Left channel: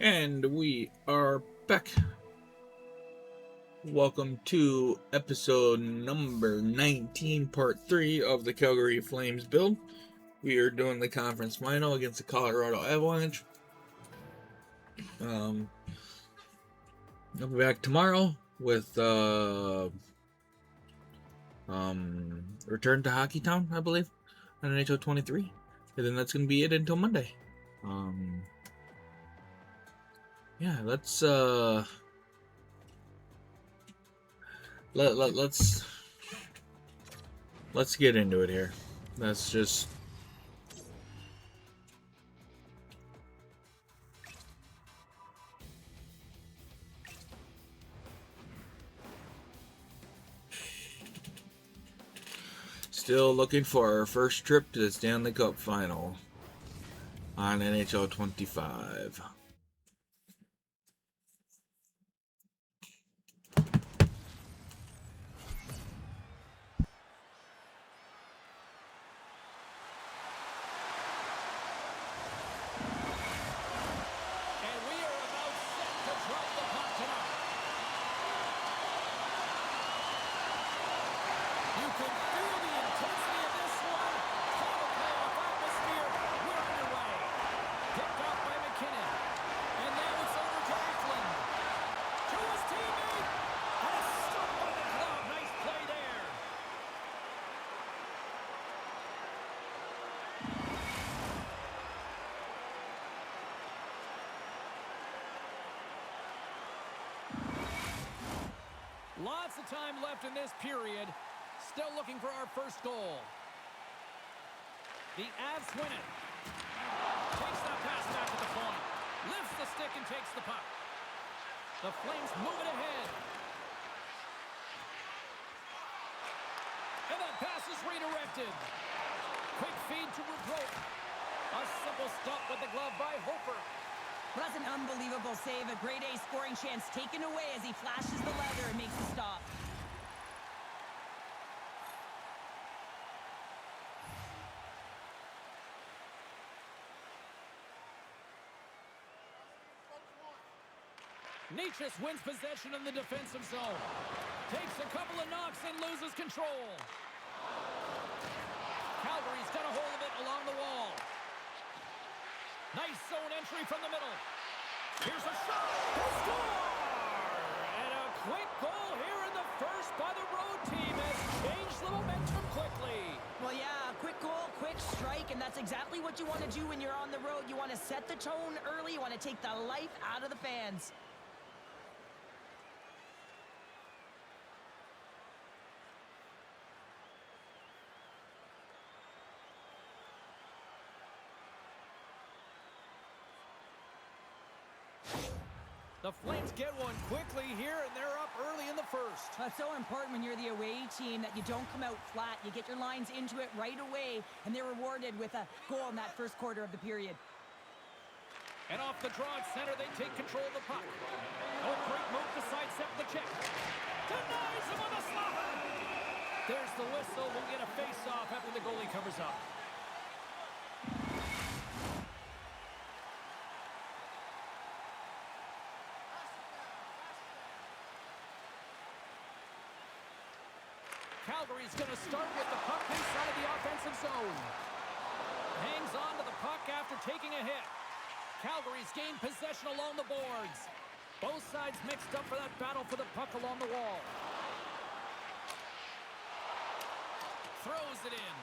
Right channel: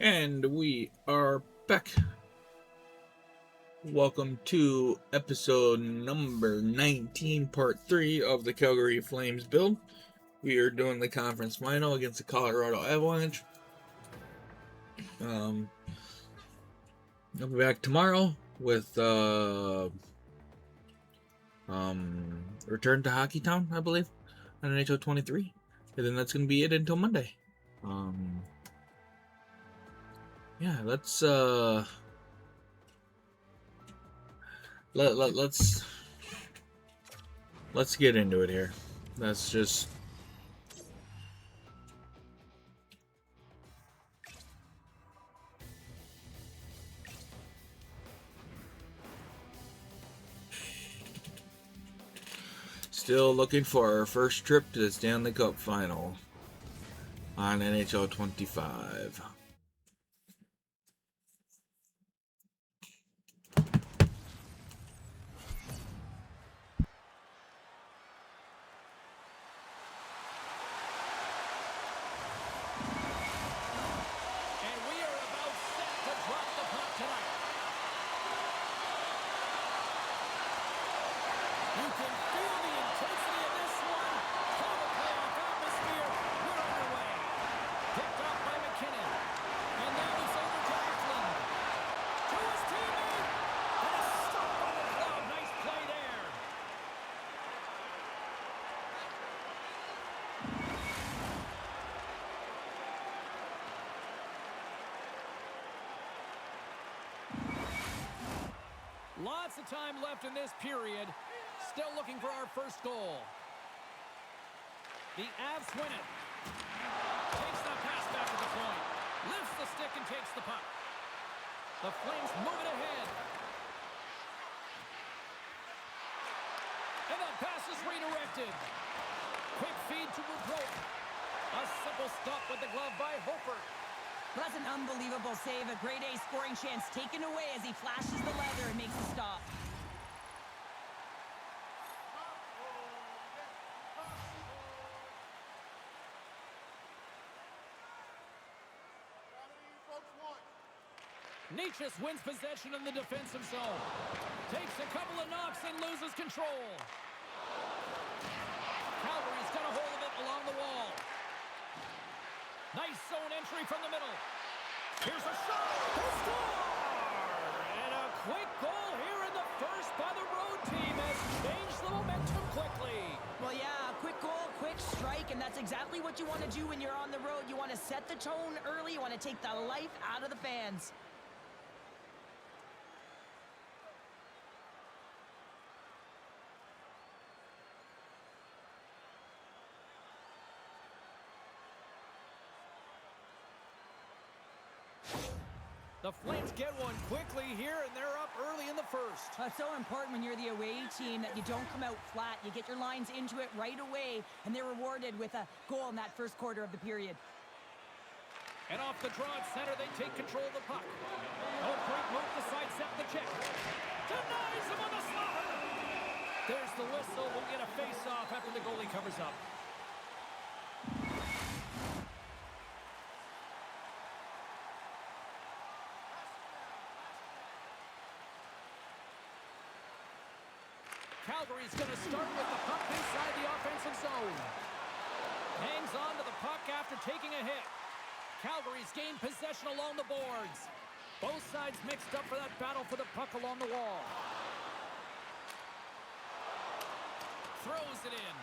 And we are back. Welcome to episode number 19, part 3 of the Calgary Flames build. We are doing the conference final against the Colorado Avalanche. I'll be back tomorrow with Return to Hockey Town, I believe, on NHL 23. And then that's going to be it until Monday. Yeah, let's let's get into it here. That's just still looking for our first trip to the Stanley Cup final on NHL 25. And we are about set to drop the puck tonight. You can feel the intensity of this one. Total playoff atmosphere. We're underway. Picked off by McKinnon. And now it's over to Eklund. To his teammate. And a stop by the glove. Nice play there. Lots of time left in this period. Still looking for our first goal. The Avs win it. Takes that pass back at the point. Lifts the stick and takes the puck. The Flames move it ahead. And that pass is redirected. Quick feed to Rubrow. A simple stop with the glove by Hofer. Well, that's an unbelievable save. A grade A scoring chance taken away as he flashes the leather and makes the stop. Nietzsche wins possession in the defensive zone. Takes a couple of knocks and loses control. Calgary's got a hold of it along the wall. Nice zone entry from the middle. Here's a shot. They score! And a quick goal here in the first by the road team has changed the momentum quickly. Well, yeah, quick goal, quick strike, and that's exactly what you want to do when you're on the road. You want to set the tone early. You want to take the life out of the fans. The Flames get one quickly here, and they're up early in the first. That's so important when you're the away team that you don't come out flat. You get your lines into it right away, and they're rewarded with a goal in that first quarter of the period. And off the draw at center, they take control of the puck. Oh, great move to sidestep the check. Denies him on the slaughter. There's the whistle. We'll get a face-off after the goalie covers up. Calgary's going to start with the puck inside the offensive zone. Hangs on to the puck after taking a hit. Calgary's gained possession along the boards. Both sides mixed up for that battle for the puck along the wall. Throws it in.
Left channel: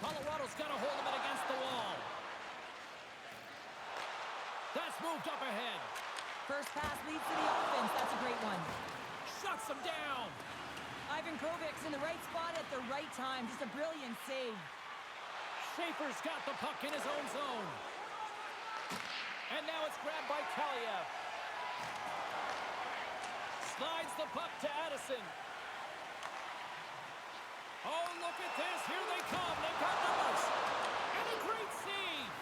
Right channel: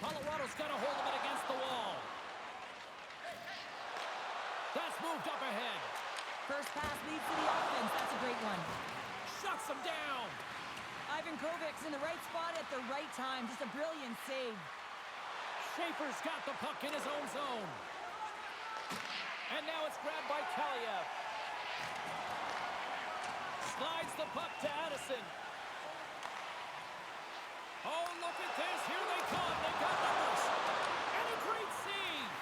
Colorado's got a hold of it against the wall. That's moved up ahead. First pass leads to the offense. That's a great one. Shuts him down. Ivan Kovic's in the right spot at the right time. Just a brilliant save. Schaefer's got the puck in his own zone. And now it's grabbed by Kaliev. Slides the puck to Addison. Oh, look at this. Here they come. They've got numbers. And a great save.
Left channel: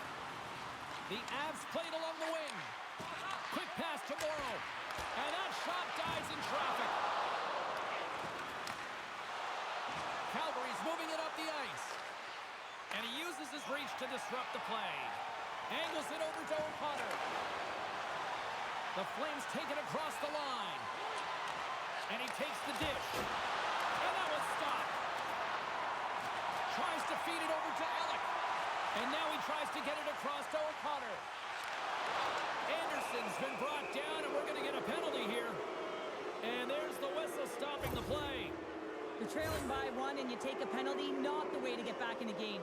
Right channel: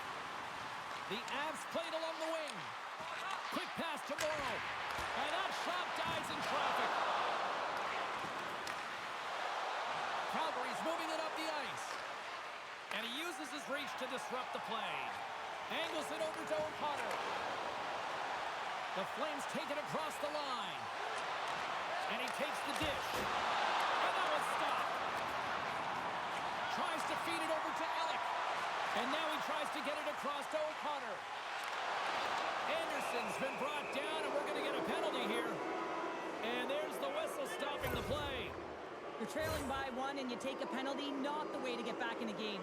The Avs played along the wing. Quick pass to Morrow. And that shot dies in traffic. Calgary's moving it up the ice. And he uses his reach to disrupt the play. Angles it over to O'Connor. The Flames take it across the line. And he takes the dish. And that was stopped. Tries to feed it over to Ellick. And now he tries to get it across to O'Connor. Anderson's been brought down, and we're going to get a penalty here. And there's the whistle stopping the play. You're trailing by 1 and you take a penalty, not the way to get back in a game.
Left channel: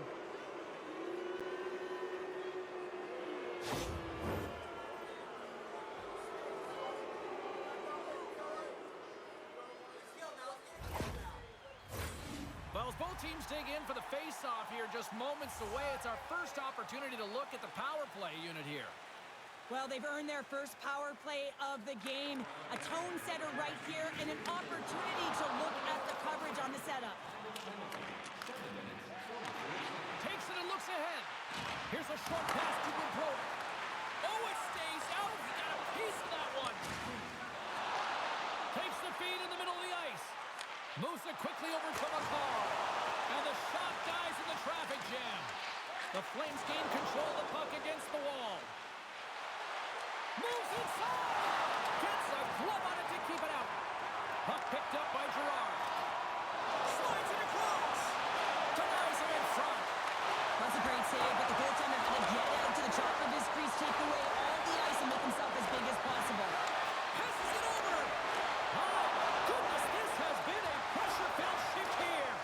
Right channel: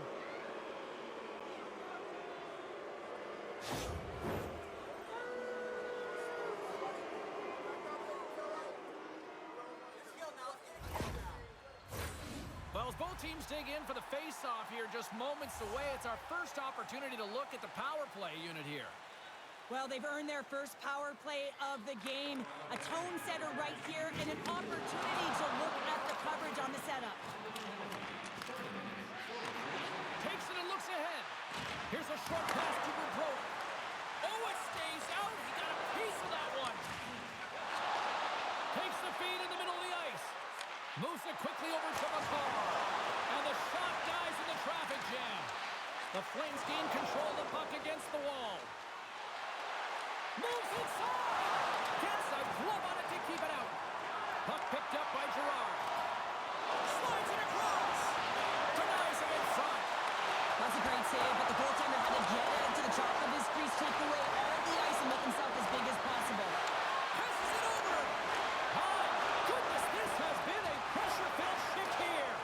Well, as both teams dig in for the face-off here, just moments away, it's our first opportunity to look at the power play unit here. Well, they've earned their first power play of the game. A tone setter right here and an opportunity to look at the coverage on the setup. Takes it and looks ahead. Here's a short pass to Bobrovsky. Oh, it stays out. He got a piece of that one. Takes the feed in the middle of the ice. Moves it quickly over to McCarr. And the shot dies in the traffic jam. The Flames gain control of the puck against the wall. Moves inside! Gets a glove on it to keep it out. Puck picked up by Girard. Slides it across! Denies him in front. That's a great save, but the goaltender had to get out to the top of his crease, take away all the ice, and make himself as big as possible. Passes it over! My goodness, this has been a pressure-filled shift here.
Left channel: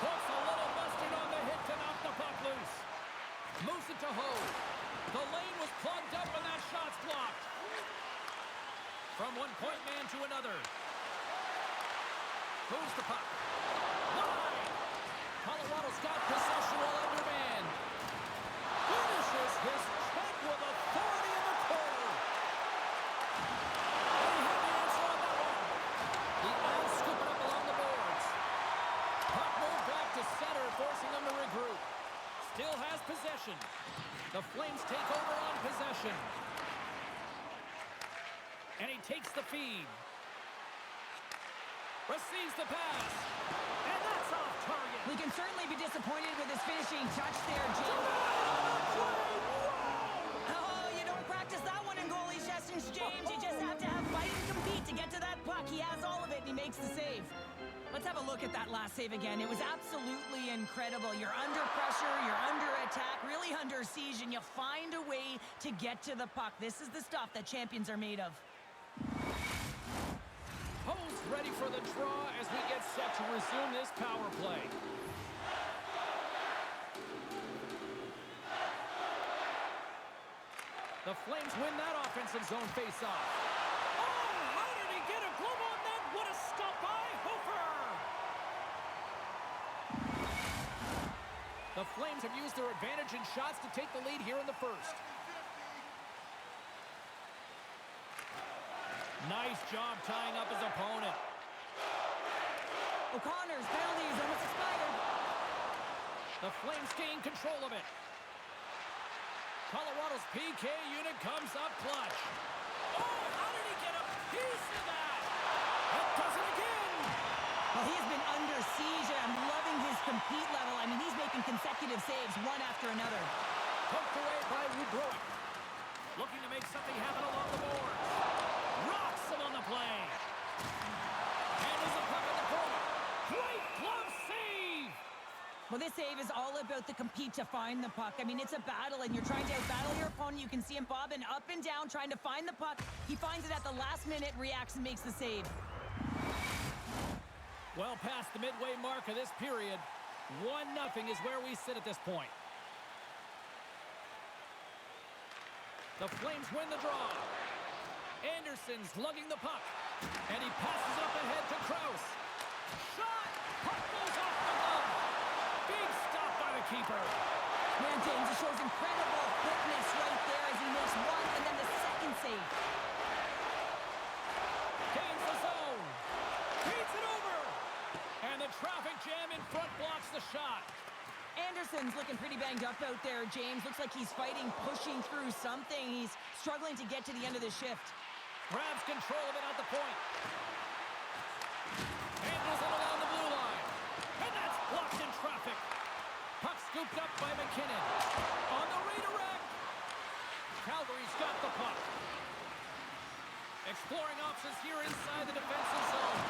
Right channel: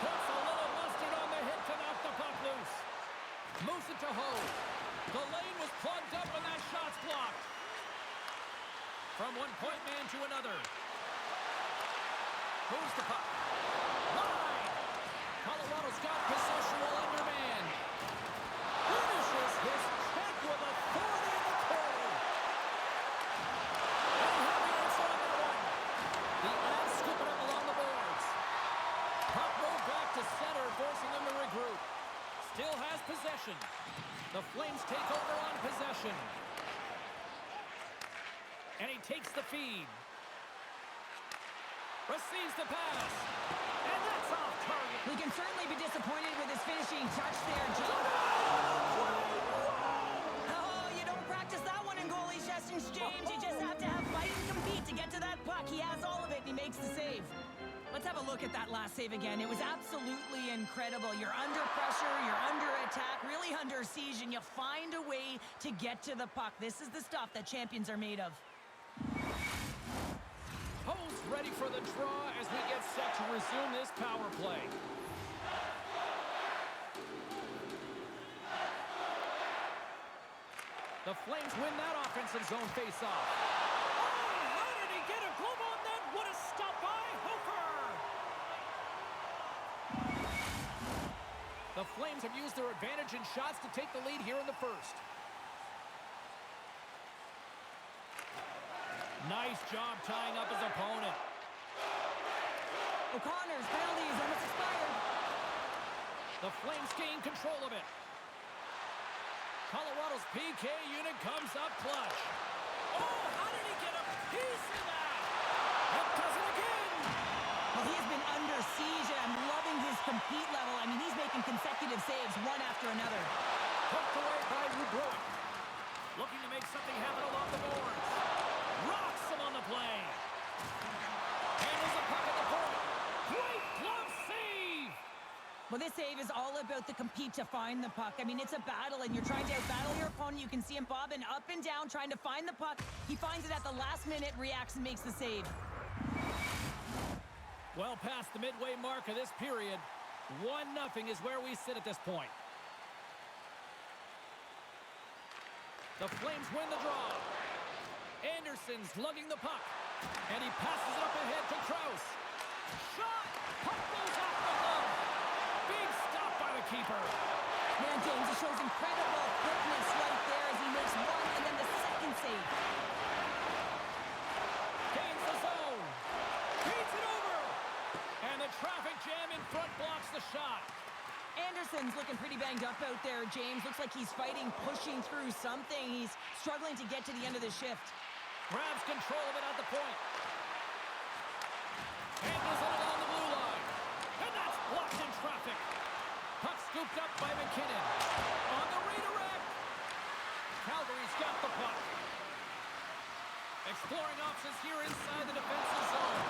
Puts a little mustard on the hit to knock the puck loose. Moves it to Hogue. The lane was plugged up and that shot's blocked. From one point man to another. Moves the puck. Wide! Colorado's got possession while undermanned. Finishes his check with authority in the corner. And he had the answer on that one. The Avs scoop it up along the boards. Puck moved back to center, forcing them to regroup. Still has possession. The Flames take over on possession. And he takes the feed. Receives the pass. And that's off target. We can certainly be disappointed with his finishing touch there, James. Oh, you don't practice that one in goalie sessions, James. You just have to have fight and compete to get to that puck. He has all of it, and he makes the save. Let's have a look at that last save again. It was absolutely incredible. You're under pressure, you're under attack, really under siege, and you find a way to get to the puck. This is the stuff that champions are made of. Ho's ready for the draw as we get set to resume this power play. The Flames win that offensive zone face-off. Oh, how did he get a glove on that? What a stop by Hofer! The Flames have used their advantage in shots to take the lead here in the first. Nice job tying up his opponent. O'Connor's penalty is almost expired. The Flames gain control of it. Colorado's PK unit comes up clutch. Oh, how did he get a piece of that? That does it again. Well, he has been under siege, and I'm loving his compete level. I mean, he's making consecutive saves, one after another. Poked away by Bobrovsky. Looking to make something happen along the boards. Rocks him on the play. Handles the puck at the point. Great glove save. Well, this save is all about the compete to find the puck. I mean, it's a battle, and you're trying to outbattle your opponent. You can see him bobbing up and down, trying to find the puck. He finds it at the last minute, reacts, and makes the save. Well past the midway mark of this period. 1-0 is where we sit at this point. The Flames win the draw. Anderson's lugging the puck. And he passes it up ahead to Krause. Shot! Puck goes off the glove. Big stop by the keeper. Man, James, he shows incredible quickness right there as he makes one and then the second save. Gains the zone. Beats it over. And the traffic jam in front blocks the shot. Anderson's looking pretty banged up out there, James. Looks like he's fighting, pushing through something. He's struggling to get to the end of the shift. Grabs control of it at the point. Handles it along the blue line. And that's blocked in traffic. Puck scooped up by McKinnon. On the redirect. Calgary's got the puck. Exploring options here inside the defensive zone.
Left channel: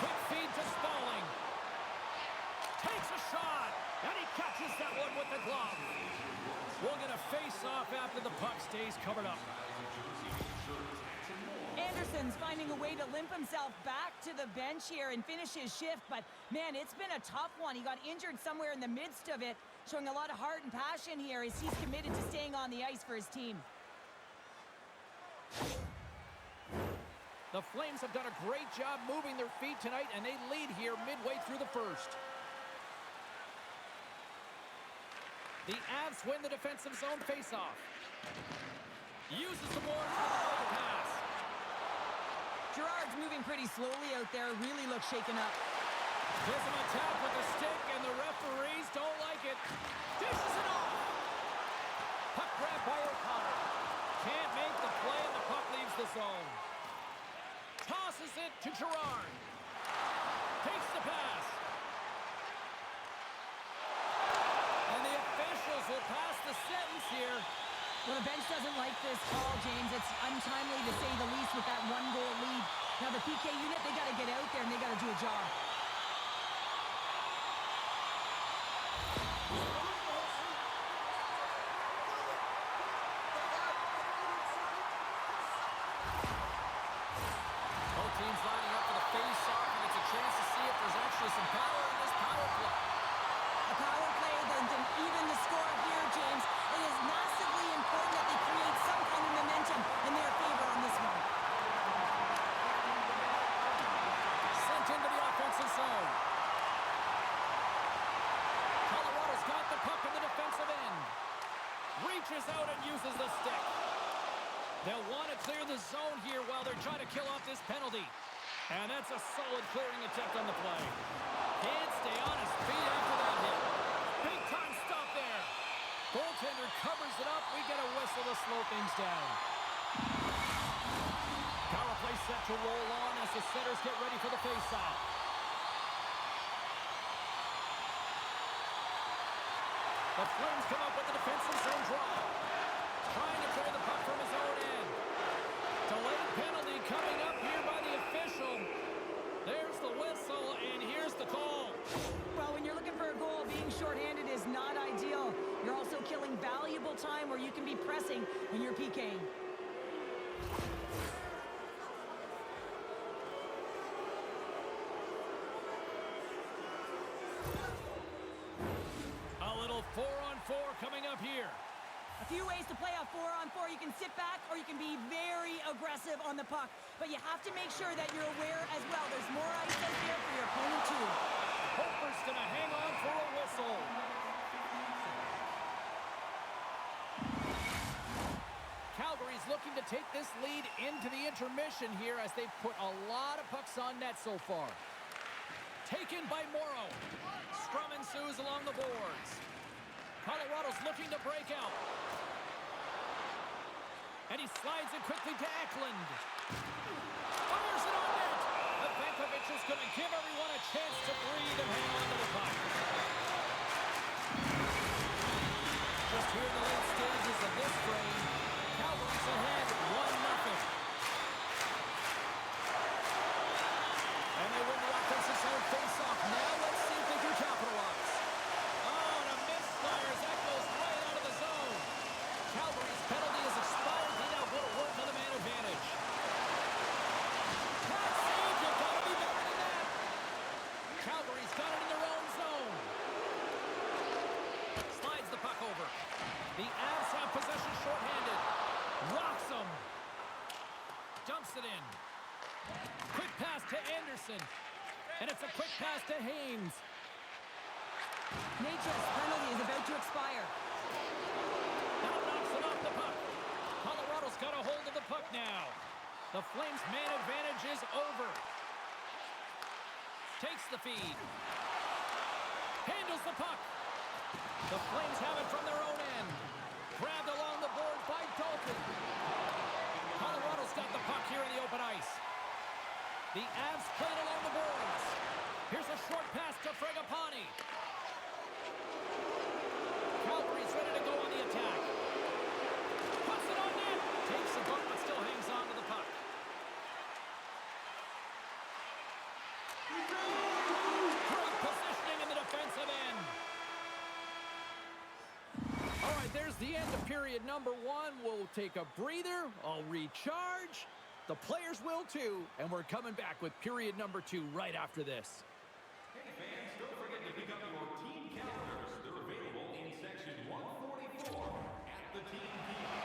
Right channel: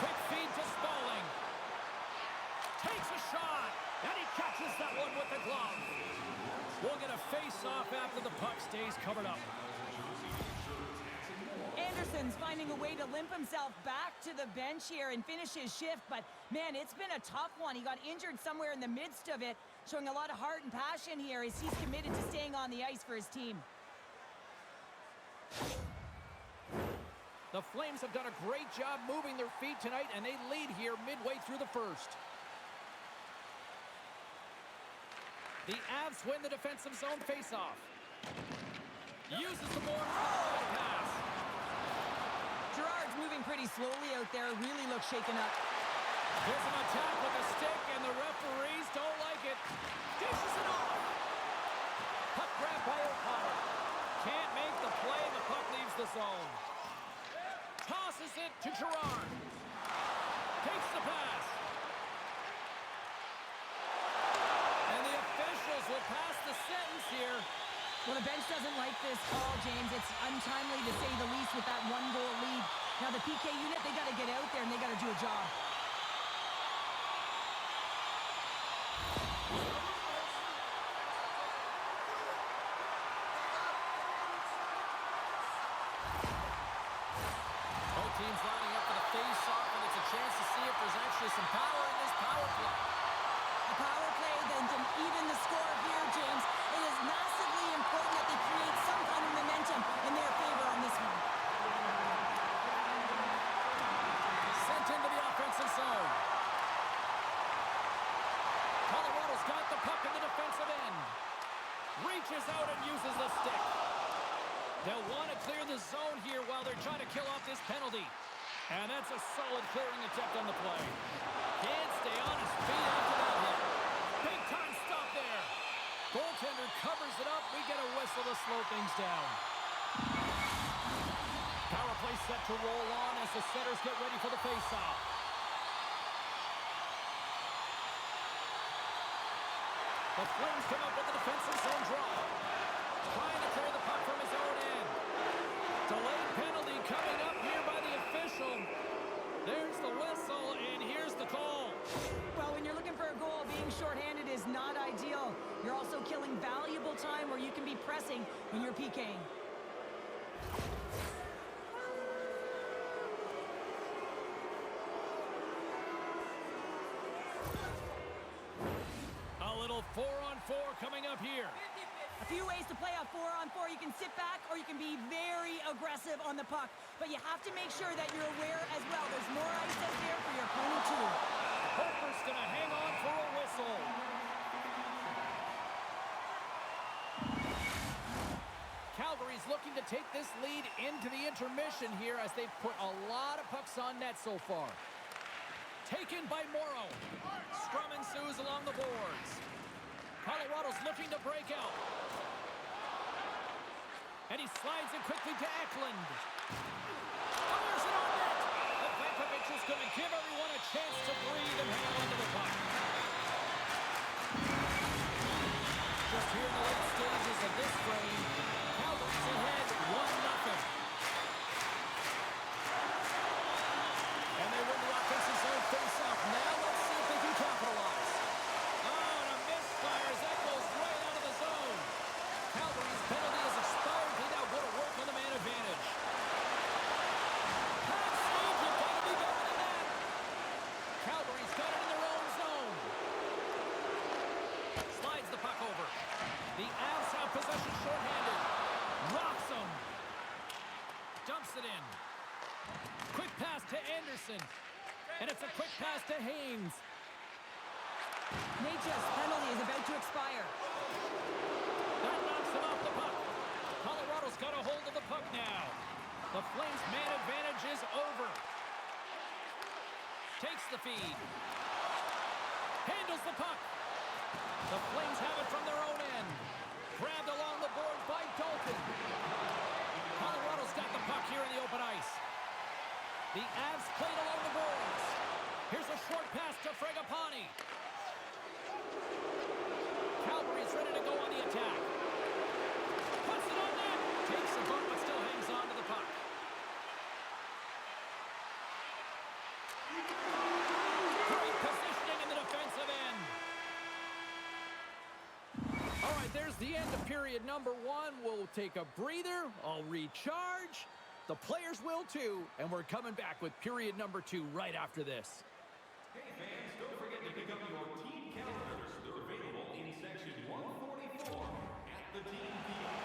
Quick feed to Spalling. Takes a shot, and he catches that one with the glove. We'll get a face-off after the puck stays covered up. Anderson's finding a way to limp himself back to the bench here and finish his shift, but man, it's been a tough one. He got injured somewhere in the midst of it, showing a lot of heart and passion here as he's committed to staying on the ice for his team. The Flames have done a great job moving their feet tonight, and they lead here midway through the first. The Avs win the defensive zone faceoff. Uses the boards with the right pass. Gerard's moving pretty slowly out there, really looks shaken up. Gives him a tap with a stick, and the referees don't like it. Dishes it off. Puck grab by O'Connor. Can't make the play, and the puck leaves the zone. Tosses it to Gerard. Takes the pass. And the officials will pass the sentence here. Well, the bench doesn't like this call, James. It's untimely to say the least with that one-goal lead. Now, the PK unit, they got to get out there and they got to do a job. Both teams lining up for the face-off, and it's a chance to see if there's actually some power in this power play. A power play then to even the score here, James. It is massively important that they create some kind of momentum in their favor on this one. Sent into the offensive zone. Colorado's got the puck in the defensive end. Reaches out and uses the stick. They'll want to clear the zone here while they're trying to kill off this penalty. And that's a solid clearing attempt on the play. Can't stay on his feet after that hit. Big time stop there. Goaltender covers it up. We get a whistle to slow things down. Power play set to roll on as the setters get ready for the faceoff. The Flames come up with the defensive zone draw. Trying to clear the puck from his own end. Delayed penalty coming up here by the official. There's the whistle, and here's the call. Well, when you're looking for a goal, being shorthanded is not ideal. You're also killing valuable time where you can be pressing when you're PKing. A little 4-on-4 coming up here. A few ways to play a 4-on-4. You can sit back or you can be very aggressive on the puck. But you have to make sure that you're aware as well. There's more ice out there for your opponent too. Hofer's going to hang on for a whistle. Calgary's looking to take this lead into the intermission here as they've put a lot of pucks on net so far. Taken by Morrow. Scrum ensues along the boards. Colorado's looking to break out. And he slides it quickly to Eklund. Fires it on net. Vankovic is going to give everyone a chance to breathe and hang on to the puck. Just here in the late stages of this frame, Calgary's ahead 1-0. And they win the offensive zone face-off. Now let's see if they can capitalize. Oh, and a misfire as that goes right out of the zone. Calgary's penalty has expired. They now go to work on the man advantage. Pat Sage, you've got to be better than that. Calgary's got it in their own zone. Slides the puck over. The Avs have possession shorthanded. Rocks them. Dumps it in. Quick pass to Anderson. And it's a quick pass to Haynes. Nature's penalty is about to expire. That knocks him off the puck. Colorado's got a hold of the puck now. The Flames' man advantage is over. Takes the feed. Handles the puck. The Flames have it from their own end. Grabbed along the boards by Dalton. Colorado's got the puck here in the open ice. The Avs played along the boards. Here's a short pass to Fragapane. Calgary's ready to go on the attack. a bump, but still hangs on to the puck. Great positioning in the defensive end. All right, there's the end of period number 1. We'll take a breather. I'll recharge. The players will too. And we're coming back with period number 2 right after this. Hey fans, don't forget to pick up your team calendars. They're available in section 144 at the team kiosk.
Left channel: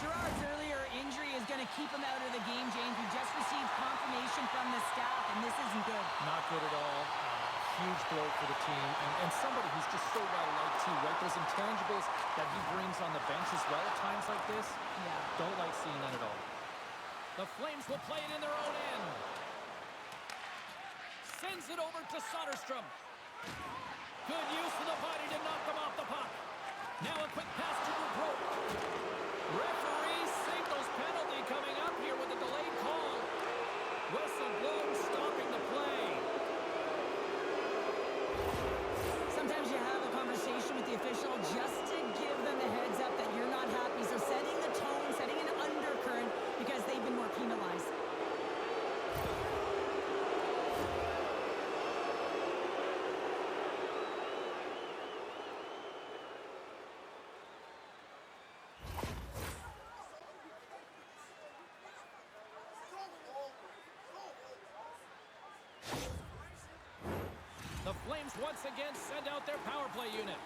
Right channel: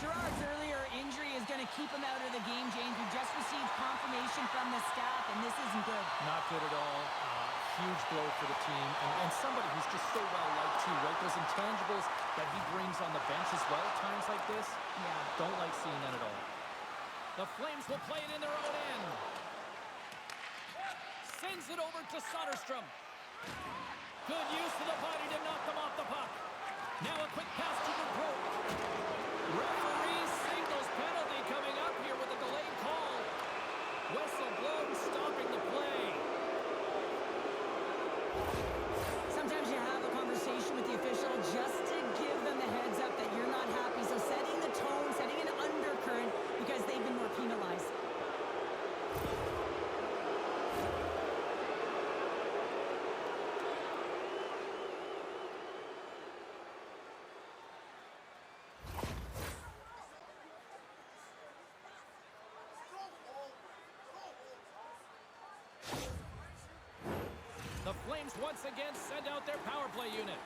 Gerard's earlier injury is going to keep him out of the game, James. We just received confirmation from the staff, and this isn't good. Not good at all. Huge blow for the team. And somebody who's just so well-liked too, right? Those intangibles that he brings on the bench as well at times like this. Yeah. Don't like seeing that at all. The Flames will play it in their own end. Sends it over to Soderstrom. Good use of the body to knock them off the puck. Now a quick pass to Dubrow. Referee signals penalty coming up here with a delayed call. Whistle blown, stopping the play. Sometimes you have a conversation with the official just to give them the heads up that you're not happy. So setting the tone, setting an undercurrent because they've been more penalized. The Flames once again send out their power play unit.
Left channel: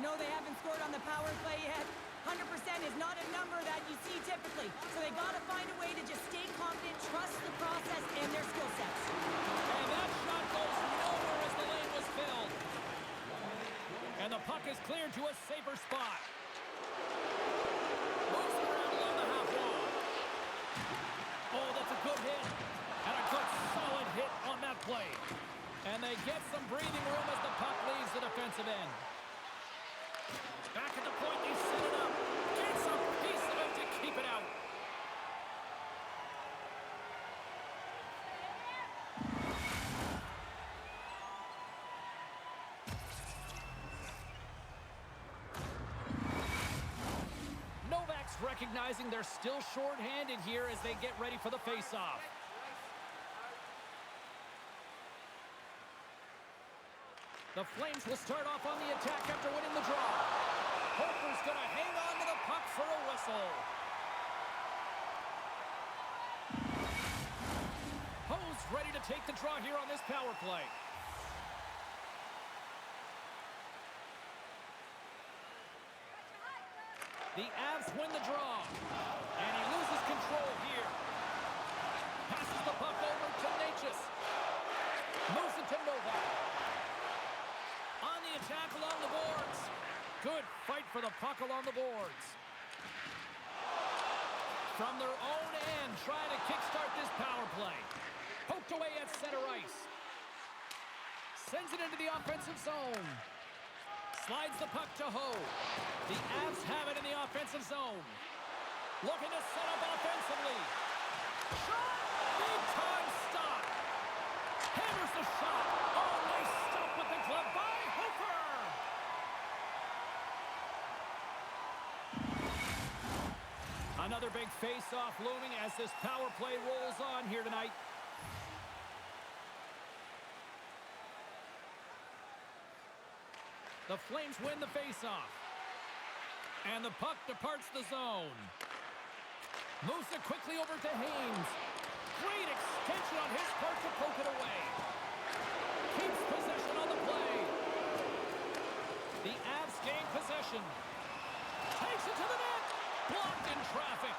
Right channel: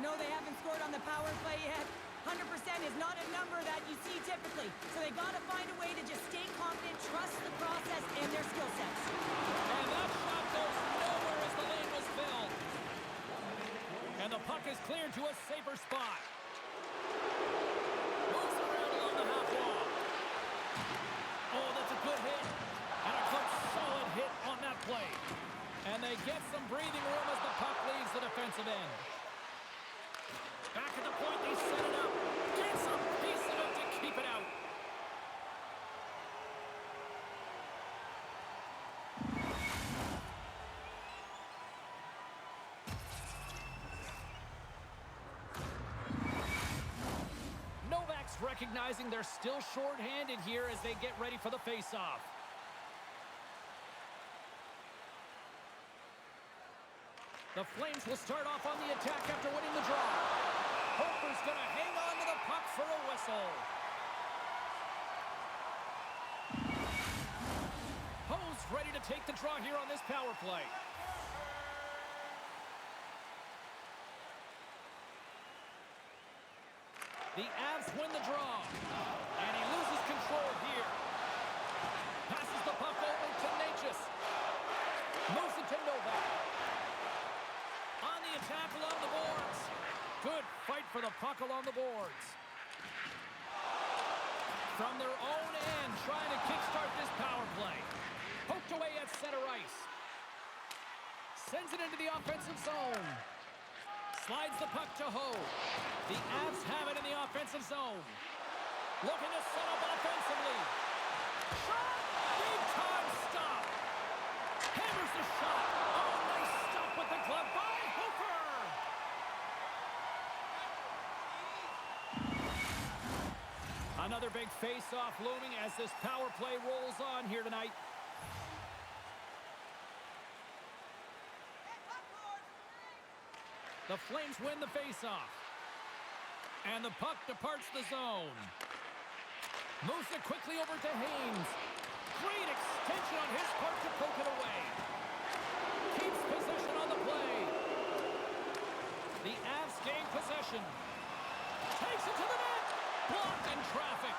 No, they haven't scored on the power play yet. 100% is not a number that you see typically. So they got to find a way to just stay confident, trust the process and their skill sets. And that shot goes nowhere as the lane was filled. And the puck is cleared to a safer spot. Moves around along the half wall. Oh, that's a good hit. And a good solid hit on that play. And they get some breathing room as the puck leaves the defensive end. Back at the point, they set it up. Gets a piece of it to keep it out. Novak's recognizing they're still short-handed here as they get ready for the face-off. The Flames will start off on the attack after winning the draw. Hofer's going to hang on to the puck for a whistle. Ho's ready to take the draw here on this power play. The Avs win the draw. And he loses control here. Passes the puck over to Natchez. Moves it to Novak. On the attack along the boards. Good fight for the puck along the boards. From their own end, trying to kickstart this power play. Poked away at center ice. Sends it into the offensive zone. Slides the puck to Ho. The Avs have it in the offensive zone. Looking to set up offensively. Shot! Big time stop. Hammers the shot. Oh, nice stop with the glove by Hofer. Another big face-off looming as this power play rolls on here tonight. The Flames win the face-off. And the puck departs the zone. Moves it quickly over to Haynes. Great extension on his part to poke it away. Keeps possession on the play. The Avs gain possession. Takes it to the net. Blocked in traffic.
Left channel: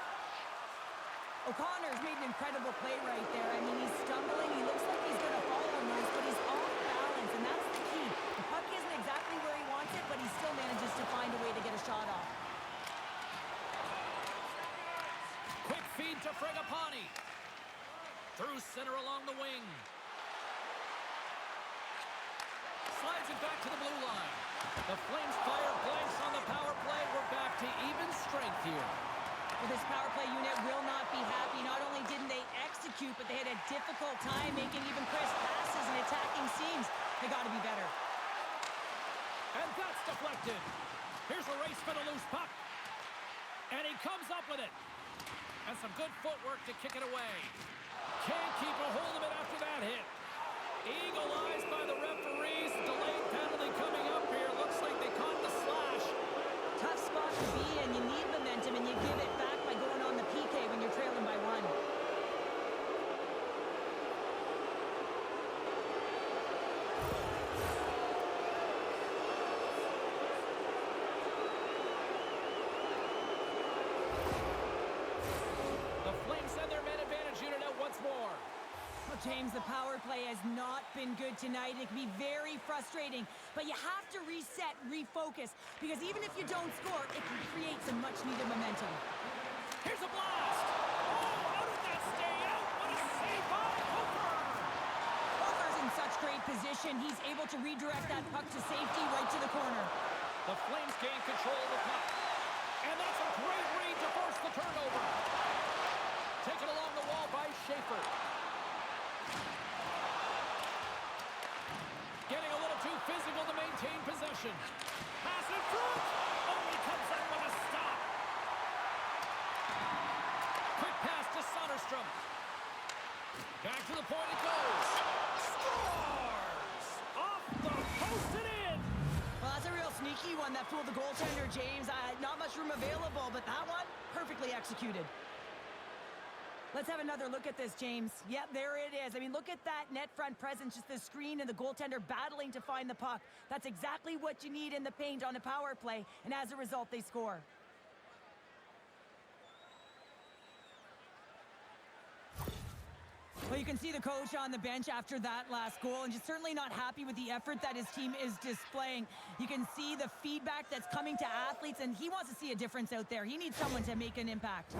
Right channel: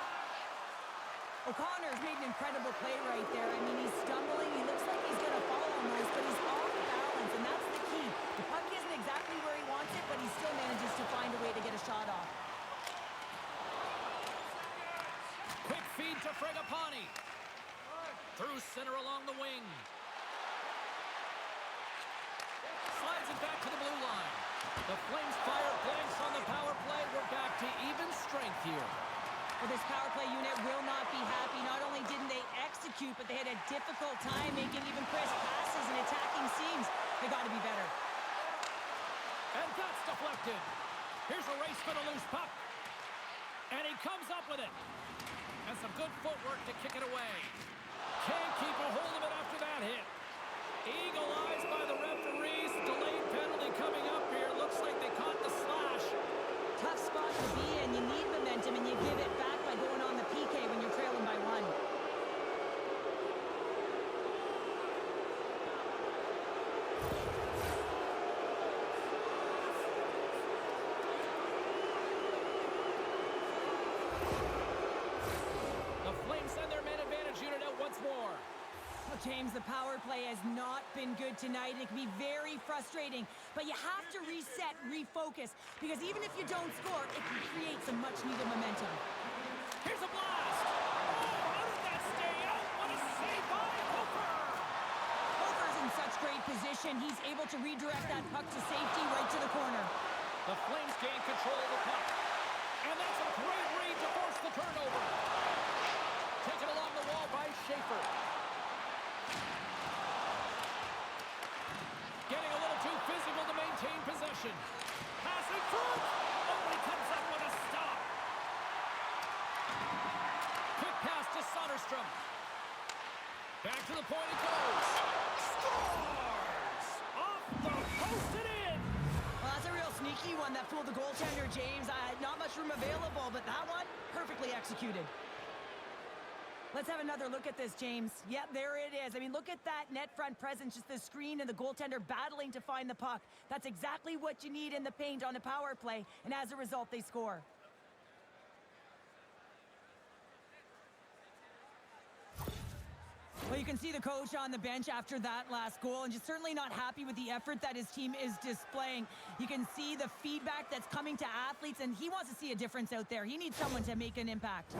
O'Connor's made an incredible play right there. I mean, he's stumbling. He looks like he's going to fall almost, but he's off balance, and that's the key. The puck isn't exactly where he wants it, but he still manages to find a way to get a shot off. Quick feed to Fragapani. Through center along the wing. Slides it back to the blue line. The Flames fire blanks on the power play. We're back to even strength here. Well, this power play unit will not be happy. Not only didn't they execute, but they had a difficult time making even crisp passes and attacking seams. They got to be better. And that's deflected. Here's a race for the loose puck. comes up with it. And some good footwork to kick it away. Can't keep a hold of it after that hit. Eagle eyes by the referees. Delayed penalty coming up here. Looks like they caught the slash. Tough spot to be in. You need momentum, and you give it back by going on the PK when you're trailing by 1. The Flames send their man advantage unit out once more. Well, James, the power play has not been good tonight. It can be very frustrating, but you have to reset, refocus, because even if you don't score, it can create some much-needed momentum. Here's a blast. Oh, how did that stay out? What a save by Hofer. Hofer's in such great position. He's able to redirect that puck to safety right to the corner. The Flames gain control of the puck. And that's a great read to force the turnover. Taken along the wall by Schaefer. Getting a little too physical to maintain possession. Pass in front. Only comes up with a stop. Quick pass to Soderstrom. Back to the point it goes. Scores! Off the post and in. Well, that's a real sneaky one that fooled the goaltender, James. Not much room available, but that one, perfectly executed. Let's have another look at this, James. Yep, there it is. I mean, look at that net front presence, just the screen and the goaltender battling to find the puck. That's exactly what you need in the paint on a power play, and as a result, they score. Well, you can see the coach on the bench after that last goal, and just certainly not happy with the effort that his team is displaying. You can see the feedback that's coming to athletes, and he wants to see a difference out there. He needs someone to make an impact.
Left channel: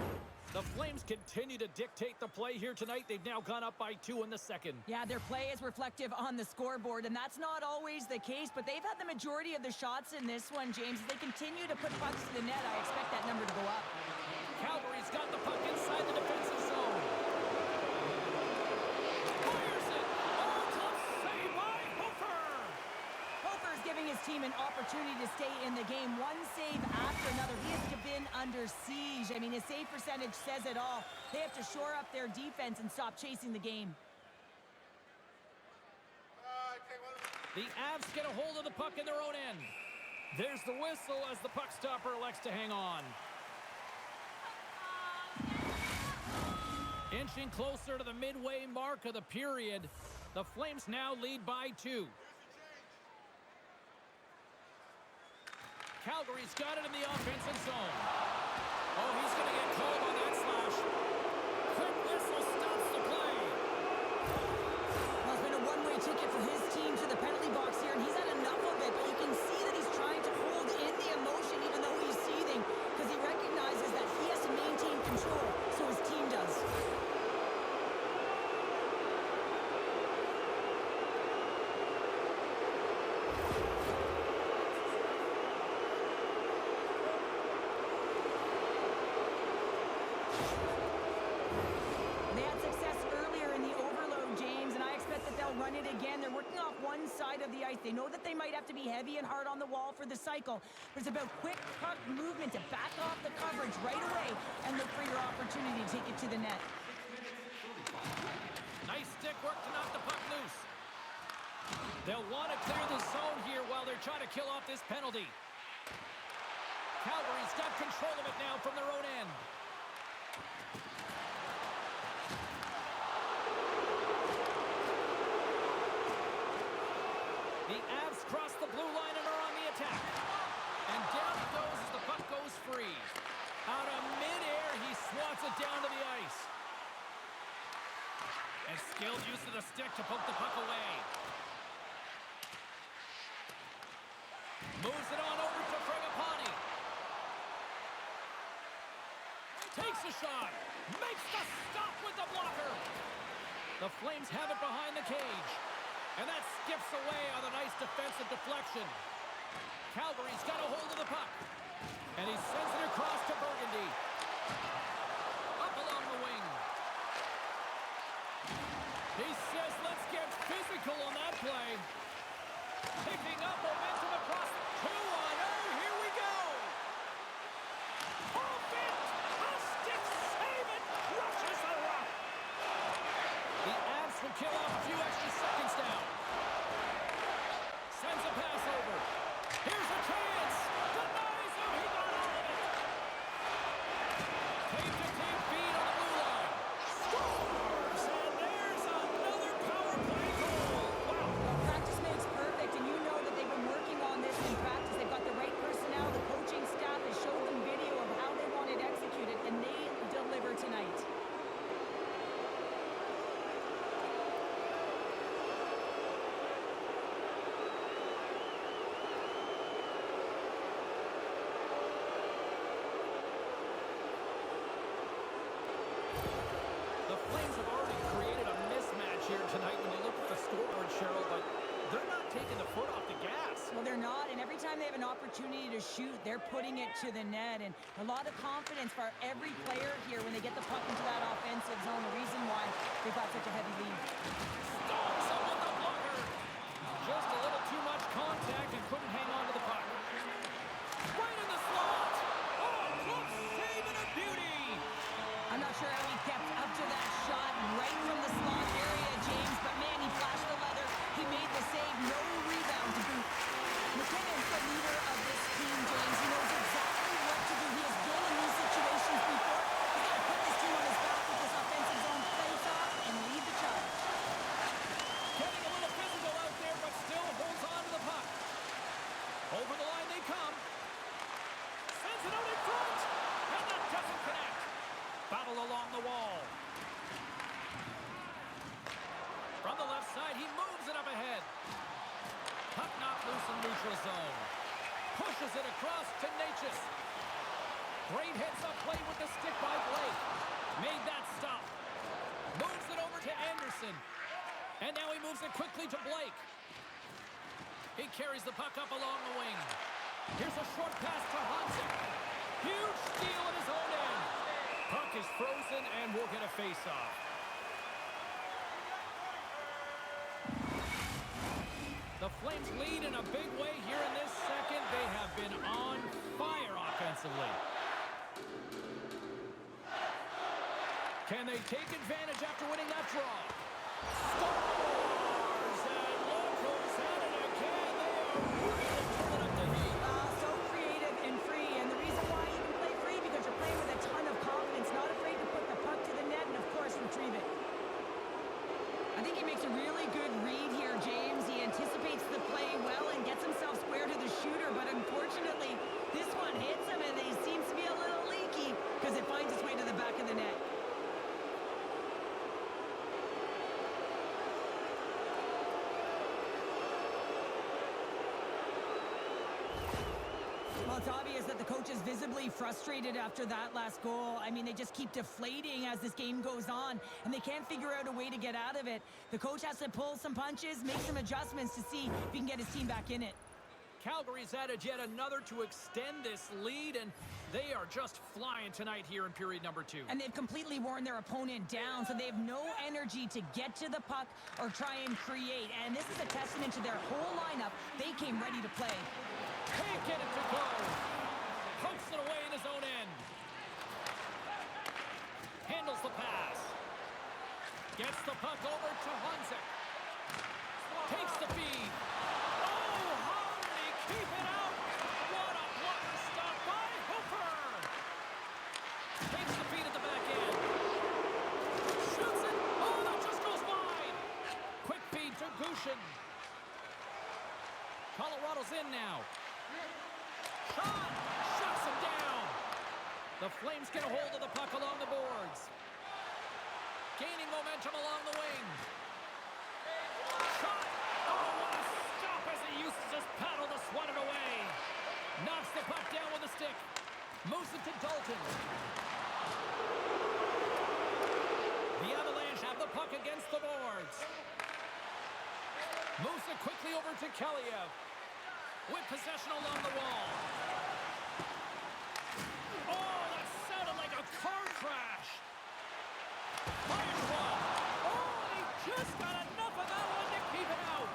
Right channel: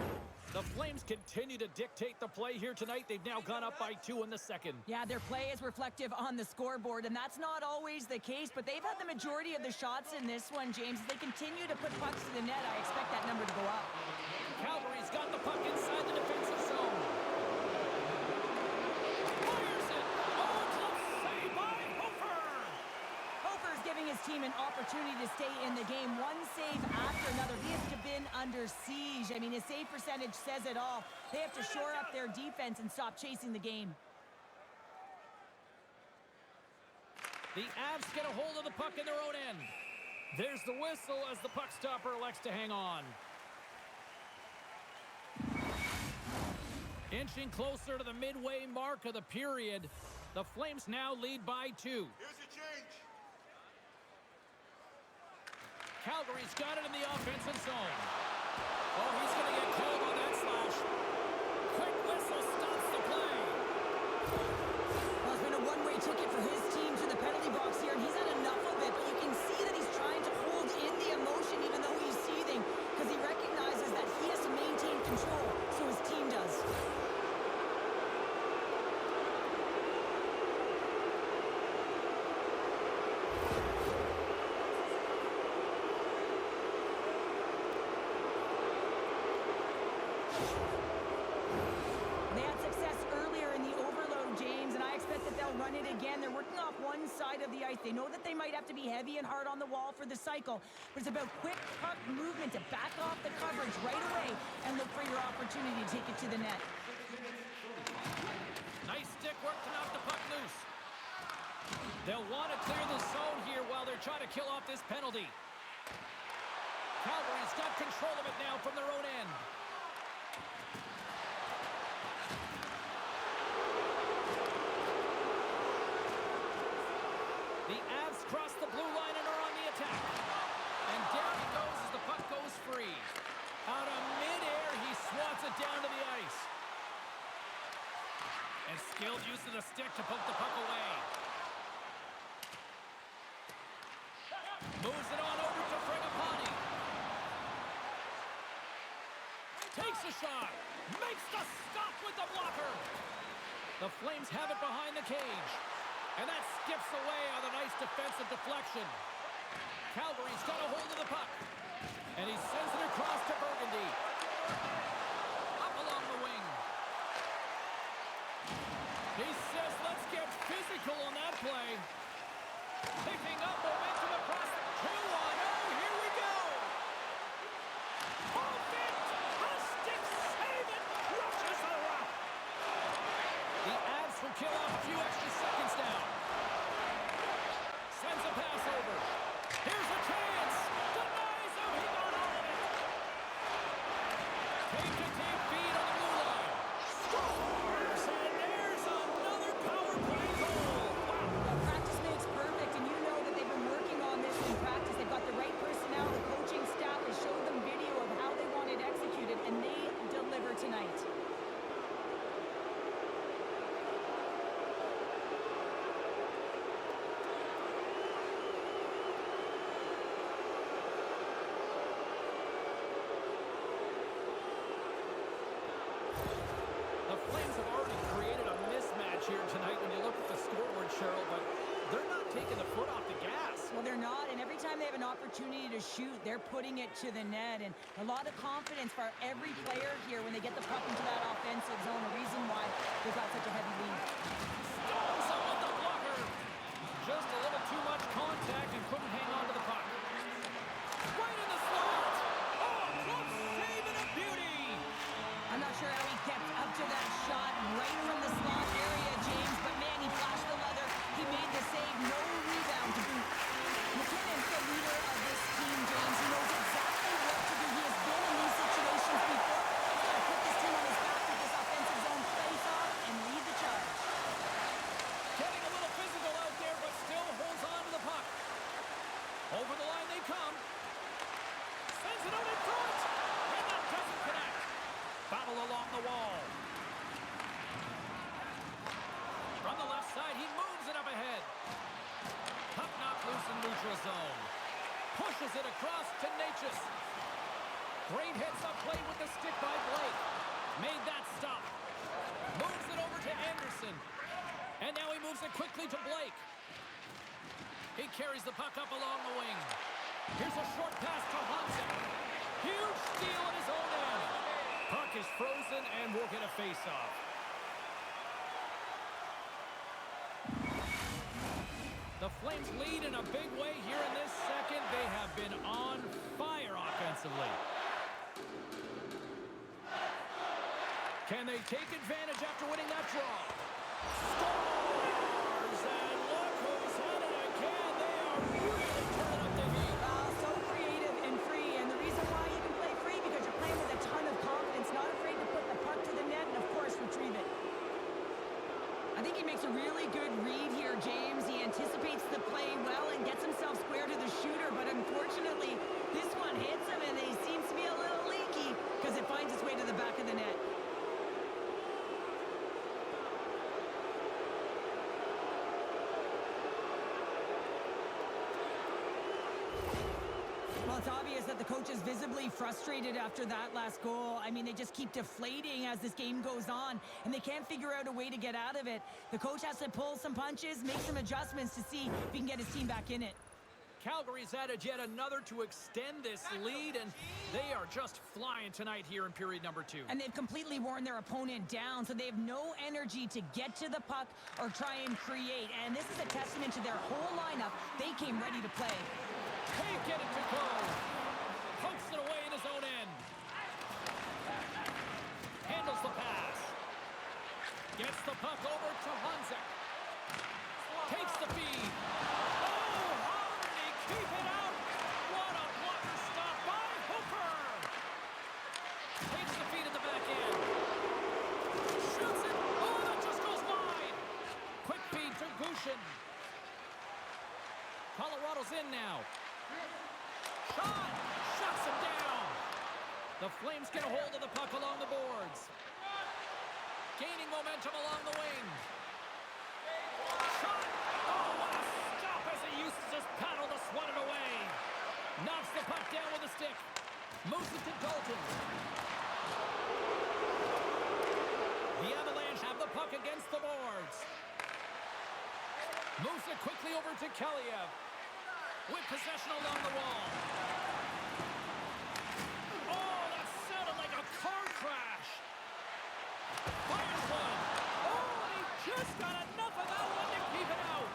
The Flames continue to dictate the play here tonight. They've now gone up by 2 in the second. Yeah, their play is reflective on the scoreboard, and that's not always the case, but they've had the majority of the shots in this one, James. As they continue to put pucks to the net, I expect that number to go up. Calgary's got the puck inside the defensive zone. Fires it! Oh, club save by Hofer! Hofer's giving his team an opportunity to stay in the game. One save after another. He has been under siege. I mean, his save percentage says it all. They have to shore up their defense and stop chasing the game. The Avs get a hold of the puck in their own end. There's the whistle as the puck stopper elects to hang on. Inching closer to the midway mark of the period. The Flames now lead by 2. Here's your change. Calgary's got it in the offensive zone. Oh, he's going to get called on that slash. Quick whistle stops the play. Well, it's been a one-way ticket for his team to the penalty box here, and he's had enough of it, but you can see that he's trying to hold in the emotion even though he's seething, because he recognizes that he has to maintain control, so his team does. They had success earlier in the overload, James, and I expect that they'll run it again. They're working off one side of the ice. They know that they might have to be heavy and hard on the wall for the cycle, but it's about quick puck movement to back off the coverage right away and look for your opportunity to take it to the net. Nice stick work to knock the puck loose. They'll want to clear the zone here while they're trying to kill off this penalty. Calgary's got control of it now from their own end. The Avs cross the blue line and are on the attack. And down it goes as the puck goes free. Out of midair, he swats it down to the ice. And skilled use of the stick to poke the puck away. Moves it on over to Fragapani. Takes a shot. Makes the stop with the blocker. The Flames have it behind the cage. And that skips away on a nice defensive deflection. Calgary's got a hold of the puck. And he sends it across to Burgundy. Up along the wing. He says, let's get physical on that play. Picking up momentum across the 2-on-0. Here we go. Off it! could kill off a few extra seconds now. Sends a pass over. Here's a chance. Denies him. He got all of it. Tape-to-tape feed on the blue line. Scores! And there's another power play goal. Wow. Well, practice makes perfect, and you know that they've been working on this in practice. They've got the right personnel. The coaching staff has showed them video of how they want it executed, and they deliver tonight. The Flames have already created a mismatch here tonight when you look at the scoreboard, Cheryl, but they're not taking the foot off the gas. Well, they're not, and every time they have an opportunity to shoot, they're putting it to the net, and a lot of confidence for every player here when they get the puck into that offensive zone, the reason why they've got such a heavy lead. Storms him with the blocker. Just a little too much contact and couldn't hang on to the puck. Right in the slot. Oh, close save and a beauty. I'm not sure how he kept up to that shot right from the slot area, James, but man, he flashed the leather. He made the save, no rebound to boot. McKinnon's the leader of this team, James. He knows exactly what to do. He has been in these situations before. He's got to put this team on his back with this offensive zone face-off and lead the charge. Getting a little physical out there, but still holds on to the puck. Over the line they come. Sends it out in front, and that doesn't connect. Battle along the wall. From the left side, he moves it up ahead. Puck knocked loose in neutral zone. Pushes it across to Natchez. Great hits up play with the stick by Blake. Made that stop. Moves it over to Anderson. And now he moves it quickly to Blake. He carries the puck up along the wing. Here's a short pass to Hansen. Huge steal at his own end. Puck is frozen and we'll get a face-off. The Flames lead in a big way here in this second. They have been on fire offensively. Can they take advantage after winning that draw? Scores! And look who's at it again. They are really turning up the heat. So creative and free, and the reason why you can play free because you're playing with a ton of confidence, not afraid to put the puck to the net and, of course, retrieve it. I think he makes a really good read here, James. He anticipates the play well and gets himself square to the shooter, but unfortunately, this one hits him, and he seems to be a little leaky because it finds its way to the back of the net. Well, it's obvious that the coach is visibly frustrated after that last goal. I mean, they just keep deflating as this game goes on, and they can't figure out a way to get out of it. The coach has to pull some punches, make some adjustments to see if he can get his team back in it. Calgary's added yet another to extend this lead, and they are just flying tonight here in period number 2. And they've completely worn their opponent down, so they have no energy to get to the puck or try and create. And this is a testament to their whole lineup. They came ready to play. Can't get it to go. Pokes it away in his own end. Handles the pass. Gets the puck over to Hanzek. Takes the feed. Oh, how did he keep it out? What a blocker stop by Hooper. Takes the feed at the back end. Shoots it. Oh, that just goes wide. Quick feed to Gushin. Colorado's in now. Shot! Shuts him down! The Flames get a hold of the puck along the boards. Gaining momentum along the wing. Shot! Oh, what a stop as he used to just paddle to swat it away. Knocks the puck down with a stick. Moves it to Dalton. The Avalanche have the puck against the boards. Moves it quickly over to Kaliev. With possession along the wall. Oh, that sounded like a car crash. Fires one. Oh, and he just got enough of that one to keep it out.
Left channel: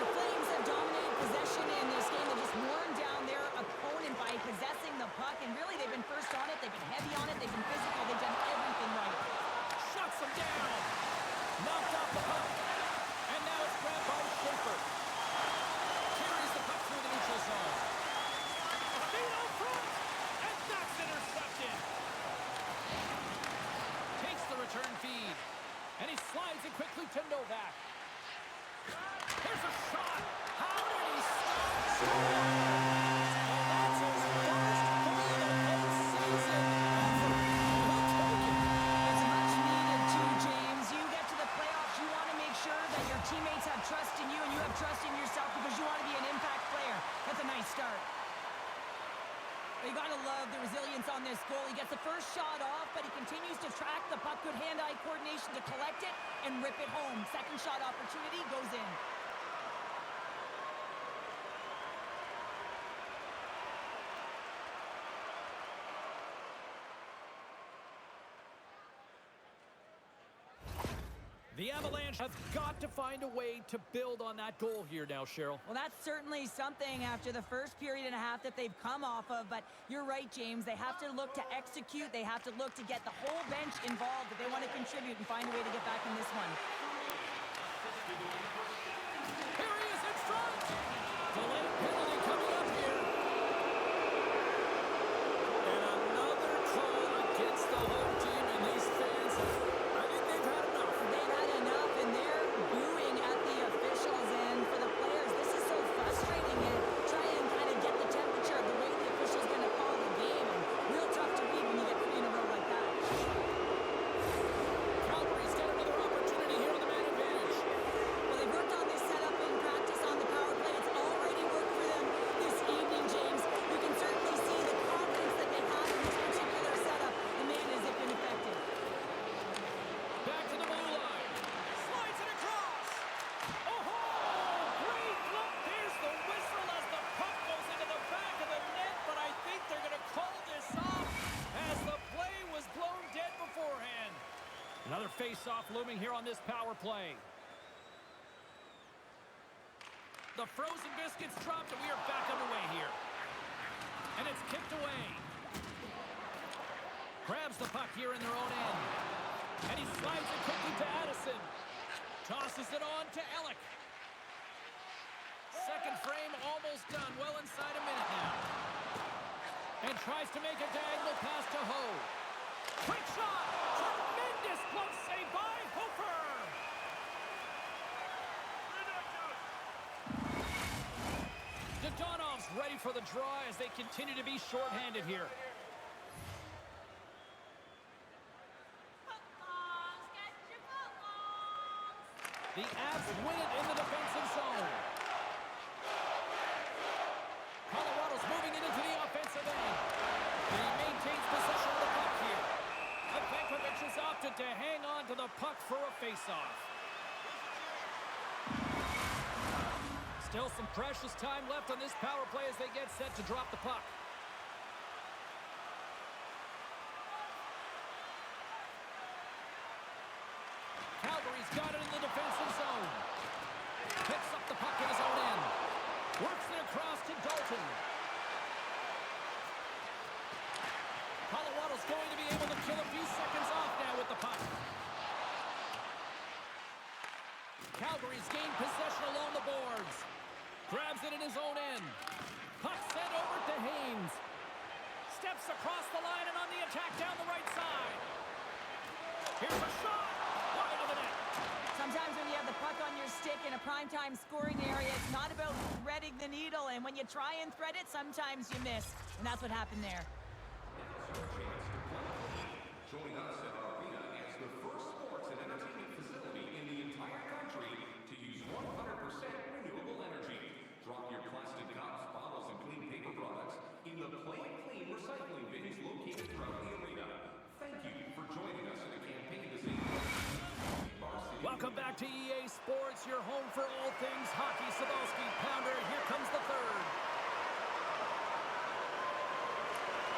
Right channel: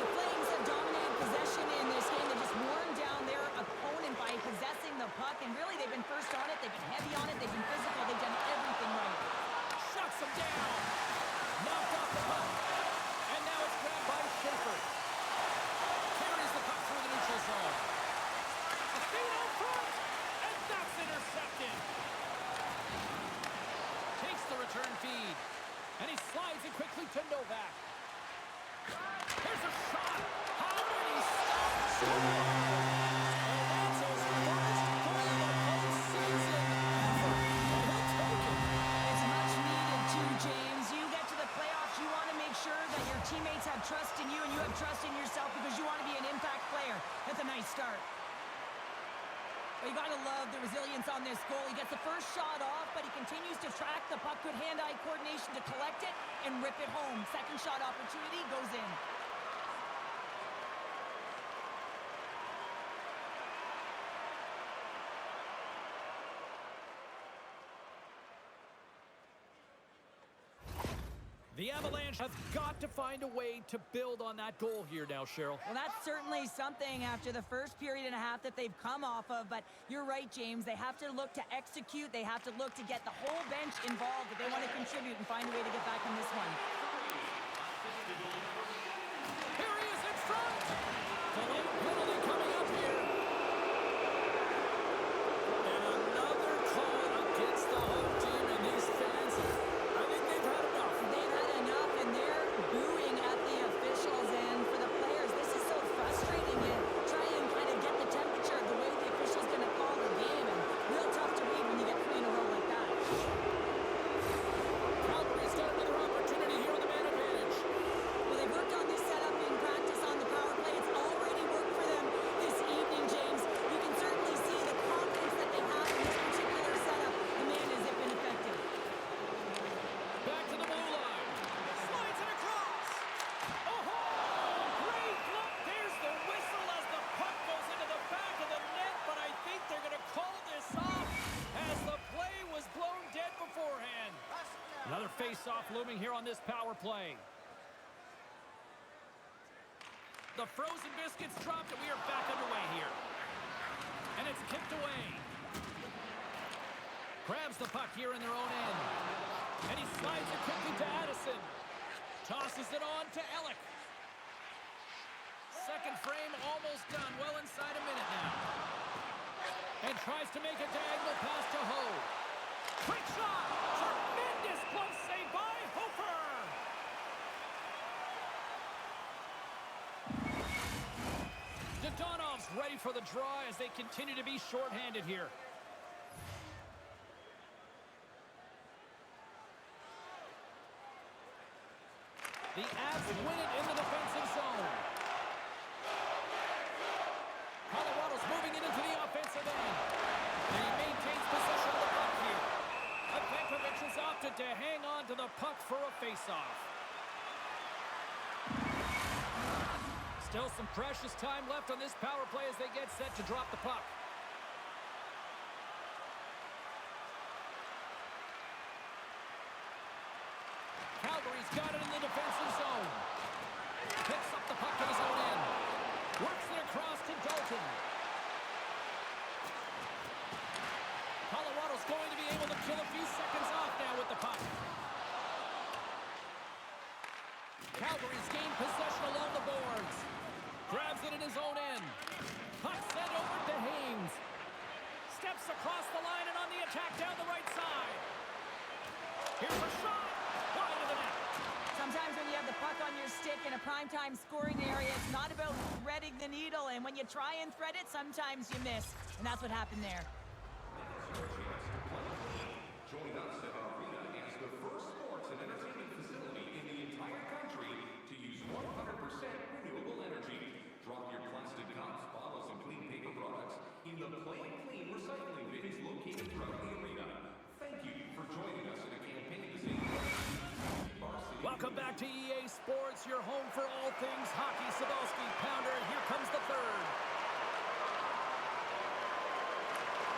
The Flames have dominated possession in this game. They've just worn down their opponent by possessing the puck, and really they've been first on it. They've been heavy on it. They've been physical. They've done everything right. him down. Knocked off the puck. And now it's grabbed by Schaefer. Carries the puck through the neutral zone. A feed out front. And that's intercepted. Takes the return feed. And he slides it quickly to Novak. Here's a shot. How did he stop scoring? And that's his first goal of the postseason ever. And he'll take it. It's much needed too, James. You get to the playoffs, you want to make sure that your teammates have trust in you and you have trust in yourself because you want to be an impact player. That's a nice start. But you got to love the resilience on this goal. He gets the first shot off, but he continues to track the puck. Good hand-eye coordination to collect it and rip it home. Second shot opportunity goes in. The Avalanche have got to find a way to build on that goal here now, Cheryl. Well, that's certainly something after the first period and a half that they've come off of. But you're right, James. They have to look to execute. They have to look to get the whole bench involved if they want to contribute and find a way to get back in this one. Here he is in front. Delayed penalty coming up here. And another call against the home team, and these fans, I think they've had enough. They've had enough, and they're booing at the officials. And for the players, this is so frustrating. You try and kind of get the temperature of the way the official's going to call the game, and real tough to read when you get 3 in a row like that. Calgary's got another opportunity here on the man advantage. Well, they've worked on this setup in practice on the power play. It's already worked for them this evening, James. You can certainly see the confidence that they have in this particular setup. The man has been effective. Back to the blue line. Slides it across. Oh, great look. There's the whistle as the puck goes into the back of the net, but I think they're going to call this off as the play was blown dead beforehand. Another face-off looming here on this power play. The frozen biscuits dropped, and we are back underway here. And it's kicked away. Grabs the puck here in their own end. And he slides it quickly to Addison. Tosses it on to Ellick. Second frame almost done. Well inside a minute now. And tries to make a diagonal pass to Ho. Quick shot! Tremendous glove save by Hofer! Dodonov's ready for the draw as they continue to be shorthanded here. The Avs win it in the defensive zone. Colorado's moving it into the offensive end. And he maintains possession of the puck here. Ivankovic has opted to hang on to the puck for a face-off. Still some precious time left on this power play as they get set to drop the puck. Calgary's got it in the defensive zone. Picks up the puck in his own end. Works it across to Dalton. Colorado's going to be able to kill a few seconds off now with the puck. Calgary's gained possession along the boards. Grabs it in his own end. Puck sent over to Haynes. Steps across the line and on the attack down the right side. Here's a shot. Wide of the net. Sometimes when you have the puck on your stick in a primetime scoring area, it's not about threading the needle. And when you try and thread it, sometimes you miss. And that's what happened there. Now's your chance to play clean. Join us at our arena as the first sports and entertainment facility in the entire country to use 100% renewable energy. Drop your plastic cups, bottles, and clean paper products in the Play It Clean recycling bins located throughout the arena. Thank you for joining us in a campaign to save varsity. Welcome back to EA Sports, your home for all things hockey. Sabalski, Pounder, and here comes the third.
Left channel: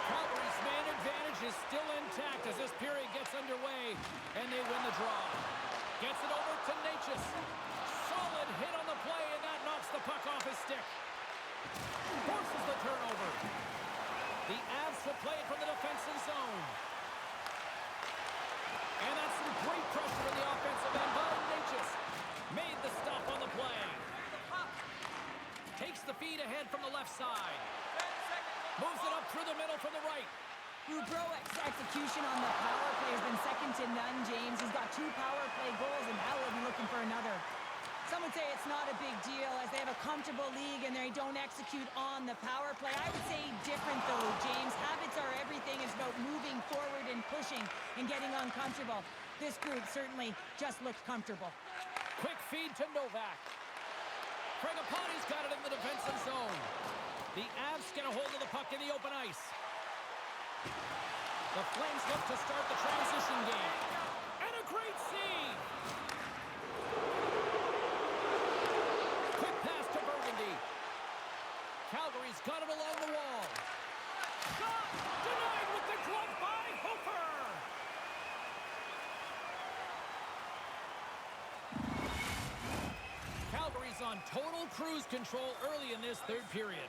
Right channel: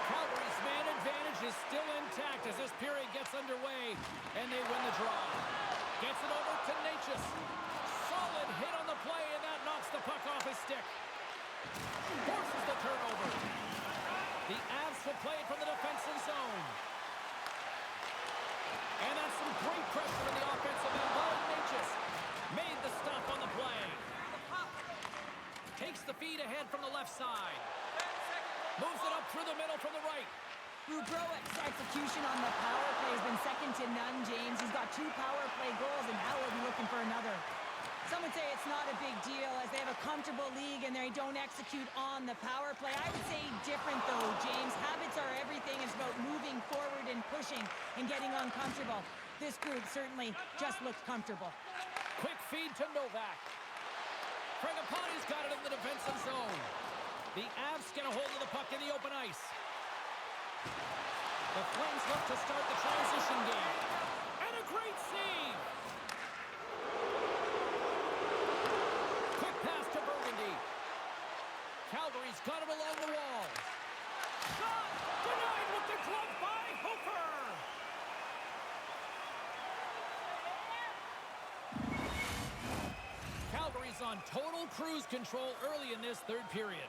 Calgary's man advantage is still intact as this period gets underway, and they win the draw. Gets it over to Natchez. Solid hit on the play, and that knocks the puck off his stick. Forces the turnover. The Avs will play it from the defensive zone. And that's some great pressure in the offensive end. Natchez made the stop on the play. Takes the feed ahead from the left side. Moves it up through the middle from the right. Boudreau's execution on the power play has been second to none, James. He's got 2 power play goals, and now he'll be looking for another. Some would say it's not a big deal as they have a comfortable league and they don't execute on the power play. I would say different, though, James. Habits are everything. It's about moving forward and pushing and getting uncomfortable. This group certainly just looks comfortable. Quick feed to Novak. Fragapani's got it in the defensive zone. The Avs get a hold of the puck in the open ice. The Flames look to start the transition game. And a great save! Quick pass to Burgundy. Calgary's got it along the wall. Shot! Denied with the glove by Hofer! Calgary's on total cruise control early in this third period.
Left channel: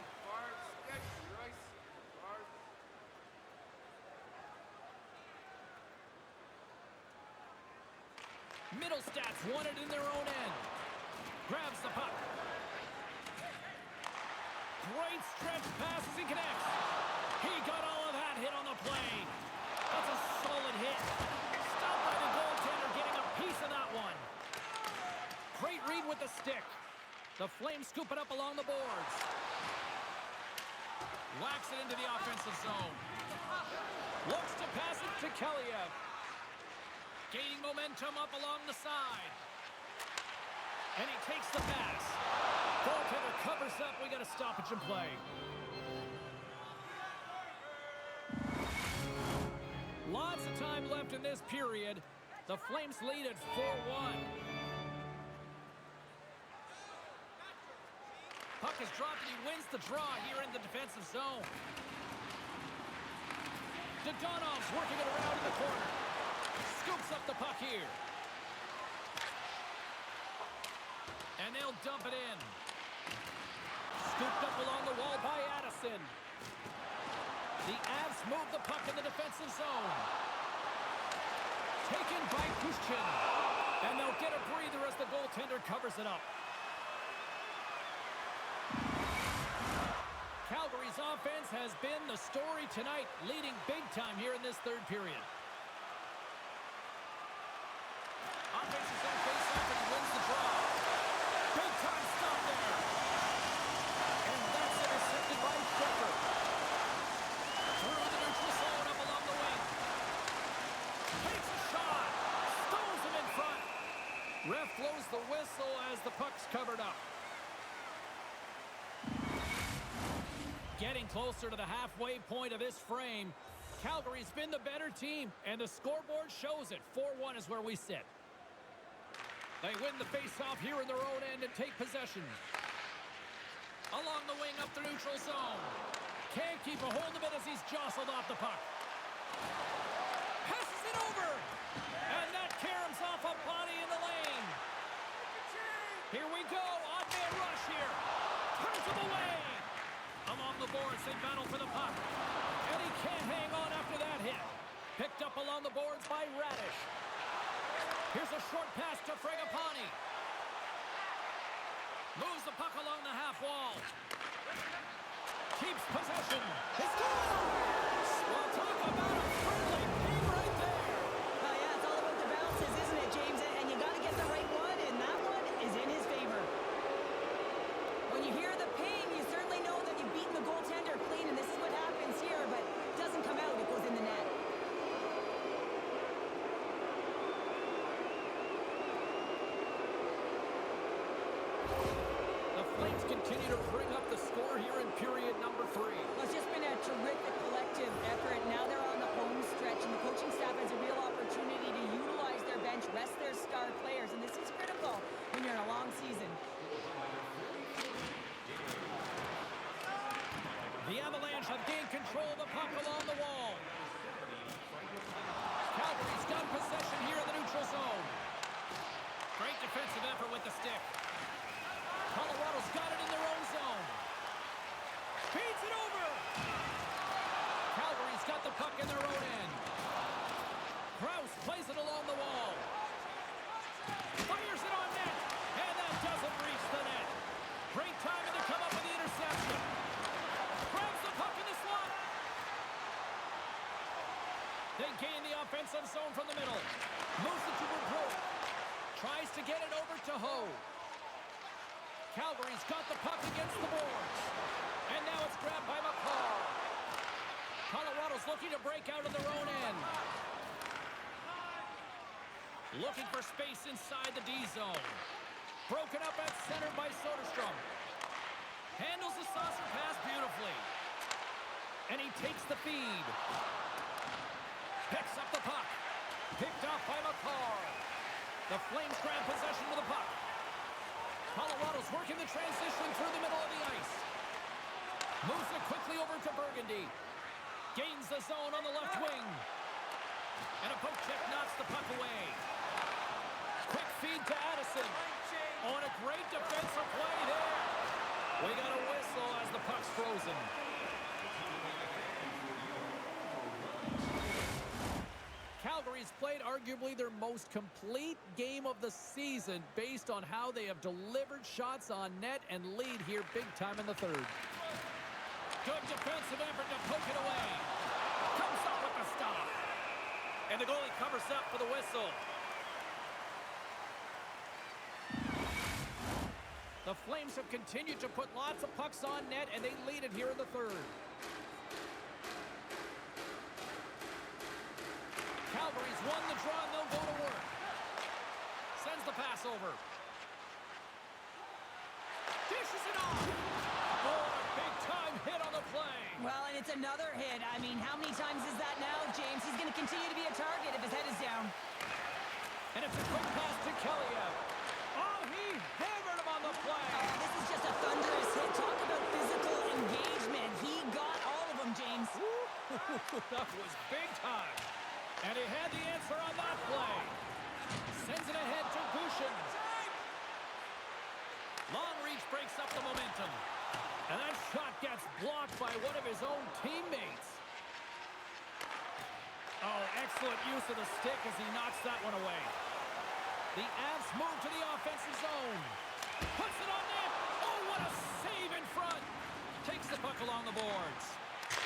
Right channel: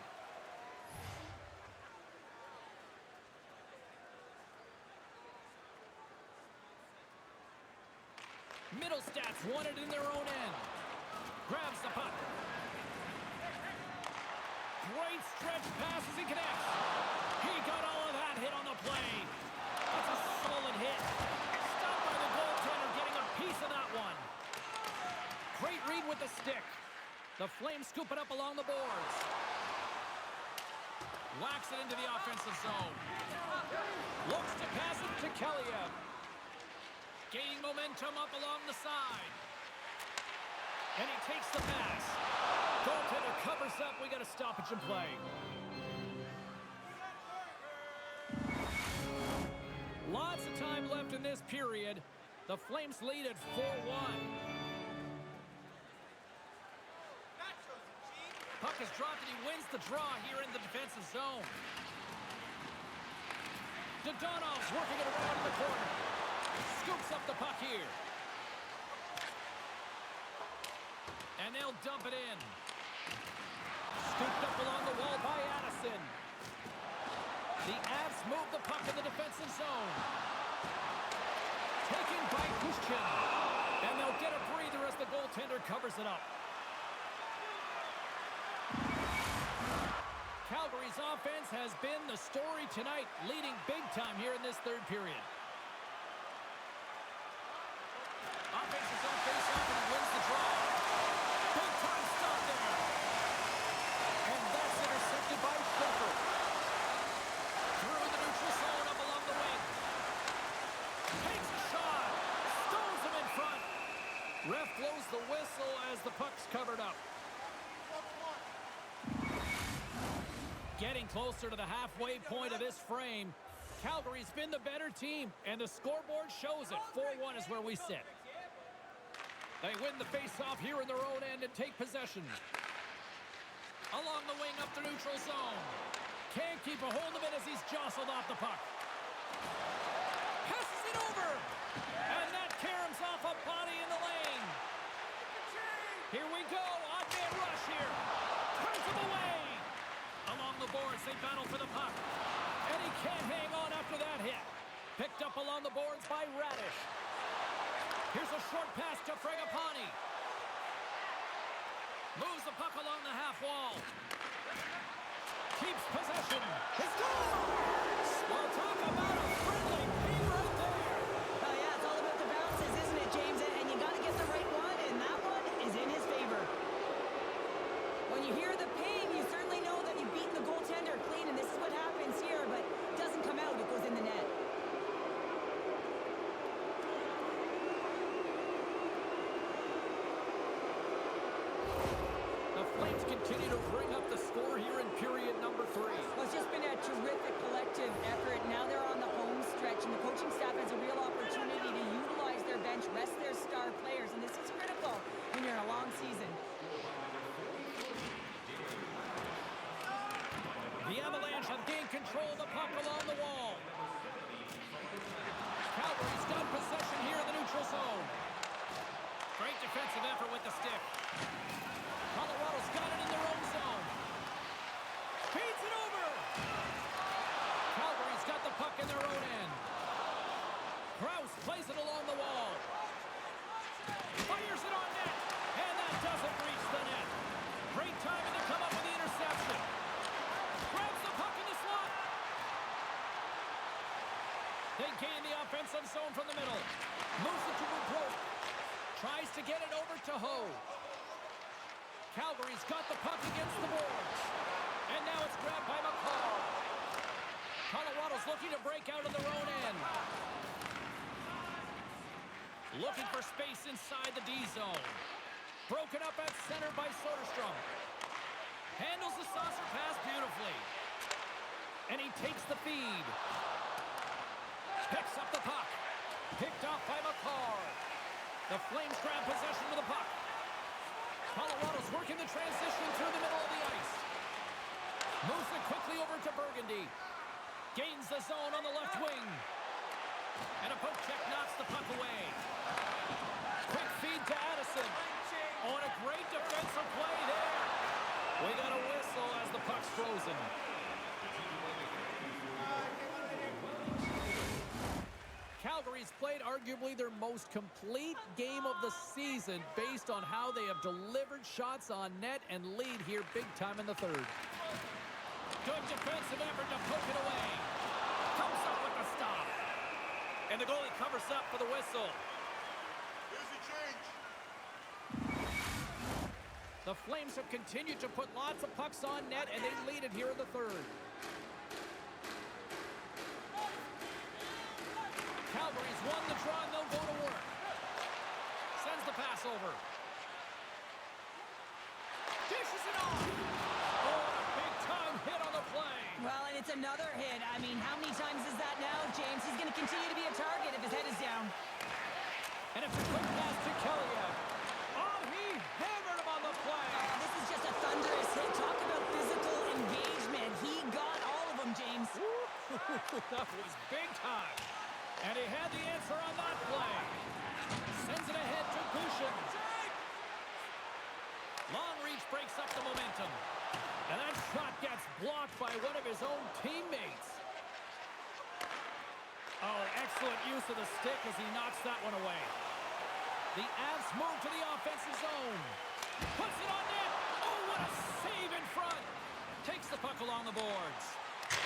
Middlestats won it in their own end. Grabs the puck. Great stretch pass as he connects. He got all of that hit on the play. That's a solid hit. Stopped by the goaltender, getting a piece of that one. Great read with the stick. The Flames scoop it up along the boards. Whacks it into the offensive zone. Looks to pass it to Kaliev. Gaining momentum up along the side. And he takes the pass. Goaltender covers up. We got a stoppage in play. Lots of time left in this period. The Flames lead at 4-1. Puck is dropped and he wins the draw here in the defensive zone. Dodonov's working it around in the corner. Scoops up the puck here. And they'll dump it in. Scooped up along the wall by Addison. The Avs move the puck in the defensive zone. Taken by Kushkin. And they'll get a breather as the goaltender covers it up. Calgary's offense has been the story tonight, leading big time here in this third period. Offensive zone face-off, and he wins the draw. Big time stop there. And that's intercepted by Shepherd. Through the neutral zone, up along the wing. Takes a shot. Stones him in front. Ref blows the whistle as the puck's covered up. Getting closer to the halfway point of this frame. Calgary's been the better team, and the scoreboard shows it. 4-1 is where we sit. They win the face-off here in their own end and take possession. Along the wing up the neutral zone. Can't keep a hold of it as he's jostled off the puck. Passes it over. And that caroms off a body in the lane. Here we go. Odd man rush here. Turns him away. Along the boards, they battle for the puck. And he can't hang on after that hit. Picked up along the boards by Radish. Here's a short pass to Fragapani. Moves the puck along the half wall. Keeps possession. He scores! Well, talk about a friendly ping right there. Oh, yeah, it's all about the bounces, isn't it, James? And you got to get the right one, and that one is in his favor. When you hear the ping, you certainly know that you've beaten the goaltender clean, and this is what happens here, but it doesn't come out. It goes in the net. The Flames continue to bring up the score here in period number 3. Well, it's just been a terrific collective effort. Now they're on the home stretch, and the coaching staff has a real opportunity to utilize their bench, rest their star players, and this is critical when you're in a long season. The Avalanche have gained control of the puck along the wall. Calgary's got possession here in the neutral zone. Great defensive effort with the stick. Colorado's got it in their own zone. Feeds it over. Calgary's got the puck in their own end. Krause plays it along the wall. Fires it on net. And that doesn't reach the net. Great timing to come up with the interception. Grabs the puck in the slot. They gain the offensive zone from the middle. Moves it to Bobrovsky. Tries to get it over to Ho. Calgary's got the puck against the boards. And now it's grabbed by McCall. Colorado's looking to break out of their own end. Looking for space inside the D zone. Broken up at center by Soderstrom. Handles the saucer pass beautifully. And he takes the feed. Picks up the puck. Picked off by McCall. The Flames grab possession of the puck. Colorado's working the transition through the middle of the ice. Moves it quickly over to Burgundy. Gains the zone on the left wing. And a poke check knocks the puck away. Quick feed to Addison. Oh, and a great defensive play there. We got a whistle as the puck's frozen. Calgary's played arguably their most complete game of the season based on how they have delivered shots on net and lead here big time in the third. Good defensive effort to poke it away. Comes up with the stop. And the goalie covers up for the whistle. The Flames have continued to put lots of pucks on net, and they lead it here in the third. Calgary's won the draw, and they'll go to work. Sends the pass over. Dishes it off. Oh, and a big-time hit on the play. Well, and it's another hit. I mean, how many times is that now, James? He's going to continue to be a target if his head is down. And it's a quick pass to Kellyev. Oh, he hammered him on the play. Oh, this is just a thunderous hit. Talk about physical engagement. He got all of them, James. That was big time. And he had the answer on that play. Sends it ahead to Gushin. Long reach breaks up the momentum. And that shot gets blocked by one of his own teammates. Oh, excellent use of the stick as he knocks that one away. The Avs move to the offensive zone. Puts it on net. Oh, what a save in front. Takes the puck along the boards.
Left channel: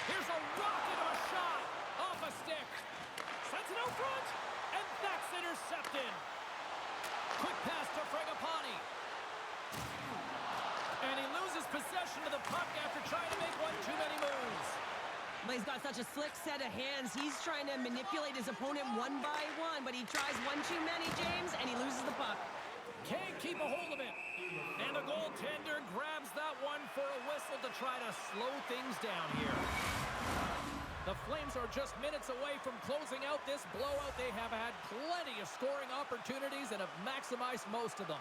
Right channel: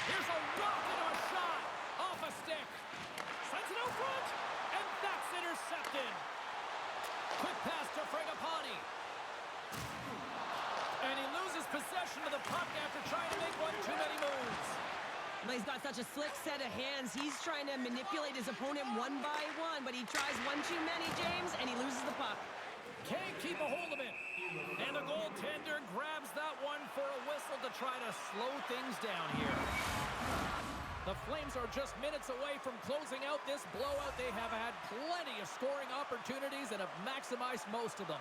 Here's a rocket of a shot. Off a stick. Sends it out front. And that's intercepted. Quick pass to Fragapani. And he loses possession of the puck after trying to make one too many moves. Well, he's got such a slick set of hands. He's trying to manipulate his opponent one by one, but he tries one too many, James, and he loses the puck. Can't keep a hold of it. And the goaltender grabs that one for a whistle to try to slow things down here. The Flames are just minutes away from closing out this blowout. They have had plenty of scoring opportunities and have maximized most of them.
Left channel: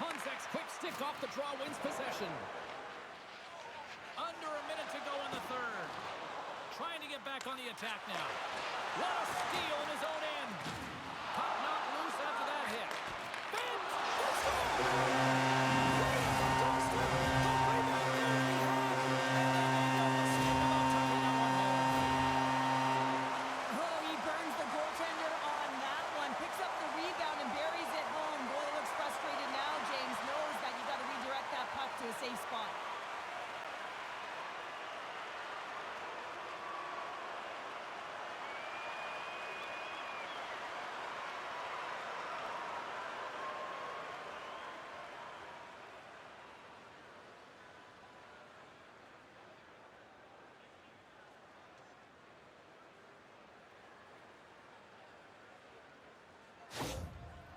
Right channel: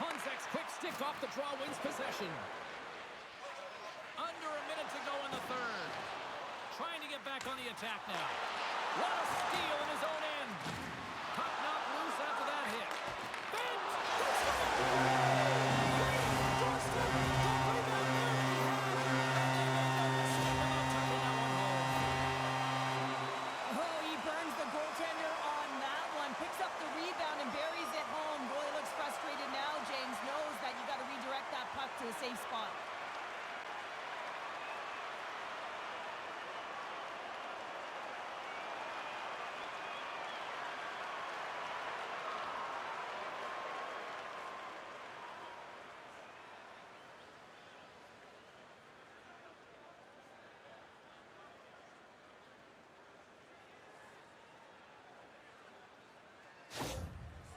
Honzek's quick stick off the draw wins possession. Under a minute to go in the third. Trying to get back on the attack now. What a steal in his own end. Puck knocked loose after that hit. Bent! Let's go! Right on the doorstep. The rebound there that he had. And they made no mistake about tucking that one home. Oh, he burns the goaltender on that one. Picks up the rebound and buries it home. Goalie looks frustrated now. James knows that you got to redirect that puck to a safe spot.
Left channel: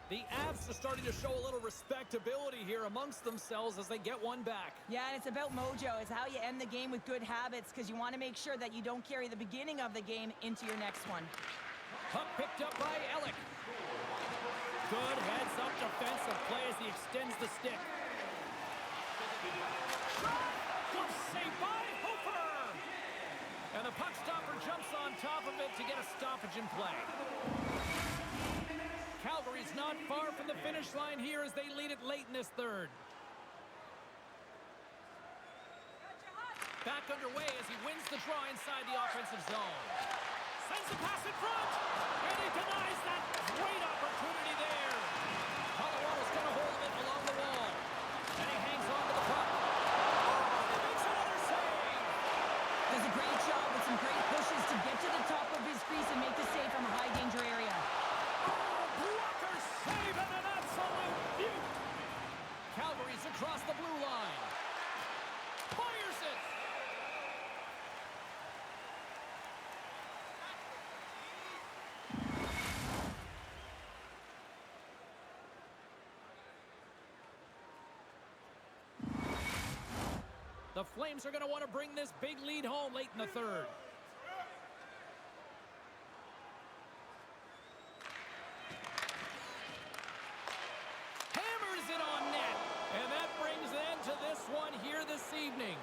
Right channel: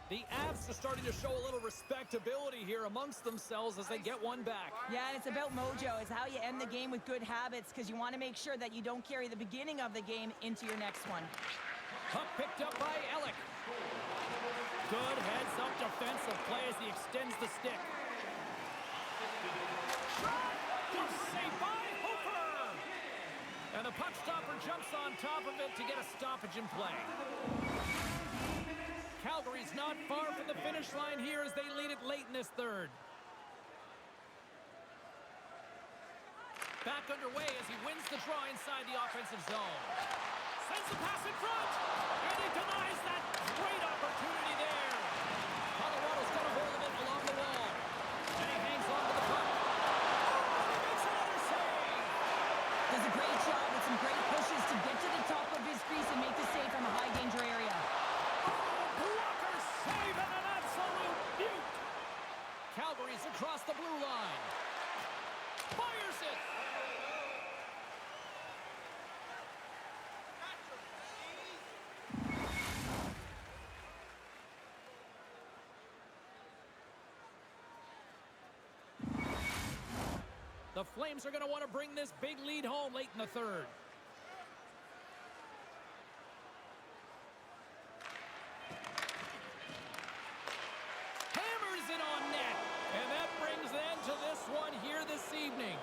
The Avs are starting to show a little respectability here amongst themselves as they get one back. Yeah, and it's about mojo. It's how you end the game with good habits because you want to make sure that you don't carry the beginning of the game into your next one. Puck picked up by Ellick. Good heads-up defensive play as he extends the stick. Good save by Hofer! And the puck stopper jumps on top of it to get a stoppage in play. Calgary's not far from the finish line here as they lead it late in this third. Back underway as he wins the draw inside the offensive zone. Sends the pass in front. And he denies that great opportunity there. Colorado's got a hold of it along the wall. And he hangs on to the puck. Oh, and he makes another save. Does a great job with some great pushes to get to the top of his crease and make the save from a high-danger area. Oh, blocker save and an absolute beaut. Calgary's across the blue line. Fires it. The Flames are going to want to bring this big lead home late in the third. Hammers it on net. And that brings an end to this one here this evening.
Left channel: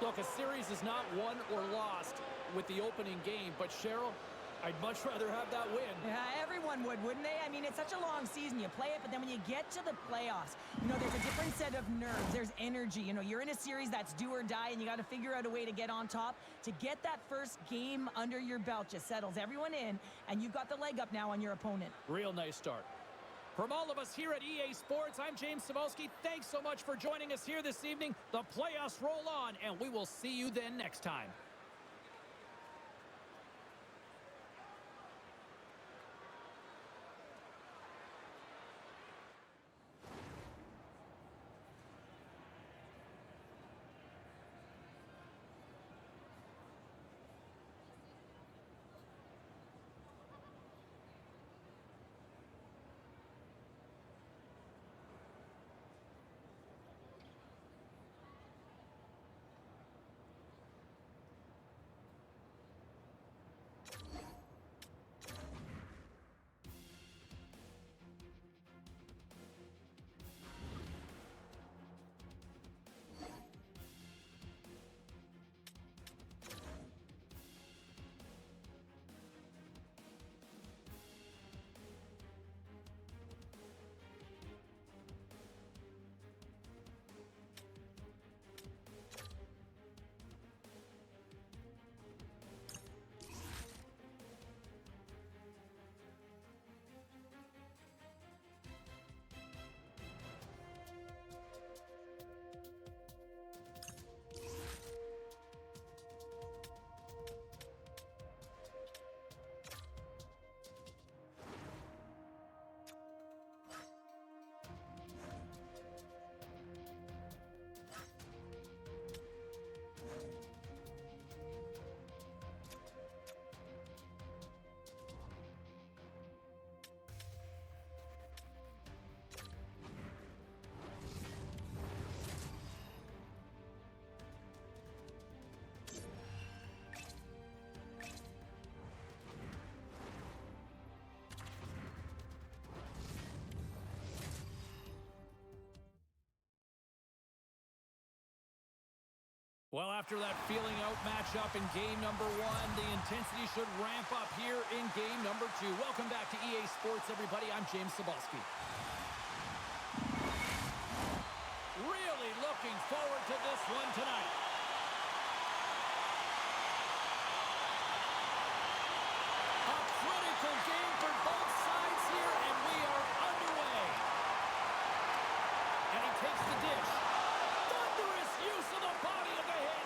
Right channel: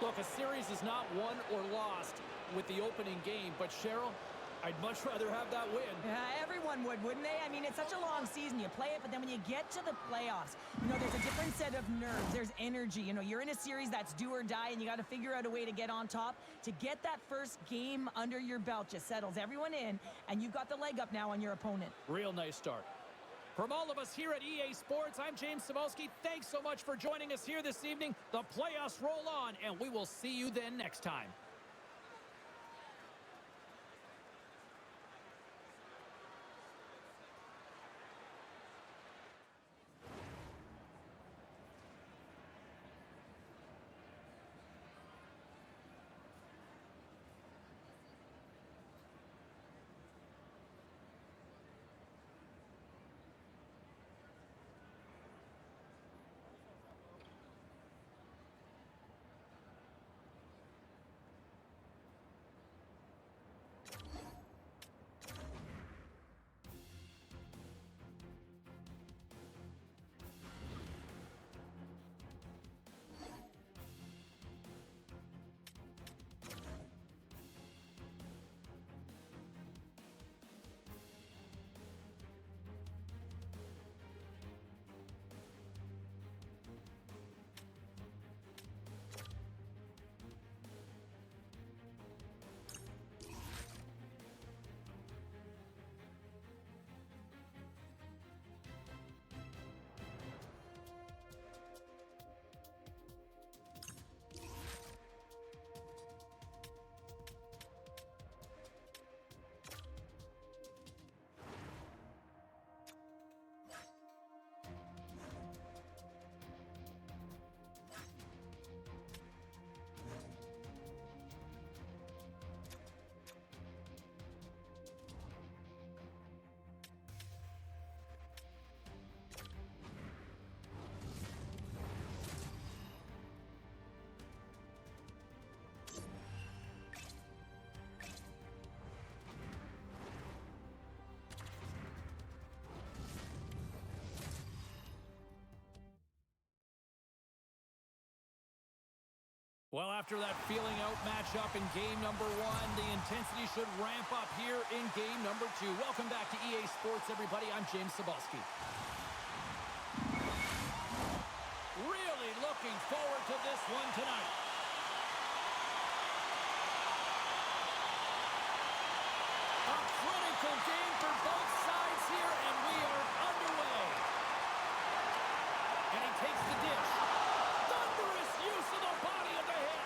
Look, a series is not won or lost with the opening game, but Cheryl, I'd much rather have that win. Yeah, everyone would, wouldn't they? I mean, it's such a long season. You play it, but then when you get to the playoffs, there's a different set of nerves. There's energy. You're in a series that's do or die, and you got to figure out a way to get on top. To get that first game under your belt just settles everyone in, and you've got the leg up now on your opponent. Real nice start. From all of us here at EA Sports, I'm James Cybulski. Thanks so much for joining us here this evening. The playoffs roll on, and we will see you then next time. Well, after that feeling out matchup in game number one, the intensity should ramp up here in game number two. Welcome back to EA Sports, everybody. I'm James Cybulski. Really looking forward to this one tonight. A critical game for both sides here, and we are underway. And he takes the dish. Thunderous use of the body of the hit.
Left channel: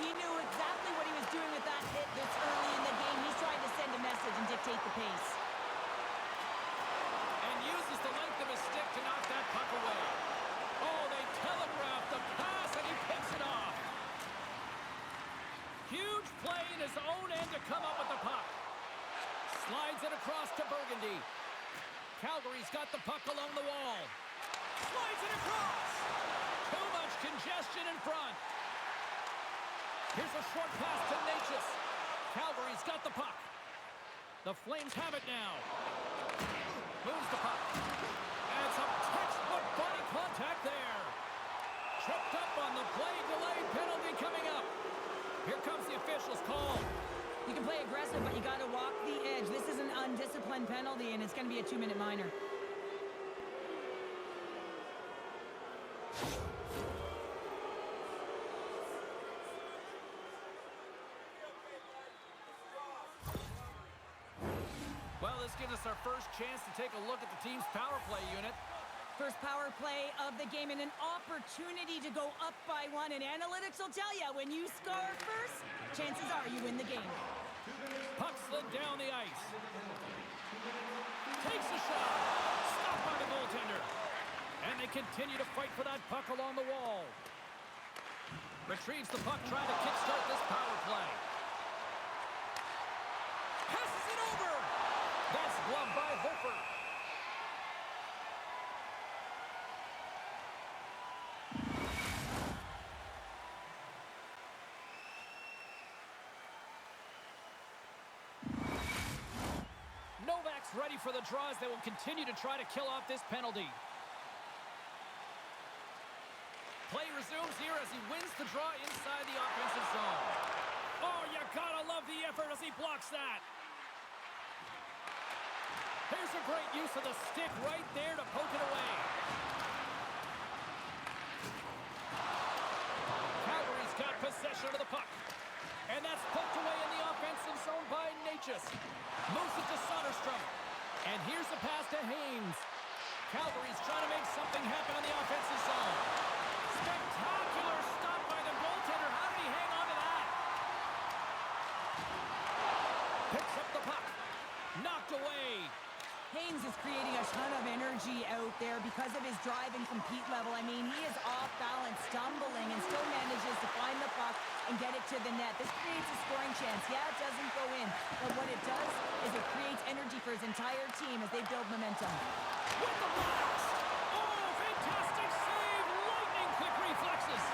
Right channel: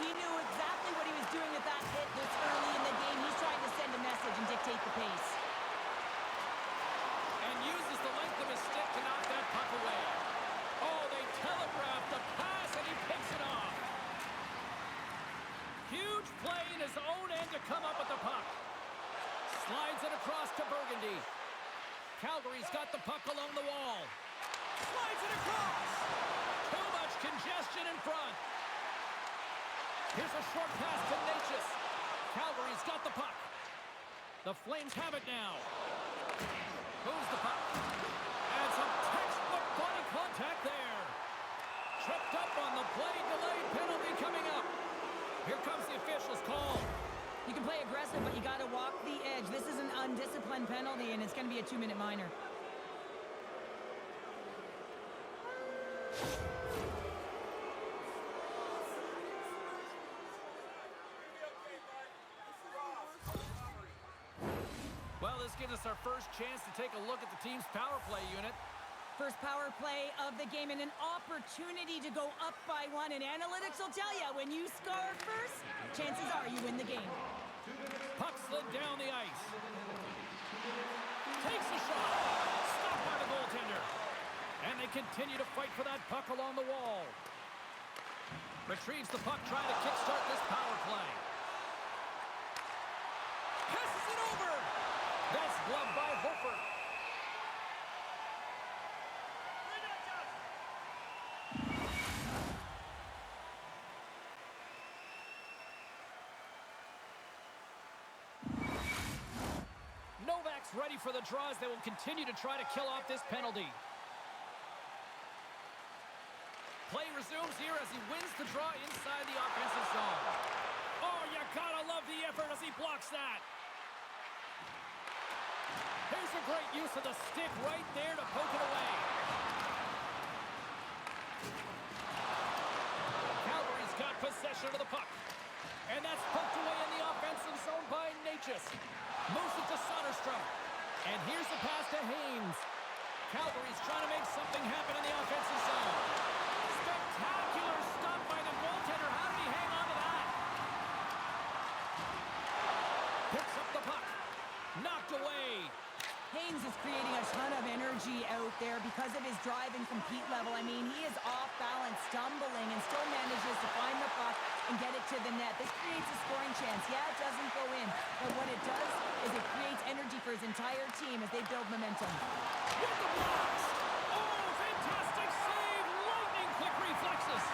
He knew exactly what he was doing with that hit this early in the game. He's trying to send a message and dictate the pace. And uses the length of his stick to knock that puck away. Oh, they telegraphed the pass, and he picks it off. Huge play in his own end to come up with the puck. Slides it across to Burgundy. Calgary's got the puck along the wall. Slides it across. Too much congestion in front. Here's a short pass to Natchez. Calgary's got the puck. The Flames have it now. Moves the puck. And some textbook body contact there. Tripped up on the play. Delayed penalty coming up. Here comes the official's call. You can play aggressive, but you got to walk the edge. This is an undisciplined penalty, and it's going to be a 2-minute minor. this gives us our first chance to take a look at the team's power play unit. First power play of the game and an opportunity to go up by one. And analytics will tell you, when you score first, chances are you win the game. Puck slid down the ice. Takes a shot. Stopped by the goaltender. And they continue to fight for that puck along the wall. Retrieves the puck, trying to kickstart this power play. Passes it over. That's gloved by Hofer. Novak's ready for the draw as they will continue to try to kill off this penalty. Play resumes here as he wins the draw inside the offensive zone. Oh, you gotta love the effort as he blocks that. Here's a great use of the stick right there to poke it away. Calgary's got possession of the puck. And that's poked away in the offensive zone by Natchez. Moves it to Soderstrom. And here's the pass to Haynes. Calgary's trying to make something happen in the offensive zone. Spectacular stop by the goaltender. How did he hang on to that? Picks up the puck. Knocked away. Haynes is creating a ton of energy out there because of his drive and compete level. I mean, he is off balance, stumbling, and still manages to find the puck and get it to the net. This creates a scoring chance. Yeah, it doesn't go in, but what it does is it creates energy for his entire team as they build momentum. With the blast! Oh, fantastic save! Lightning quick reflexes.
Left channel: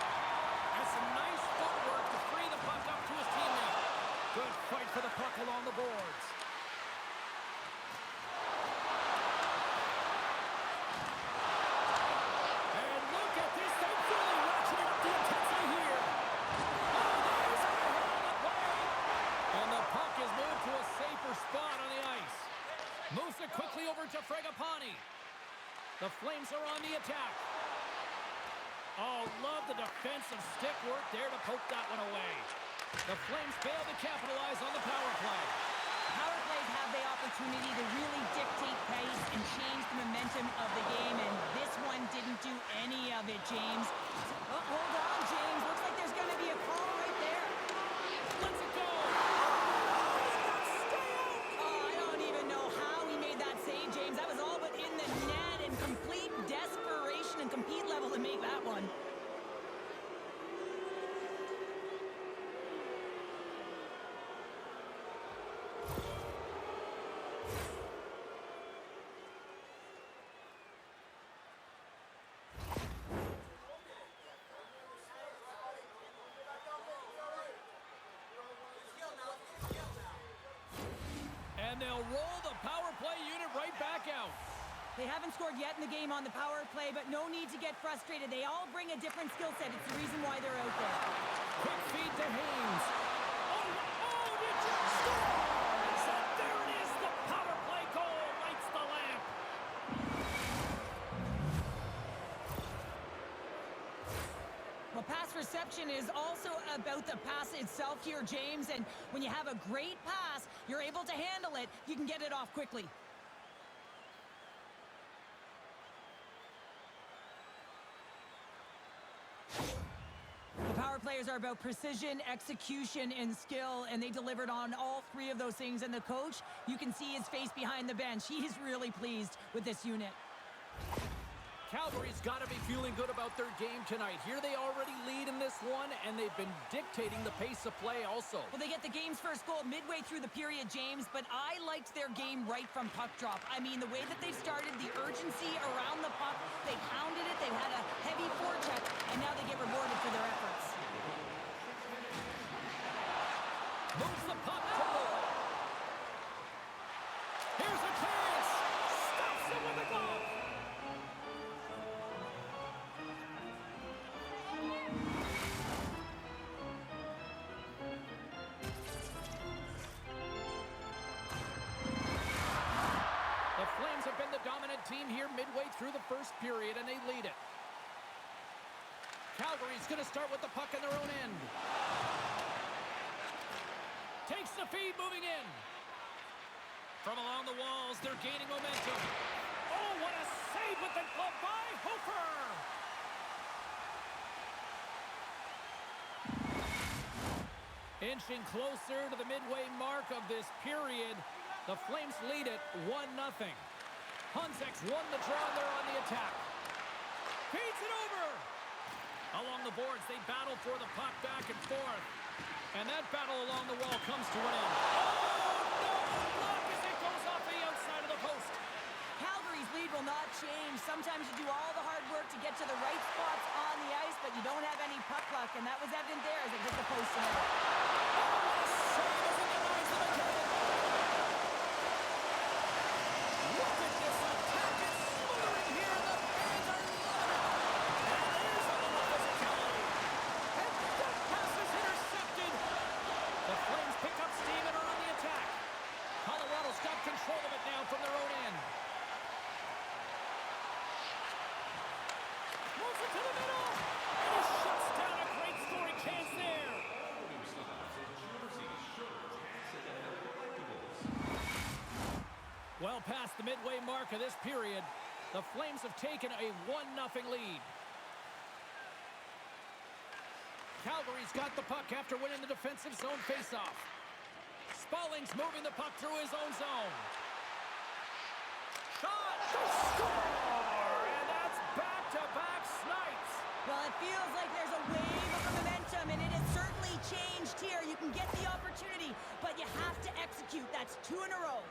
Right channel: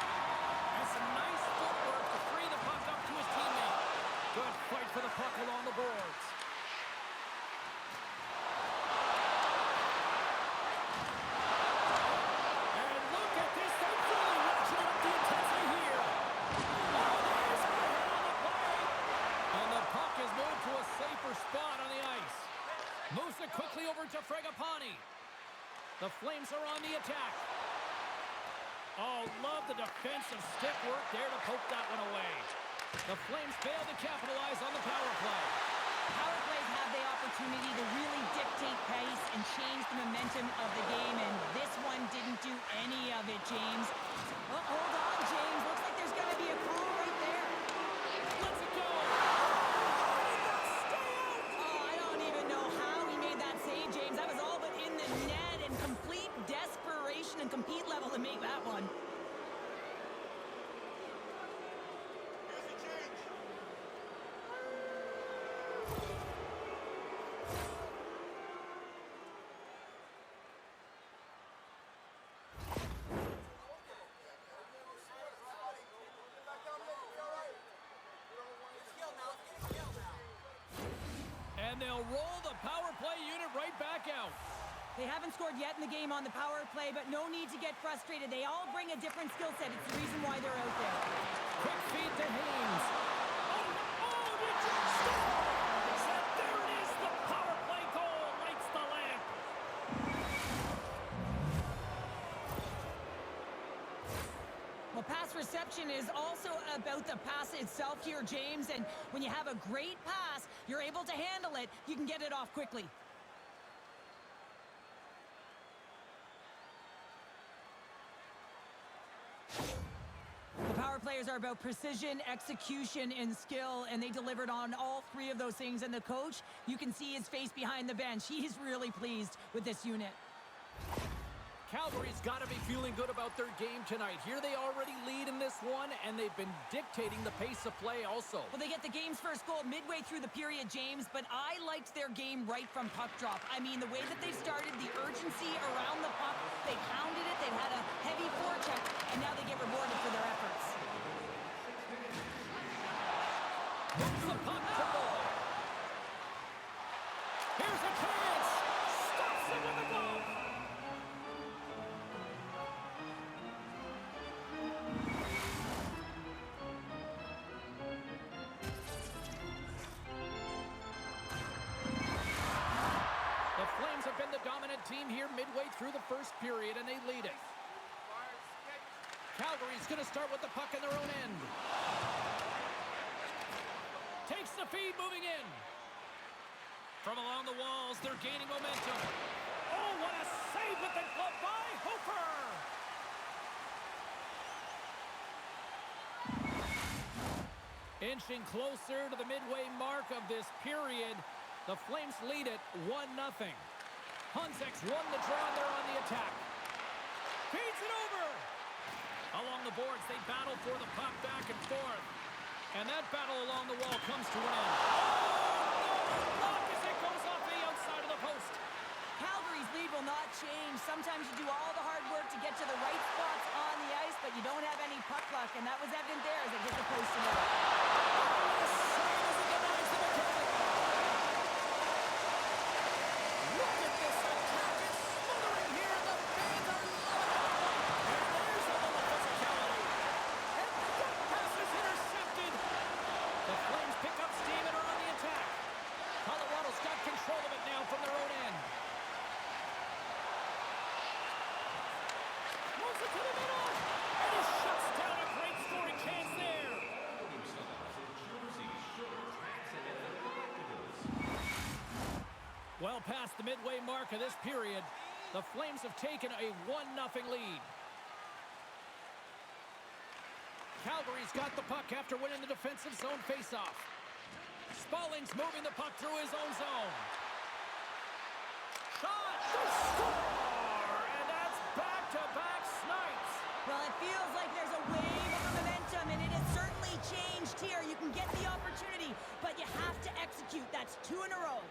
And some nice footwork to free the puck up to his teammate. Good fight for the puck along the boards. And look at this. They've really ratcheted up the intensity here. Oh, there's a hit on the play. And the puck is moved to a safer spot on the ice. Moves it quickly over to Fragapane. The Flames are on the attack. Oh, love the defensive stick work there to poke that one away. The Flames fail to capitalize on the power play. Power plays have the opportunity to really dictate pace and change the momentum of the game, and this one didn't do any of it, James. Oh, hold on, James. Looks like there's going to be a call right there. Let's it go! How did that stay out? Oh, I don't even know how he made that save, James. That was all but in the net, and complete desperation and compete level to make that one. And they'll roll the power play unit right back out. They haven't scored yet in the game on the power play, but no need to get frustrated. They all bring a different skill set. It's the reason why they're out there. Quick feed to Haynes. Oh, did you scores? And there it is, the power play goal lights the lamp. Well, pass reception is also about the pass itself here, James. And when you have a great pass, you're able to handle it. You can get it off quickly. The power players are about precision, execution, and skill, and they delivered on all three of those things. And the coach, you can see his face behind the bench. He's really pleased with this unit. Calgary's got to be feeling good about their game tonight. Here they already lead in this one, and they've been dictating the pace of play also. Well, they get the game's first goal midway through the period, James, but I liked their game right from puck drop. I mean, the way that they started, the urgency around the puck, they pounded it, they've had a heavy forecheck, and now they get rewarded for their efforts. Moves the puck to Novak. Here's a chance. Stops it with a glove. The Flames have been the dominant team here midway through the first period, and they lead it. Calgary's going to start with the puck in their own end. Takes the feed, moving in. From along the walls, they're gaining momentum. Oh, what a save with the glove by Hofer! Inching closer to the midway mark of this period, the Flames lead it 1-0. Hunsek's won the draw and they're on the attack. Feeds it over! Along the boards, they battle for the puck back and forth. And that battle along the wall comes to an end. Oh, no! Block as it goes off the outside of the post. Calgary's lead will not change. Sometimes you do all the hard work to get to the right spots on the ice, but you don't have any puck luck, and that was evident there as it hit the post and out. Oh, what a save as it denies the mechanic. Look at this attack. It's smothering here, and the fans are loving it. And there's a little physicality. And that pass is intercepted. The Flames pick up steam and are on the attack. Colorado's got control of it now from their own end. Moves it to the middle, and he shuts down a great scoring chance there. All new styles of jerseys, shirts, hats, and NFL collectibles. Well past the midway mark of this period, the Flames have taken a 1-0 lead. Calgary's got the puck after winning the defensive zone faceoff. Spalling's moving the puck through his own zone. Shot! They score! And that's back-to-back snipes. Well, it feels like there's a wave of momentum, and it has certainly changed here. You can get the opportunity, but you have to execute. That's 2 in a row.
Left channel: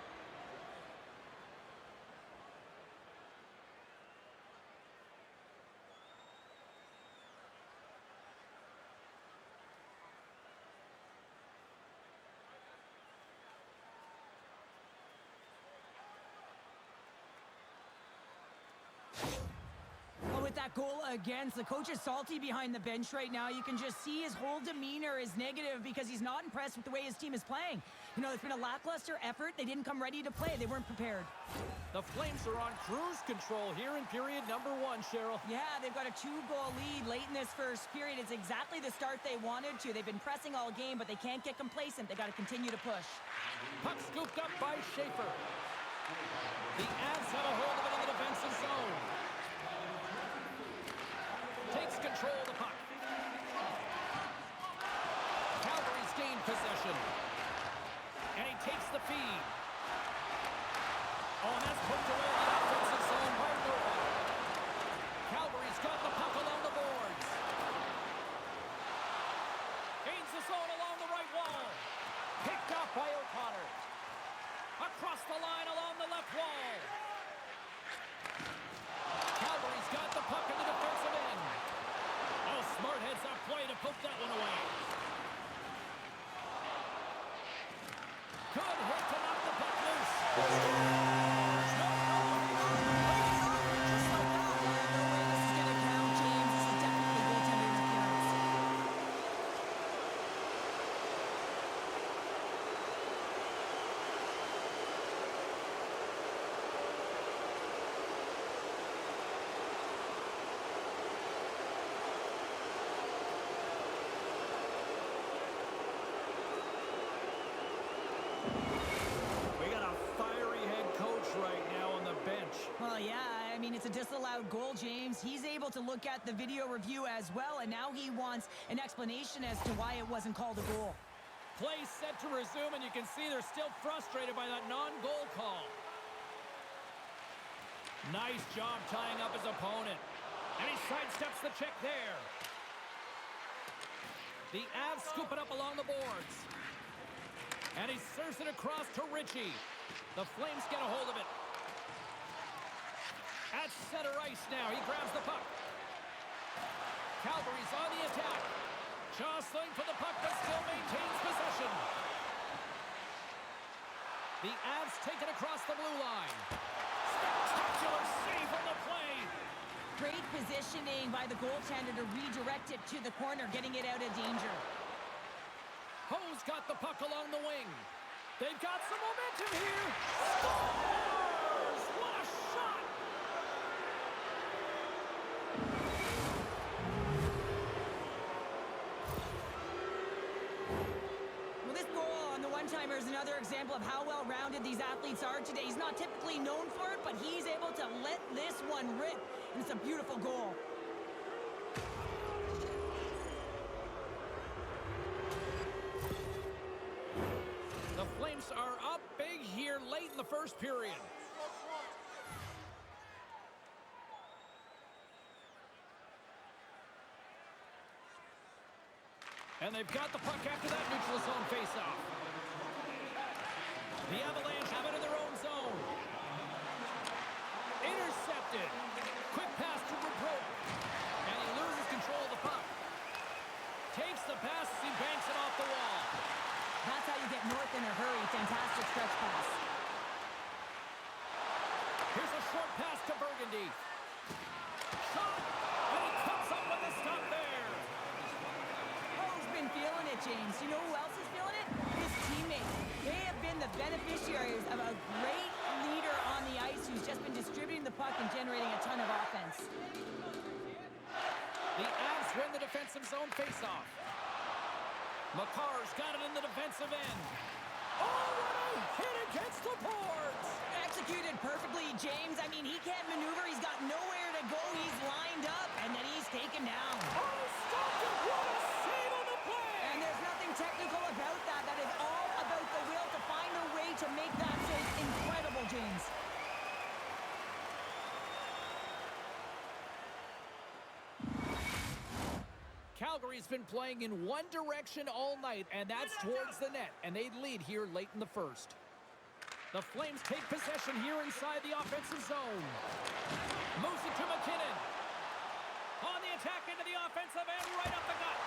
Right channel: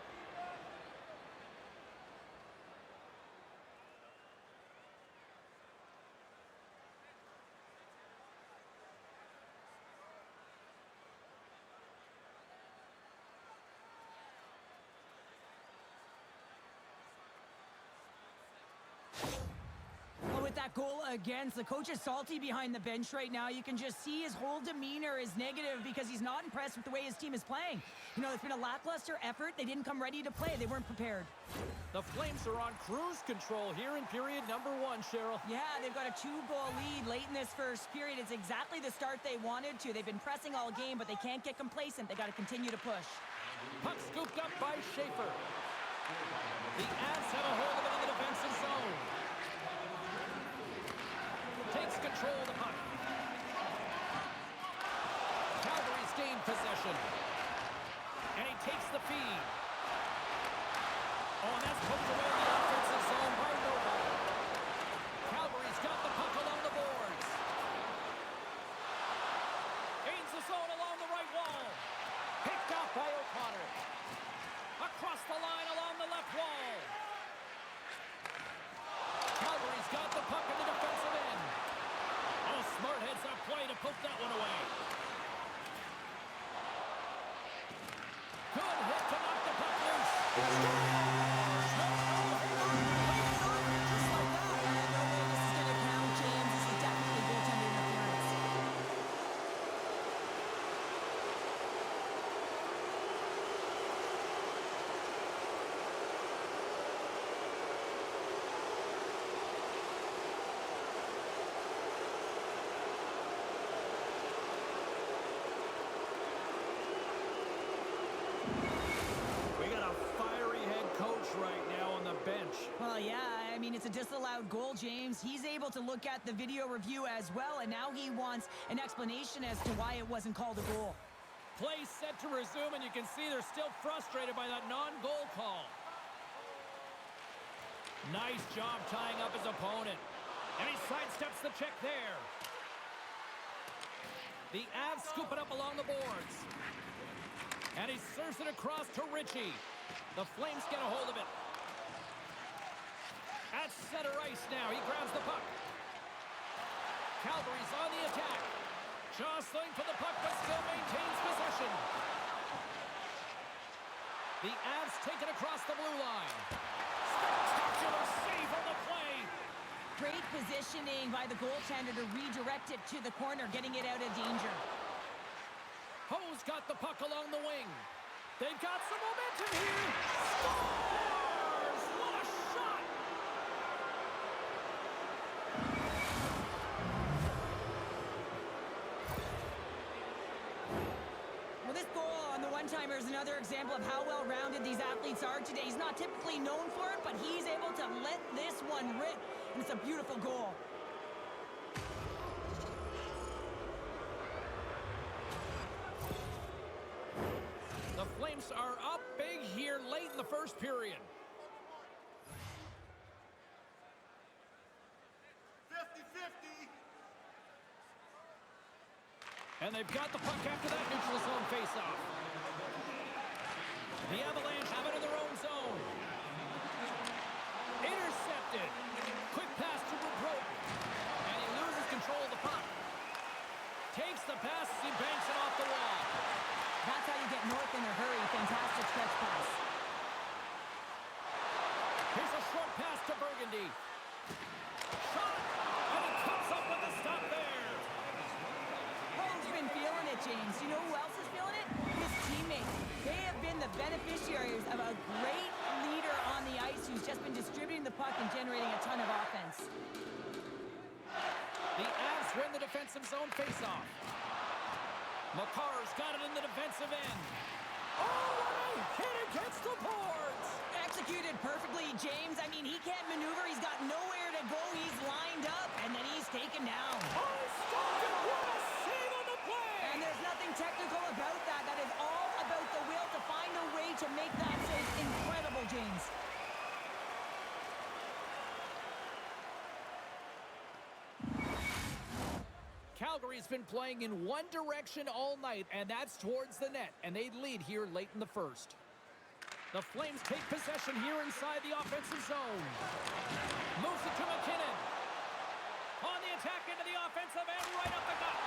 With that goal against, the coach is salty behind the bench right now. You can just see his whole demeanor is negative because he's not impressed with the way his team is playing. You know, it's been a lackluster effort. They didn't come ready to play. They weren't prepared. The Flames are on cruise control here in period number 1, Cheryl. Yeah, they've got a 2-goal lead late in this first period. It's exactly the start they wanted to. They've been pressing all game, but they can't get complacent. They got to continue to push. Puck scooped up by Schaefer. The Avs have a hold of it in the defensive zone. Takes control of the puck. Calgary's gained possession. And he takes the feed. Oh, and that's poked away in the offensive zone by Novak. Calgary's got the puck along the boards. Gains the zone along the right wall. Picked off by O'Connor. Across the line along the left wall. Calgary's got the puck in the defensive end. Oh, smart heads-up play to poke that one away. Good hit to knock the puck loose. Just like that. No way this is going to count, James. This is definitely goaltender interference. We got a fiery head coach right now on the bench. Well, yeah, I mean, it's a disallowed goal, James. He's able to look at the video review as well, and now he wants an explanation as to why it wasn't called a goal. Play set to resume, and you can see they're still frustrated by that non-goal call. Nice job tying up his opponent. And he sidesteps the check there. The Avs scoop it up along the boards. And he serves it across to Ritchie. The Flames get a hold of it. At center ice now. He grabs the puck. Calgary's on the attack. Jostling for the puck, but still maintains possession. The Avs take it across the blue line. Spectacular save on the play. Great positioning by the goaltender to redirect it to the corner, getting it out of danger. Ho's got the puck along the wing. They've got some momentum here. Scores! What a shot! Well, this goal and the one-timer is another example of how well-rounded these athletes are today. He's not typically known for it, but he's able to let this one rip, and it's a beautiful goal. The Flames are up big here late in the first period. And they've got the puck after that neutral zone faceoff. The Avalanche have it in their own zone. Intercepted. Quick pass to Bobrovsky. And he loses control of the puck. Takes the pass as he banks it off the wall. That's how you get north in a hurry. Fantastic stretch pass. Here's a short pass to Burgundy. Shot! And he comes up with the stop there. Ho's been feeling it, James. You know who else is feeling it? His teammates. They have been the beneficiaries of a great leader on the ice who's just been distributing the puck and generating a ton of offense. The Avs win the defensive zone faceoff. Makar's got it in the defensive end. Oh, what a hit against the boards! Executed perfectly, James. I mean, he can't maneuver. He's got nowhere to go. He's lined up, and then he's taken down. Oh, stopped it! What a save on the play! And there's nothing technical about that. That is all about the will to find a way to make that save. Incredible, James. Calgary's been playing in one direction all night, and that's towards the net, and they lead here late in the first. The Flames take possession here inside the offensive zone. Moves it to McKinnon. On the attack into the offensive end, right up the gut.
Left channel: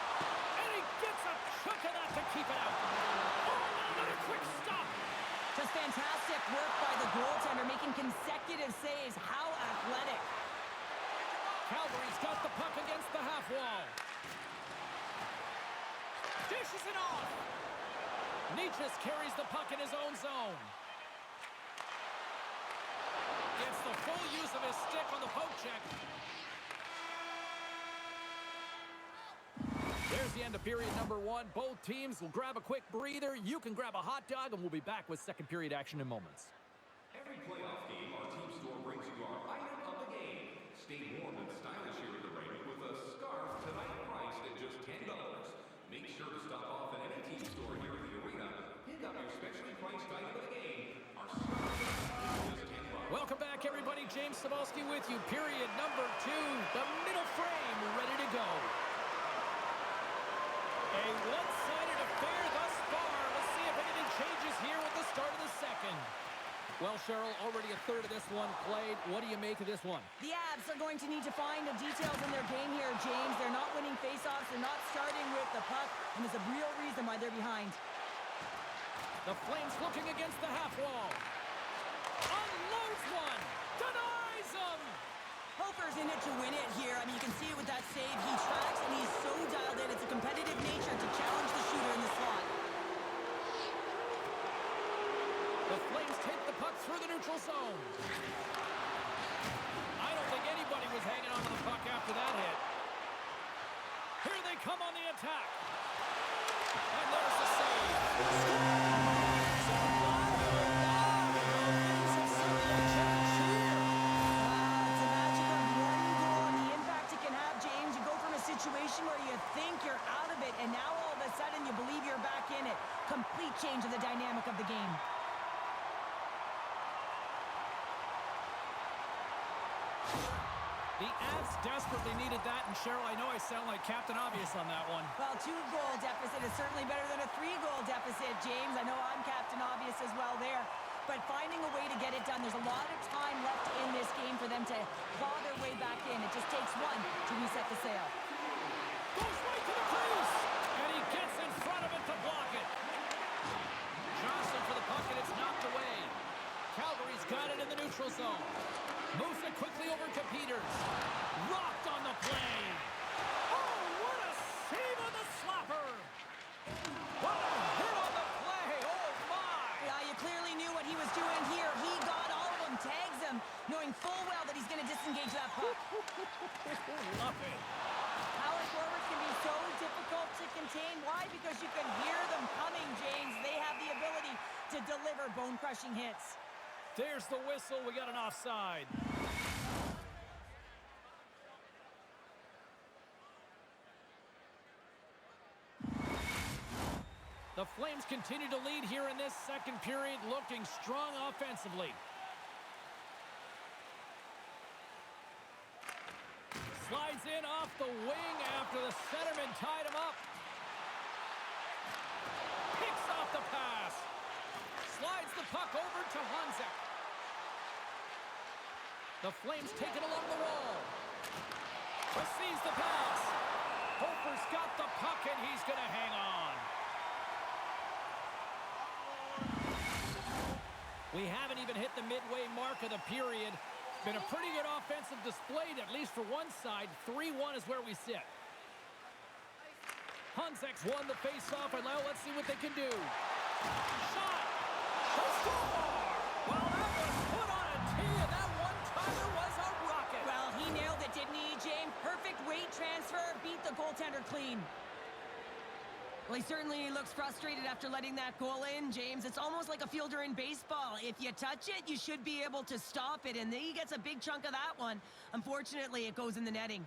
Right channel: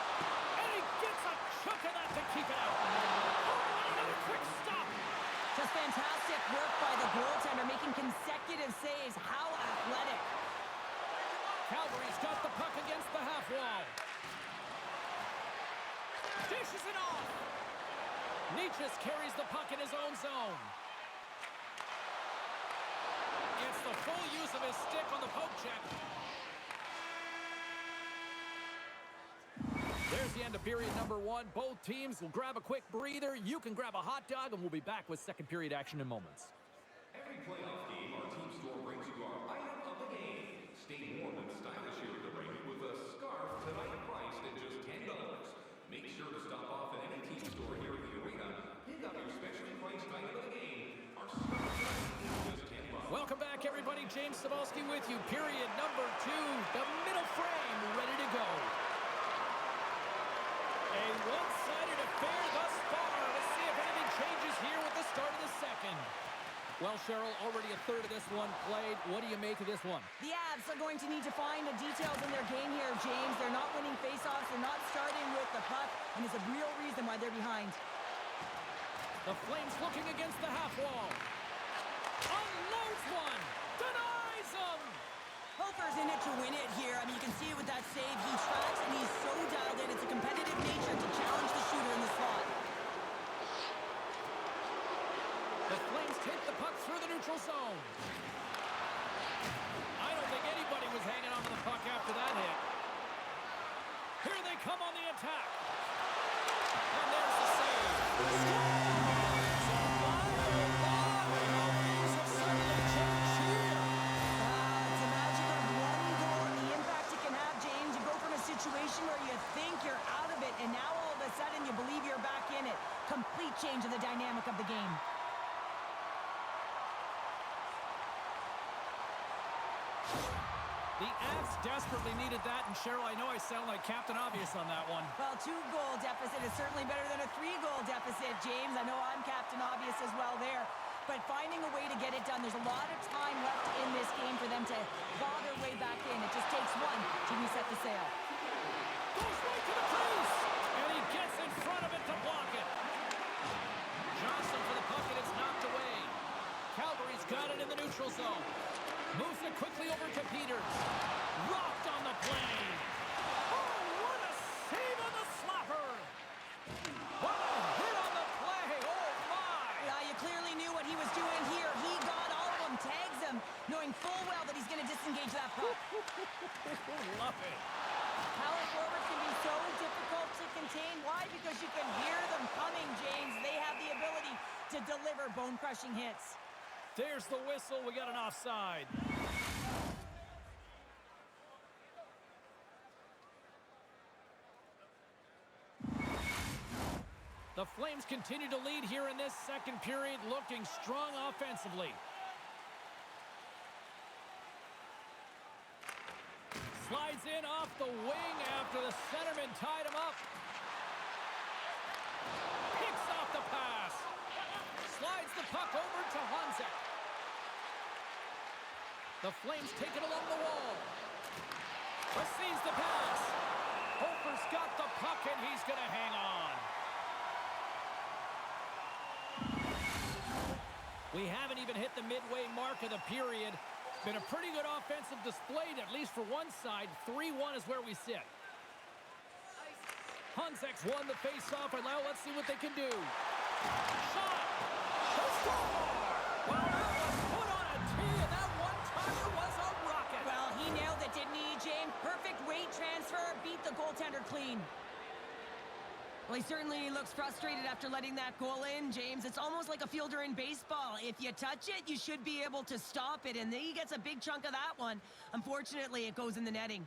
And he gets a chunk of that to keep it out. Oh, and another quick stop. Just fantastic work by the goaltender, making consecutive saves. How athletic. Calgary's got the puck against the half wall. Dishes it off. Nietzsche carries the puck in his own zone. Gets the full use of his stick on the poke check. There's the end of period number one. Both teams will grab a quick breather. You can grab a hot dog, and we'll be back with second period action in moments. Every playoff game, our team store brings you our item of the game. Stay warm and stylish here at the rink with a scarf tonight priced at just $10. Make sure to stop off at any team store here at the arena. Pick up your specially priced item of the game. Our scarf is just $10. Welcome back, everybody. James Cebulski with you. Period number two. The middle frame ready to go. A one-sided affair thus far. Let's see if anything changes here with the start of the second. Well, Cheryl, already a third of this one played. What do you make of this one? The Avs are going to need to find the details in their game here, James. They're not winning faceoffs. They're not starting with the puck, and there's a real reason why they're behind. The Flames looking against the half wall. Unloads one. Denies him. Hofer's in it to win it here. I mean, you can see it with that save. He tracks, and he's so dialed in. It's a competitive nature to challenge the shooter in the slot. The Flames take the puck through the neutral zone. I don't think anybody was hanging on to the puck after that hit. Here they come on the attack. And there's the save. Things have suddenly changed here. It's the magic of one goal and the impact it can have, James. You go from a situation where you think you're out of it, and now all of a sudden you believe you're back in it. Complete change of the dynamic of the game. The Avs desperately needed that, and Cheryl, I know I sound like Captain Obvious on that one. Well, 2-goal deficit is certainly better than a 3-goal deficit, James. I know I'm Captain Obvious as well there. But finding a way to get it done, there's a lot of time left in this game for them to claw their way back in. It just takes one to reset the sail. Goes right to the crease, and he gets in front of it to block it. Johnson for the puck, and it's knocked away. Calgary's got it in the neutral zone. Moves it quickly over to Peters. Rocked on the play. Oh, what a save on the slapper. What a hit on the play. Oh, my. Yeah, you clearly knew what he was doing here. He got all of them, tags them, knowing full well that he's going to disengage that puck. Love it. Power forwards can be so difficult to contain. Why? Because you can hear them coming, James. They have the to deliver bone-crushing hits. There's the whistle. We got an offside. The Flames continue to lead here in this second period, looking strong offensively. Slides in off the wing after the centerman tied him up. Picks off the pass. Slides the puck over to Honzek. The Flames take it along the wall. Receives the pass. Hofer's got the puck and he's going to hang on. We haven't even hit the midway mark of the period. Been a pretty good offensive display, at least for one side. 3-1 is where we sit. Honzek's won the faceoff, and now let's see what they can do. Shot! The score! Well, that was put on a tee, and that one-timer was a rocket. Well, he nailed it, didn't he, James? Perfect weight transfer, beat the goaltender clean. Well, he certainly looks frustrated after letting that goal in, James. It's almost like a fielder in baseball. If you touch it, you should be able to stop it, and he gets a big chunk of that one. Unfortunately, it goes in the netting.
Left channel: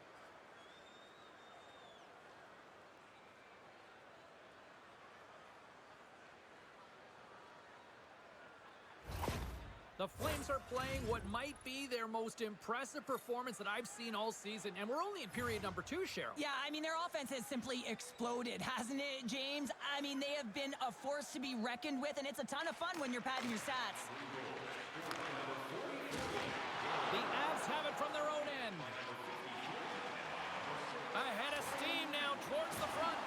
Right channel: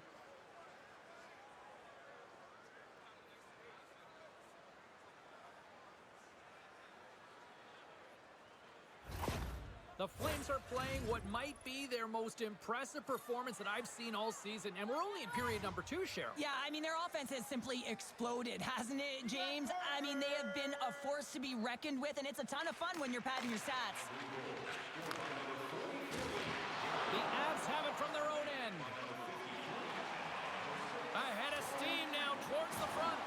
The Flames are playing what might be their most impressive performance that I've seen all season, and we're only in period number 2, Cheryl. Yeah, I mean, their offense has simply exploded, hasn't it, James? I mean, they have been a force to be reckoned with, and it's a ton of fun when you're padding your stats. The Avs have it from their own end. Ahead of steam now towards the front.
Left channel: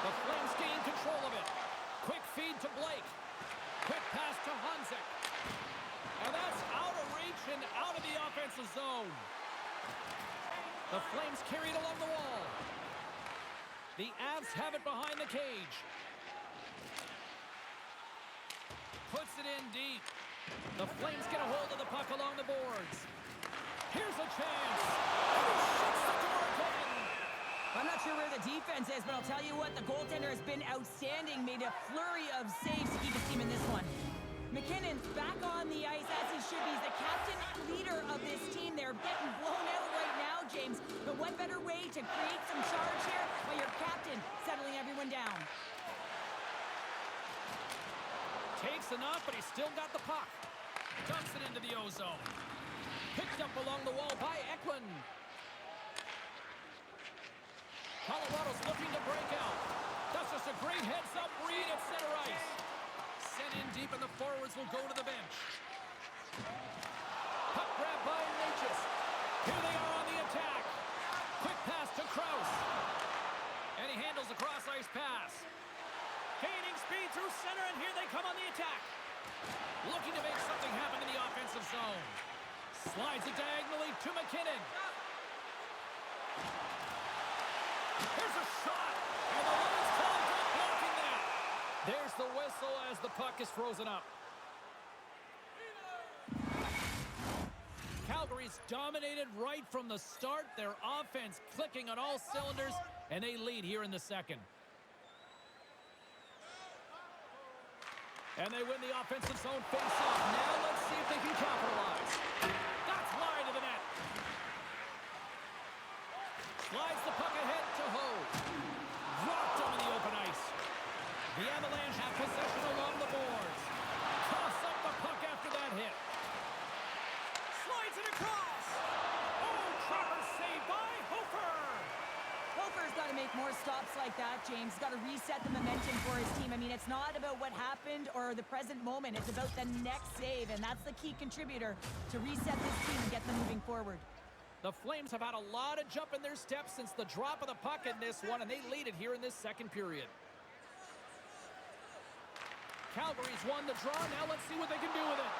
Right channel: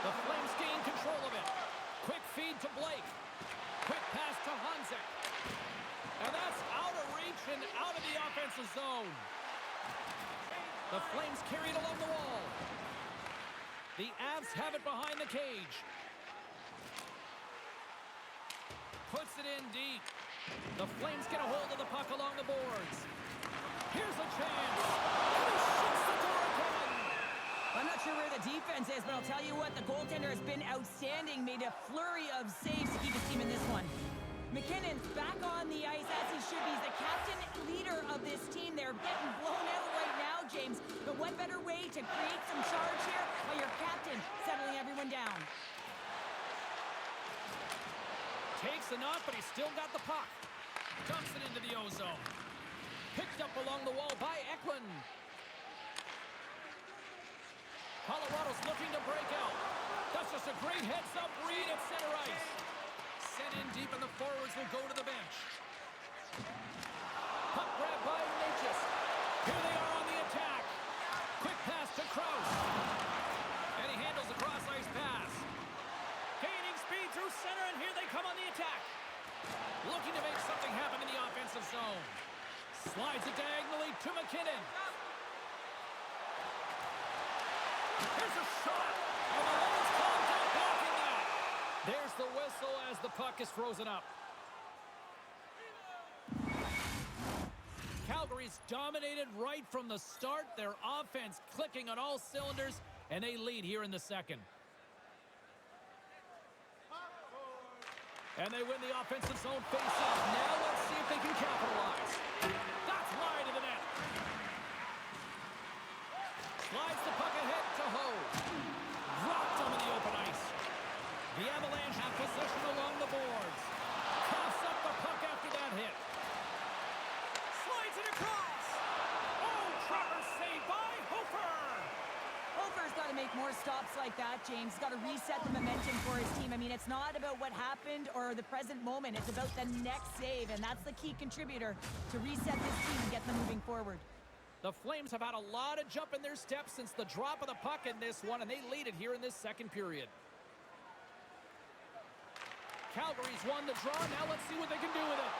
The Flames gain control of it. Quick feed to Blake. Quick pass to Honzek. And that's out of reach and out of the offensive zone. The Flames carry it along the wall. The Avs have it behind the cage. Puts it in deep. The Flames get a hold of the puck along the boards. Here's a chance. And he shuts the door again. I'm not sure where the defense is, but I'll tell you what, the goaltender has been outstanding. Made a flurry of saves to keep his team in this one. McKinnon's back on the ice as he should be. He's the captain leader of this team. They're getting blown out right now, James. But what better way to create some charge here by your captain settling everyone down? Takes enough, but he's still got the puck. Dumps it into the O-zone. Picked up along the wall by Eklund. Colorado's looking to break out. That's just a great heads-up read at center ice. Sent in deep, and the forwards will go to the bench. Puck grab by Natchez. Here they are on the attack. Quick pass to Krause. And he handles a cross-ice pass. Gaining speed through center, and here they come on the attack. Looking to make something happen in the offensive zone. Slides it diagonally to McKinnon. Here's a shot, and the Lions called for blocking that. There's the whistle as the puck is frozen up. Calgary's dominated right from the start. Their offense clicking on all cylinders, and they lead here in the second. And they win the offensive zone face-off. Now let's see if they can capitalize. That's wide of the net. Slides the puck ahead to Ho. Rocked him in the open ice. The Avalanche have possession along the boards. Coughs up the puck after that hit. Slides it across. Oh, trapper saved by Hofer. Hofer's got to make more stops like that, James. He's got to reset the momentum for his team. I mean, it's not about what happened or the present moment. It's about the next save, and that's the key contributor to reset this team and get them moving forward. The Flames have had a lot of jump in their steps since the drop of the puck in this one, and they lead it here in this second period. Calgary's won the draw. Now let's see what they can do with it.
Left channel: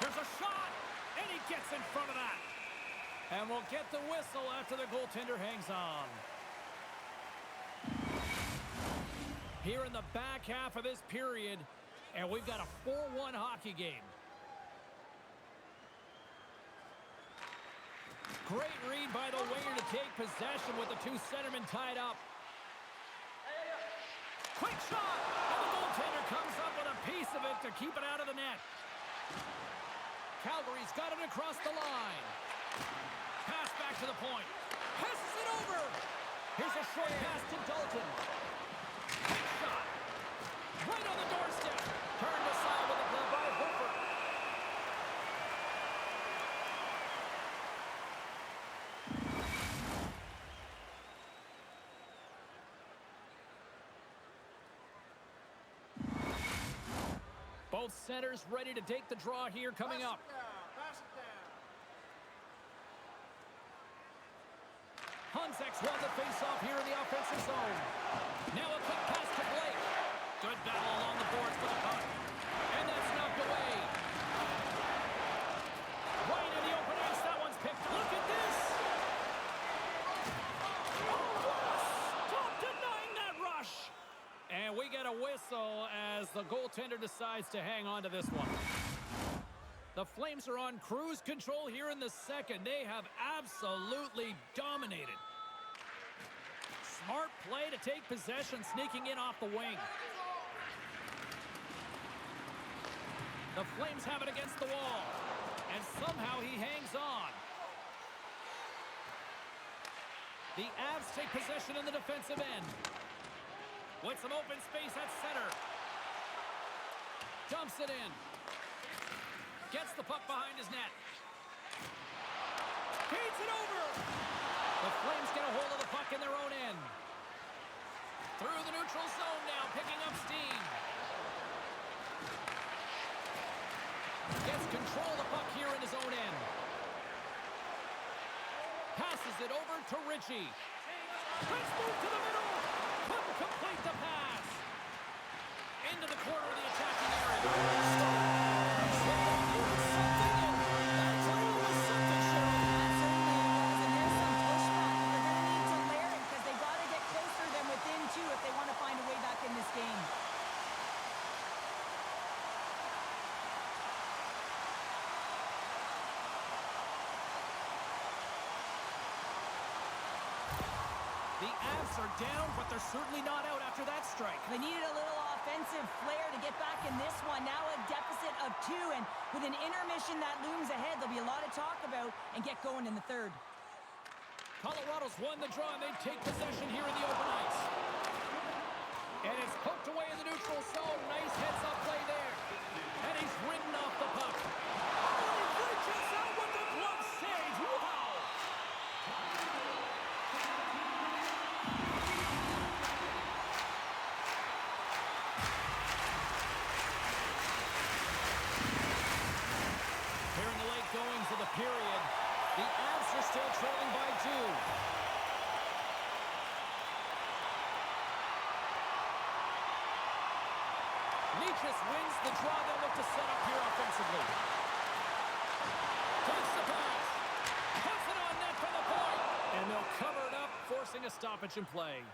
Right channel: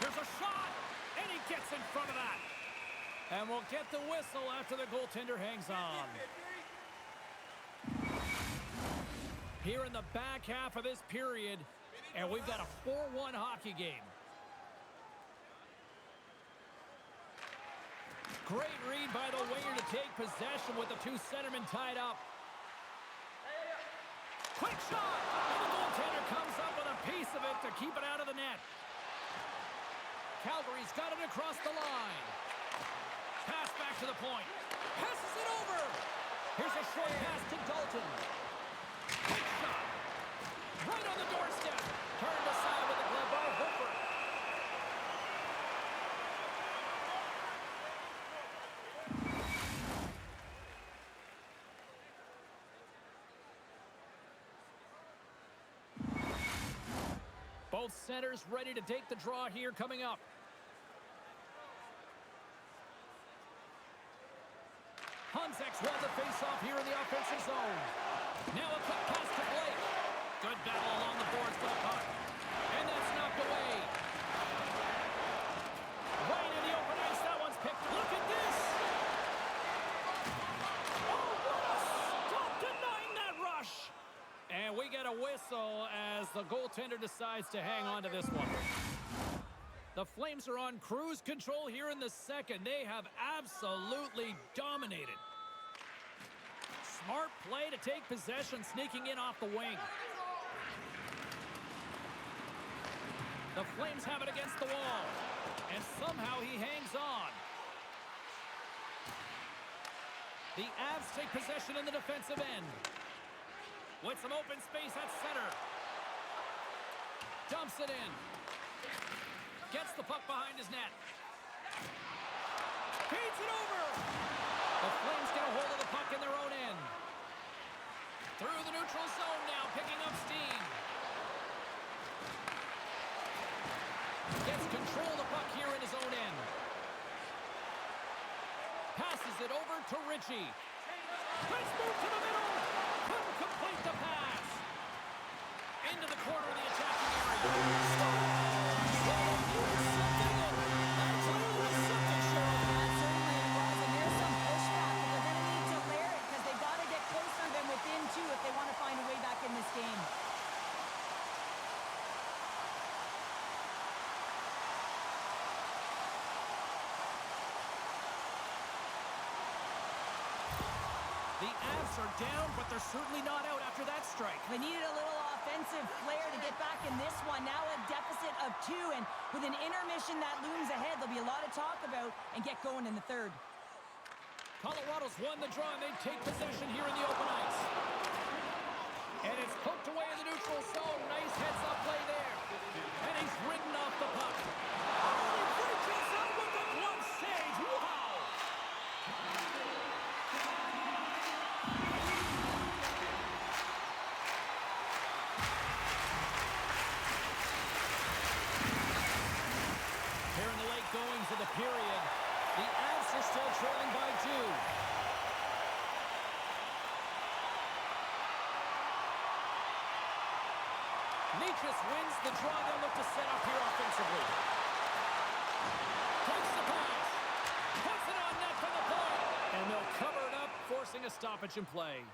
Here's a shot, and he gets in front of that. And we'll get the whistle after the goaltender hangs on. Here in the back half of this period, and we've got a 4-1 hockey game. Great read by the winger to take possession with the two centermen tied up. Quick shot, and the goaltender comes up with a piece of it to keep it out of the net. Calgary's got it across the line. Pass back to the point. Passes it over. Here's a short pass to Dalton. Big shot. Right on the doorstep. Turned aside with a glove by Hofer. Both centers ready to take the draw here coming up. Hunsek's won the face-off here in the offensive zone. Now a quick pass to Blake. Good battle along the boards for the puck. And that's knocked away. Right in the open ice, that one's picked. Look at this! Oh, what a stop denying that rush! And we get a whistle as the goaltender decides to hang on to this one. The Flames are on cruise control here in the second. They have absolutely dominated. Smart play to take possession, sneaking in off the wing. The Flames have it against the wall. And somehow he hangs on. The Avs take possession in the defensive end. With some open space at center. Dumps it in. Gets the puck behind his net. Feeds it over. The Flames get a hold of the puck in their own end. Through the neutral zone now, picking up steam. Gets control of the puck here in his own end. Passes it over to Ritchie. Let's move to the middle. Couldn't complete the pass. Into the corner of the attacking area. If they want to find a way back in this game. The Avs are down, but they're certainly not out after that strike. They needed a little offensive flair to get back in this one. Now a deficit of 2, and with an intermission that looms ahead, there'll be a lot of talk about and get going in the third. Colorado's won the draw, and they take possession here in the open ice. And it's poked away in the neutral zone. Nice heads-up play there. And he's ridden off the puck. Oh, and he reaches out with the glove save. Wow! Here in the late goings of the period, the Avs are still trailing by 2. Nichas wins the draw. They'll look to set up here offensively. Takes the pass. Puts it on net from the point. And they'll cover it up, forcing a stoppage in play.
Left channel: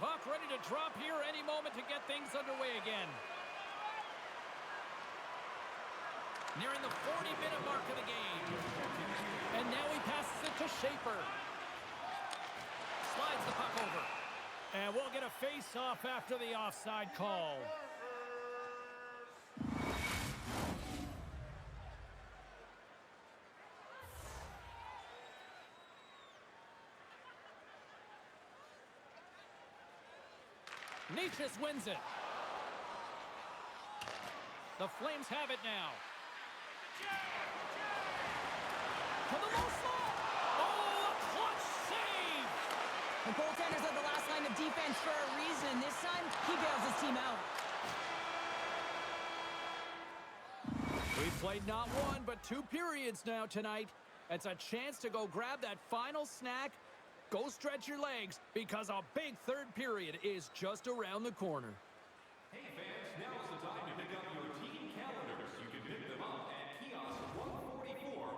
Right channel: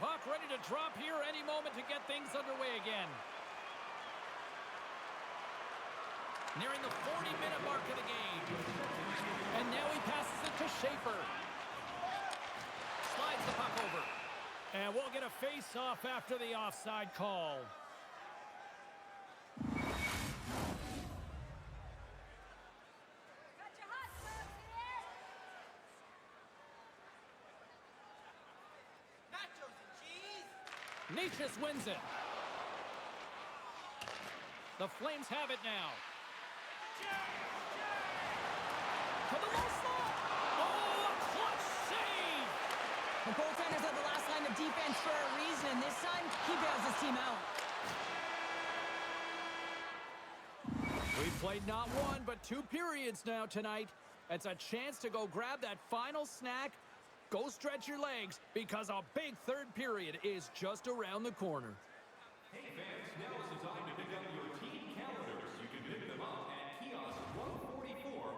Puck ready to drop here any moment to get things underway again. Nearing the 40-minute mark of the game. And now he passes it to Schaefer. Slides the puck over. And we'll get a face-off after the offside call. Nichas wins it. The Flames have it now. To the low slot. Oh, a clutch save. The goaltenders are the last line of defense for a reason, and this time, he bails his team out. We've played not one, but 2 periods now tonight. It's a chance to go grab that final snack. Go stretch your legs, because a big third period is just around the corner. Hey fans, now is the time to pick up your team calendars. You can pick them up at kiosk 144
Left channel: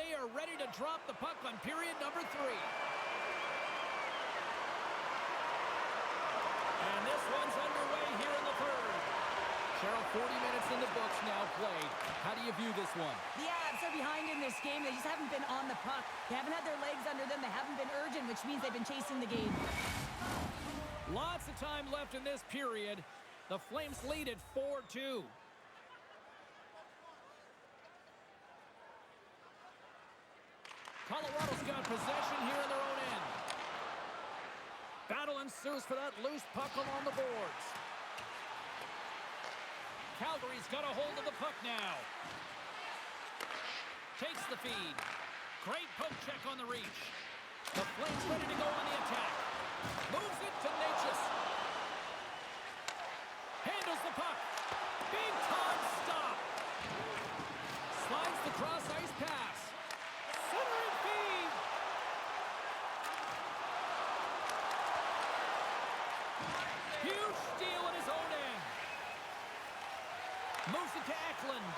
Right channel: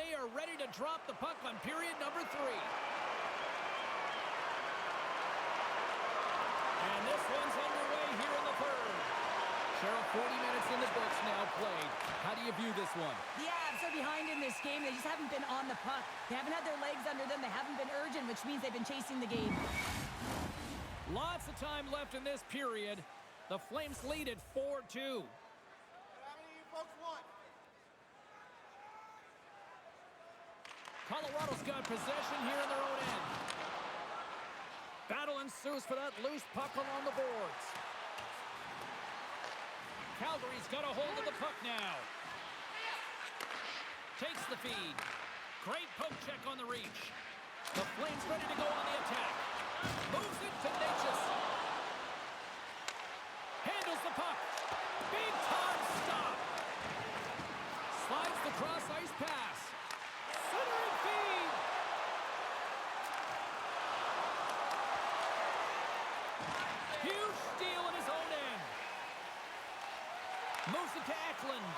they are ready to drop the puck on period number 3. And this one's underway here in the third. Cheryl, 40 minutes in the books now played. How do you view this one? The Avs are behind in this game. They just haven't been on the puck. They haven't had their legs under them. They haven't been urgent, which means they've been chasing the game. Lots of time left in this period. The Flames lead at 4-2. Colorado's got possession here in their own end. Battle ensues for that loose puck along the boards. Calgary's got a hold of the puck now. Takes the feed. Great poke check on the reach. The Flames ready to go on the attack. Moves it to Natchez. Handles the puck. Big time stop. Slides the cross ice pass. Center and feed. Huge steal in his own end. Moves it to Eklund.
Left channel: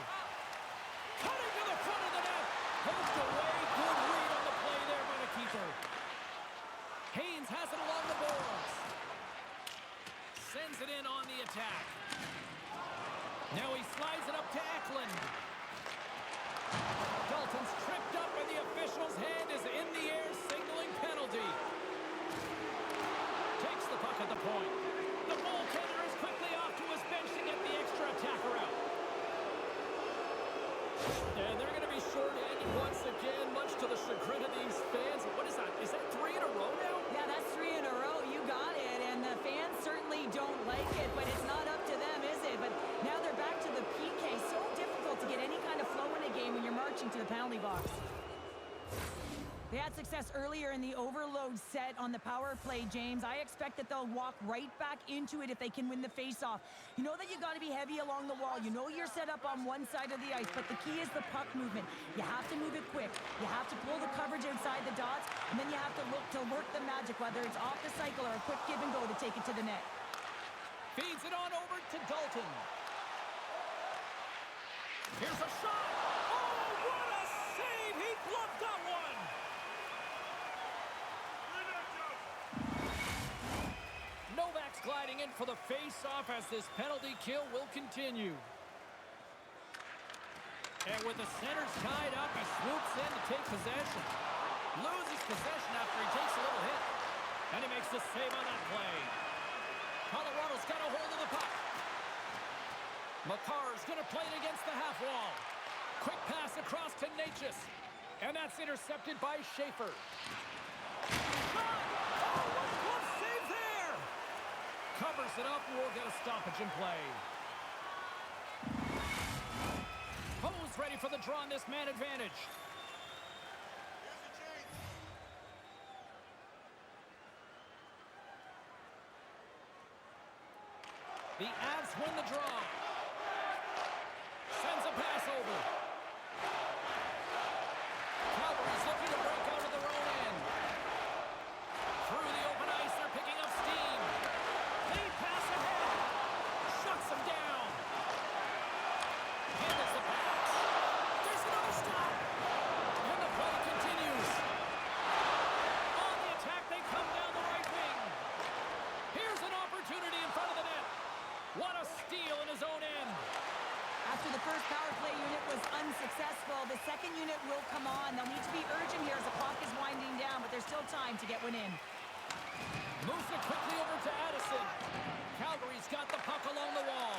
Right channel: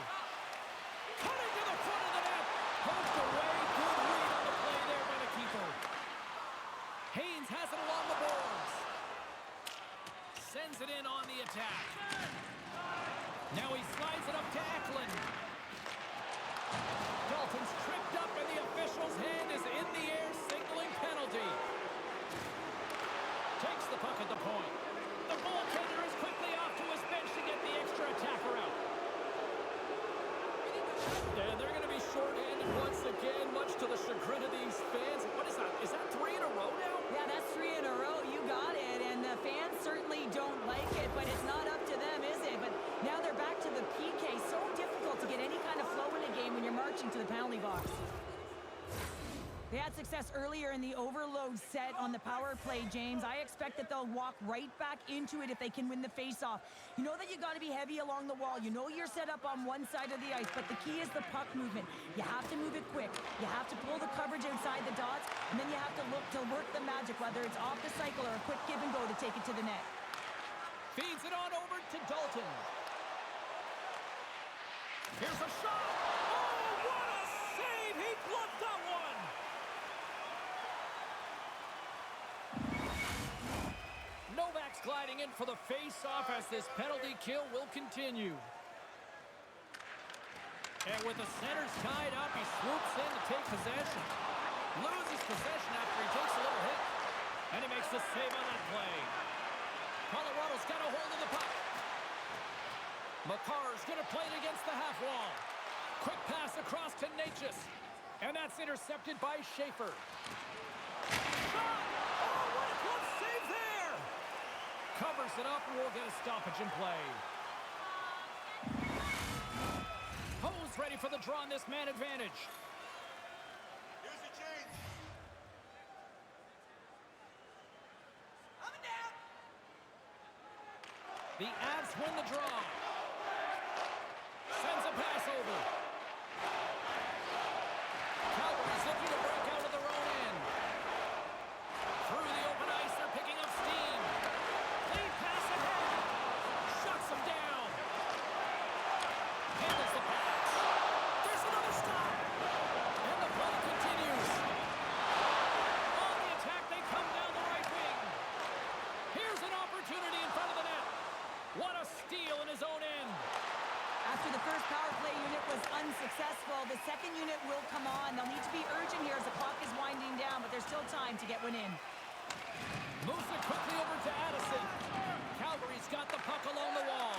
Cutting to the front of the net. Poked away. Good read on the play there by the keeper. Haynes has it along the boards. Sends it in on the attack. Now he slides it up to Eklund. Dalton's tripped up and the official's hand is in the air, signaling penalty. Takes the puck at the point. The goaltender is quickly off to his bench to get the extra attacker out. And they're going to be shorthanded once again, much to the chagrin of these fans. What is that? Is that 3 in a row now? Yeah, that's 3 in a row. You got it. And the fans certainly don't like it, but it's not up to them, is it? But now they're back to the PK. So difficult to get any kind of flow in a game when you're marching to the penalty box. They had success earlier in the overload set on the power play, James. I expect that they'll walk right back into it if they can win the faceoff. You know that you got to be heavy along the wall. You know you're set up on one side of the ice, but the key is the puck movement. You have to move it quick. You have to pull the coverage outside the dots, and then you have to look to work the magic, whether it's off the cycle or a quick give and go to take it to the net. Feeds it on over to Dalton. Here's a shot. Oh, what a save! He gloved that one. Novak's gliding in for the face-off as this penalty kill will continue. And with the centers tied up, he swoops in to take possession. Loses possession after he takes a little hit. And he makes the save on that play. Colorado's got a hold of the puck. Makar's going to play it against the half wall. Quick pass across to Natchez. And that's intercepted by Schaefer. Shot! Oh, what a glove save there! Covers it up, and we'll get a stoppage in play. Poe's ready for the draw on this man advantage. Here's the change. The Avs win the draw. Sends a pass over. Calgary's looking to break out of their own end. Through the open ice, they're picking up steam. Lead pass ahead. Shuts them down. Handles the pass. There's another stop. And the play continues. On the attack, they come down the right wing. Here's an opportunity in front of the net. What a steal in his own end. After the first power play unit was unsuccessful, the second unit will come on. They'll need to be urgent here as the clock is winding down, but there's still time to get one in. Moves it quickly over to Addison. Calgary's got the puck along the wall.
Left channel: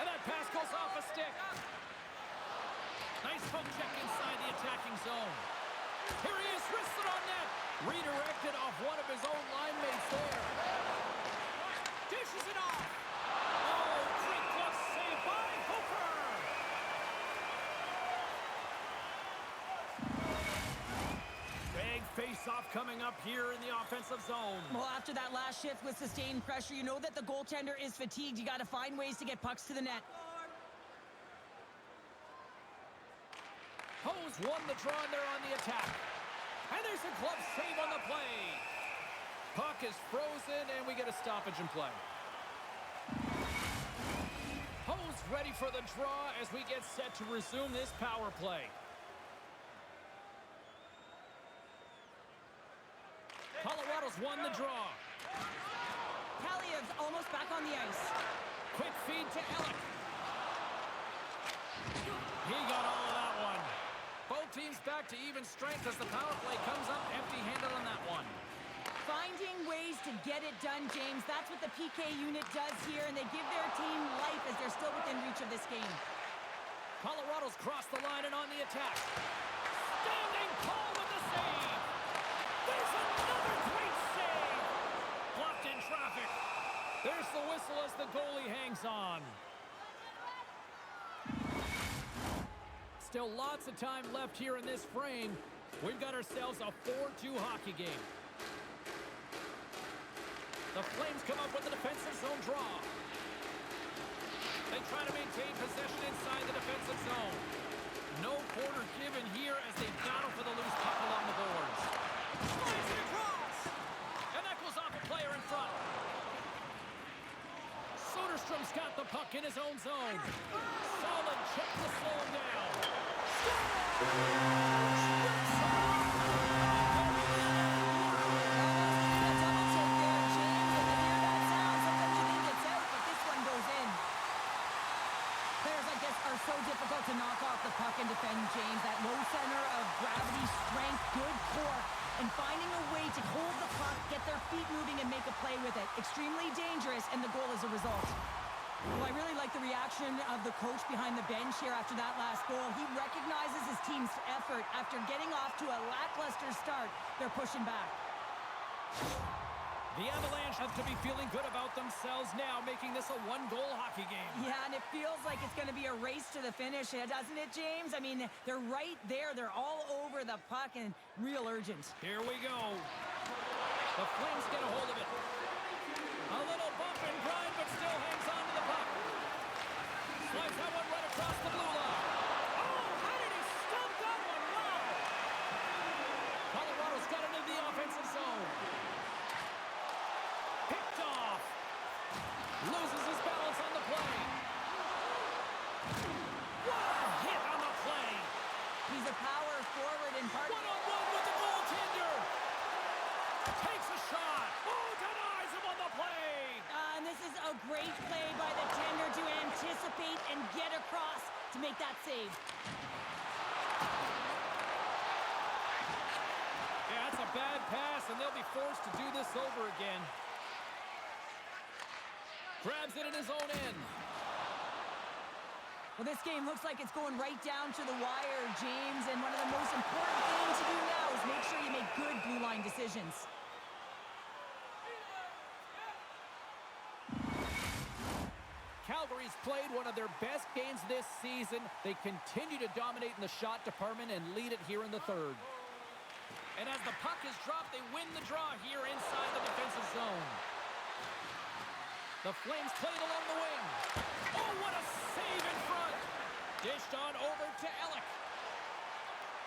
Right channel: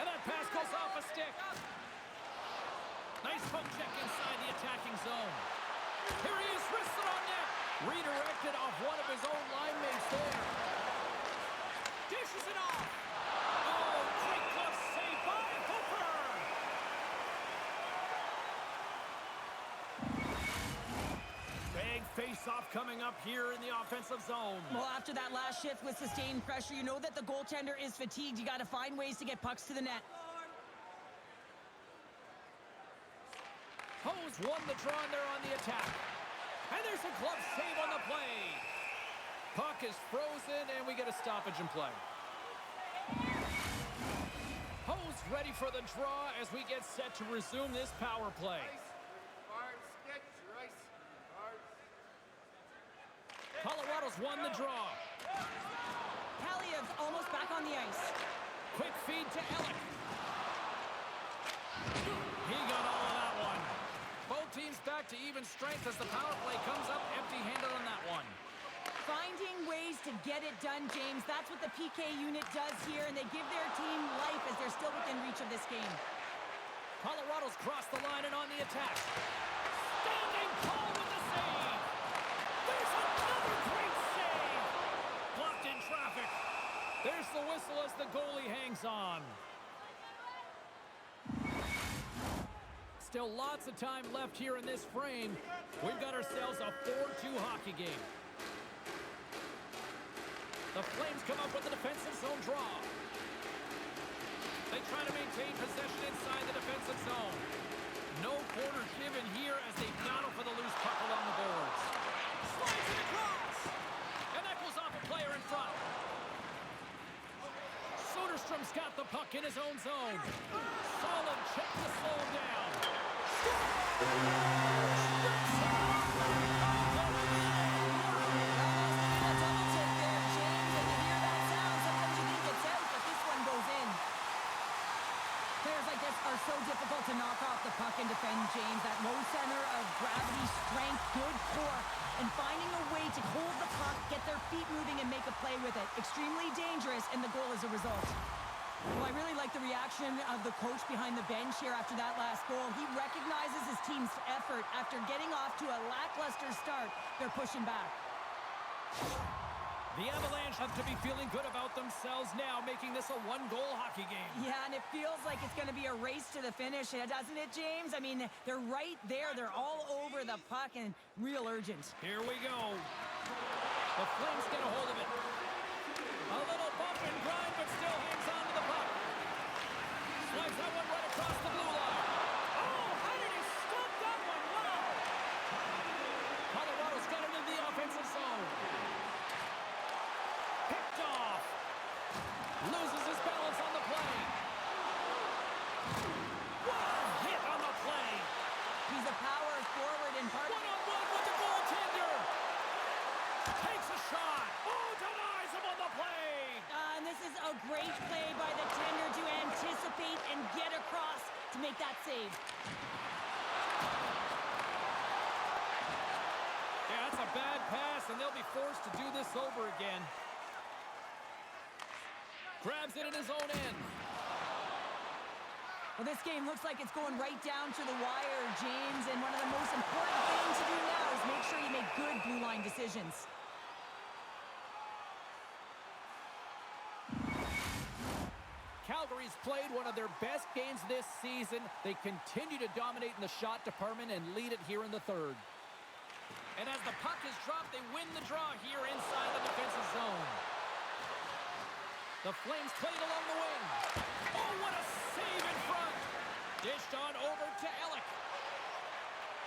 And that pass goes off a stick. Nice poke check inside the attacking zone. Here he is, wristed on net. Redirected off one of his own line mates there. Dishes it off. Oh, great glove save by Hooper. Big face-off coming up here in the offensive zone. Well, after that last shift with sustained pressure, you know that the goaltender is fatigued. You got to find ways to get pucks to the net. Hose won the draw and they're on the attack. And there's a glove save on the play. Puck is frozen and we get a stoppage in play. Hose ready for the draw as we get set to resume this power play. won the draw. Kaliev's almost back on the ice. Quick feed to Ellick. He got all of that one. Both teams back to even strength as the power play comes up empty-handed on that one. Finding ways to get it done, James. That's what the PK unit does here, and they give their team life as they're still within reach of this game. Colorado's crossed the line and on the attack. Standing tall with the save. There's another great save. Blocked in traffic. There's the whistle as the goalie hangs on. Still lots of time left here in this frame. We've got ourselves a 4-2 hockey game. The Flames come up with the defensive zone draw. They try to maintain possession inside the defensive zone. No quarter given here as they battle for the loose puck along the boards. Slides it across! And that goes off a player in front. Soderstrom's got the puck in his own zone. Solid check to slow him down. Are so difficult to knock off the puck and defend, James. That low center of gravity, strength, good core, and finding a way to hold the puck, get their feet moving, and make a play with it. Extremely dangerous, and the goal is a result. Well, I really like the reaction of the coach behind the bench here after that last goal. He recognizes his team's effort. After getting off to a lackluster start, they're pushing back. The Avalanche have to be feeling good about themselves now, making this a one-goal hockey game. Yeah, and it feels like it's going to be a race to the finish, doesn't it, James? I mean, they're right there. They're all over the puck and real urgent. Here we go. The Flames get a hold of it. A little bump and grind, but still hangs on to the puck. Slides that one right across the blue line. Oh, how did he stop that one? Wow! Colorado's got it in the offensive zone. Picked off. Loses his balance on the play. What a hit on the play. He's a power forward in part. One-on-one with the goaltender. Takes a shot. Oh, denies him on the play. And this is a great play by the tender to anticipate and get across to make that save. Yeah, that's a bad pass, and they'll be forced to do this over again. Grabs it in his own end. Well, this game looks like it's going right down to the wire, James, and one of the most important things to do now is make sure you make good blue line decisions. Calgary's played one of their best games this season. They continue to dominate in the shot department and lead it here in the third. And as the puck is dropped, they win the draw here inside the defensive zone. The Flames played along the wing. Oh, what a save in front. Dished on over to Ellick.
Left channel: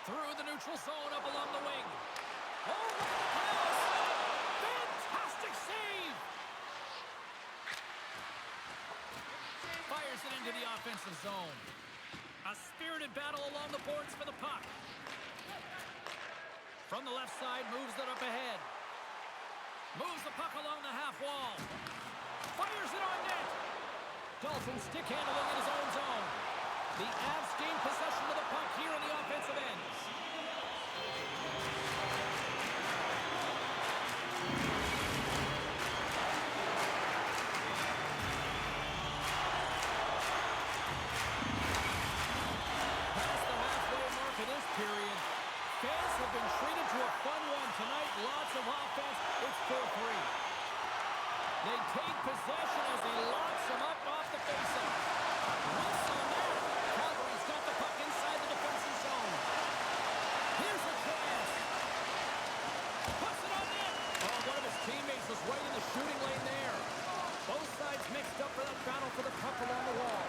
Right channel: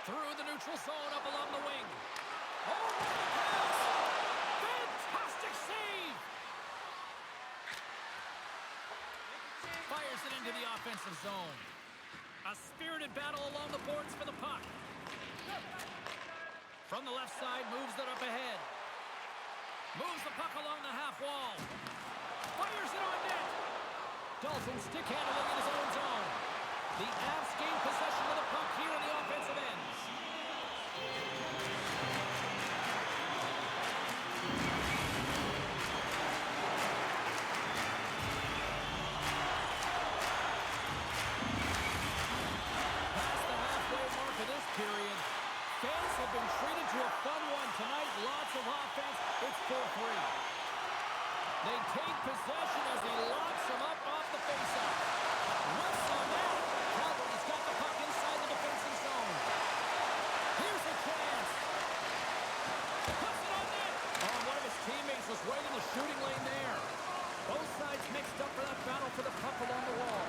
Through the neutral zone up along the wing. Oh, look at the pass. Fantastic save. Fires it into the offensive zone. A spirited battle along the boards for the puck. From the left side, moves it up ahead. Moves the puck along the half wall. Fires it on net. Dalton stick handling in his own zone. The Avs gain possession of the puck here in the offensive end. Past the halfway mark of this period, fans have been treated to a fun one tonight. Lots of offense. It's 4-3. They take possession as he locks him up off the faceoff. Once on that, Calgary's got the puck inside the defensive zone. Here's a chance. Puts it on net. Oh, one of his teammates was right in the shooting lane there. Both sides mixed up for that battle for the puck along the wall.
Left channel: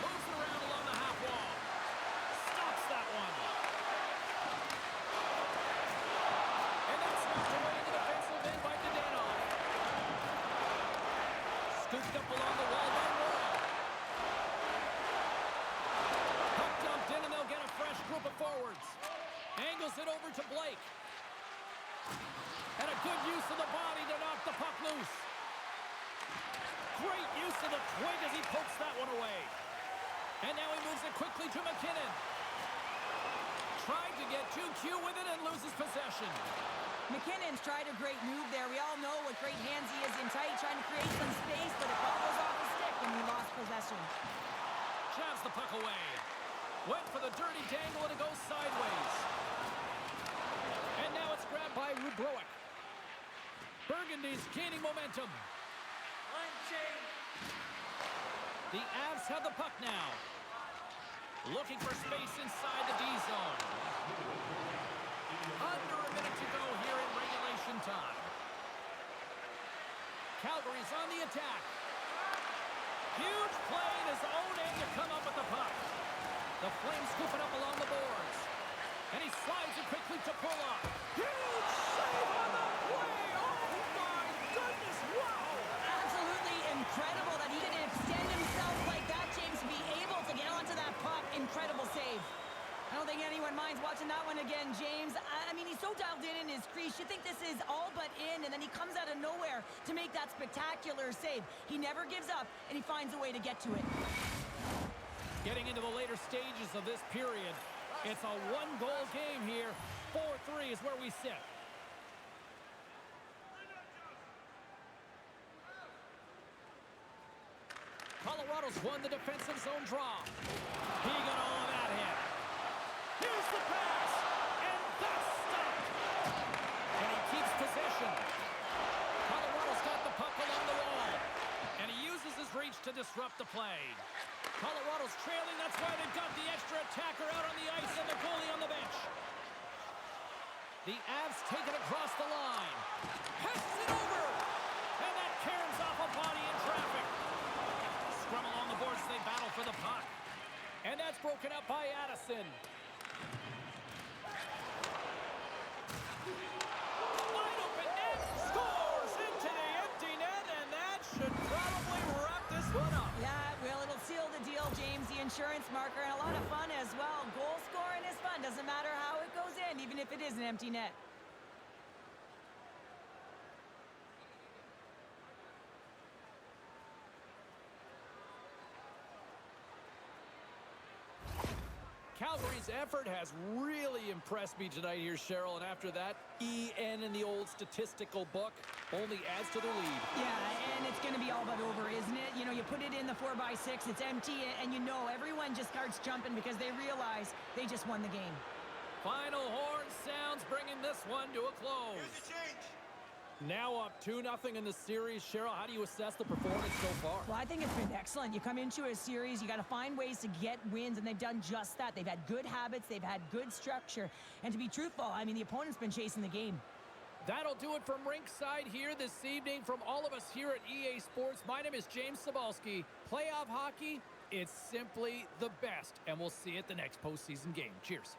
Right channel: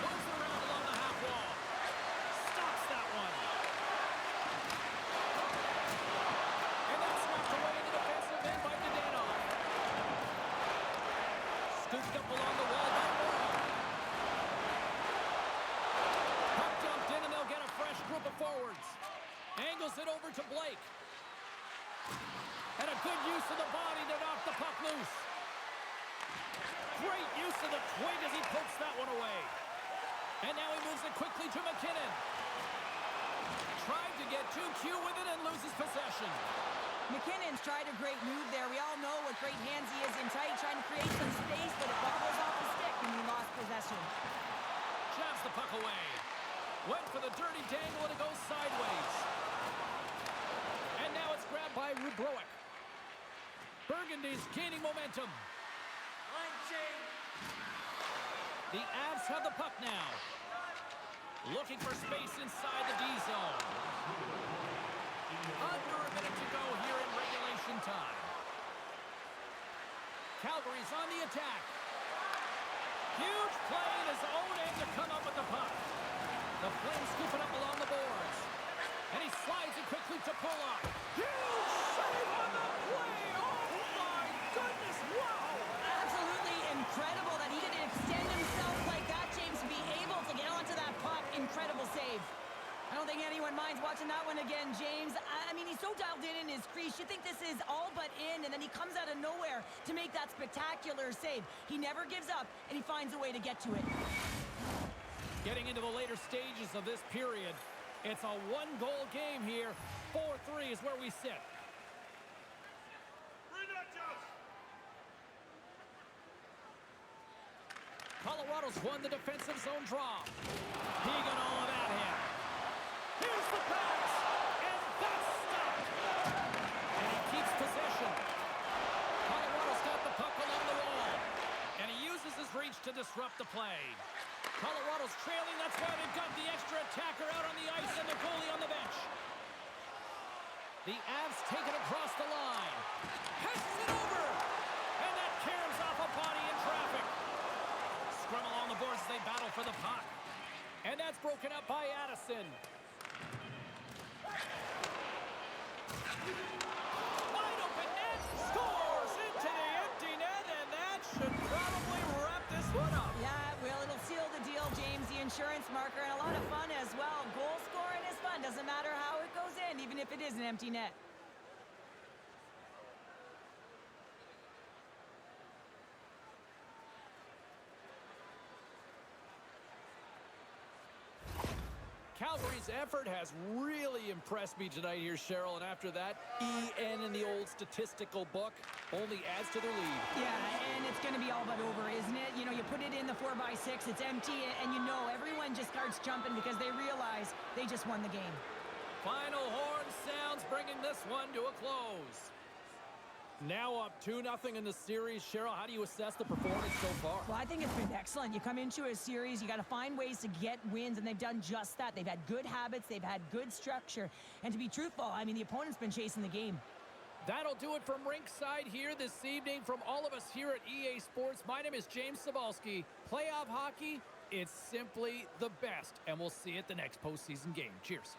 Moves it around along the half wall. Stops that one. And that's snapped away in the defensive end by Dadonov. Scooped up along the wall by Morrow. Puck dumped in and they'll get a fresh group of forwards. Angles it over to Blake. And a good use of the body to knock the puck loose. Great use of the twig as he pokes that one away. And now he moves it quickly to McKinnon. Tried to get too cute with it and loses possession. McKinnon's tried a great move there. We all know what great hands he is in tight, trying to create some space, but it bobbles off his stick and he lost possession. Jabs the puck away. Went for the dirty dangle and it goes sideways. And now it's grabbed by Rubrowick. Burgundy's gaining momentum. The Avs have the puck now. Looking for space inside the D zone. Under a minute to go here in regulation time. Calgary's on the attack. Huge play in his own end to come up with the puck. The Flames scoop it up along the boards. And he slides it quickly to pull up. Huge save on the play! Oh my goodness, wow! Absolutely incredible that he could extend himself like that, James, to be able to get onto that puck. Incredible save. I don't think anyone minds watching that one again, James. I mean, he's so dialed in his crease. You think this is all but in, and then he comes out of nowhere to make that spectacular save. He never gives up, and he finds a way to get to it. Getting into the later stages of this period, it's a one-goal game here. 4-3 is where we sit. Colorado's won the defensive zone draw. He got all of that hit. Here's the pass, and that's stopped. And he keeps possession. Colorado's got the puck along the wall, and he uses his reach to disrupt the play. Colorado's trailing, that's why they've got the extra attacker out on the ice and the goalie on the bench. The Avs take it across the line. Passes it over, and that caroms off a body in traffic. Scrum along the boards as they battle for the puck. And that's broken up by Addison. Wide open net, scores into the empty net, and that should probably wrap this one up. Yeah, well, it'll seal the deal, James. The insurance marker, and a lot of fun as well. Goal scoring is fun. Doesn't matter how it goes in, even if it is an empty net. Calgary's effort has really impressed me tonight here, Cheryl, and after that, EN in the old statistical book only adds to their lead. Yeah, and it's going to be all but over, isn't it? You know, you put it in the 4x6, it's empty, and you know everyone just starts jumping because they realize they just won the game. Final horn sounds, bringing this one to a close. Now up 2-0 in the series. Cheryl, how do you assess the performance so far? Well, I think it's been excellent. You come into a series, you got to find ways to get wins, and they've done just that. They've had good habits, they've had good structure, and to be truthful, I mean, the opponent's been chasing the game. That'll do it from Rinkside here this evening. From all of us here at EA Sports, my name is James Cebulski. Playoff hockey, it's simply the best, and we'll see you at the next postseason game. Cheers.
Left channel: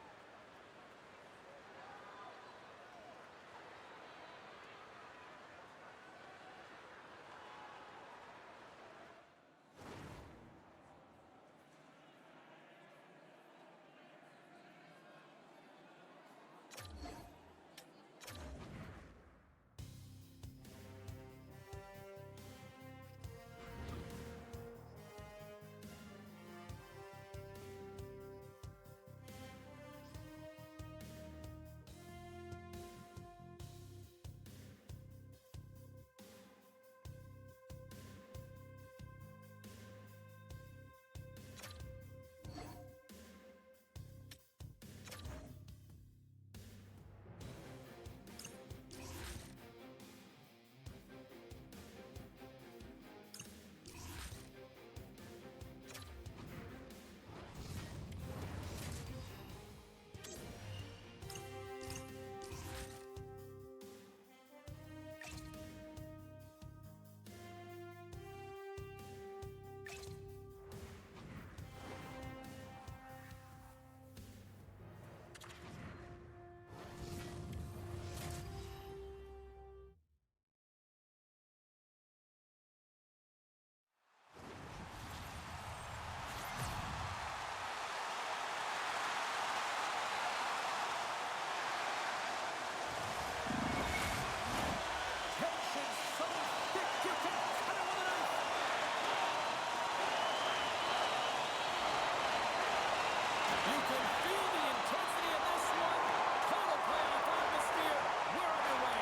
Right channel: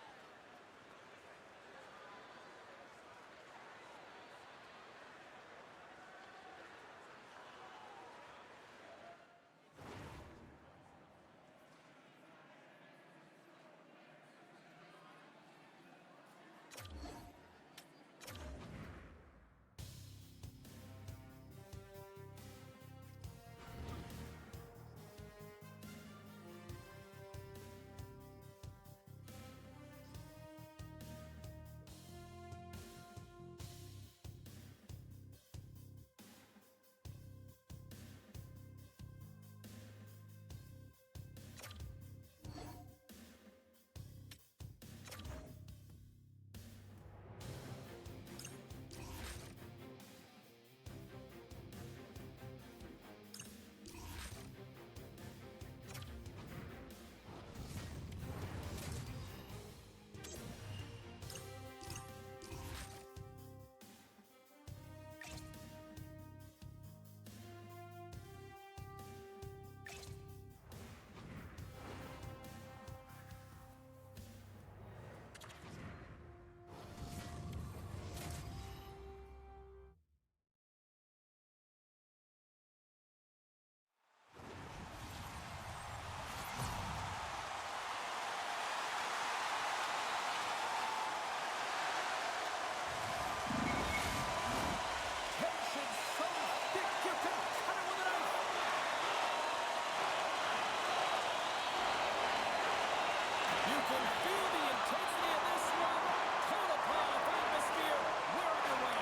You can feel the intensity of this one. Total playoff atmosphere. We're underway.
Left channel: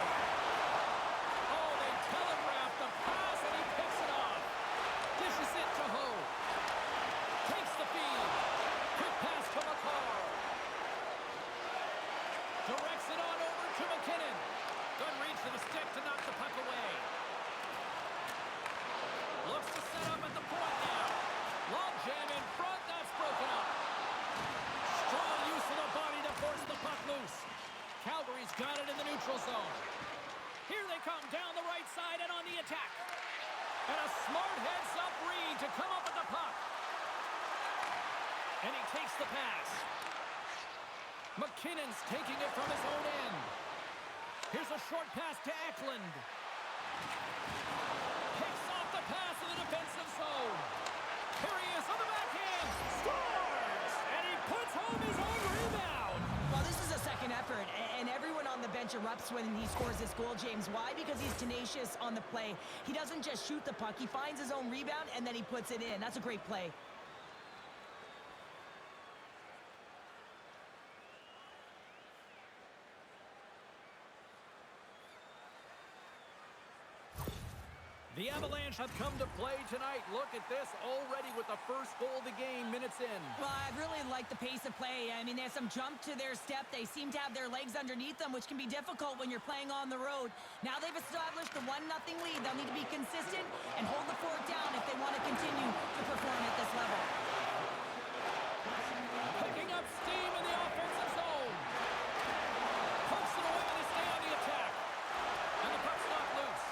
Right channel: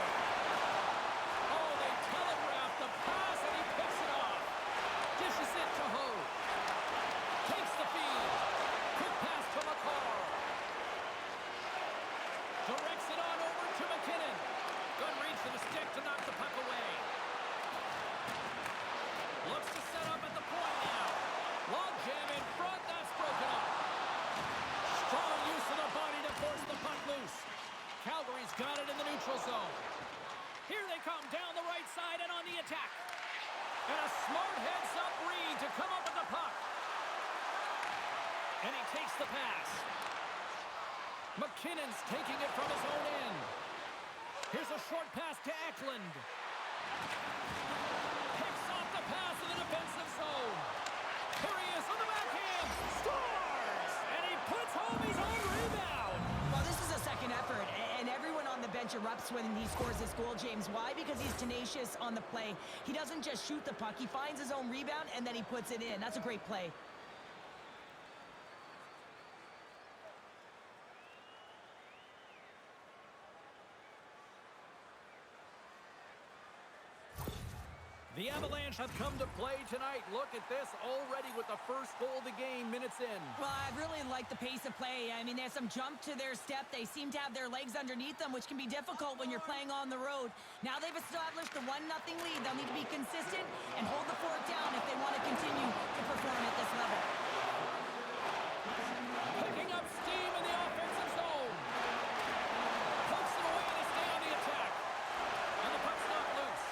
Oh, they telegraphed the pass, and he picks it off. Dishes it to Ho. Takes the feed. Quick pass to McCarr. Directs it on over to McKinnon. Good reach for the stick to knock the puck away. Looks to set up at the point now. Log jam in front. That's broken up. Strong use of the body to force the puck loose. Calgary's got it in the neutral zone. Here they come down the right side and on the attack. And a smart heads-up read to come up with the puck. And he takes the pass. McKinnon's taking it from his own end. Here's a short pass to Eklund. Picks off the pass in the defensive zone. Here he is on the backhand. Scores! And he puts home his own rebound. Well, this is a second effort, and everyone on the bench erupts when he scores this goal, James. Why? Because he's tenacious on the play. He doesn't just shoot the puck. He finds his own rebound, and then he puts it in. That's a great play. The Avalanche have come to play tonight. Look at this already with the first goal of the game, minutes in. Well, I really like the pace of play. I mean, there's some jump to their step. They seem to have their legs underneath them, which can be difficult when you're playing on the road. Now they've established the 1-0 lead. They'll need to be consistent and hold the fort down if they want to continue to perform at this level. Picking up steam in the offensive zone. Pokes it away to stay on the attack. And the puck's knocked loose.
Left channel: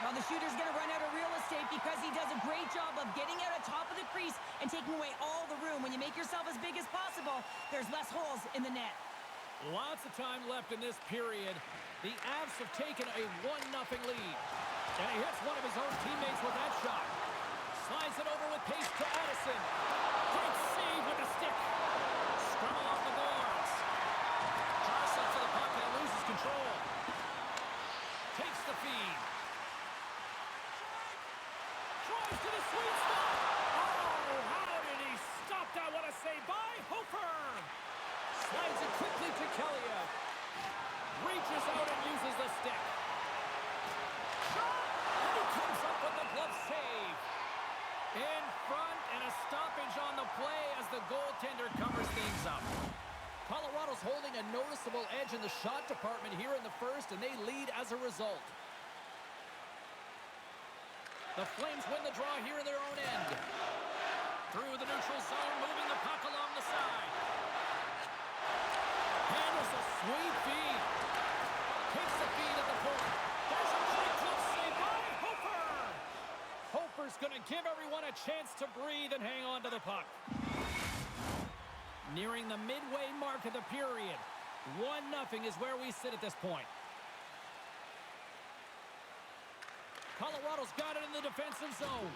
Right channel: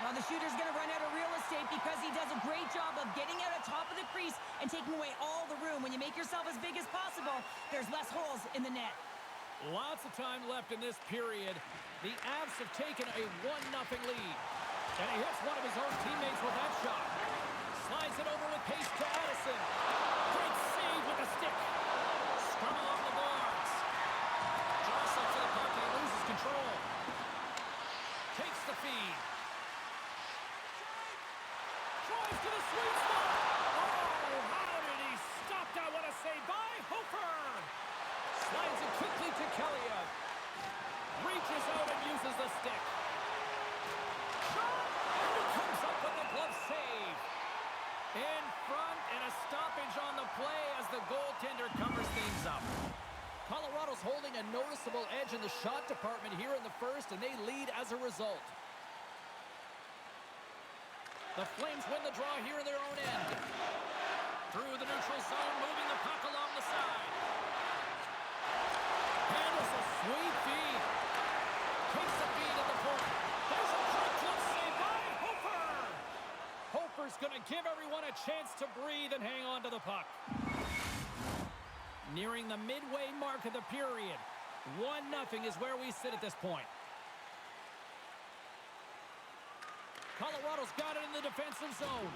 Well, the shooter's going to run out of real estate because he does a great job of getting out on top of the crease and taking away all the room. When you make yourself as big as possible, there's less holes in the net. Lots of time left in this period. The Avs have taken a 1-0 lead. And he hits one of his own teammates with that shot. Slides it over with pace to Addison. Great save with the stick. Scrum along the boards. Jostles to the puck and he loses control. Takes the feed. Drives to the sweet spot. Oh, how did he stop that? What a save by Hofer. Slides it quickly to Kelliev. Reaches out and uses the stick. Shot! And he comes up with the glove save. In front and a stoppage on the play as the goaltender covers things up. Colorado's holding a noticeable edge in the shot department here in the first, and they lead as a result. The Flames win the draw here in their own end. Through the neutral zone, moving the puck along the side. Handles a sweet feed. Takes the feed at the point. There's a great glove save by Hofer. Hofer's going to give everyone a chance to breathe and hang on to the puck. Nearing the midway mark of the period. 1-0 is where we sit at this point. Colorado's got it in the defensive zone.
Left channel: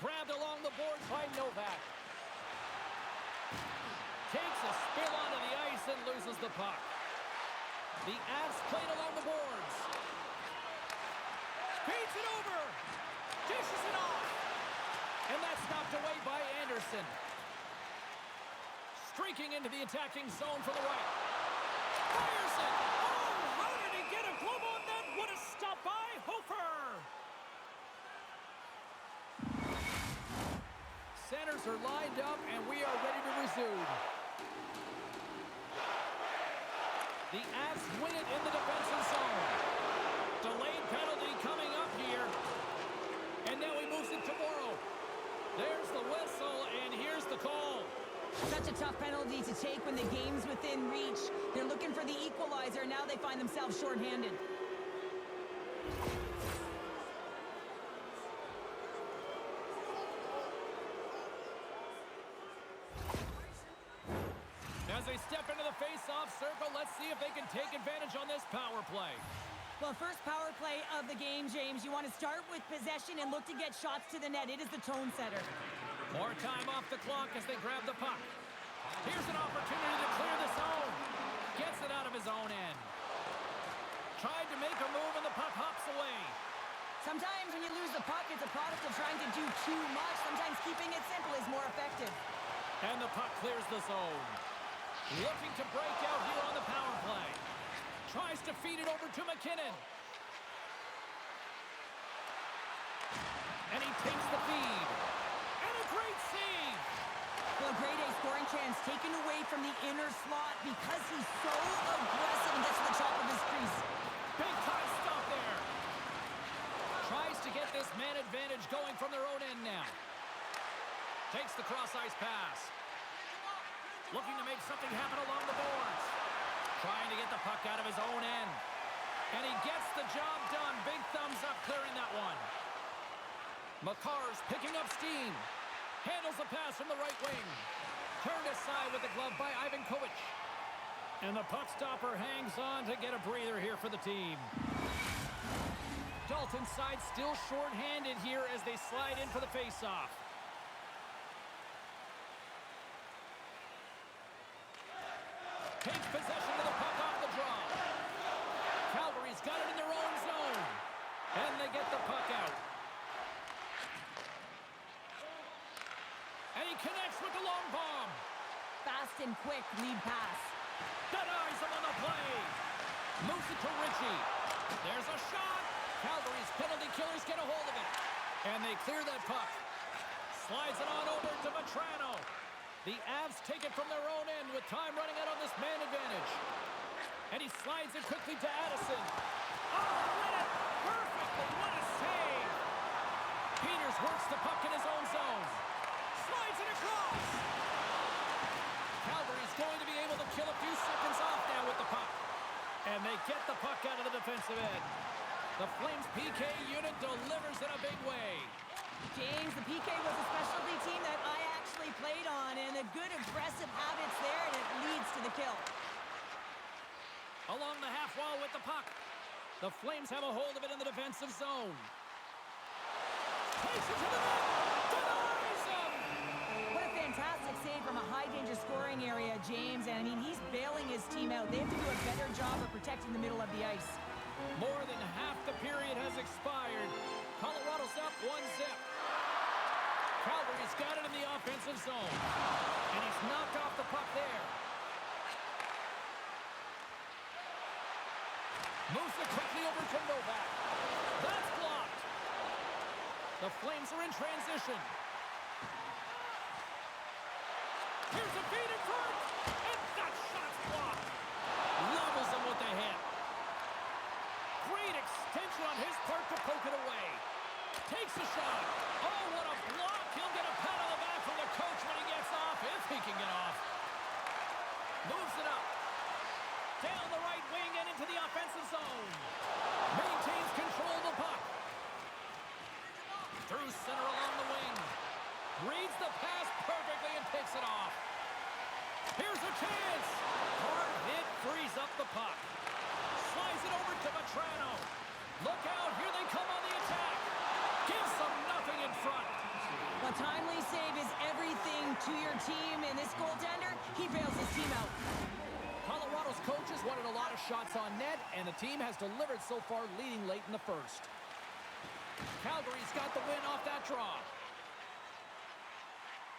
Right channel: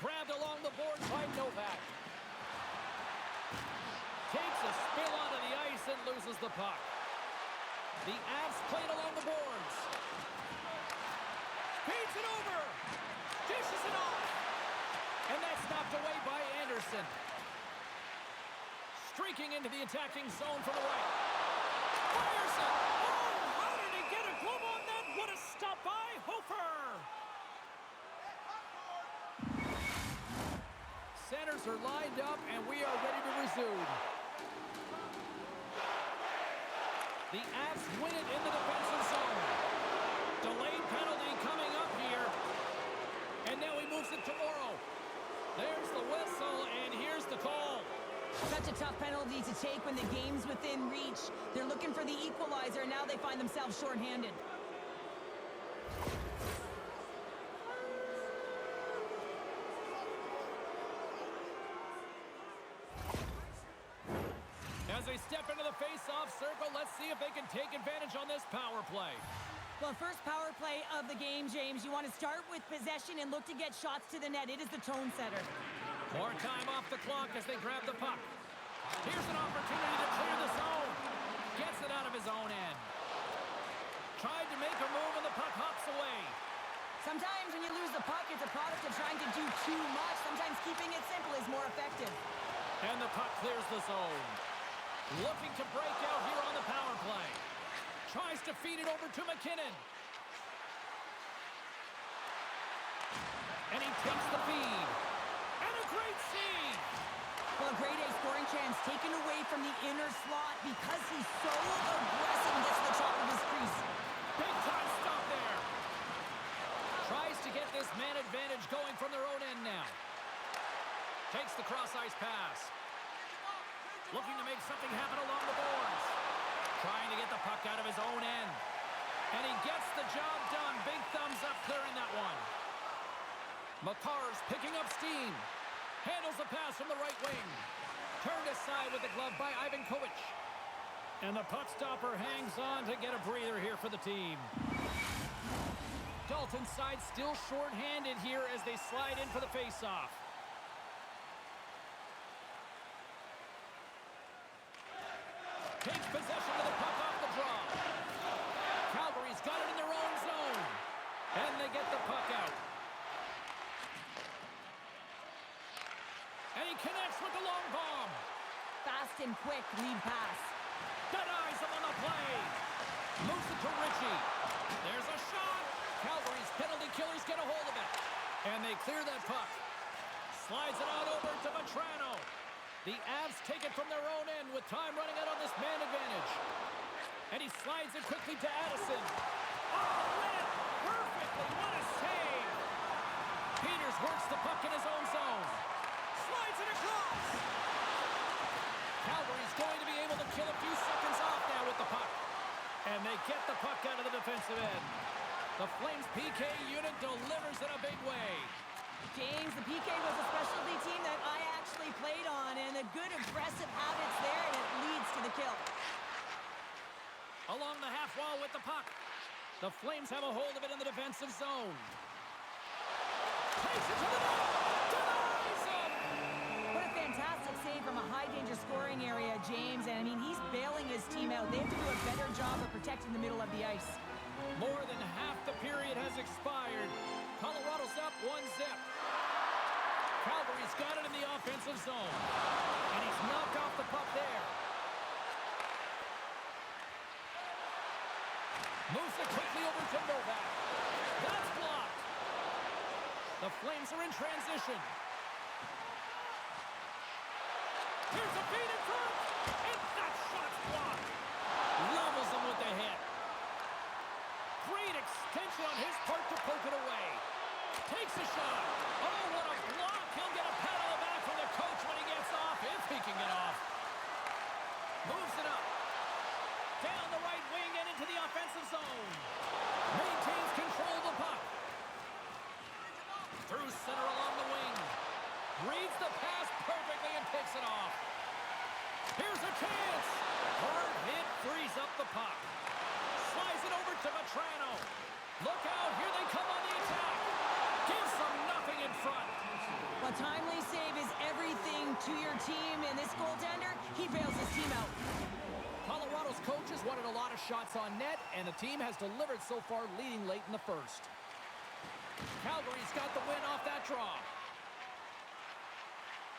Grabbed along the boards by Novak. Takes a spill onto the ice and loses the puck. The Avs played along the boards. Beats it over. Dishes it off. And that's knocked away by Anderson. Streaking into the attacking zone from the right. Fires it. Oh, how did he get a glove on that? What a stop by Hofer. Centers are lined up, and we are ready to resume. The Avs win it in the defensive zone. Delayed penalty coming up here. And now he moves it to Morrow. There's the whistle, and here's the call. Such a tough penalty to take when the game's within reach. They're looking for the equalizer. Now they find themselves shorthanded. As they step into the face-off circle, let's see if they can take advantage on this power play. Well, first power play of the game, James. You want to start with possession and look to get shots to the net. It is the tone setter. More time off the clock as they grab the puck. Here's an opportunity to clear the zone. Gets it out of his own end. Tried to make a move and the puck hops away. Sometimes when you lose the puck, it's a product of trying to do too much. Sometimes keeping it simple is more effective. And the puck clears the zone. Looking to break out here on the power play. Tries to feed it over to McKinnon. And he takes the feed. And a great save. Well, a grade A scoring chance taken away from the inner slot because he's so aggressive and gets to the top of his crease. Big time stop there. Tries to get this man advantage going from their own end now. Takes the cross-ice pass. Looking to make something happen along the boards. Trying to get the puck out of his own end. And he gets the job done. Big thumbs up clearing that one. Makar's picking up steam. Handles the pass from the right wing. Turned aside with the glove by Ivan Kovic. And the puck stopper hangs on to get a breather here for the team. Dalton's side still short-handed here as they slide in for the face-off. Takes possession of the puck off the draw. Calgary's got it in their own zone. And they get the puck out. And he connects with the long bomb. Fast and quick lead pass. Denies him on the play. Moves it to Ritchie. There's a shot. Calgary's penalty killers get a hold of it. And they clear that puck. Slides it on over to Vetrano. The Avs take it from their own end with time running out on this man advantage. And he slides it quickly to Addison. Oh, read it perfectly. What a save. Peters works the puck in his own zone. Slides it across. Calgary's going to be able to kill a few seconds off now with the puck. And they get the puck out of the defensive end. The Flames PK unit delivers in a big way. James, the PK was a specialty team that I actually played on, and the good aggressive habits there, and it leads to the kill. Along the half wall with the puck. The Flames have a hold of it in the defensive zone. Takes it to the net. Denies him. What a fantastic save from a high-danger scoring area, James. And, I mean, he's bailing his team out. They have to do a better job of protecting the middle of the ice. More than half the period has expired. Colorado's up 1-0. Calgary's got it in the offensive zone. And he's knocked off the puck there. Moves it quickly over to Novak. That's blocked. The Flames are in transition. Here's a feed in front. And that shot's blocked. Levels him with the hit. Great extension on his part to poke it away. Takes a shot. Oh, what a block. He'll get a pat on the back from the coach when he gets off, if he can get off. Moves it up. Down the right wing and into the offensive zone. Maintains control of the puck. Through center along the wing. Reads the pass perfectly and picks it off. Here's a chance. Hard hit frees up the puck. Slides it over to Vetrano. Look out, here they come on the attack. Gives them nothing in front. A timely save is everything to your team, and this goaltender, he bails his team out. Colorado's coaches wanted a lot of shots on net, and the team has delivered so far, leading late in the first. Calgary's got the win off that draw.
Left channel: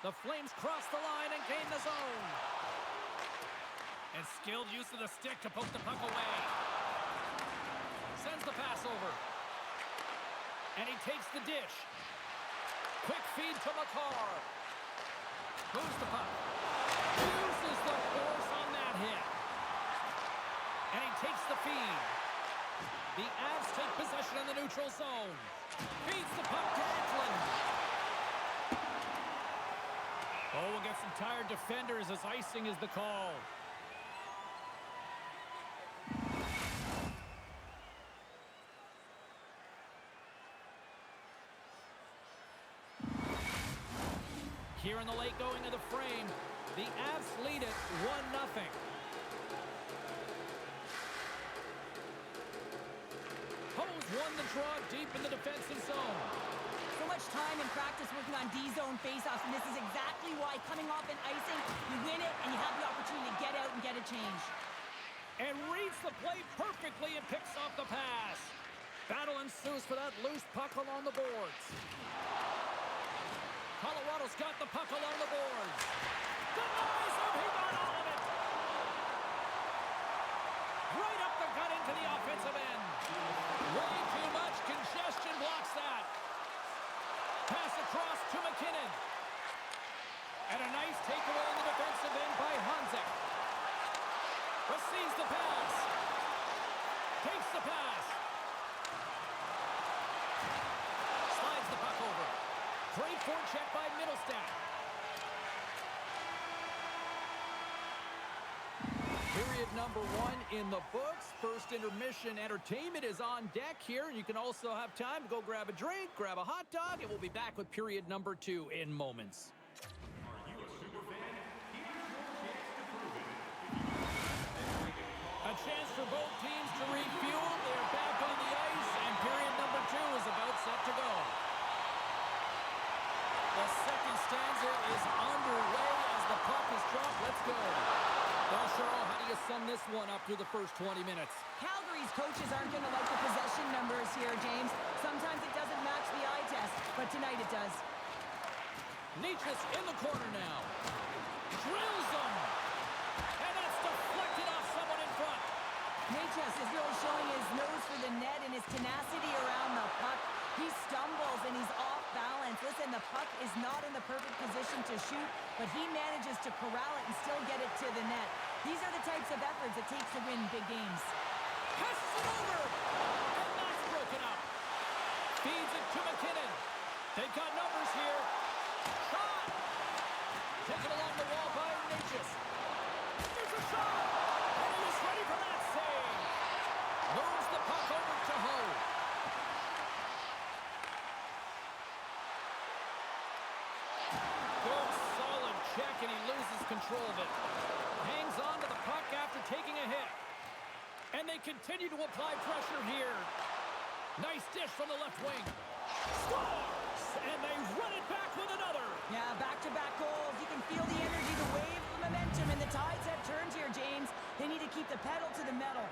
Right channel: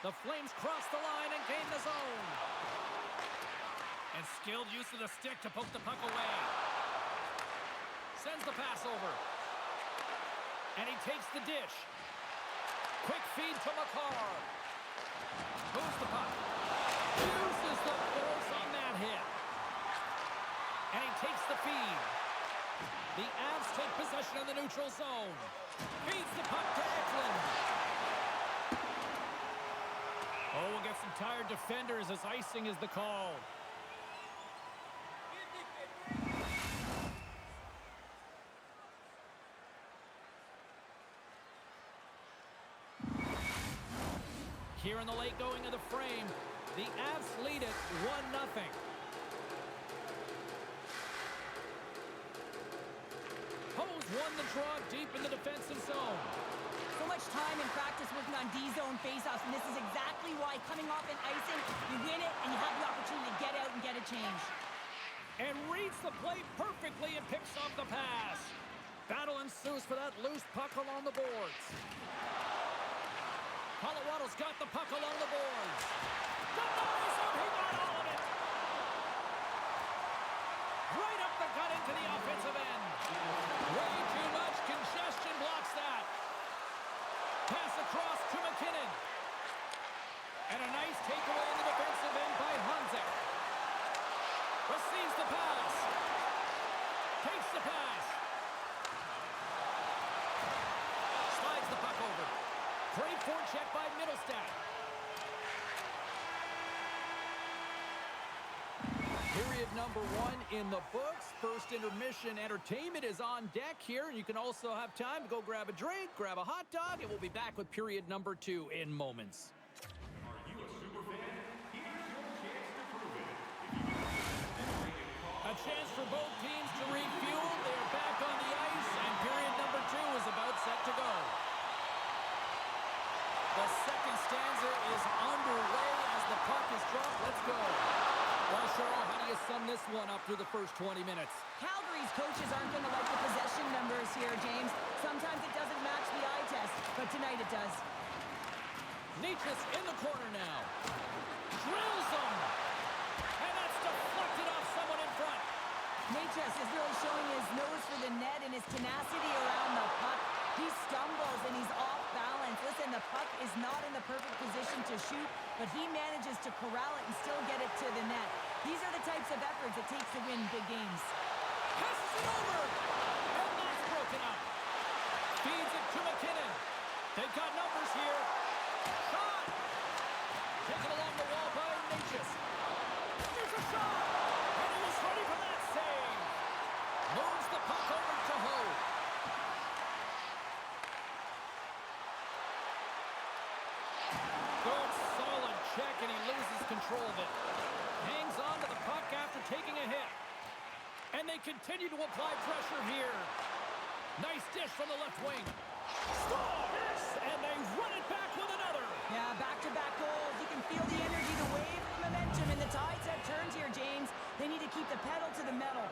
The Flames cross the line and gain the zone. And skilled use of the stick to poke the puck away. Sends the pass over. And he takes the dish. Quick feed to Makar. Moves the puck. Uses the force on that hit. And he takes the feed. The Avs take possession in the neutral zone. Feeds the puck to Eklund. Oh, we'll get some tired defenders as icing is the call. Here in the late going of the frame, the Avs lead it 1-0. Hose won the draw deep in the defensive zone. So much time in practice working on D-zone faceoffs, and this is exactly why coming off an icing, you win it, and you have the opportunity to get out and get a change. And reads the play perfectly and picks off the pass. Battle ensues for that loose puck along the boards. Colorado's got the puck along the boards. Denies him. He got all of it. Right up the gut into the offensive end. Way too much congestion blocks that. Pass across to McKinnon. And a nice takeaway in the defensive end by Hanzik. Receives the pass. Takes the pass. Slides the puck over. Great forecheck by Middlestat. Period number 1 in the books. First intermission entertainment is on deck here. You can also have time to go grab a drink, grab a hot dog, and we'll be back with period number 2 in moments. Are you a super fan? Here's your chance to prove it. A chance for both teams to refuel. They are back on the ice, and period number 2 is about set to go. The second stanza is underway as the puck is dropped. Let's go. Well, Cheryl, how do you sum this one up through the first 20 minutes? Calgary's coaches aren't going to like the possession numbers here, James. Sometimes it doesn't match the eye test, but tonight it does. Nietzsche's in the corner now. Drills him. And that's deflected off someone in front. Nietzsche is really showing his nose for the net and his tenacity around the puck. He stumbles and he's off balance. Listen, the puck is not in the perfect position to shoot, but he manages to corral it and still get it to the net. These are the types of efforts it takes to win big games. Passes it over. And that's broken up. Feeds it to McKinnon. They've got numbers here. Shot. Taken along the wall by Natchez. There's a shot. And he is ready for that save. Moves the puck over to Ho. Good solid check, and he loses control of it. Hangs on to the puck after taking a hit. And they continue to apply pressure here. Nice dish from the left wing. Scores! And they run it back with another. Yeah, back-to-back goals. You can feel the energy, the wave of momentum, and the tides have turned here, James. They need to keep the pedal to the metal.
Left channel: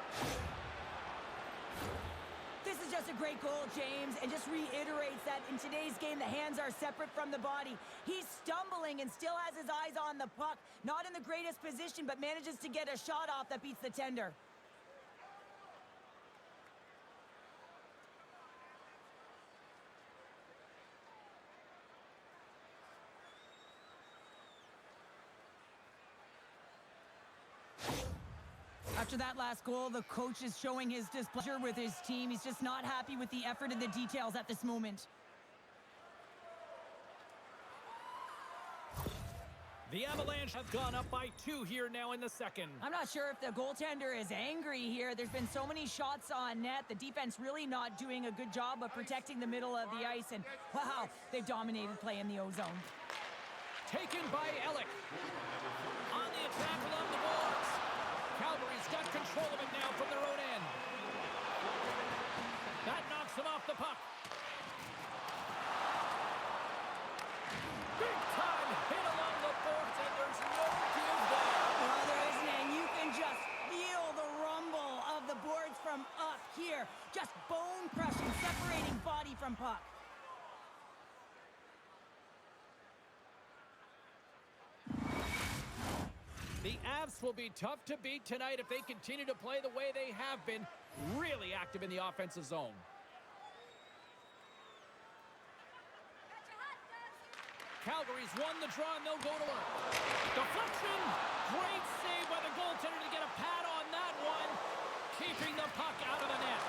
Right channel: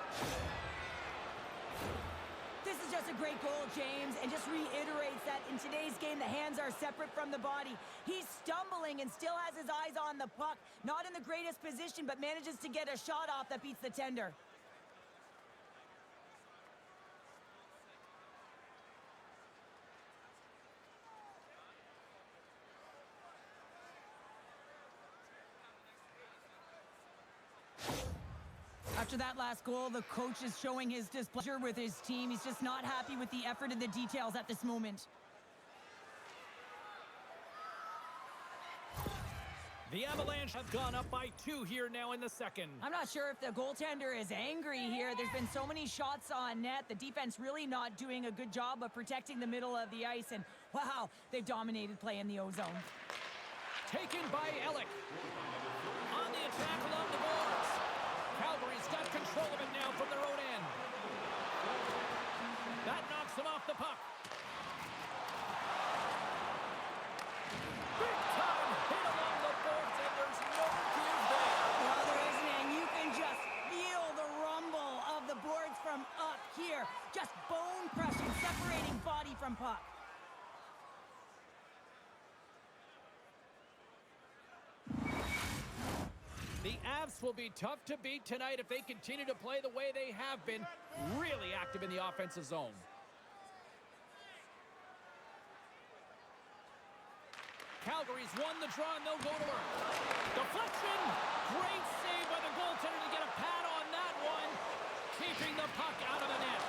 This is just a great goal, James, and just reiterates that in today's game, the hands are separate from the body. He's stumbling and still has his eyes on the puck. Not in the greatest position, but manages to get a shot off that beats the tender. After that last goal, the coach is showing his displeasure with his team. He's just not happy with the effort and the details at this moment. The Avalanche have gone up by 2 here now in the second. I'm not sure if the goaltender is angry here. There's been so many shots on net. The defense really not doing a good job of protecting the middle of the ice. And, wow, they've dominated play in the O-zone. Taken by Ellick. On the attack along the boards. Calgary's got control of it now from their own end. That knocks him off the puck. Big time hit along the boards, and there's no give there. Well, there isn't, and you can just feel the rumble of the boards from up here. Just bone crushing, separating body from puck. The Avs will be tough to beat tonight if they continue to play the way they have been, really active in the offensive zone. Calgary's won the draw, and they'll go to work. Deflection! Great save by the goaltender to get a pad on that one. Keeping the puck out of the net.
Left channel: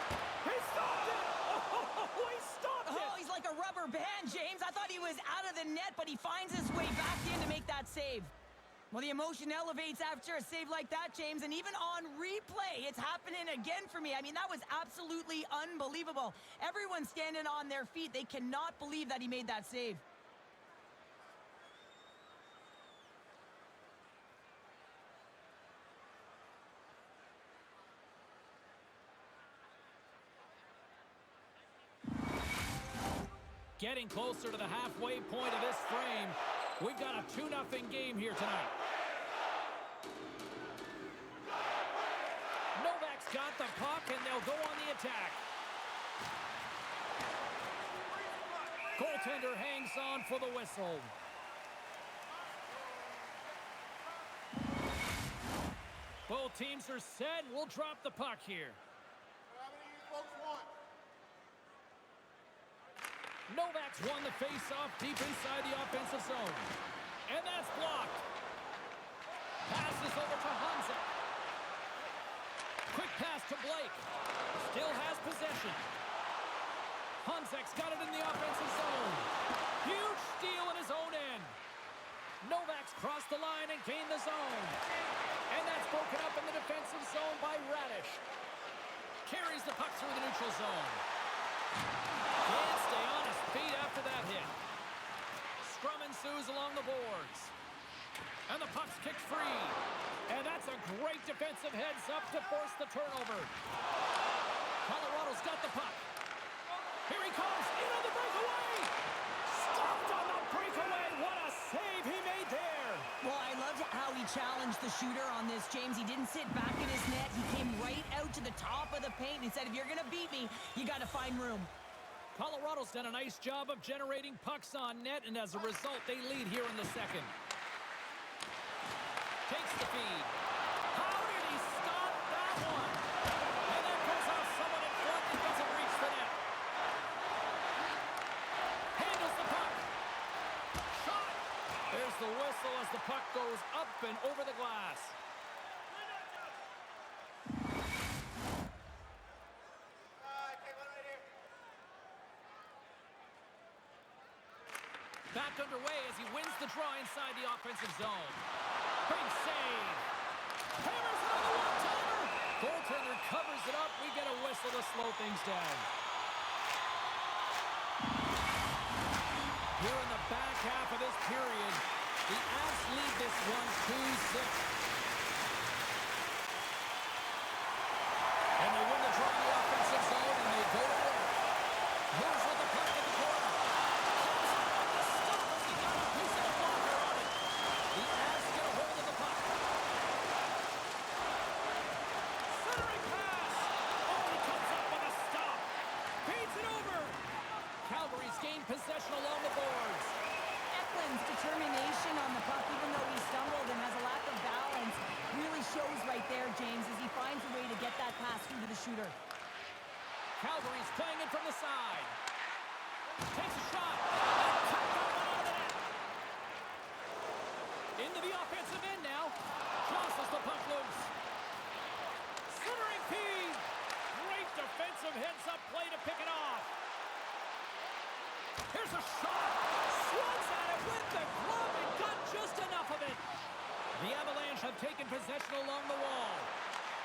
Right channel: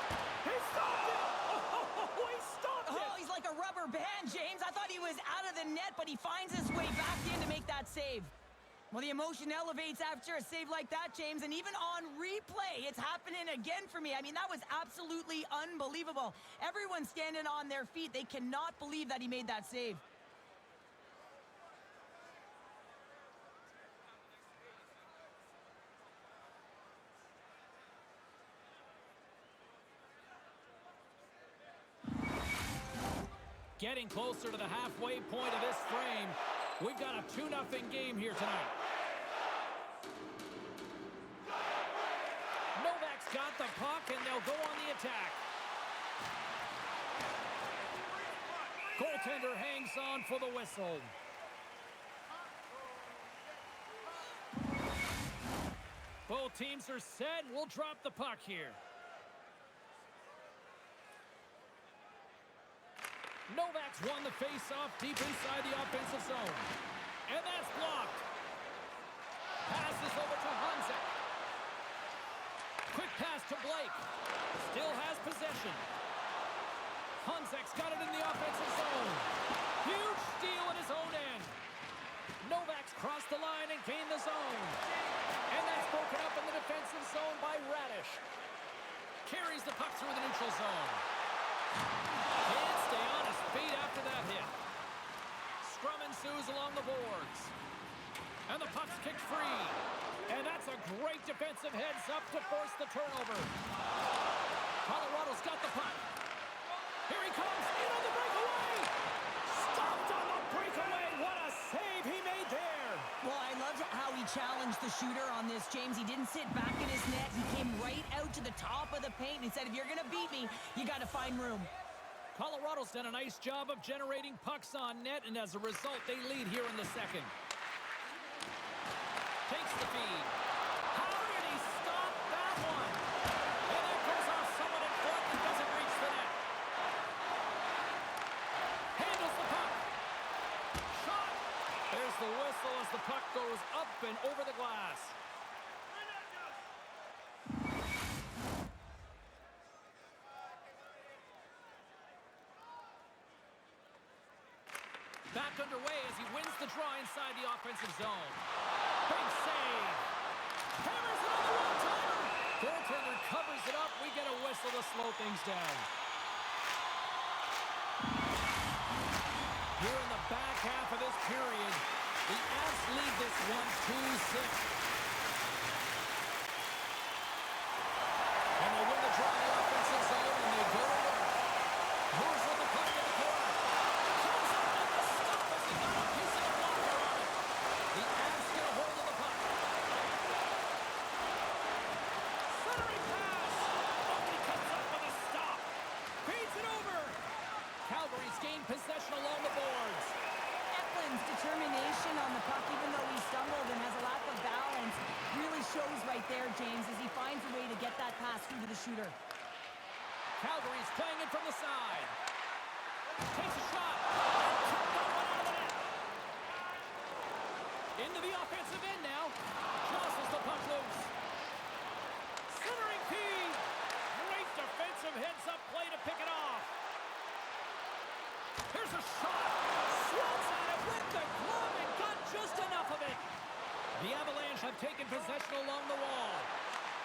He stopped it! Oh, he stopped it! Oh, he's like a rubber band, James. I thought he was out of the net, but he finds his way back in to make that save. Well, the emotion elevates after a save like that, James, and even on replay, it's happening again for me. I mean, that was absolutely unbelievable. Everyone's standing on their feet. They cannot believe that he made that save. Getting closer to the halfway point of this frame. We've got a 2-0 game here tonight. Novak's got the puck, and they'll go on the attack. Goaltender hangs on for the whistle. Both teams are set. We'll drop the puck here. Novak's won the face-off deep inside the offensive zone. And that's blocked. Passes over to Hanzik. Quick pass to Blake. Still has possession. Hanzik's got it in the offensive zone. Huge steal in his own end. Novak's crossed the line and gained the zone. And that's broken up in the defensive zone by Radish. Carries the puck through the neutral zone. Can't stay on his feet after that hit. Scrum ensues along the boards. And the puck's kicked free. And that's a great defensive heads-up to force the turnover. Colorado's got the puck. Here he comes, in on the breakaway! Stopped on the breakaway! What a save he made there! Well, I loved how he challenged the shooter on this, James. He didn't sit back in his net. He came right out to the top of the paint and he said, if you're going to beat me, you got to find room. Colorado's done a nice job of generating pucks on net, and as a result, they lead here in the second. Takes the feed. How did he stop that one? And that goes off someone in front and doesn't reach the net. Handles the puck. Shot. There's the whistle as the puck goes up and over the glass. Back underway as he wins the draw inside the offensive zone. Big save. Hammers it on the one-timer. Goaltender covers it up. We get a whistle to slow things down. Here in the back half of this period, the Avs lead this one 2-6. And they win the draw in the offensive zone, and they go to work. Moves with the puck in the corner. Comes up with the stop as he got a piece of the blocker on it. The Avs get a hold of the puck. Centering pass. Oh, he comes up with a stop. Beats it over. Calgary's gained possession along the boards. Eklund's determination on the puck, even though he stumbled and has a lack of balance, really shows right there, James, as he finds a way to get that pass through to the shooter. Calgary's playing it from the side. Takes a shot. And cut that one out of the net. Into the offensive end now. Jostles the puck loose. Centering feed. Great defensive heads-up play to pick it off. Here's a shot. Swats at it with the glove and got just enough of it. The Avalanche have taken possession along the wall.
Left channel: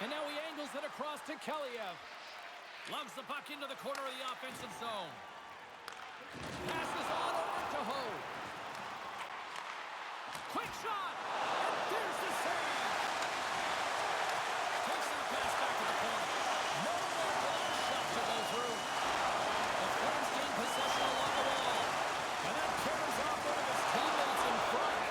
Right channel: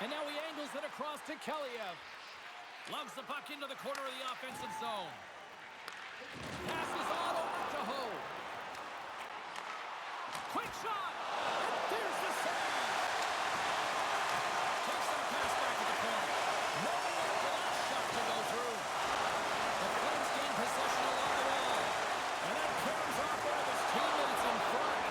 And now he angles it across to Kaliev. Lugs the puck into the corner of the offensive zone. Passes on over to Ho. Quick shot. And there's the save. Takes that pass back to the corner. Nowhere for that shot to go through. The Flames gain possession along the wall. And that carries off one of his teammates in front.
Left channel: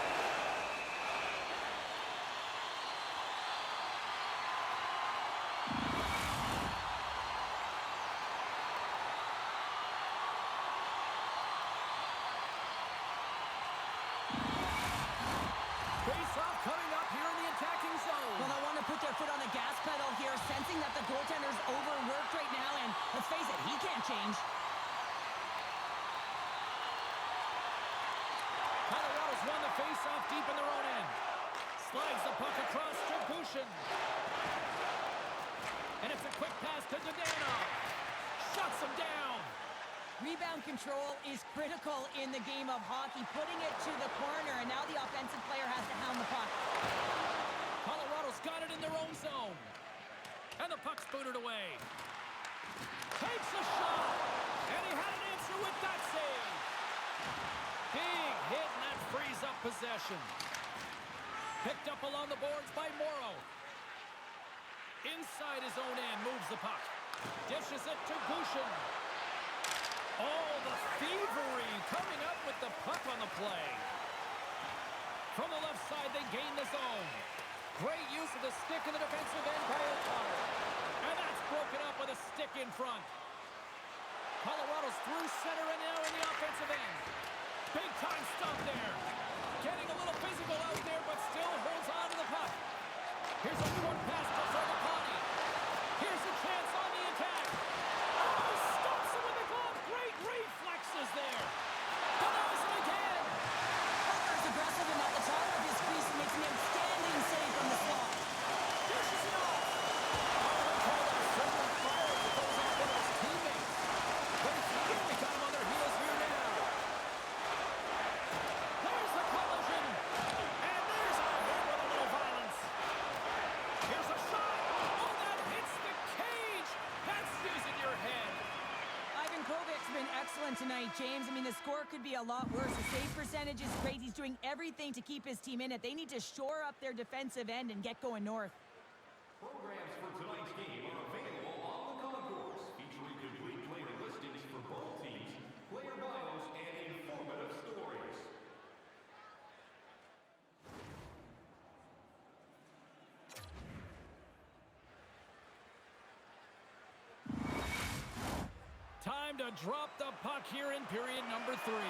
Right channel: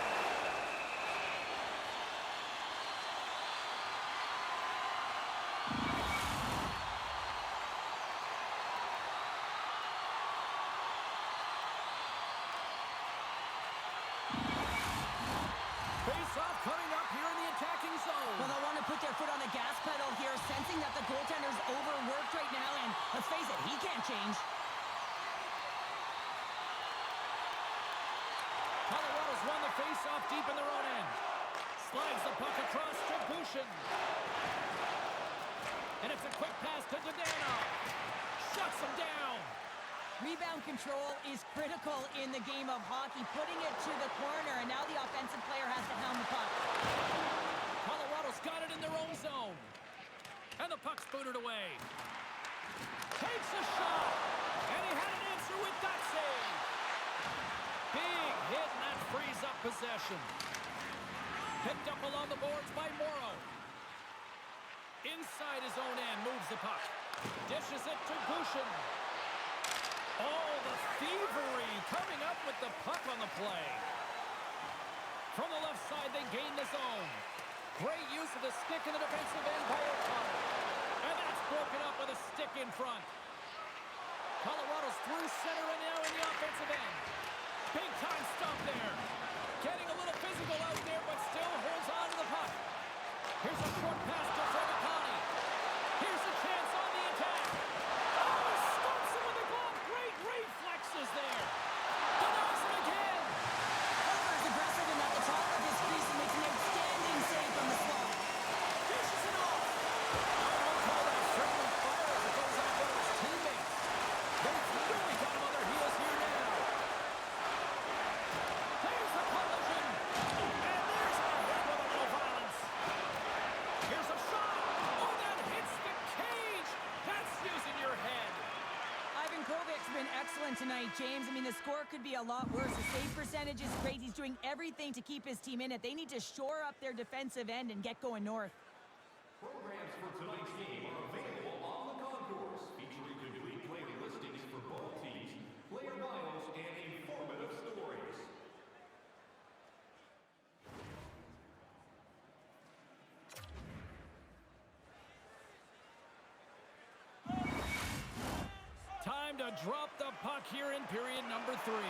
Face-off coming up here in the attacking zone. Well, they want to put their foot on the gas pedal here, sensing that the goaltender's overworked right now, and let's face it, he can't change. Colorado's won the face-off deep in their own end. Slides the puck across to Bushin. And it's a quick pass to Dadonov. Shuts him down. Rebound control is critical in the game of hockey, putting it to the corner, and now the offensive player has to hound the puck. Colorado's got it in their own zone. And the puck's booted away. Takes a shot. And he had an answer with that save. Big hit, and that frees up possession. Picked up along the boards by Morrow. Inside his own end, moves the puck. Dishes it to Bushin. Oh, the thievery coming up with the puck on the play. From the left side, they gain the zone. Great use of the stick in the defensive end by O'Connor. And that's broken up with a stick in front. Colorado's through center and now in the offensive end. to go out there, but still holds on to the puck. Here's a short pass to Fragapani. Here's a chance on the attack. Oh, he stops him with a glove. Great reflexes there. Denies him again. Parker's aggressive and at the top of his crease and makes an outstanding save from the slot. Dishes it off. I would call that friendly fire as it goes off one of his teammates. They've really got him on their heels here now. There's the collision. And there's a hit with a little violence. Here's a shot. Oh, that hits the cage. That's using your head. Ivan Kovic's been excellent tonight, James. I mean, the score could be a lot worse. The save percentage is great. He's doing everything to keep his team in it. They need to shore up their defensive end and get going north. Programs for tonight's game are available on the concourse, featuring complete player listings for both teams, player bios, and informative stories. Time to drop the puck here in period number 3. And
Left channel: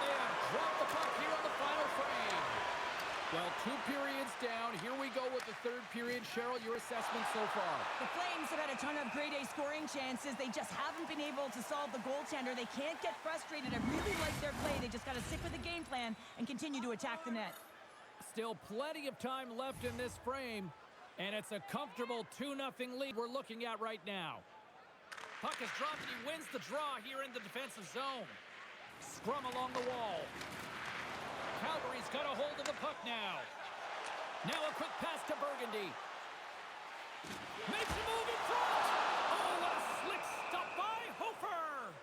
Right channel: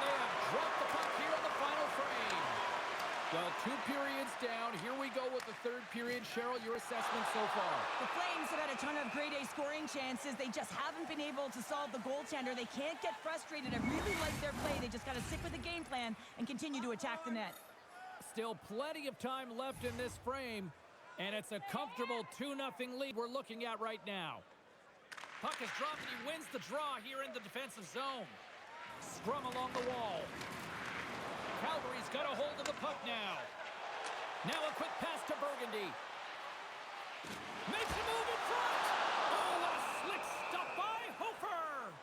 they have dropped the puck here on the final frame. Well, 2 periods down. Here we go with the 3rd period. Cheryl, your assessment so far? The Flames have had a ton of grade A scoring chances. They just haven't been able to solve the goaltender. They can't get frustrated. I really like their play. They just got to stick with the game plan and continue to attack the net. Still plenty of time left in this frame. And it's a comfortable 2-0 lead we're looking at right now. Puck is dropped and he wins the draw here in the defensive zone. Scrum along the wall. Calgary's got a hold of the puck now. Now a quick pass to Burgundy. Makes a move in front. Oh, what a slick stop by Hofer.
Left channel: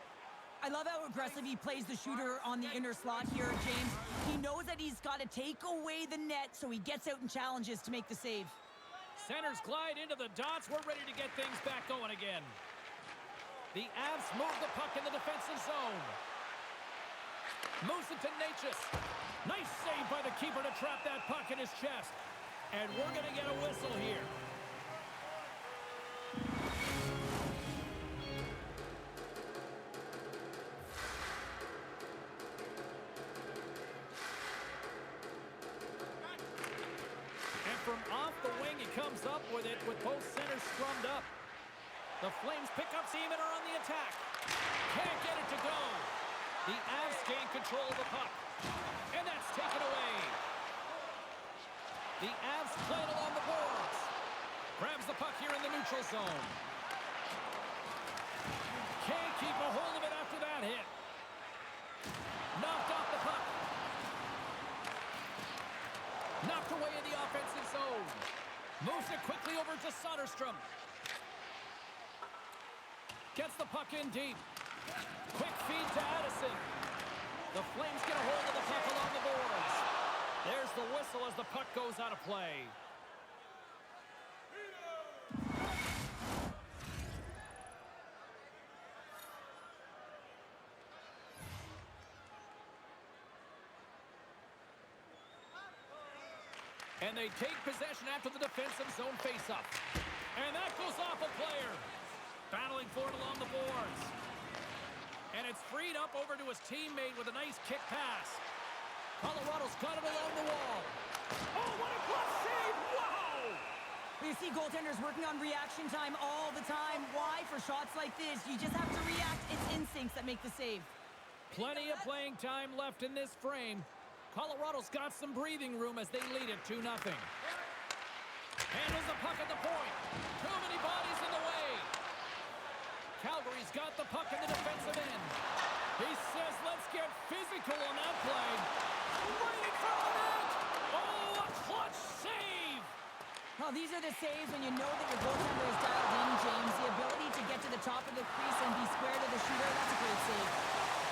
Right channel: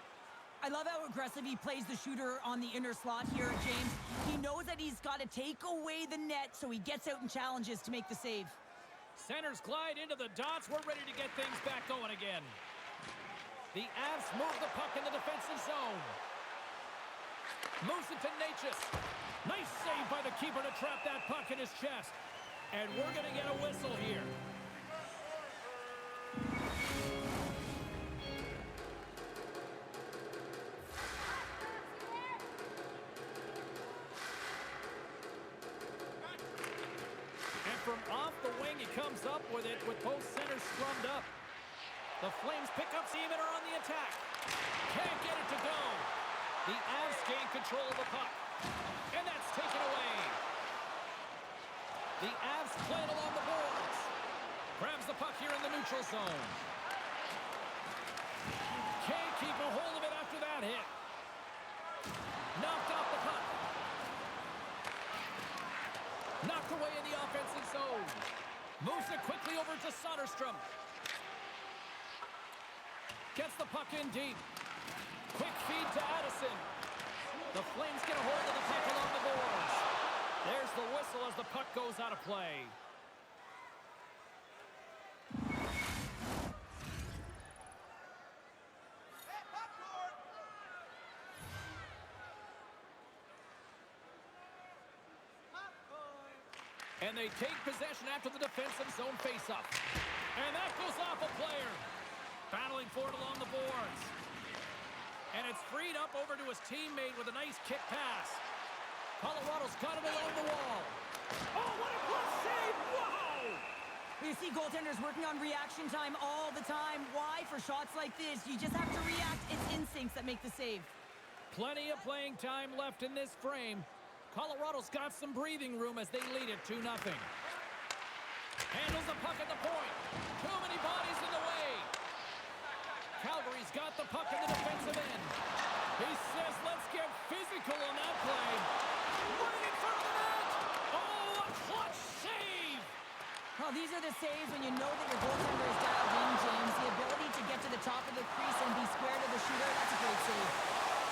I love how aggressive he plays the shooter on the inner slot here, James. He knows that he's got to take away the net, so he gets out and challenges to make the save. Centers glide into the dots. We're ready to get things back going again. The Avs move the puck in the defensive zone. Moves it to Natchez. Nice save by the keeper to trap that puck in his chest. And we're going to get a whistle here. And from off the wing, he comes up with it with both centers scrummed up. The Flames pick up steam and are on the attack. Can't get it to go. The Avs gain control of the puck. And that's taken away. The Avs play it along the boards. Grabs the puck here in the neutral zone. Can't keep a hold of it after that hit. Knocked off the puck. Knocked away in the offensive zone. Moves it quickly over to Soderstrom. Gets the puck in deep. Quick feed to Addison. The Flames get a hold of the puck along the boards. There's the whistle as the puck goes out of play. And they take possession after the defensive zone faceoff. And that goes off a player. Battling for it along the boards. And it's freed up over to his teammate with a nice kick pass. Colorado's got it along the wall. Oh, what a glove save! Wow! You see goaltenders working on reaction time all the time. Why? For shots like this, you just have to react. It's instincts that make the save. Plenty of playing time left in this frame. Colorado's got some breathing room as they lead it 2-0. Handles the puck at the point. Too many bodies in the way. Calgary's got the puck in the defensive end. He says, let's get physical on that play. Right in front of the net. Oh, a clutch save. Well, these are the saves when you know that your goaltender is dialed in, James. The ability to get to the top of the crease and be square to the shooter, that's a great save.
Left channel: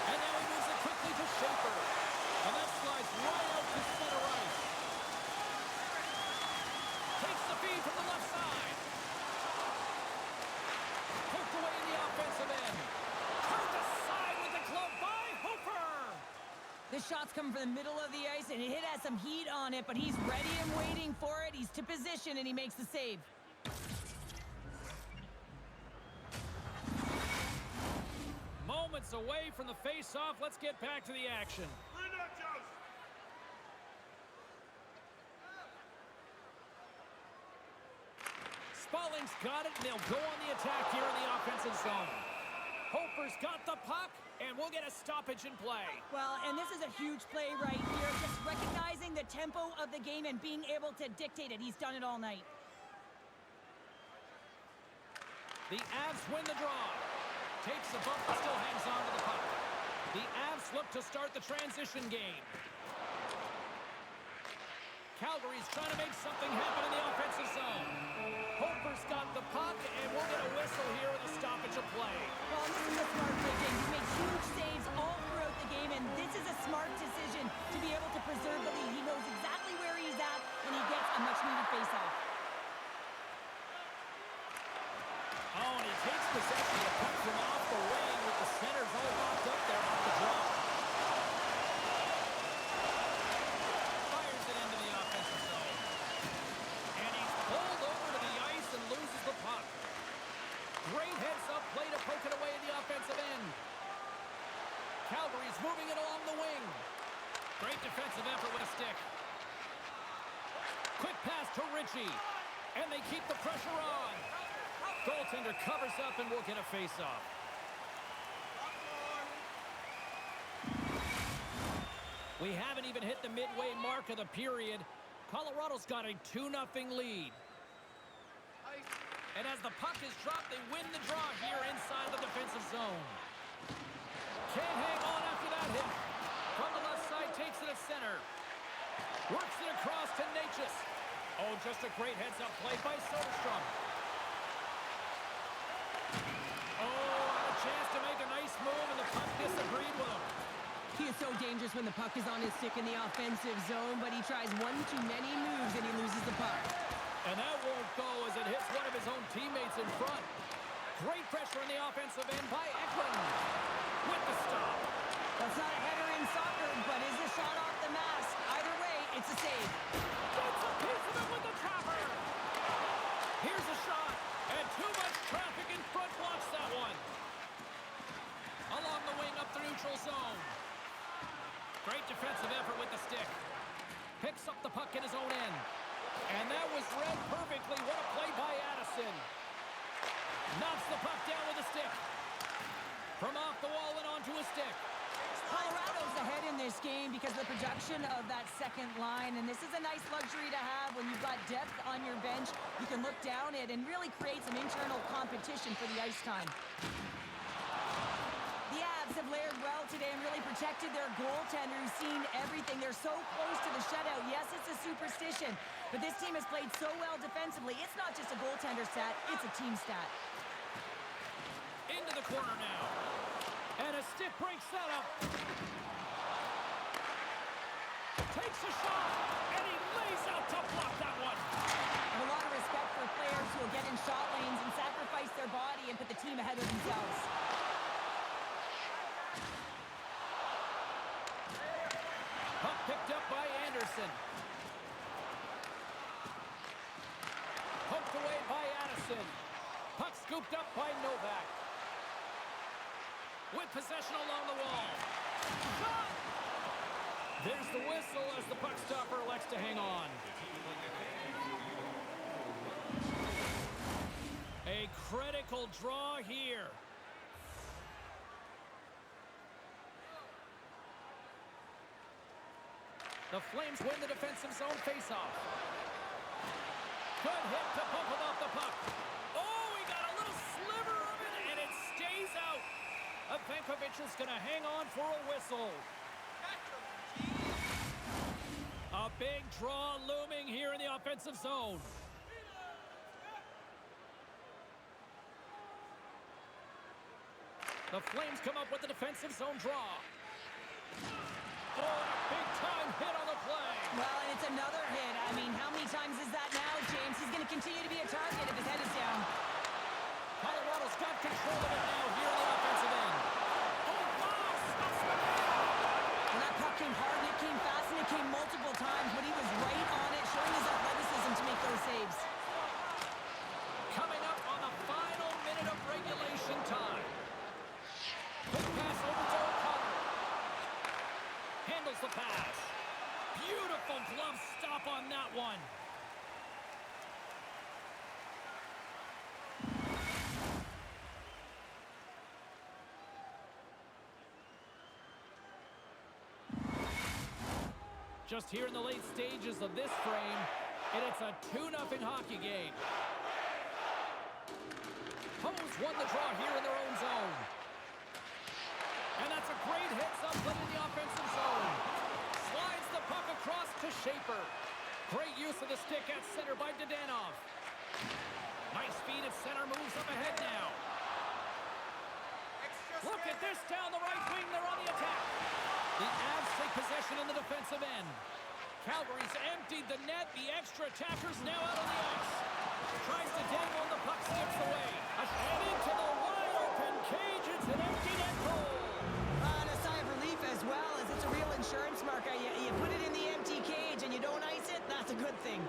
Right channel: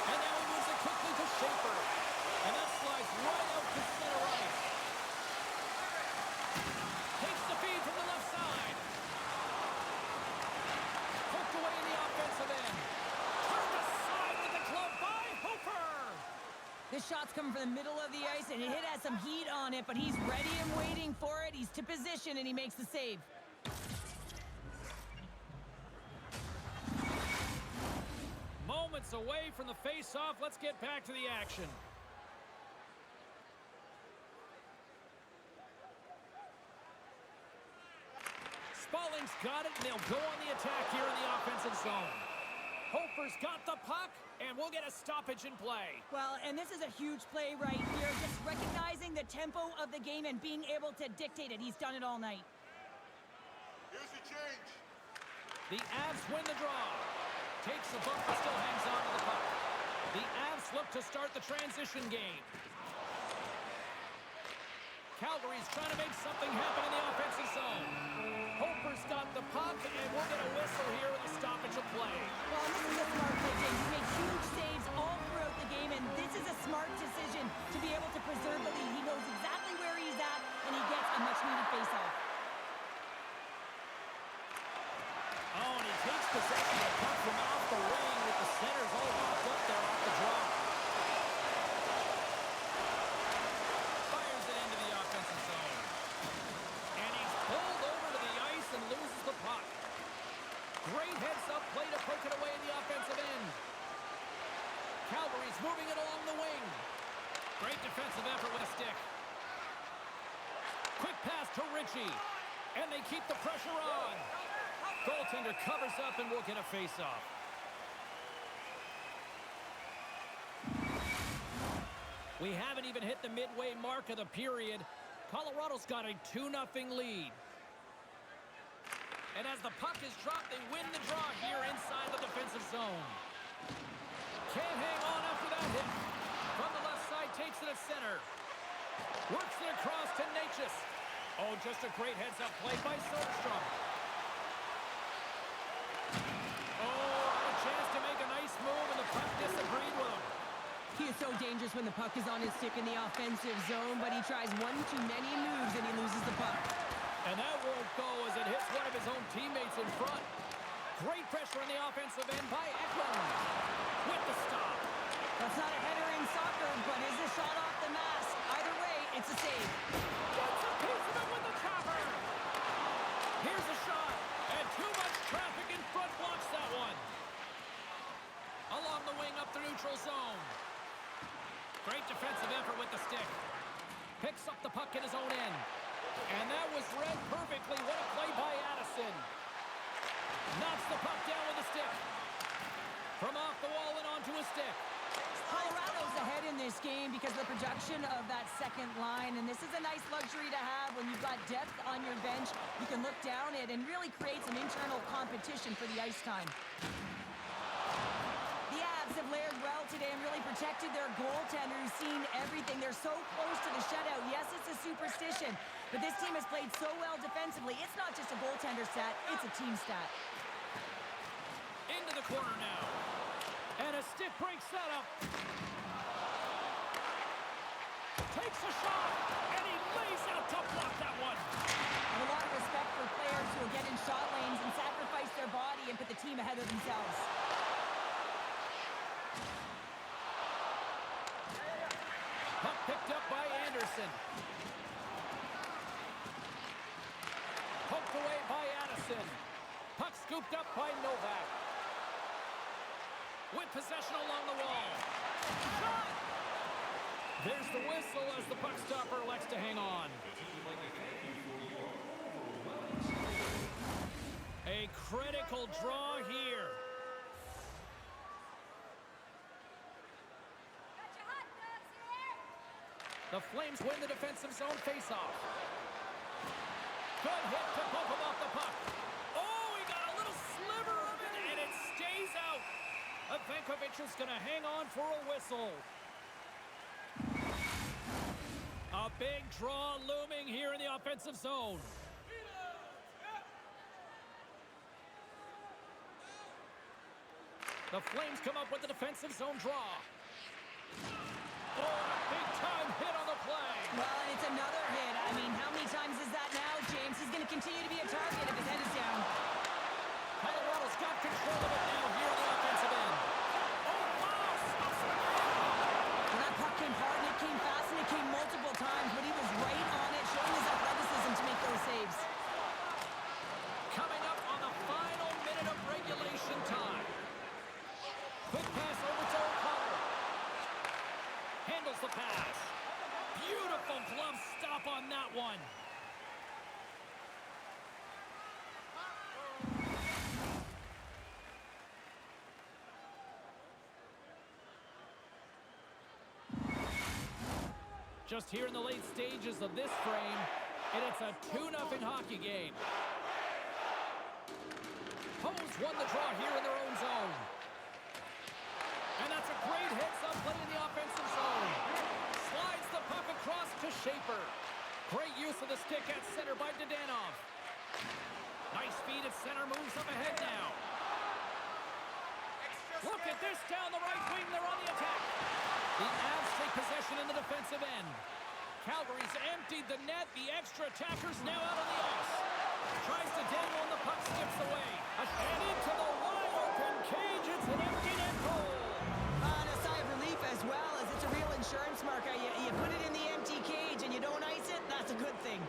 And now he moves it quickly to Schaefer. And that slides right out to center ice. Takes the feed from the left side. Poked away in the offensive end. Turned aside with the glove by Hofer. This shot's coming from the middle of the ice, and it has some heat on it, but he's ready and waiting for it. He's to position, and he makes the save. Moments It's away from the face-off. Let's get back to the action. Spalling's got it, and they'll go on the attack here in the offensive zone. Hofer's got the puck, and we'll get a stoppage in play. Well, and this is a huge play right here. Just recognizing the tempo of the game and being able to dictate it. He's done it all night. Here's the change. The Avs win the draw. Takes the bump, but still hangs on to the puck. The Avs look to start the transition game. Calgary's trying to make something happen in the offensive zone. Hofer's got the puck, and we'll get a whistle here with a stoppage of play. Well, and this is a smart play, James. He made huge saves all throughout the game, and this is a smart decision to be able to preserve the lead. He knows exactly where he's at, and he gets a much-needed face-off. Oh, and he takes possession of the puck from off the wing with the centers all locked up there off the draw. Fires it into the offensive zone. And he's pulled over to the ice and loses the puck. Great heads-up play to poke it away in the offensive end. Calgary's moving it along the wing. Great defensive effort with a stick. Quick pass to Ritchie. And they keep the pressure on. Goaltender covers up, and we'll get a face-off. We haven't even hit the midway mark of the period. Colorado's got a 2-0 lead. And as the puck is dropped, they win the draw here inside the defensive zone. Can't hang on after that hit. From the left side, takes it at center. Works it across to Natchez. Oh, just a great heads-up play by Soderstrom. Oh, had a chance to make a nice move, and the puck disagreed with him. He is so dangerous when the puck is on his stick in the offensive zone, but he tries one too many moves, and he loses the puck. And that won't go as it hits one of his own teammates in front. Great pressure in the offensive end by Eklund. With the stop. That's not a header in soccer, but is a shot off the mask. Either way, it's a save. Gets a piece of it with the trapper. Here's a shot, and too much traffic in front blocks that one. Along the wing up the neutral zone. Great defensive effort with the stick. Picks up the puck in his own end. And that was read perfectly. What a play by Addison. Knocks the puck down with a stick. From off the wall and onto a stick. Colorado's ahead in this game because of the production of that second line, and this is a nice luxury to have when you've got depth on your bench. You can look down it and really create some internal competition for the ice time. The Avs have layered well today and really protected their goaltender who's seen everything. They're so close to the shutout. Yes, it's a superstition, but this team has played so well defensively. It's not just a goaltender stat, it's a team stat. Into the corner now. And a stick breaks that up. Takes a shot, and he lays out to block that one. I have a lot of respect for players who will get in shot lanes and sacrifice their body and put the team ahead of themselves. Puck picked up by Anderson. Poked away by Addison. Puck scooped up by Novak. With possession along the wall. Shot! There's the whistle as the puck stopper elects to hang on. A critical draw here. The Flames win the defensive zone faceoff. Good hit to bump him off the puck. Oh, he got a little sliver of it, and it stays out. Vankovic is going to hang on for a whistle. A big draw looming here in the offensive zone. The Flames come up with the defensive zone draw. Oh, and a big-time hit on the play. Well, and it's another hit. I mean, how many times is that now, James? He's going to continue to be a target if his head is down. Colorado's got control of it now here on the offensive end. Oh, wow, stuffs the man. Well, that puck came hard, and it came fast, and it came multiple times, but he was right on it, showing his athleticism to make those saves. Coming up on the final minute of regulation time. Quick pass tackles the pass. Beautiful glove stop on that one. Just here in the late stages of this frame, and it's a 2-0 hockey game. Hose won the draw here in their own zone. And that's a great hit, someone in the offensive zone. Slides the puck across to Schaefer. Great use of the stick at center by Dadonov. Nice feed at center, moves up ahead now. Look at this down the right wing, they're on the attack. The Avs take possession in the defensive end. Calgary's emptied the net. The extra attackers now out on the ice. Tries to dangle and the puck skips away. And into the wide open cage. It's an empty net goal. And a sigh of relief as well, as it's a real insurance marker. You put it in the empty cage and you don't ice it, that's a good thing.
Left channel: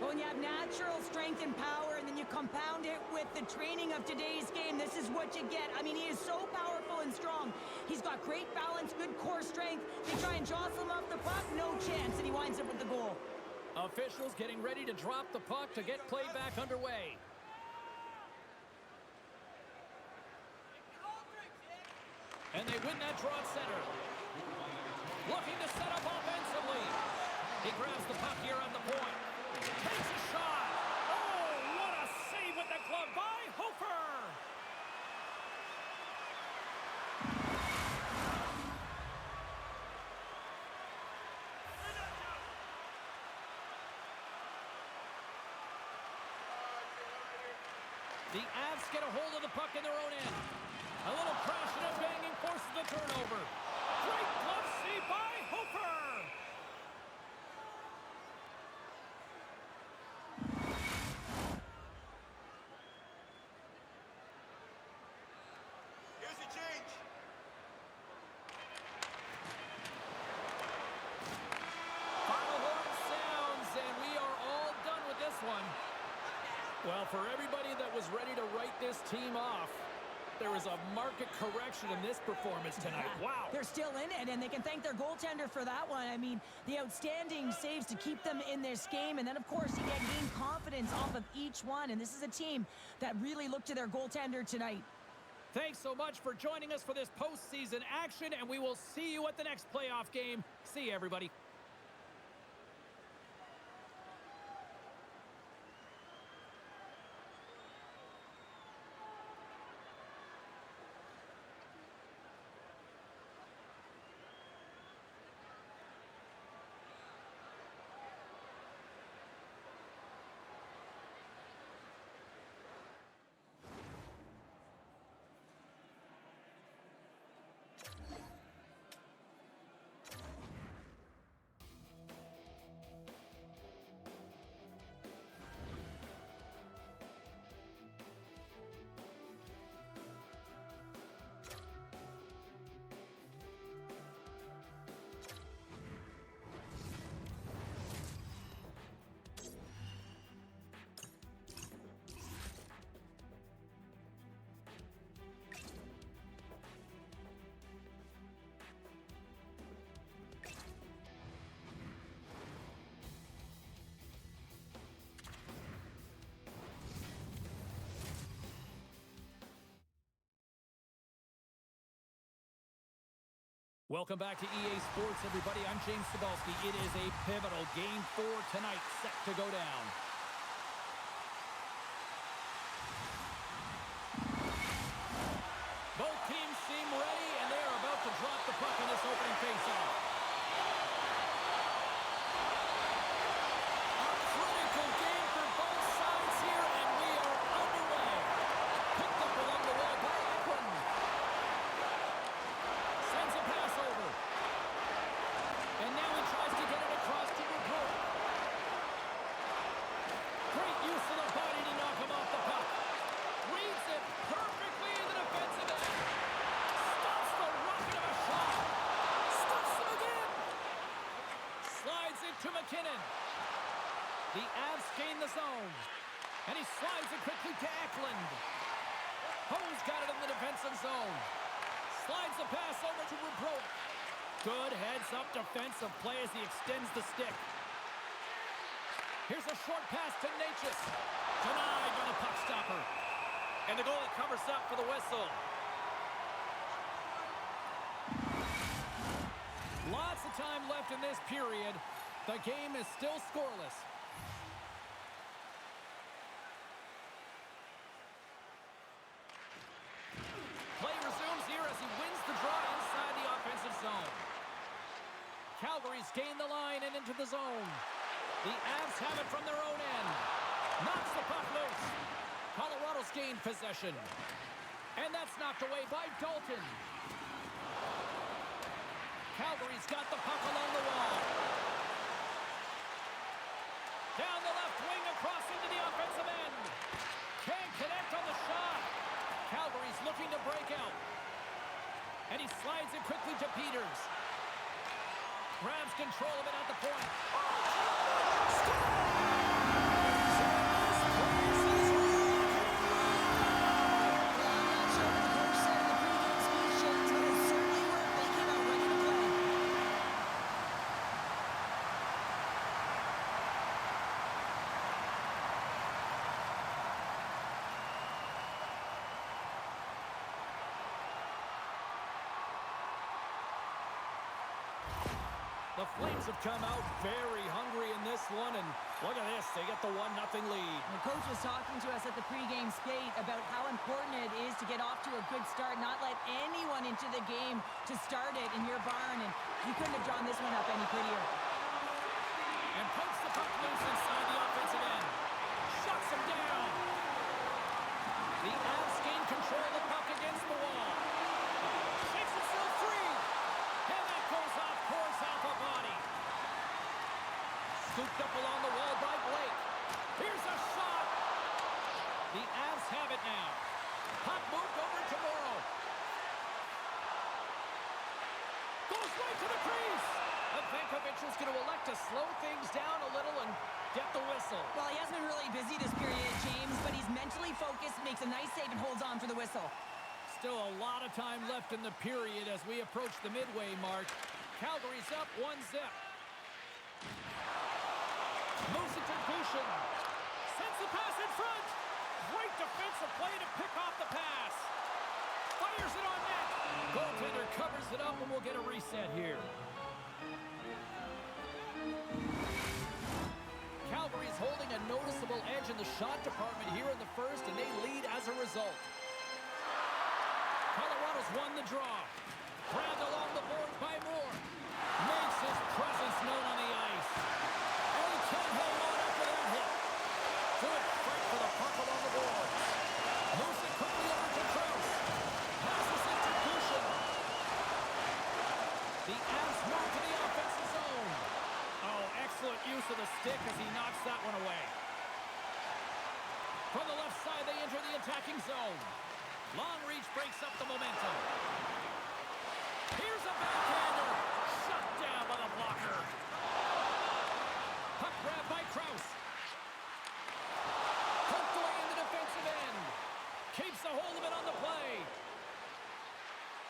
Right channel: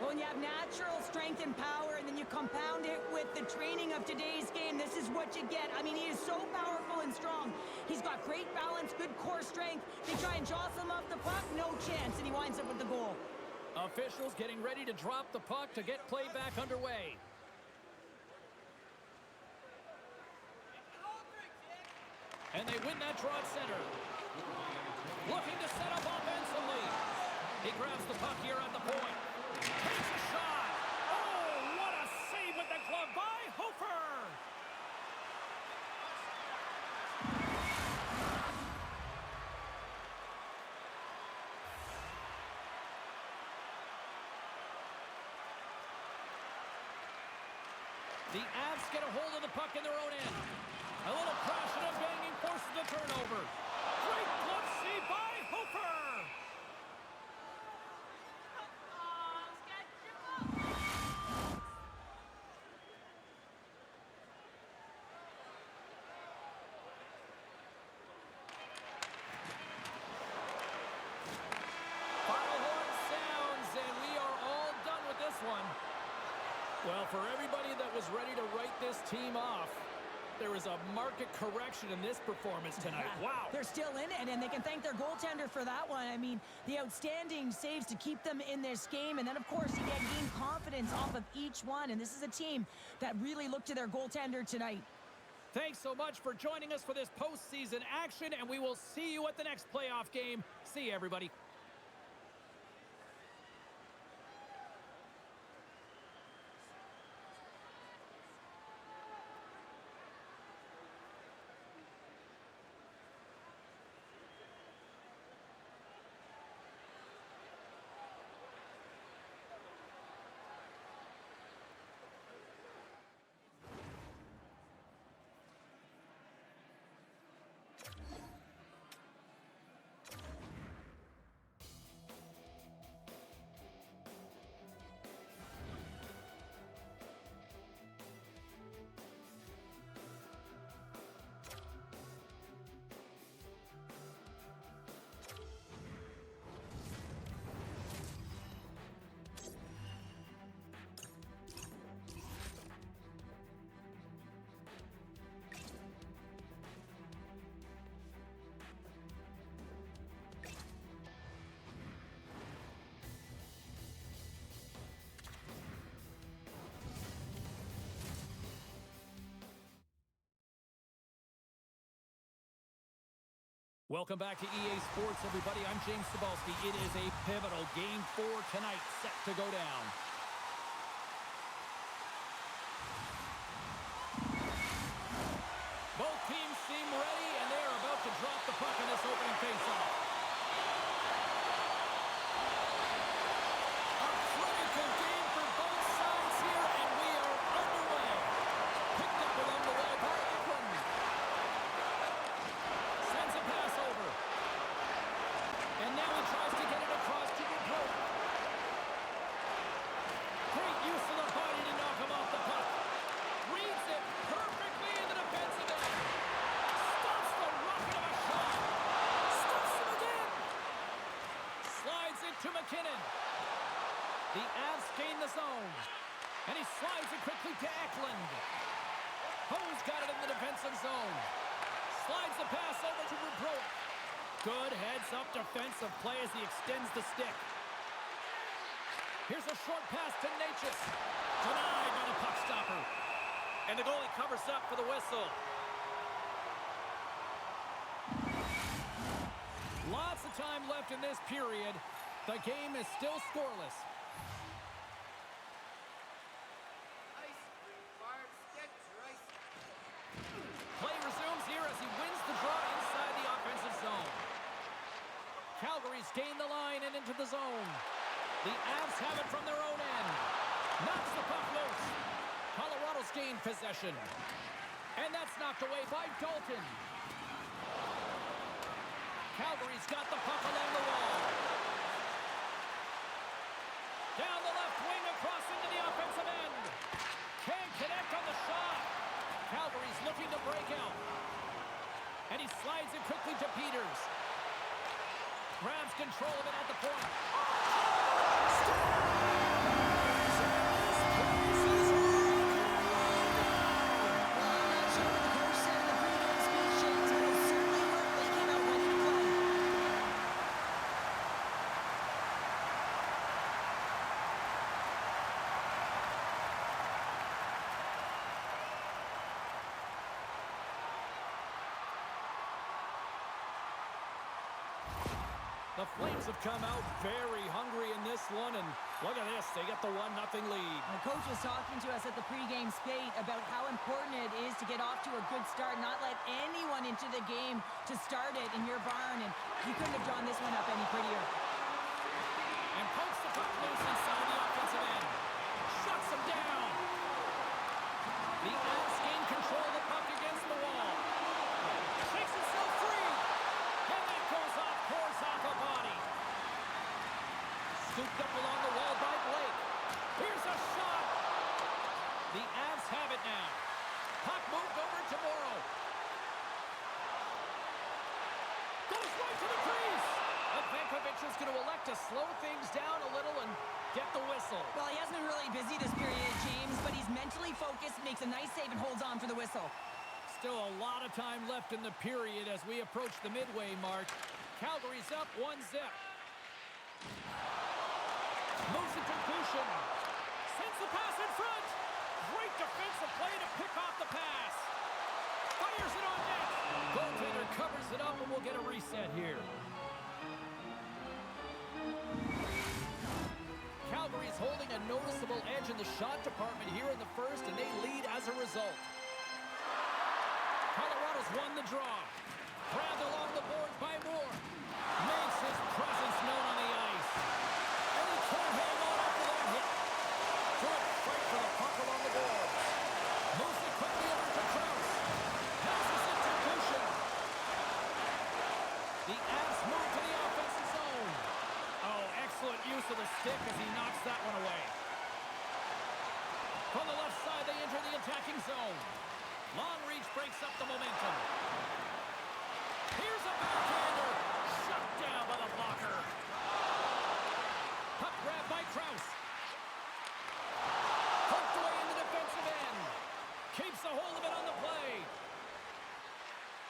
When you have natural strength and power and then you compound it with the training of today's game, this is what you get. I mean, he is so powerful and strong. He's got great balance, good core strength. They try and jostle him off the puck, no chance, and he winds up with the goal. Officials getting ready to drop the puck to get play back underway. And they win that draw at center. Looking to set up offensively. He grabs the puck here at the point. Takes a shot. Oh, what a save with the glove by Hofer. The Avs get a hold of the puck in their own end. A little crashing and banging forces the turnover. Great glove save by Hofer. Here's the change. Final horn sounds, and we are all done with this one. Well, for everybody that was ready to write this team off, there was a market correction in this performance tonight. Wow. They're still in it, and they can thank their goaltender for that one. I mean, the outstanding saves to keep them in this game, and then, of course, you gain confidence off of each one, and this is a team that really looked to their goaltender tonight. Thanks so much for joining us for this postseason action, and we will see you at the next playoff game. See you, everybody. Welcome back to EA Sports, everybody. I'm James Cebulski. It is a pivotal Game 4 tonight set to go down. Both teams seem ready, and they are about to drop the puck in this opening faceoff. A critical game for both sides here, and we are underway. Picked up along the wall by Eklund. Sends a pass over. And now he tries to get it across to Gaudreau. Great use of the body to knock him off the puck. Reads it perfectly in the defensive end. Stops the rocket of a shot. Stops him again. Slides it to McKinnon. The Avs gain the zone. And he slides it quickly to Eklund. Hose got it in the defensive zone. Slides the pass over to Gaudreau. Good heads-up defensive play as he extends the stick. Here's a short pass to Natchez. Denied by the puck stopper. And the goalie covers up for the whistle. Lots of time left in this period. The game is still scoreless. Play resumes here as he wins the draw inside the offensive zone. Calgary's gained the line and into the zone. The Avs have it from their own end. Knocks the puck loose. Colorado's gained possession. And that's knocked away by Dalton. Calgary's got the puck along the wall. Down the left wing across into the offensive end. Can't connect on the shot. Calgary's looking to break out. And he slides it quickly to Peters. Grabs control of it at the point. The Flames have come out very hungry in this one, and look at this, they get the 1-0 lead. The coach was talking to us at the pregame skate about how important it is to get off to a good start, not let anyone into the game to start it in your barn, and you couldn't have drawn this one up any prettier. And pokes the puck loose inside the offensive end. Shuts him down. The Avs gain control of the puck against the wall. Shakes himself free. And that goes off, pours off a body. Scooped up along the wall by Blake. Here's a shot. The Avs have it now. Puck moved over to Morrow. Goes right to the crease. Vankovic is going to elect to slow things down a little and get the whistle. Well, he hasn't been really busy this period, James, but he's mentally focused, makes a nice save, and holds on for the whistle. Still a lot of time left in the period as we approach the midway mark. Calgary's up 1-0. Moves it to Kushin. Sends the pass in front. Great defensive play to pick off the pass. Fires it on net. Goaltender covers it up and we'll get a reset here. Calgary's holding a noticeable edge in the shot department here in the first, and they lead as a result. Colorado's won the draw. Grabbed along the boards by Moore. Makes his presence known on the ice. And he can't hang on after that hit. Good fight for the puck along the boards. Moves it quickly over to Krause. Passes it to Kushin. The Avs move to the offensive zone. Oh, excellent use of the stick as he knocks that one away. From the left side, they enter the attacking zone. Long reach breaks up the momentum. Here's a backhander. Shut down by the blocker. Puck grab by Krause. Poked away in the defensive end. Keeps a hold of it on the play.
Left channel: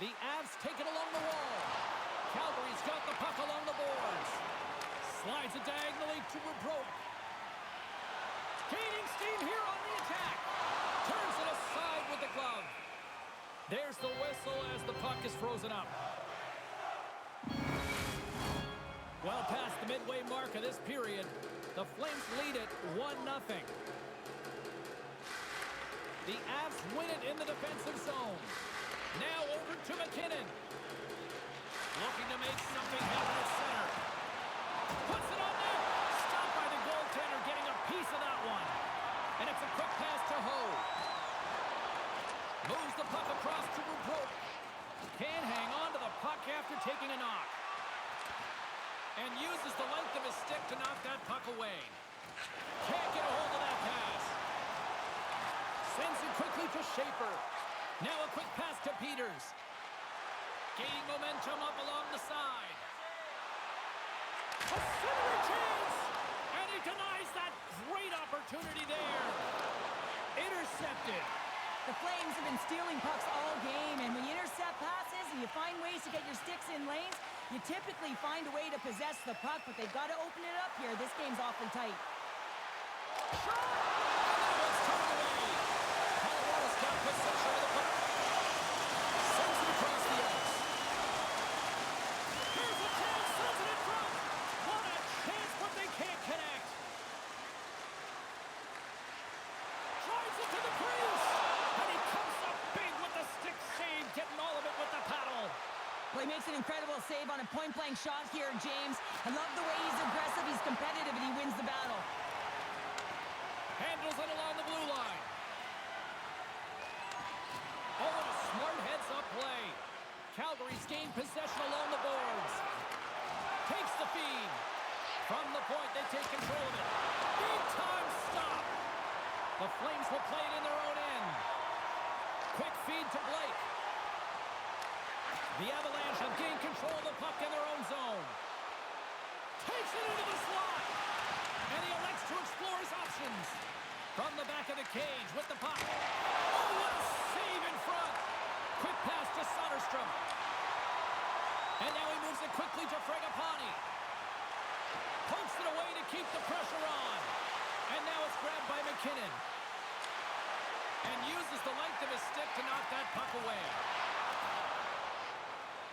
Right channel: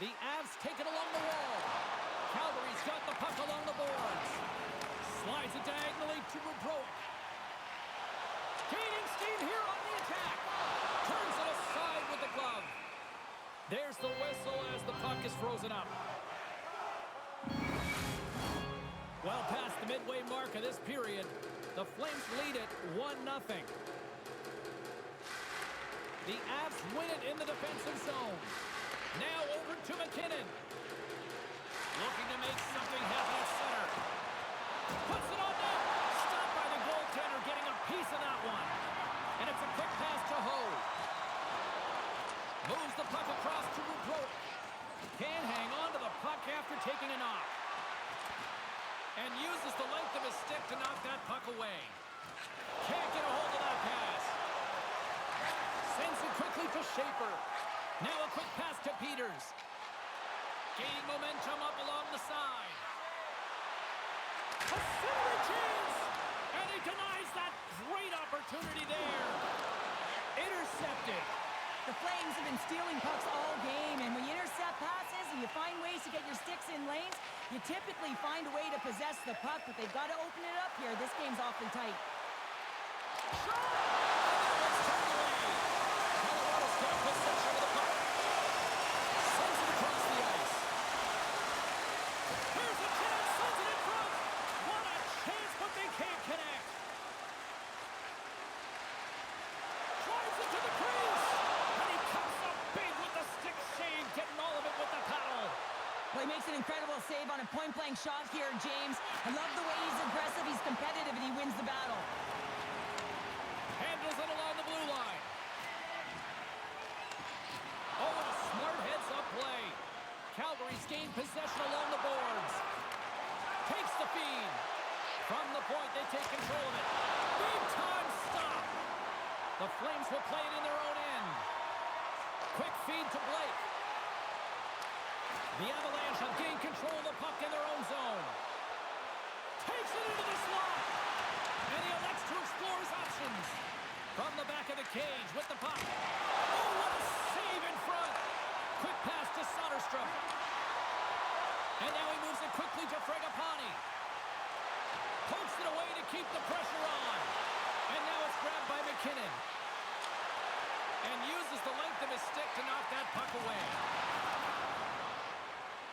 The Avs take it along the wall. Calgary's got the puck along the boards. Slides it diagonally to Bobrovsky. Gaining steam here on the attack. Turns it aside with the glove. There's the whistle as the puck is frozen up. Well past the midway mark of this period, the Flames lead it 1-0. The Avs win it in the defensive zone. Now over to McKinnon. Looking to make something happen at center. Puts it on net. Stopped by the goaltender, getting a piece of that one. And it's a quick pass to Ho. Moves the puck across to Bobrovsky. Can't hang on to the puck after taking a knock. And uses the length of his stick to knock that puck away. Can't get a hold of that pass. Sends it quickly to Schaefer. Now a quick pass to Peters. Gaining momentum up along the side. A centering chance! And he denies that great opportunity there. Intercepted. The Flames have been stealing pucks all game, and when you intercept passes and you find ways to get your sticks in lanes, You typically find a way to possess the puck, but they've got to open it up here. This game's awfully tight. Shot! And that one's turned away. Colorado's got possession of the puck. Sends it across the ice. Here's a chance, sends it in front. What a chance, but they can't connect. Drives it to the crease. And he comes up big with the stick save, getting all of it with the paddle. Well, he makes an incredible save on a point-blank shot here, James. I love the way he's aggressive, he's competitive, and he wins the battle. Handles it along the blue line. Oh, and a smart heads-up play. Calgary's gained possession along the boards. Takes the feed. From the point, they take control of it. Big-time stop. The Flames will play it in their own end. Quick feed to Blake. The Avalanche have gained control of the puck in their own zone. Takes it into the slot. And he elects to explore his options. From the back of the cage with the puck. Oh, what a save in front. Quick pass to Soderstrom. And now he moves it quickly to Fragapani. Pokes it away to keep the pressure on. And now it's grabbed by McKinnon. And uses the length of his stick to knock that puck away.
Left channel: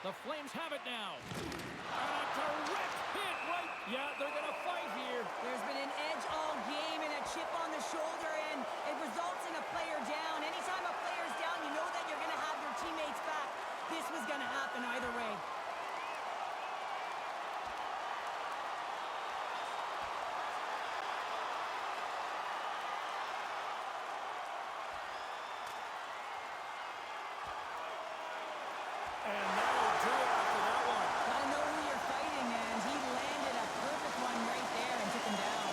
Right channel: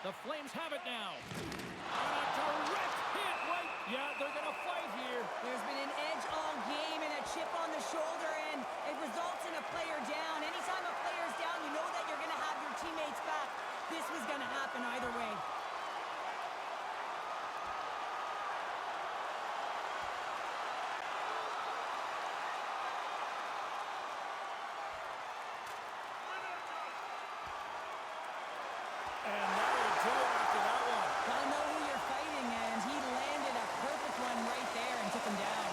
The Flames have it now. And a direct hit right. Yeah, they're going to fight here. There's been an edge all game and a chip on the shoulder, and it results in a player down. Anytime a player's down, you know that you're going to have your teammates back. This was going to happen either way. And that'll do it after that one. Got to know who you're fighting, and he landed a perfect one right there and took him down.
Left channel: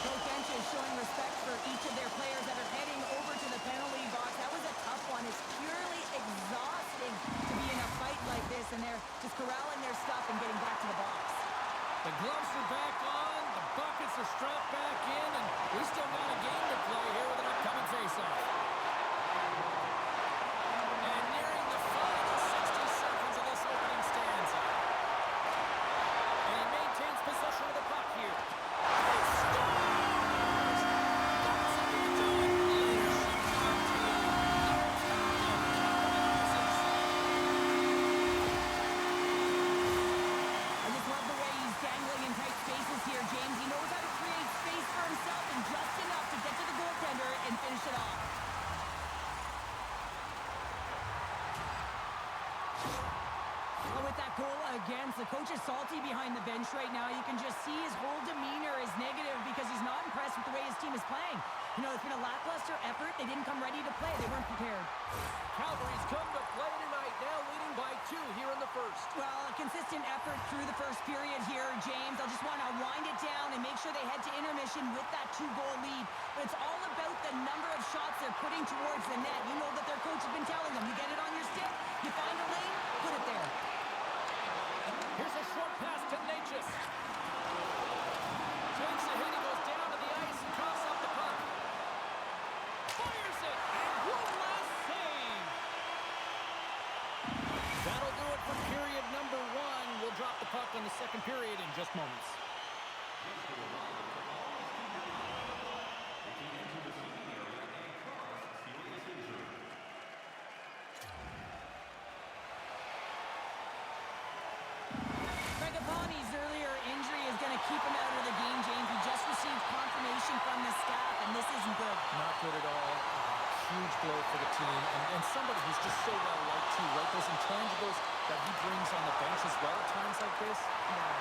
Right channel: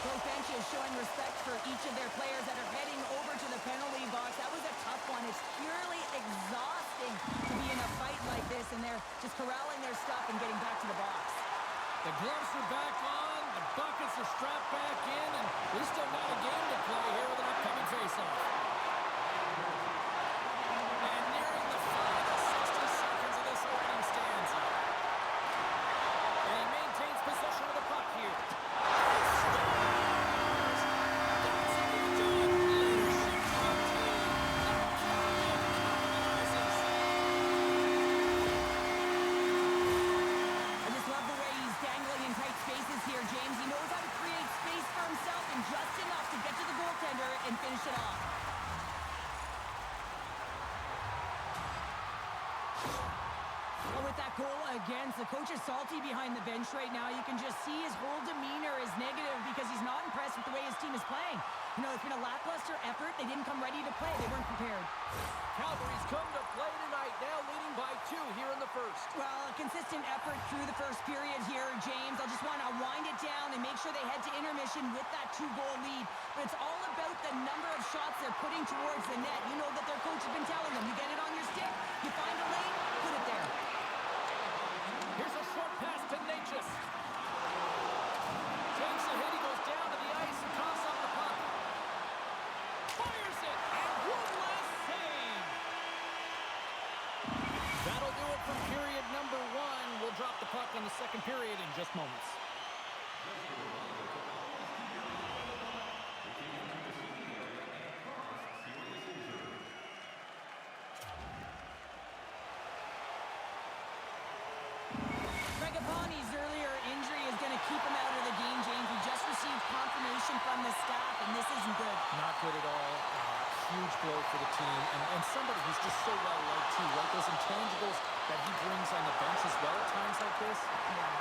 Both benches showing respect for each of their players that are heading over to the penalty box. That was a tough one. It's purely exhausting to be in a fight like this, and they're just corralling their stuff and getting back to the box. The gloves are back on, the buckets are strapped back in, and we still got a game to play here with an upcoming face-off. And nearing the final 60 seconds of this opening stanza. And he maintains possession of the puck here. He scores! That's how you do it! Leadership to the team! The captain capitalizes! I just love the way he's dangling in tight spaces here, James. He knows how to create space for himself and just enough to get to the goaltender and finish it off. Oh, with that goal against, the coach is salty behind the bench right now. You can just see his whole demeanor is negative because he's not impressed with the way his team is playing. You know, it's been a lackluster effort. They didn't come ready to play. They weren't prepared. Calgary's come to play tonight, now leading by 2 here in the first. Well, a consistent effort through the first period here, James. I'll just want to wind it down and make sure they head to intermission with that 2-goal lead. But it's all about the number of shots they're putting towards the net. You know that their coach has been telling them, you get it on your stick, you find a lane, put it there. Here's a short pass to Natchez. Takes a hit, he goes down to the ice and coughs up the puck. Fires it, and one last save. That'll do it for period number 1. We'll drop the puck on the second period in just moments. Fragapani's earlier injury is going to keep him out of the game, James. He just received confirmation from the staff, and this isn't good. Not good at all. Huge blow for the team, and somebody who's just so well-liked too, right? Those intangibles that he brings on the bench as well at times like this,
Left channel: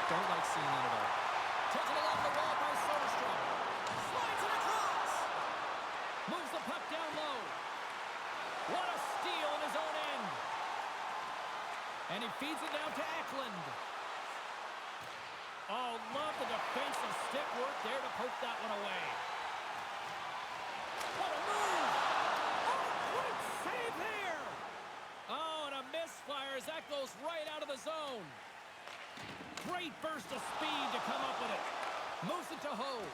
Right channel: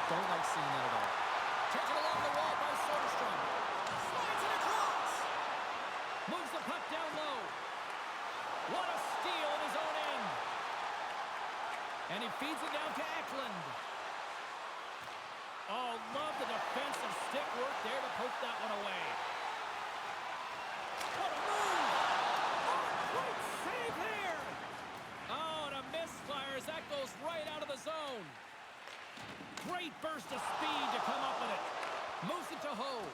don't like seeing that at all. Taken along the wall by Soderstrom. Slides it across. Moves the puck down low. What a steal in his own end. And he feeds it down to Eklund. Oh, love the defensive stick work there to poke that one away. What a move! Oh, great save there! Oh, and a misfire as that goes right out of the zone. Great burst of speed to come up with it. Moves it to Ho.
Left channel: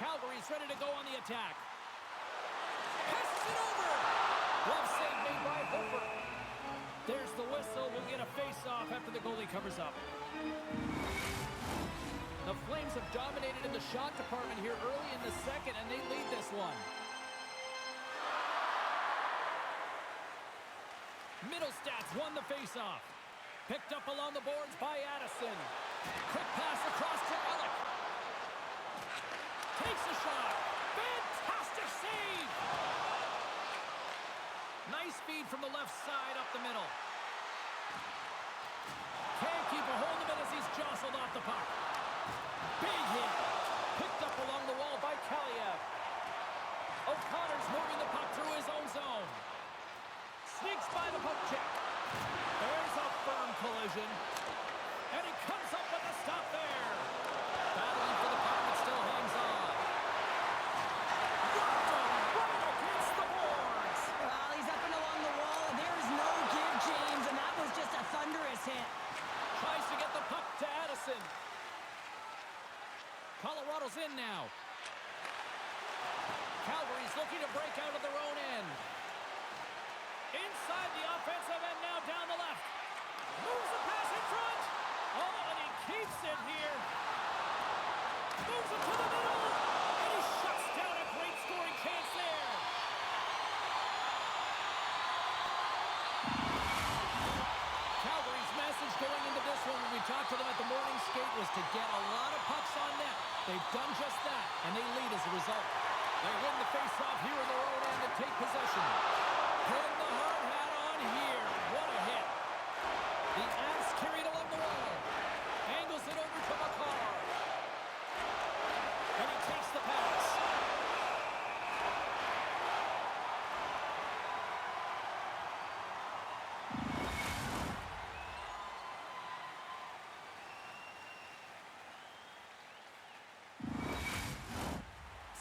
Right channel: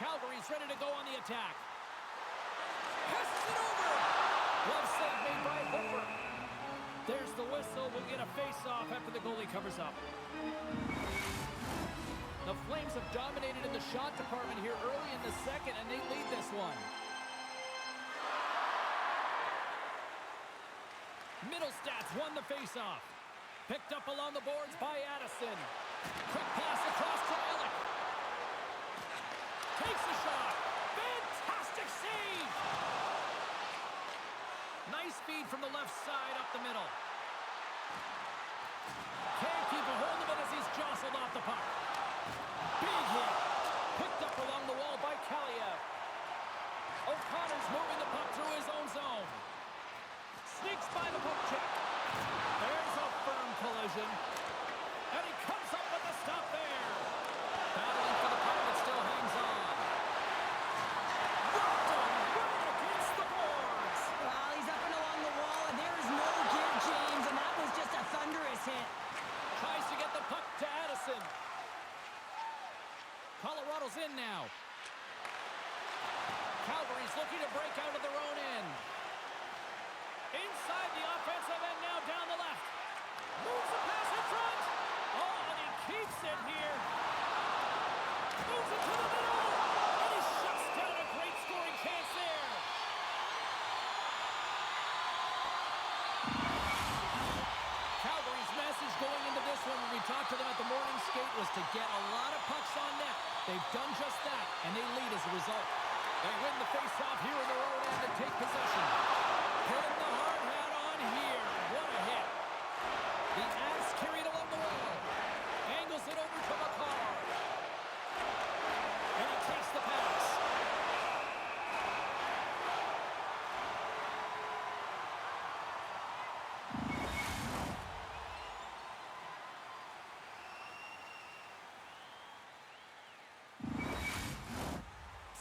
Calgary's ready to go on the attack. Passes it over! Glove save made by Hofer. There's the whistle. We'll get a face-off after the goalie covers up. The Flames have dominated in the shot department here early in the second, and they lead this one. Middlestats won the face-off. Picked up along the boards by Addison. Quick pass across to Ellick. Takes a shot. Fantastic save! Nice feed from the left side up the middle. Can't keep a hold of it as he's jostled off the puck. Big hit. Picked up along the wall by Kaliev. O'Connor's moving the puck through his own zone. Sneaks by the puck check. There's a firm collision. And he comes up with a stop there. Battling for the puck, but still hangs on. Rocked him right against the boards. Well, he's up and along the wall, and there is no give, James, and that was just a thunderous hit. Tries to get the puck to Addison. Colorado's in now. Calgary's looking to break out of their own end. Inside the offensive end now down the left. Moves the pass in front. Oh, and he keeps it here. Moves it to the middle. And he shuts down a great scoring chance there. Calgary's message going into this one when we talked to them at the morning skate was to get a lot of pucks on net. They've done just that, and they lead as a result. They win the face-off here in their own end and take possession. Pin the hard hat on here. What a hit. The Avs carry it along the wall. Angles it over to McCarr. And he takes the pass.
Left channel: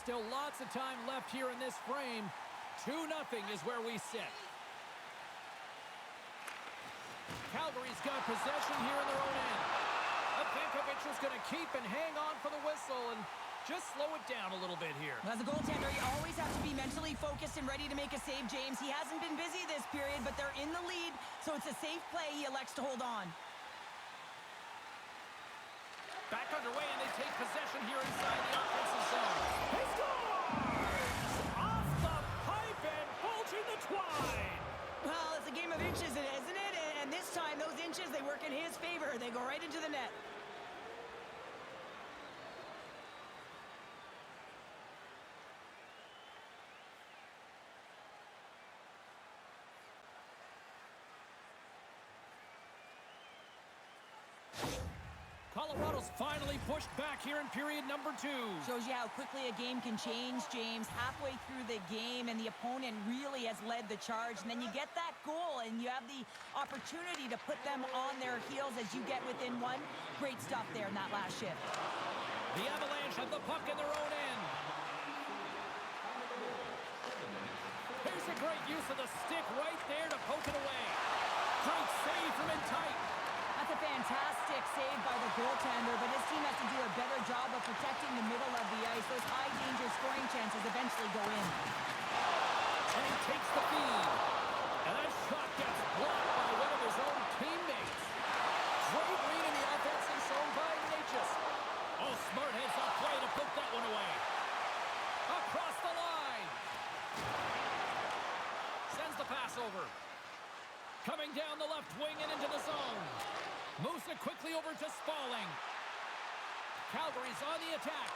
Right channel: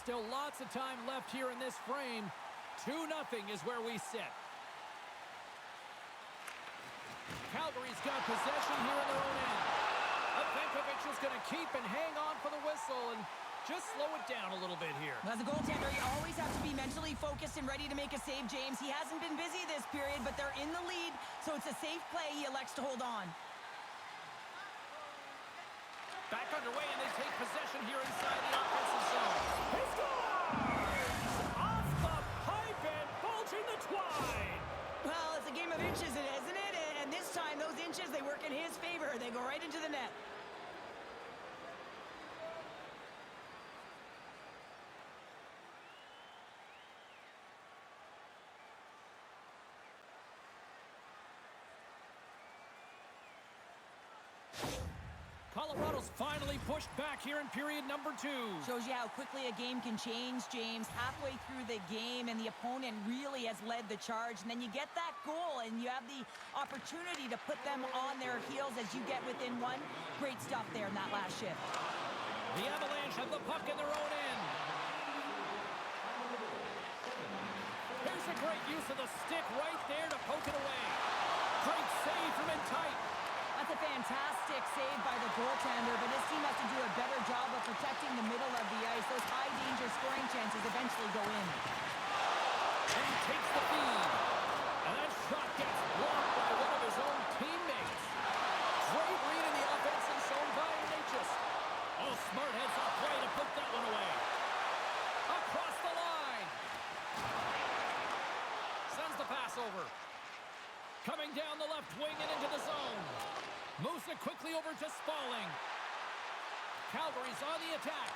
Still lots of time left here in this frame. 2-0 is where we sit. Calgary's got possession here in their own end. Avenkovic is going to keep and hang on for the whistle and just slow it down a little bit here. As a goaltender, you always have to be mentally focused and ready to make a save, James. He hasn't been busy this period, but they're in the lead, so it's a safe play. He elects to hold on. Back underway, and they take possession here inside the offensive zone. He scores! Off the pipe and bulging the twine. Well, it's a game of inches, isn't it? And this time, those inches, they work in his favor. They go right into the net. Colorado's finally pushed back here in period number 2. Shows you how quickly a game can change, James. Halfway through the game, and the opponent really has led the charge. And then you get that goal, and you have the opportunity to put them on their heels as you get within one. Great stuff there in that last shift. The Avalanche have the puck in their own end. Here's a great use of the stick right there to poke it away. Great save from in tight. That's a fantastic save by the goaltender, but his team has to do a better job of protecting the middle of the ice. Those high-danger scoring chances eventually go in. And he takes the feed. And that shot gets blocked by one of his own teammates. Great read in the offensive zone by Natchez. Oh, smart heads-up play to poke that one away. Across the line. Sends the pass over. Coming down the left wing and into the zone. Moves it quickly over to Spalling. Calgary's on the attack.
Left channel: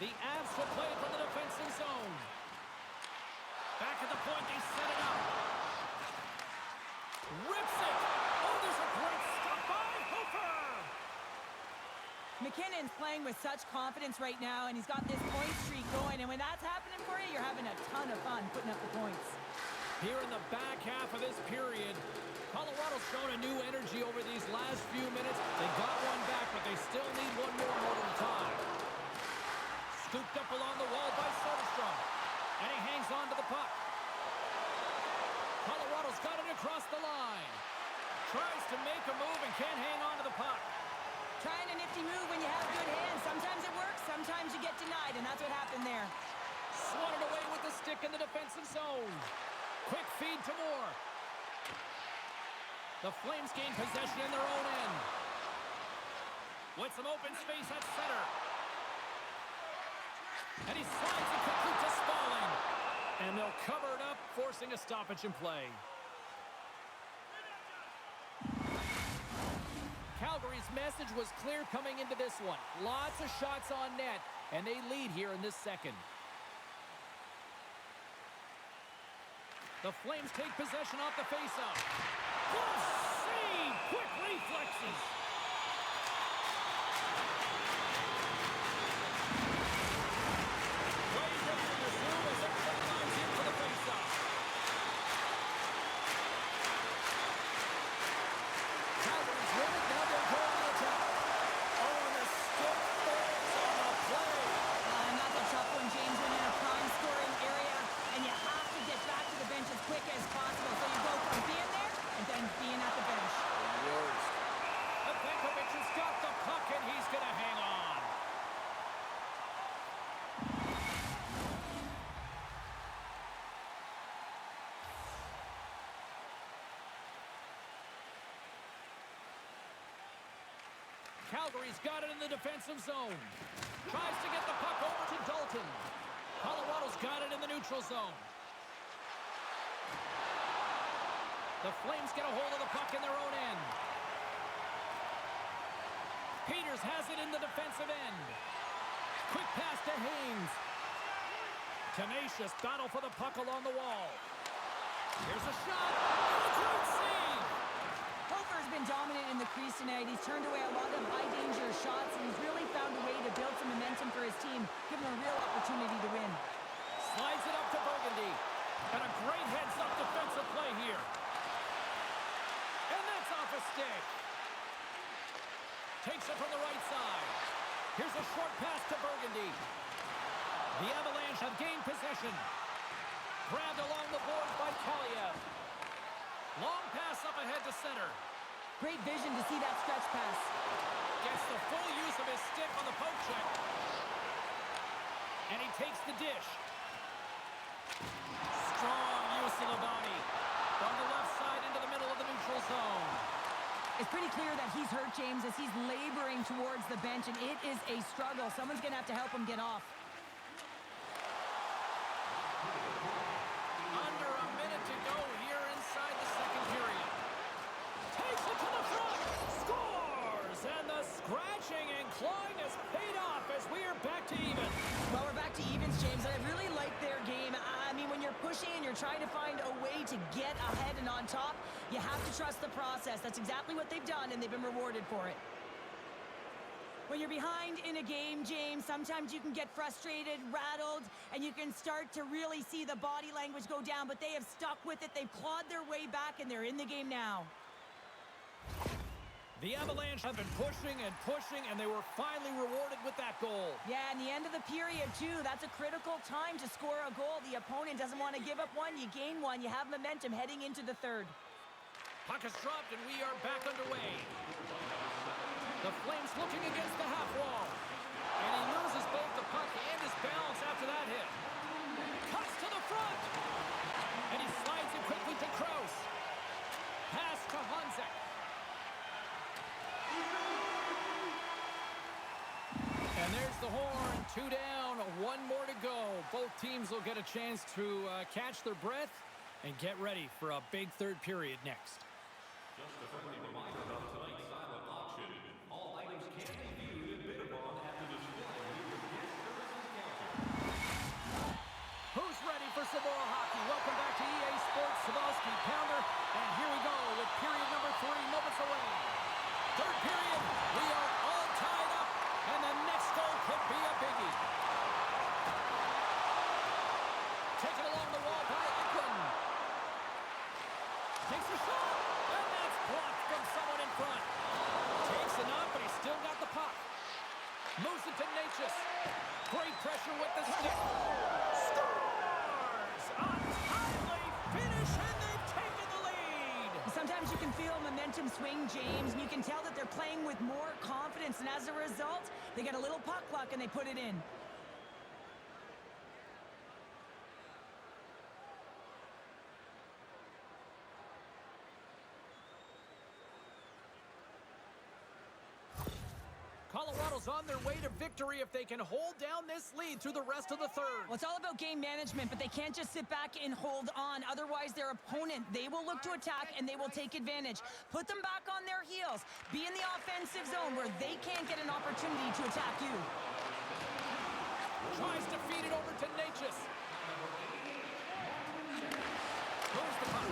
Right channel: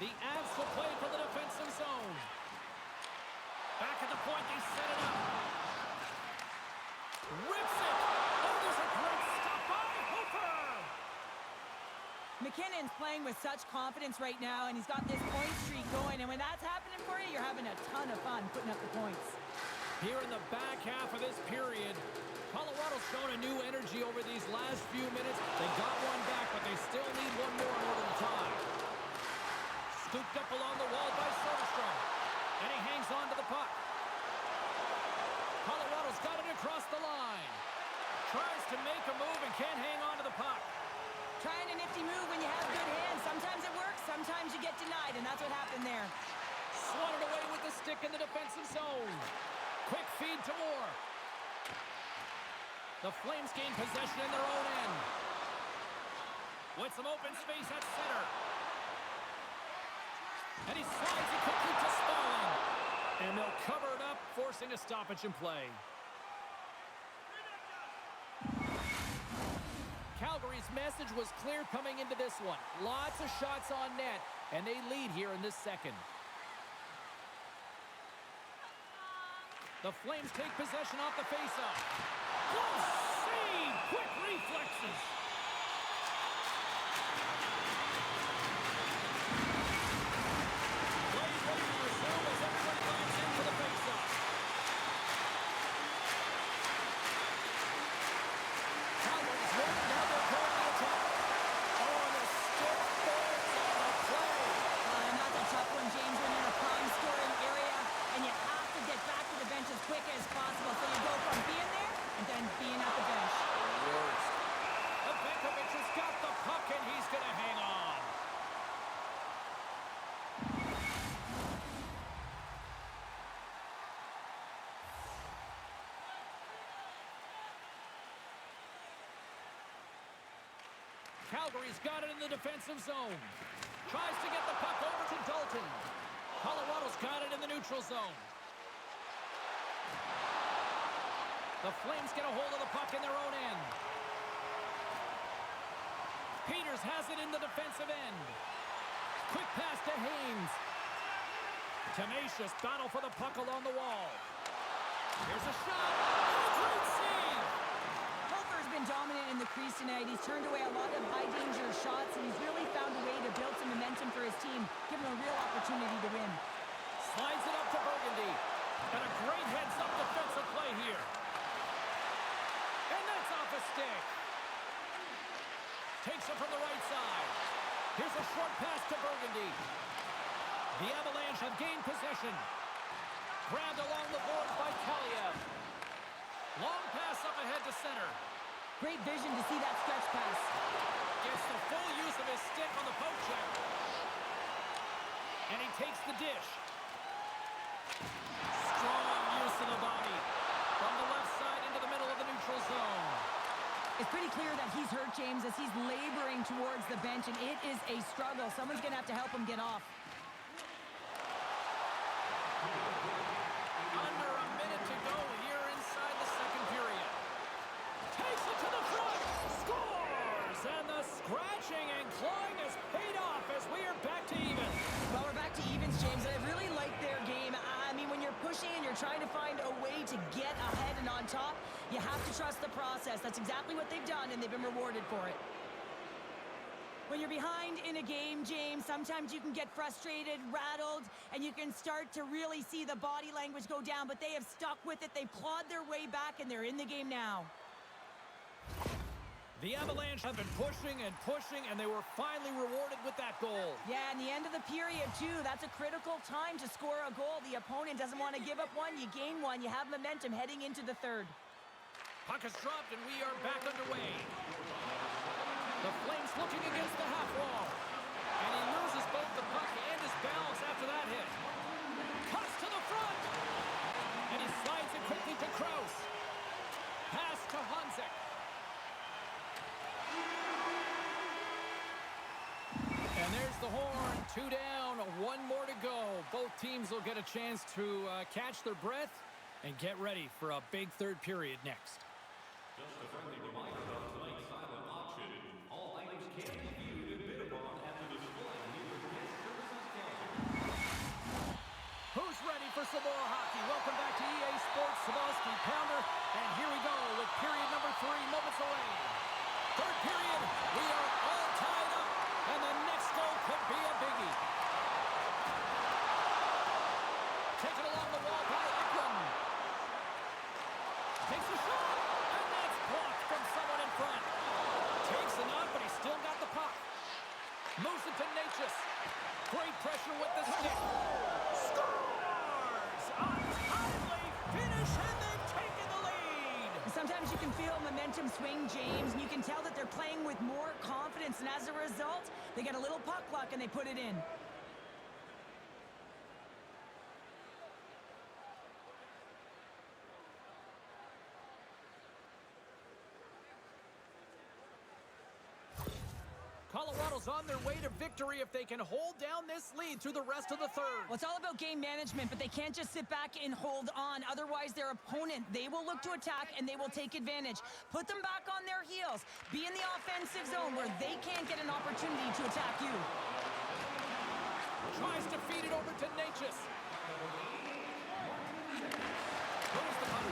The Avs will play from the defensive zone. Back at the point, they set it up. Rips it. Oh, there's a great stop by Hofer. McKinnon's playing with such confidence right now, and he's got this point streak going. And when that's happening for you, you're having a ton of fun putting up the points. Here in the back half of this period, Colorado's shown a new energy over these last few minutes. They got one back, but they still need one more in order to tie. Scooped up along the wall by Soderstrom. And he hangs on to the puck. Colorado's got it across the line. Tries to make a move and can't hang on to the puck. Trying a nifty move when you have good hands. Sometimes it works, sometimes you get denied, and that's what happened there. Swatted away with the the stick in the defensive zone. Quick feed to Moore. The Flames gain possession in their own end. With some open space at center. And he slides it quickly to Smalling. And they'll cover it up, forcing a stoppage in play. Calgary's message was clear coming into this one. Lots of shots on net, and they lead here in this second. The Flames take possession off the faceoff. Close save! Quick reflexes! Play ready to resume as everybody lines in for the faceoff. Calgary's won it, now they'll go on the attack. Oh, and the stick falls on the play. And that's a tough one, James, when you're in a prime scoring area and you have to get back to the bench as quick as possible. So you go from being there and then being at the bench. Benkovic has got the puck and he's going to hang on. Calgary's got it in the defensive zone. Tries to get the puck over to Dalton. Colorado's got it in the neutral zone. The Flames get a hold of the puck in their own end. Peters has it in the defensive end. Quick pass to Haynes. Tenacious battle for the puck along the wall. Here's a shot. And a great save. Hofer's been dominant in the crease tonight. He's turned away a lot of high-danger shots, and he's really found a way to build some momentum for his team, giving him a real opportunity to win. Slides it up to Burgundy. And a great heads-up defensive play here. And that's off a stick. Takes it from the right side. Here's a short pass to Burgundy. The Avalanche have gained possession. Grabbed along the boards by Kaliev. Long pass up ahead to center. Great vision to see that stretch pass. Gets the full use of his stick on the poke check. And he takes the dish. Strong use of the body. From the left side into the middle of the neutral zone. It's pretty clear that he's hurt, James, as he's laboring towards the bench, and it is a struggle. Someone's going to have to help him get off. Under a minute to go here inside the second period. Takes it to the front. Scores! And the scratching and clawing has paid off as we are back to even. Well, we're back to evens, James, and I really like their game. I mean, when you're pushing and you're trying to find a way to get ahead and on top, you have to trust the process. That's exactly what they've done, and they've been rewarded for it. When you're behind in a game, James, sometimes you can get frustrated, rattled, and you can start to really see the body language go down, but they have stuck with it. They've clawed their way back, and they're in the game now. The Avalanche have been pushing, and they were finally rewarded with that goal. Yeah, and the end of the period, too. That's a critical time to score a goal. The opponent doesn't want to give up one. You gain one. You have momentum heading into the third. Puck is dropped, and we are back underway. The Flames looking against the half wall. And he loses both the puck and his balance after that hit. Cuts to the front. And he slides it quickly to Krause. Pass to Honzek. And there's the horn. 2 down, 1 more to go. Both teams will get a chance to catch their breath and get ready for a big third period next. Just a friendly reminder about tonight's silent auction. All items can be viewed and bid upon at the display near the guest services counter. Who's ready for some more hockey? Welcome back to EA Sports Sabalski Pounder. And here we go with period number 3, moments away. Third period, we are all tied up, and the next goal could be a biggie. Taken along the wall by Eklund. Takes a shot, and that's blocked from someone in front. Takes a knock, but he's still got the puck. Moves it to Natchez. Great pressure with the stick. Scores! A timely finish, and they've taken the lead. Sometimes you can feel momentum swing, James, and you can tell that they're playing with more confidence, and as a result, they get a little puck luck and they put it in. Colorado's on their way to victory if they can hold down this lead through the rest of the third. Well, it's all about game management, but they can't just sit back and hold on. Otherwise, their opponent, they will look to attack and they will take advantage. Put them back on their heels. Be in the offensive zone where they can't get an opportunity to attack you. Tries to feed it over to Natchez. Moves the puck.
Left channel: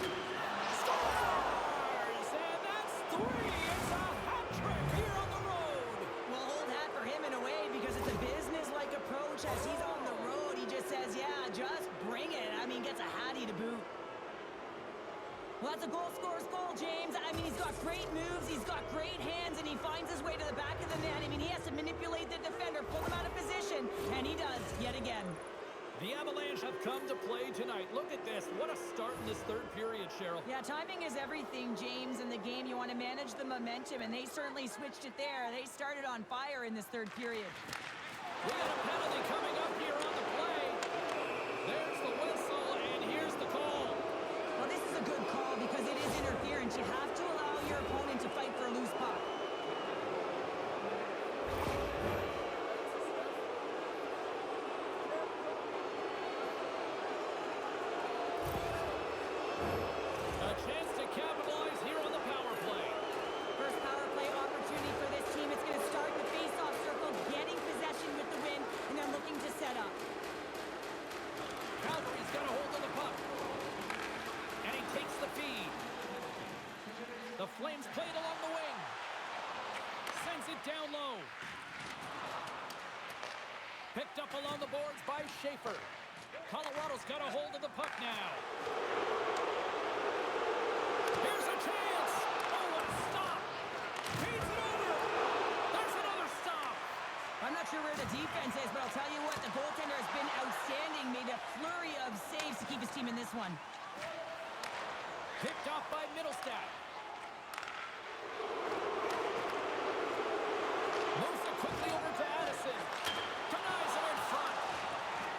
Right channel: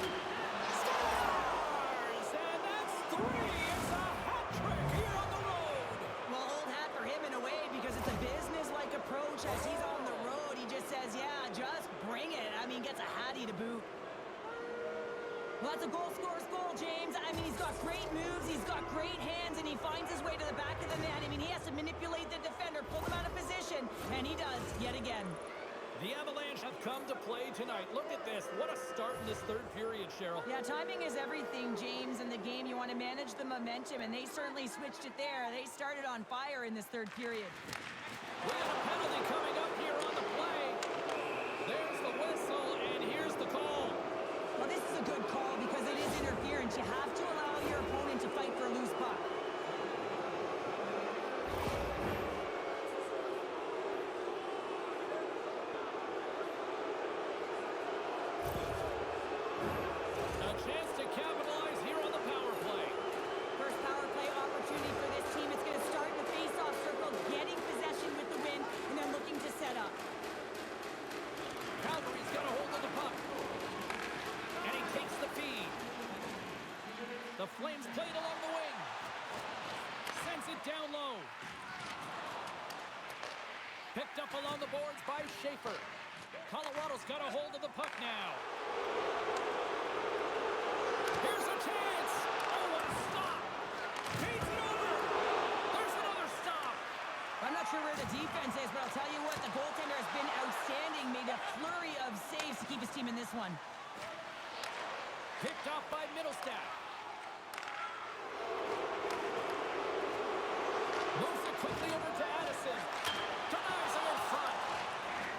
Scores! And that's 3. It's a hat trick here on the road. Well, old hat for him in a way because it's a business-like approach as he's on the road. He just says, yeah, just bring it. I mean, gets a hattie to boot. Well, that's a goal scorer's goal, James. I mean, he's got great moves, he's got great hands, and he finds his way to the back of the net. I mean, he has to manipulate the defender, pull him out of position, and he does yet again. The Avalanche have come to play tonight. Look at this. What a start in this third period, Cheryl. Yeah, timing is everything, James, in the game. You want to manage the momentum, and they certainly switched it there. They started on fire in this third period. We got a penalty coming up here on the play. There's the whistle, and here's the call. Well, this is a good call because it is interference. You have to allow your opponent to fight for a loose puck. A chance to capitalize here on the power play. First power play opportunity for this team. It's going to start in the face-off circle, getting possession with the win, and then looking to set up. Calgary's got a hold of the puck. And he takes the feed. The Flames played along the wing. Sends it down low. Picked up along the boards by Schaefer. Colorado's got a hold of the puck now. Here's a chance. Oh, what a stop. Feeds it over. There's another stop. I'm not sure where the defense is, but I'll tell you what, the goaltender has been outstanding. Made a flurry of saves to keep his team in this one. Picked off by Middlestat. Moves it quickly over to Addison. Denies him in front.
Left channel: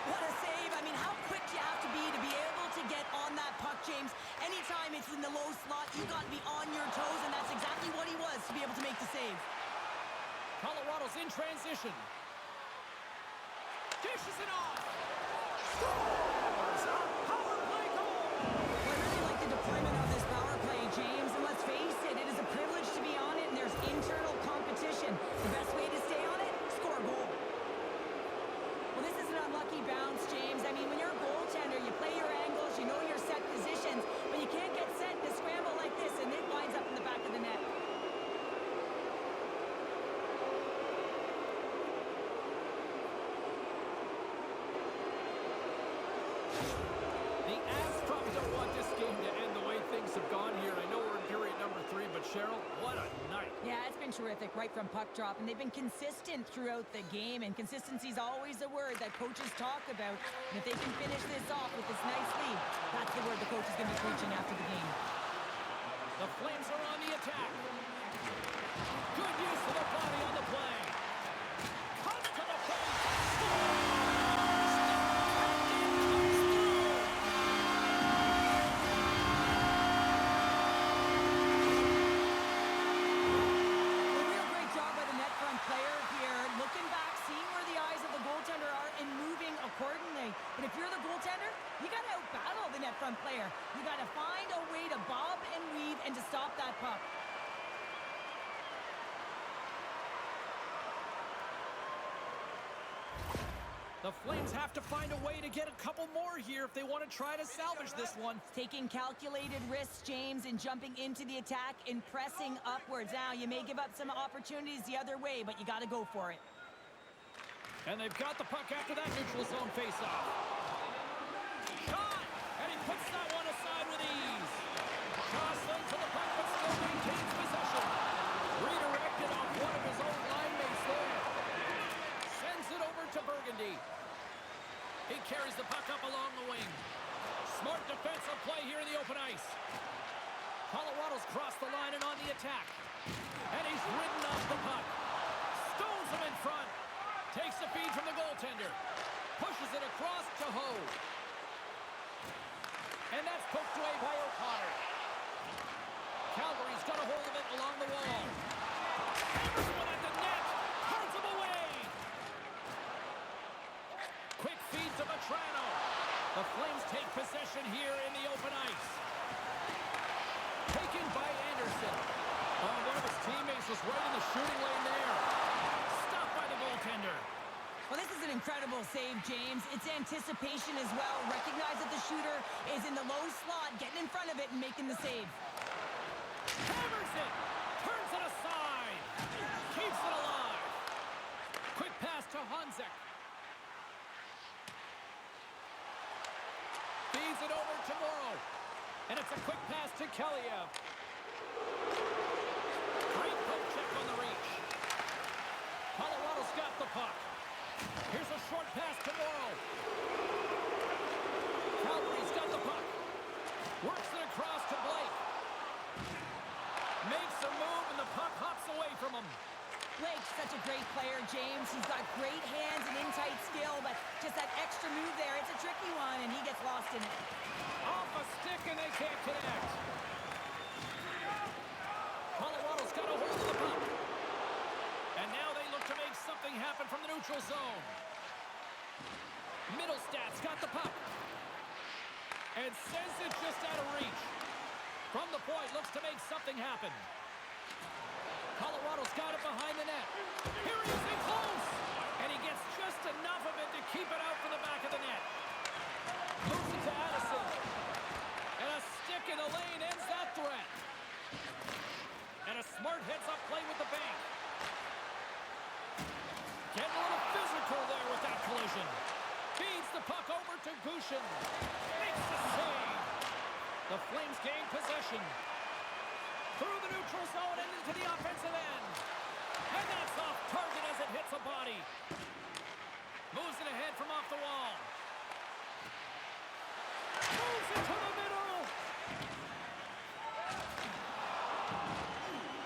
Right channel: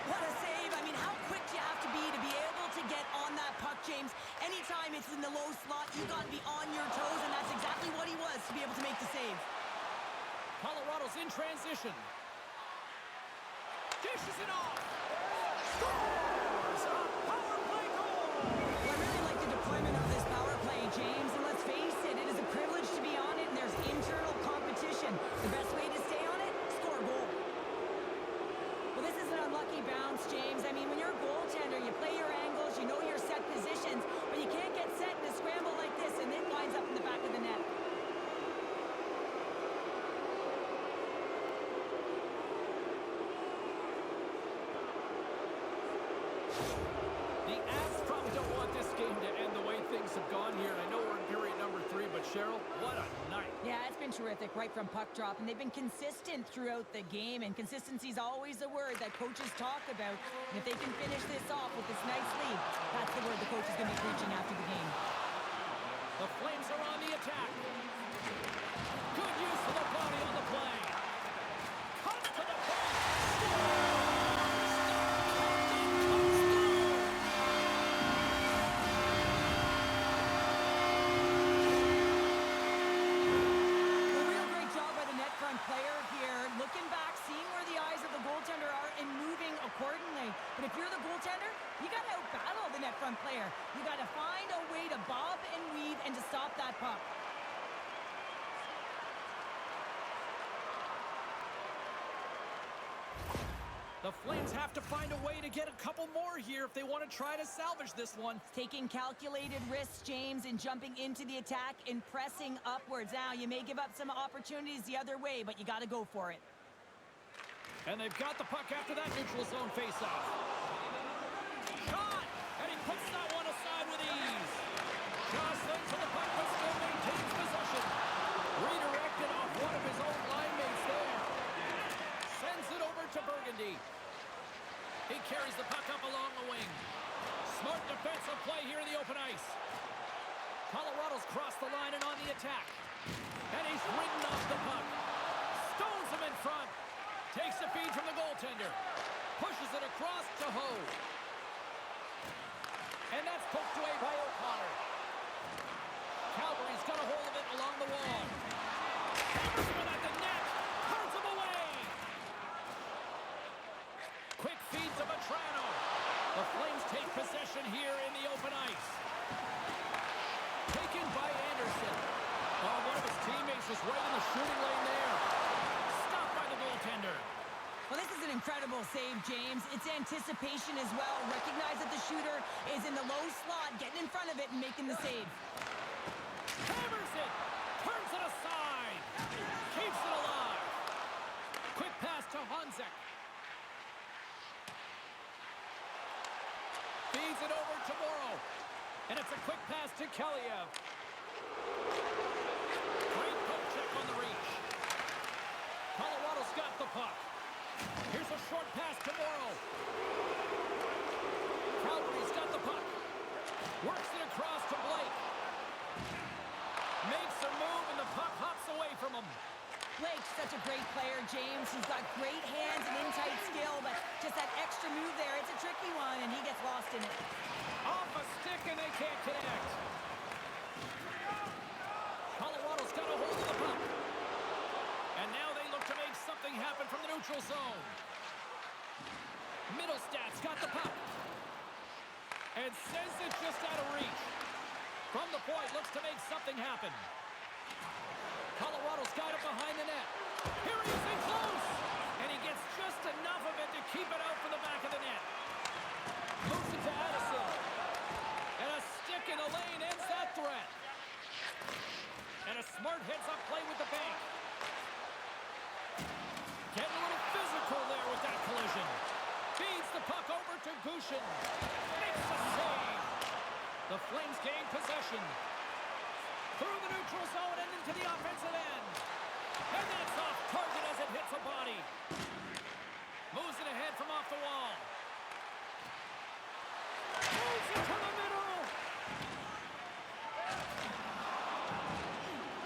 What a save. I mean, how quick do you have to be able to get on that puck, James? Anytime it's in the low slot, you got to be on your toes, and that's exactly what he was to be able to make the save. Colorado's in transition. Dishes it off. Scores! A power play goal! Well, I really like the deployment of this power play, James, and let's face it, it is a privilege to be on it, and there's internal competition. The best way to stay on it, score a goal. Well, this is an unlucky bounce, James. I mean, when you're a goaltender, you play your angles, you know your set positions, but you can't get set in a scramble like this, and it lines up in the back of the net. The Avs probably don't want this game to end the way things have gone here. I know we're in period number 3, but Cheryl, what a night. Yeah, it's been terrific right from puck drop, and they've been consistent throughout the game, and consistency is always a word that coaches talk about. And if they can finish this off with this nice lead, that's the word the coach is going to be preaching after the game. The Flames are on the attack. Good use of the body on the play. Cuts to the point. Scores! Player here, looking back, seeing where the eyes of the goaltender are and moving accordingly. But if you're the goaltender, you got to out-battle the net front player. You got to find a way to bob and weave and to stop that puck. The Flames have to find a way to get a couple more here if they want to try to salvage this one. Taking calculated risks, James, and jumping into the attack and pressing upwards. Now, you may give up some opportunities the other way, but you got to go for it. And they've got the puck after that neutral zone faceoff. Shot! And he puts that one aside with ease. Jostling for the puck, but still maintains possession. Redirected off one of his own line mates there. Sends it over to Burgundy. He carries the puck up along the wing. Smart defensive play here in the open ice. Colorado's crossed the line and on the attack. And he's ridden off the puck. Stones him in front. Takes the feed from the goaltender. Pushes it across to Ho. And that's poked away by O'Connor. Calgary's got a hold of it along the wall. Hammers one at the net. Hurls him away. Vatrano. The Flames take possession here in the open ice. Taken by Anderson. Oh, one of his teammates was right in the shooting lane there. Stopped by the goaltender. Well, this is an incredible save, James. It's anticipation as well. Recognize that the shooter is in the low slot, getting in front of it and making the save. Hammers it. Turns it aside. Keeps it alive. Quick pass to Honzek. Feeds it over to Morrow. And it's a quick pass to Kaliev. Great poke check on the reach. Colorado's got the puck. Here's a short pass to Morrow. Calgary's got the puck. Works it across to Blake. Makes a move and the puck hops away from him. Blake's such a great player, James. He's got great hands and in-tight skill, but just that extra move there, it's a tricky one, and he gets lost in it. Off a stick and they can't connect. Colorado's got a hold of the puck. And now they look to make something happen from the neutral zone. Middlestad's got the puck. And sends it just out of reach. From the point, looks to make something happen. Colorado's got it behind the net. Here he is in close. And he gets just enough of it to keep it out from the back of the net. Moves it to Addison. And a stick in the lane ends that threat. And a smart heads-up play with the bank. Getting a little physical there with that collision. Feeds the puck over to Gushin. Makes the save. The Flames gain possession. Through the neutral zone and into the offensive end. And that's off target as it hits a body. Moves it ahead from off the wall. Moves it to the middle.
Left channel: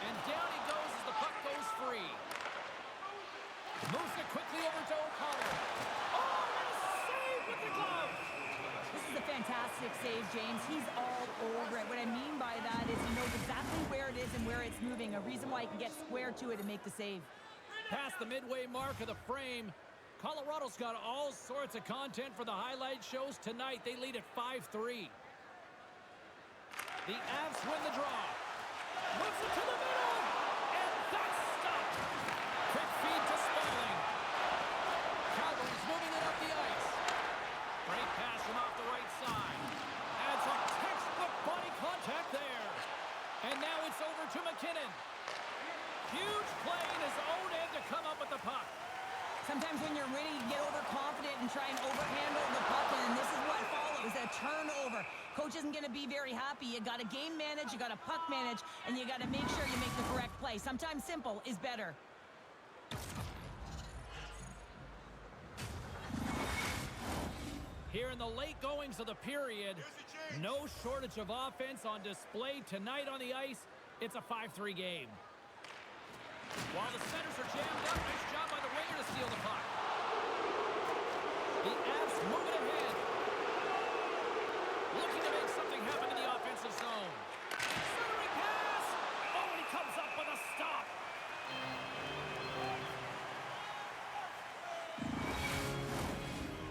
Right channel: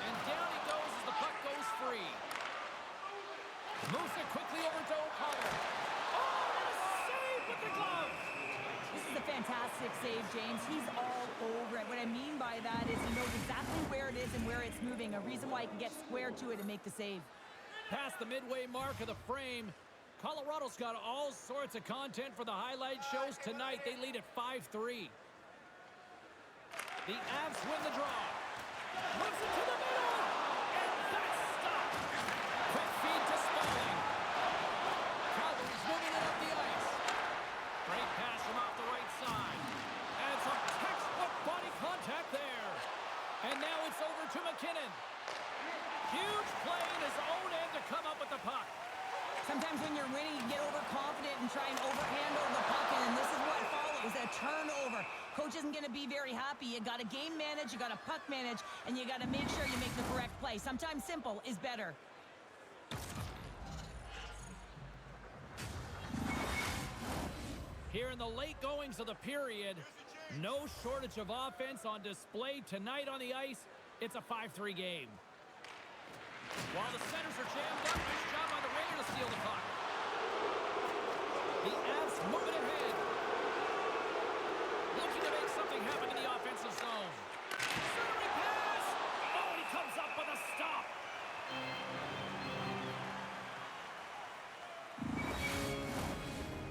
And down he goes as the puck goes free. Moves it quickly over to O'Connor. Oh, and a save with the glove. This is a fantastic save, James. He's all over it. What I mean by that is he knows exactly where it is and where it's moving. A reason why he can get square to it and make the save. Past the midway mark of the frame, Colorado's got all sorts of content for the highlight shows tonight. They lead at 5-3. The Avs win the draw. Moves it to the middle. And that's stopped. Quick feed to Spaulding. Calgary's moving it up the ice. Great pass from off the right side. And some textbook body contact there. And now it's over to McKinnon. Huge play in his own end to come up with the puck. Sometimes when you're winning, you get overconfident and try and overhandle the puck, and this is what follows, a turnover. Coach isn't going to be very happy. You got to game manage, you got to puck manage, and you got to make sure you make the correct play. Sometimes simple is better. Here in the late goings of the period, no shortage of offense on display tonight on the ice. It's a 5-3 game. While the centers are jammed up, nice job by the winger to steal the puck. The Avs move it ahead. Looking to make something happen in the offensive zone. Centering pass! Oh, and he comes up with a stop.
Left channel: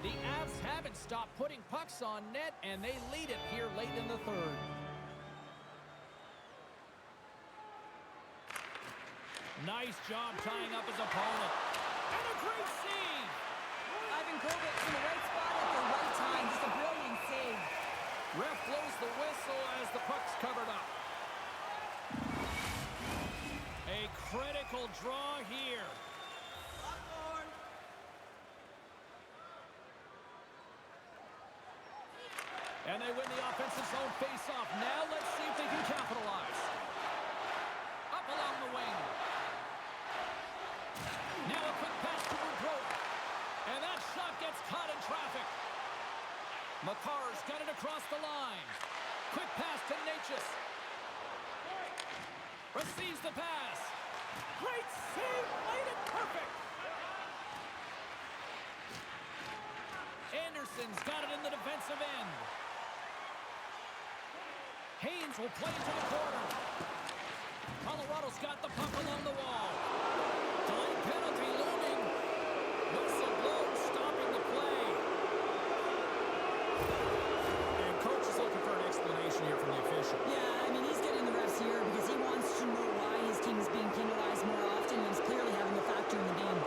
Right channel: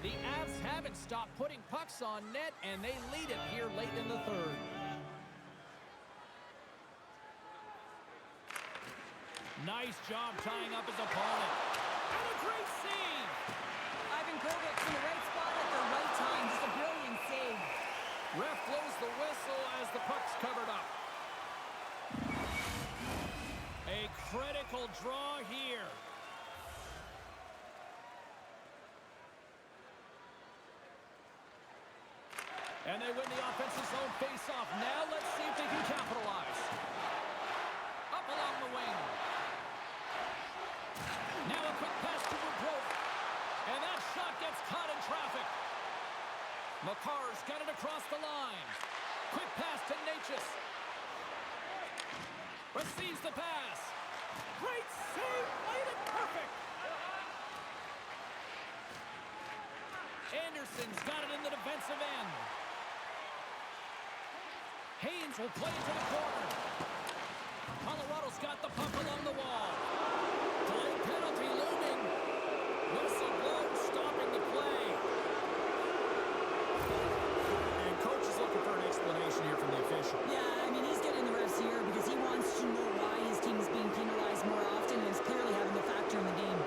The Avs haven't stopped putting pucks on net, and they lead it here late in the third. Nice job tying up his opponent. And a great save! Ivan Kovic's in the right spot at the right time. Just a brilliant save. Ref blows the whistle as the puck's covered up. A critical draw here. And they win the offensive zone face-off. Now let's see if they can capitalize. Up along the wing. Now a quick pass to Woodrow. And that shot gets caught in traffic. Makar's got it across the line. Quick pass to Natchez. Receives the pass. Great save. Played it perfect. Anderson's got it in the defensive end. Haynes will play it to the corner. Colorado's got the puck along the wall. Delayed penalty looming. Whistle blown, stopping the play. official. Yeah, I mean, he's getting the refs here because he wants to know why his team is being penalized more often and is clearly having a factor in the game.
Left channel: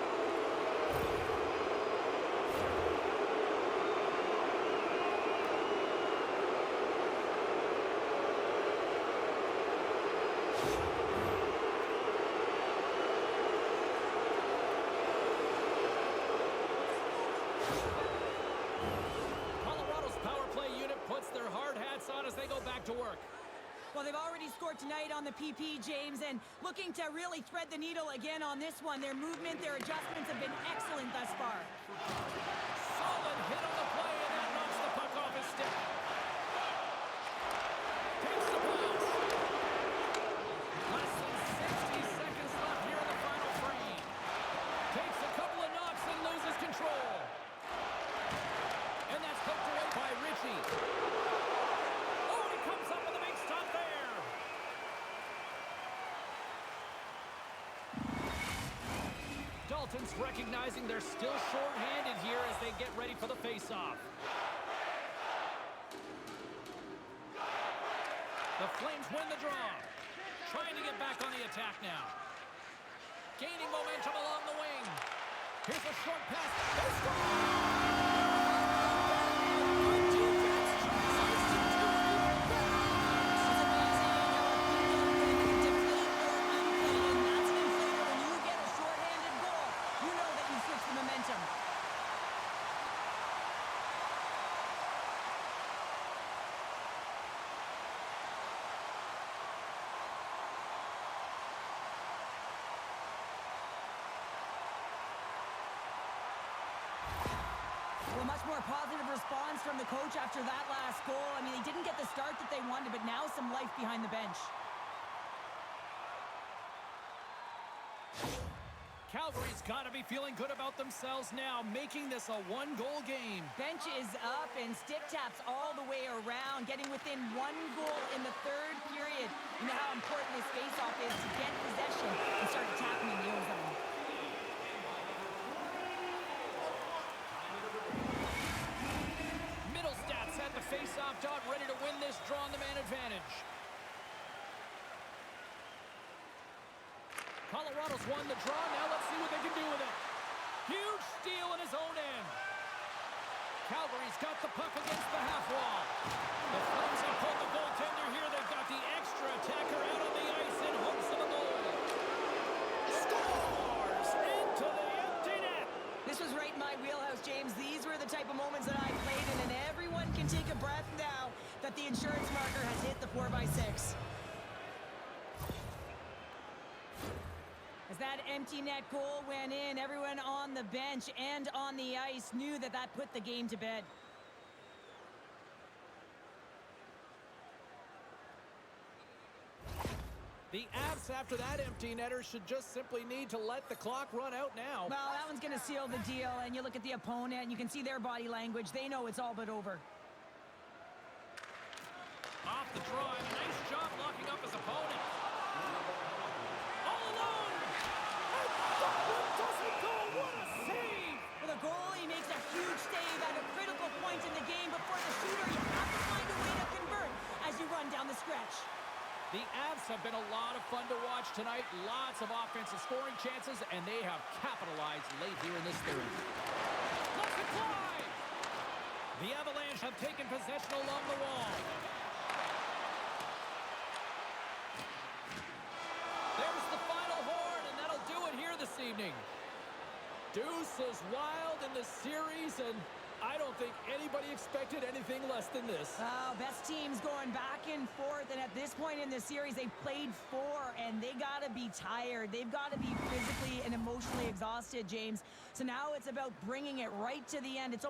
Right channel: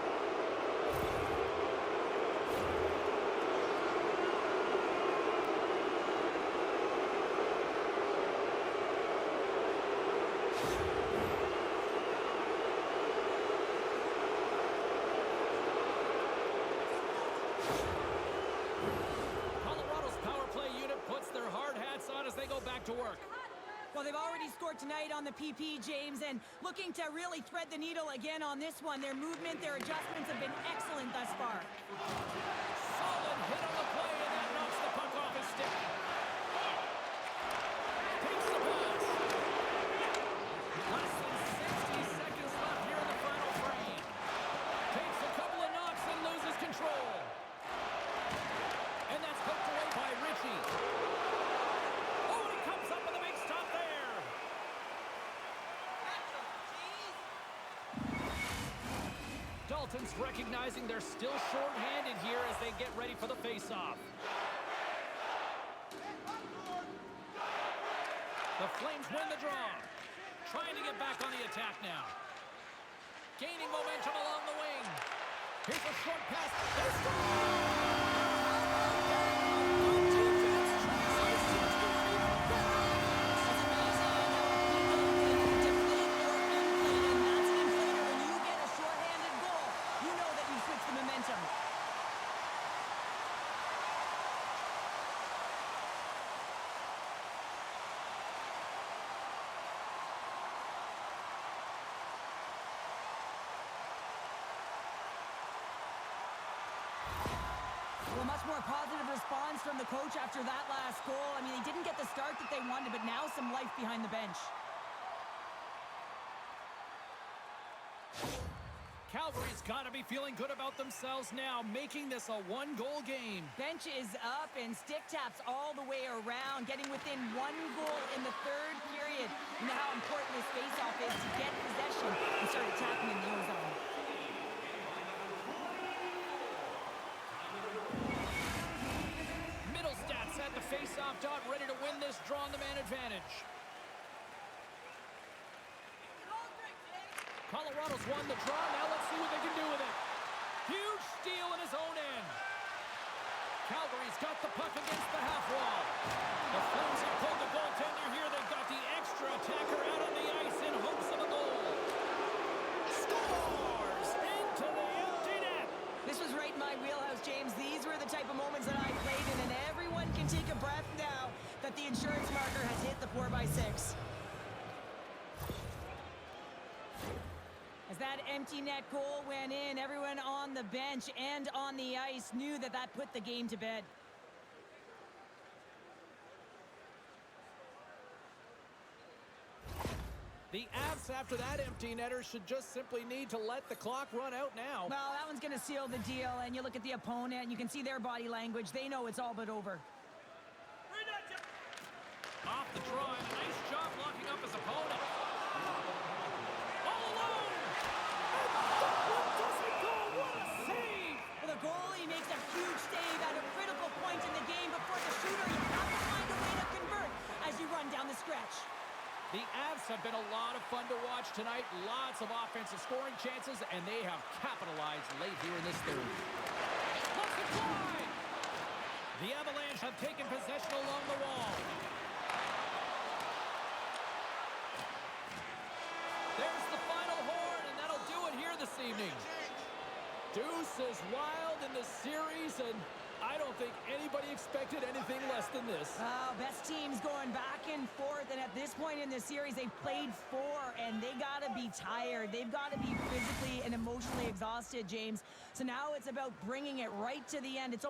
Colorado's power play unit puts their hard hats on as they go back to work. Well, they've already scored tonight on the PP, James, and looking to really thread the needle again on this one. Their movement, their adjustments have been excellent thus far. Solid hit on the play, and that knocks the puck off his stick. Takes the pass. Less than 60 seconds left here in the final frame. Takes a couple of knocks and loses control. And that's poked away by Ritchie. Oh, and he comes up with a big stop there. Dalton's recognizing they're still short-handed here as they get ready for the face-off. The Flames win the draw. Trying to get back on the attack now. Gaining momentum along the wing. Here's a short pass. They score! Good defense translates to do it even better. It's amazing how a people can deflate or inflate, and that's an inflator. When you get a shorthanded goal, you know that you've switched the momentum. Well, a much more positive response from the coach after that last goal. I mean, they didn't get the start that they wanted, but now some life behind the bench. Calgary's got to be feeling good about themselves now, making this a one-goal game. Bench is up and stick taps all the way around, getting within 1 goal in the third period. You know how important this faceoff is to get possession and start attacking in the O-zone. Middlestats at the face-off dot, ready to win this draw on the man advantage. Colorado's won the draw. Now let's see what they can do with it. Huge steal in his own end. Calgary's got the puck against the half wall. The Flames have pulled the goaltender here. They've got the extra attacker out on the ice in hopes of a goal. Scores into the empty net. This was right in my wheelhouse, James. These were the type of moments that I played in, and everyone can take a breath now that the insurance marker has hit the 4x6. As that empty net goal went in, everyone on the bench and on the ice knew that that put the game to bed. The Avs, after that empty netter, should just simply need to let the clock run out now. Well, that one's going to seal the deal, and you look at the opponent, and you can see their body language. They know it's all but over. Off the draw, and a nice job locking up his opponent. All alone! And that one doesn't go! What a save! For the goalie makes a huge save at a critical point in the game, but for the shooter, you have to find a way to convert as you run down the stretch. The Avs have been a lot of fun to watch tonight. Lots of offensive scoring chances, and they have capitalized late here in this third. Let's it fly! The Avalanche have taken possession along the wall. There's the final horn, and that'll do it here this evening. Deuce is wild in this series, and I don't think anybody expected anything less than this. Best teams going back and forth, and at this point in the series, they've played 4, and they got to be tired. They've got to be physically and emotionally exhausted, James. So now it's about bringing it right to the end. It's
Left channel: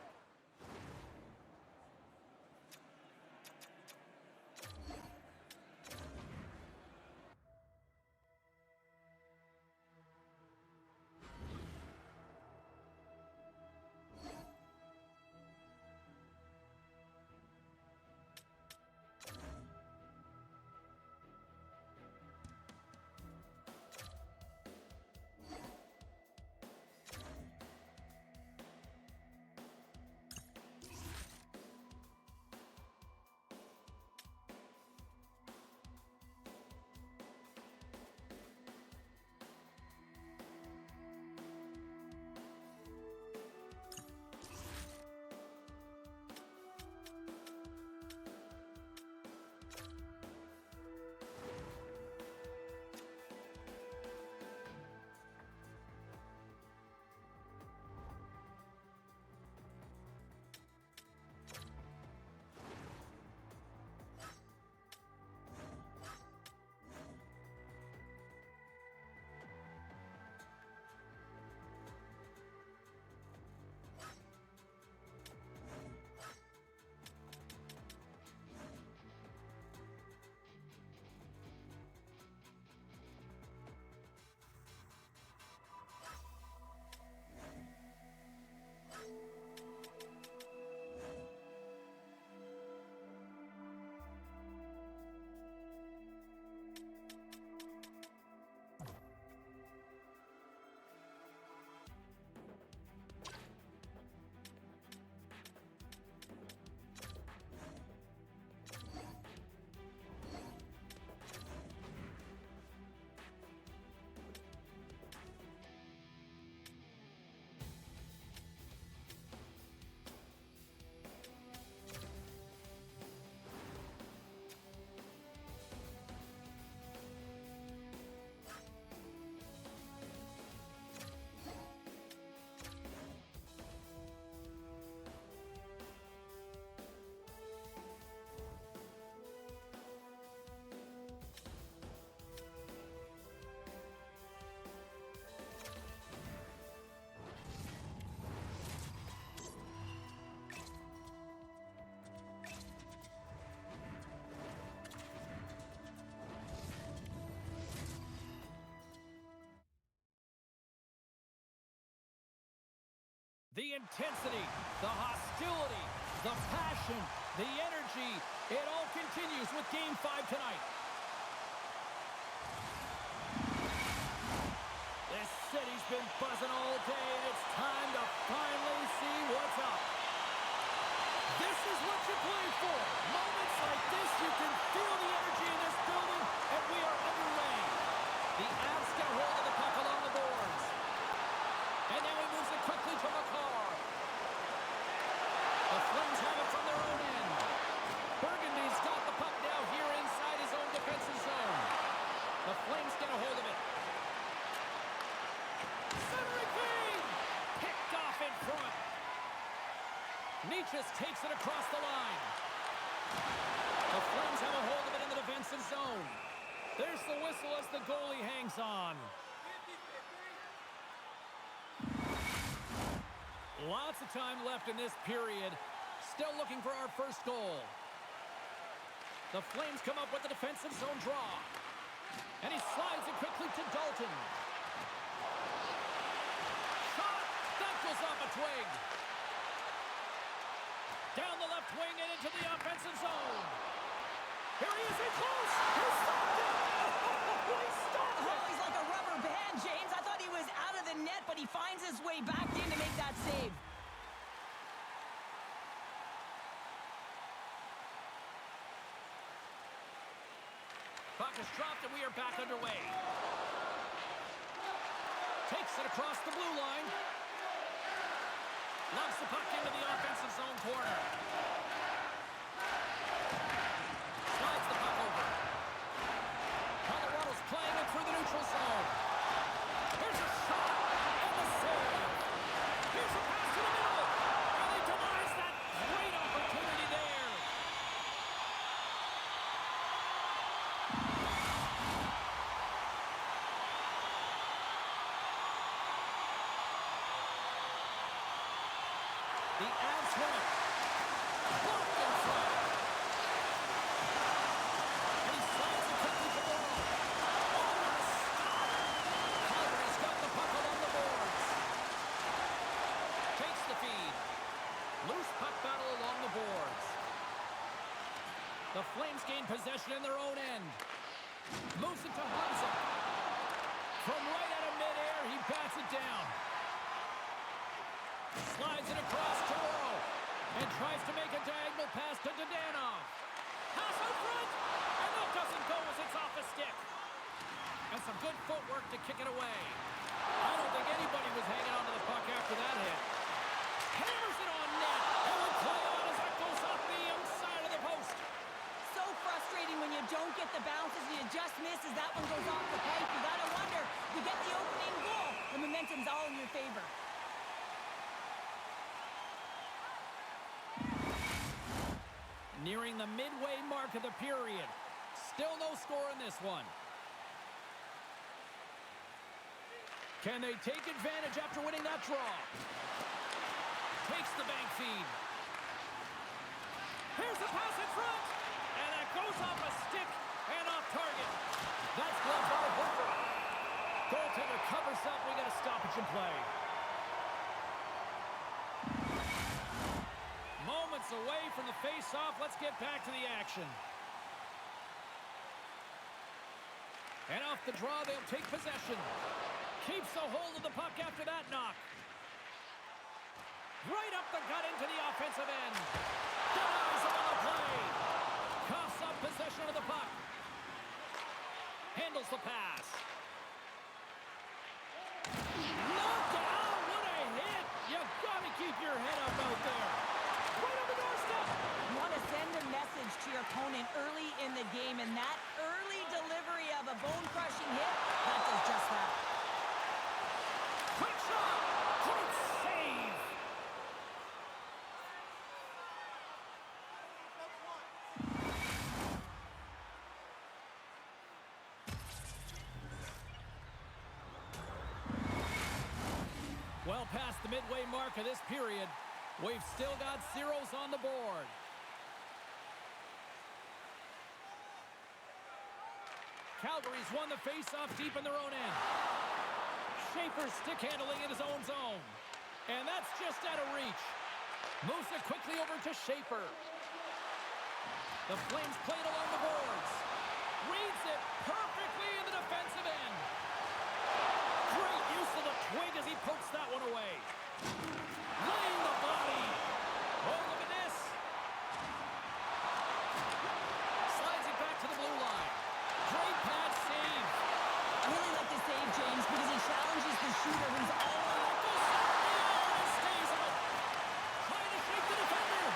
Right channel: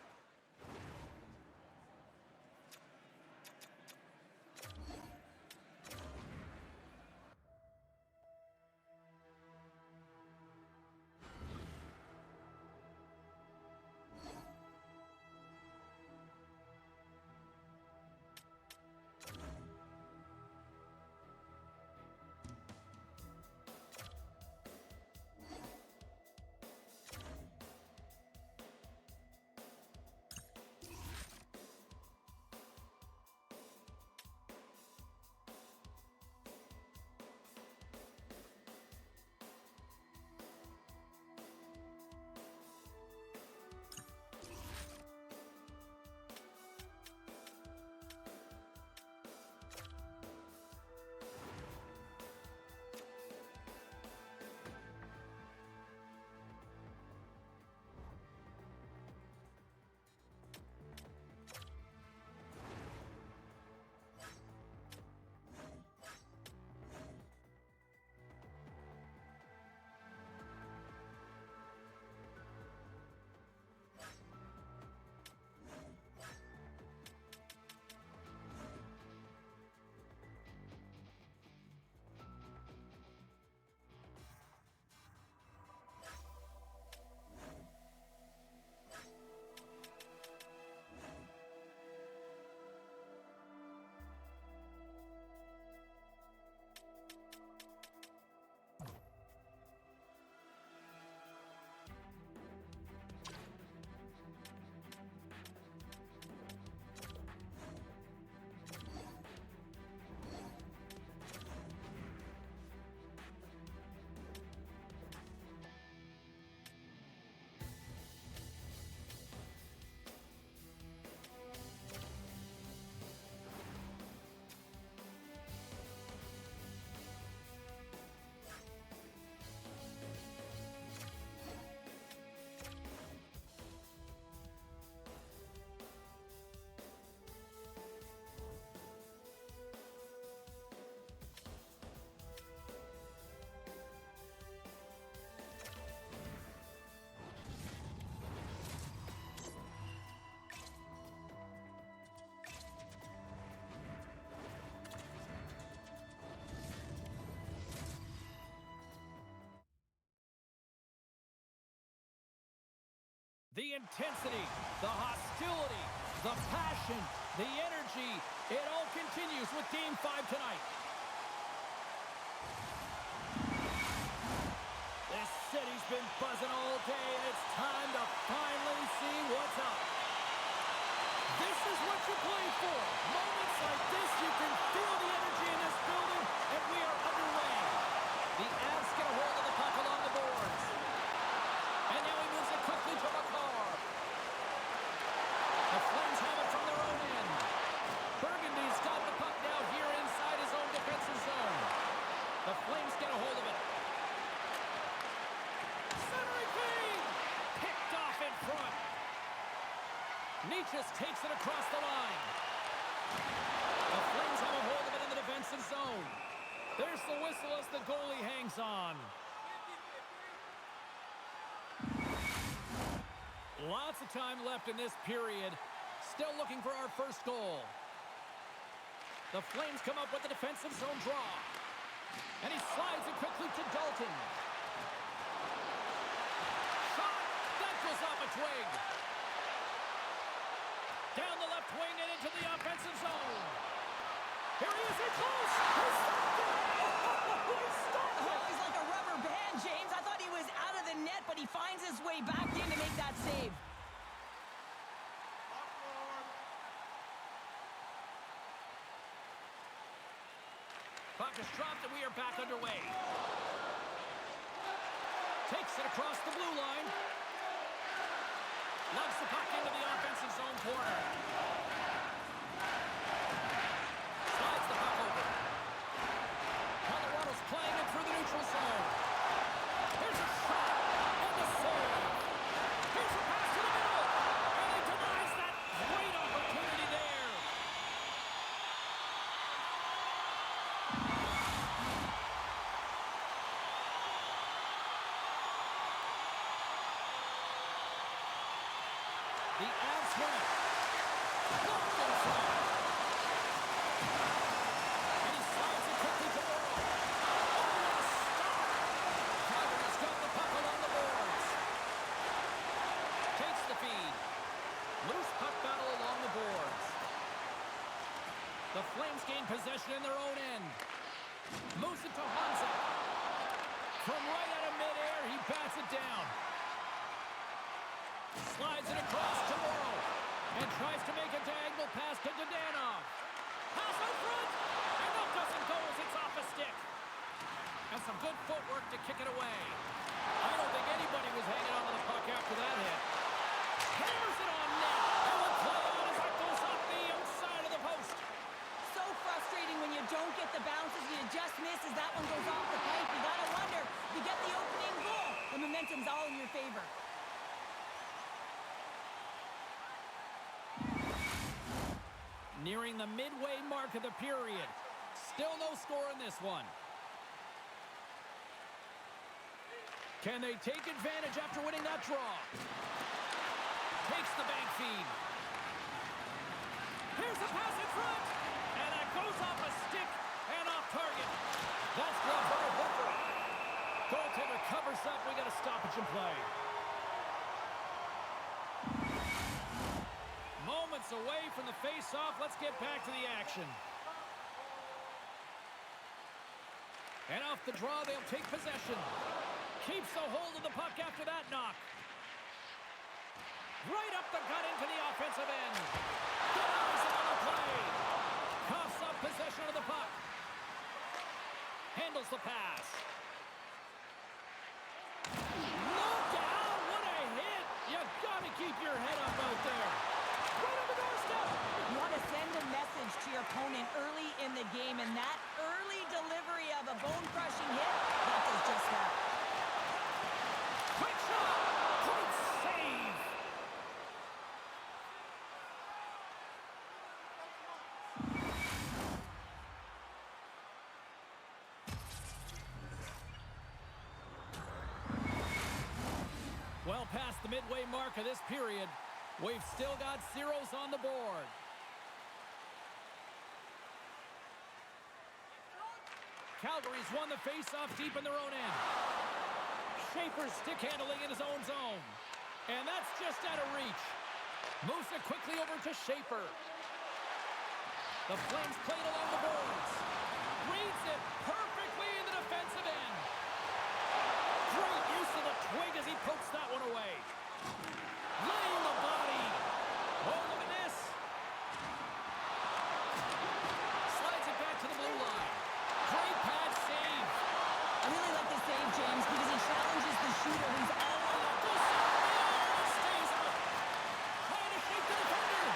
The intensity, the hostility, the passion, the energy, it all continues with Game 5 tonight. This city's been buzzing all day, and it's time to finally see what's up. This is what you play for. Moments like this, you can feel the energy in this building, and we are underway. The Avs get a hold of the puck along the boards. And now he moves it quickly to McCarr. The Flames have it from their own end. Burgundy's got the puck now here inside his own defensive zone. The Flames get a hold of it. Centering feed! Picked off in front. Nietzsche takes it across the line. The Flames have a hold of it in the defensive zone. There's the whistle as the goalie hangs on. Lots of time left in this period. Still looking for our first goal. The Flames come up with the defensive zone draw. And he slides it quickly to Dalton. Shot! That goes off a twig. Down the left wing and into the offensive zone. Here he is in close. He stopped it. Oh, he stopped it. Oh, he's like a rubber band, James. I thought he was out of the net, but he finds his way back in to make that save. Puck is dropped and we are back underway. Takes it across the blue line. Loves the puck into the offensive zone corner. Slides the puck over. Colorado's playing it through the neutral zone. Here's a shot and the save. Here's a pass to the middle. And he denies that great opportunity there. The Avs win it. Blocked in front. And he slides it quickly to Morrow. Oh, what a stop! Calgary's got the puck along the boards. Takes the feed. Loose puck battle along the boards. The Flames gain possession in their own end. Moves it to Hanzek. From right out of midair, he bats it down. Slides it across to Morrow. And tries to make a diagonal pass to Dadonov. Pass out front. And that doesn't go as it's off a stick. And some good footwork to kick it away. I don't think anybody was hanging onto the puck after that hit. Hammers it on net. And will play on as that goes off the outside of the post. So frustrating when you don't get the bounces, you just miss as that one goes off the pipe. You gotta wonder, you get the opening goal, the momentum's all in your favor. Nearing the midway mark of the period. Still no score in this one. Can they take advantage after winning that draw? Takes the bank feed. Here's the pass in front. And that goes off a stick and off target. That's gloved by Hooker. Goaltender covers up. We got a stoppage in play. Moments away from the face-off. Let's get back to the action. And off the draw, they'll take possession. Keeps a hold of the puck after that knock. Right up the gut into the offensive end. Denies him on the play. Coughs up possession of the puck. Handles the pass. Look out! What a hit! You gotta keep your head up out there. Right on the doorstep. You want to send a message to your opponent early in the game, and that early delivery of a bone-crushing hit, that does just that. Quick shot! Great save! Well past the midway mark of this period, we've still got zeros on the board. Calgary's won the face-off deep in their own end. Schaefer's stick handling in his own zone. And that's just out of reach. Moves it quickly over to Schaefer. The Flames play it along the boards. Reads it perfectly in the defensive end. Great use of the twig as he pokes that one away. Laying the body. Oh, look at this. Slides it back to the blue line. Great pad save. I really like the save, James, because he challenges the shooter who's all Oh, that goes off the iron and stays on. Trying to shake the defender.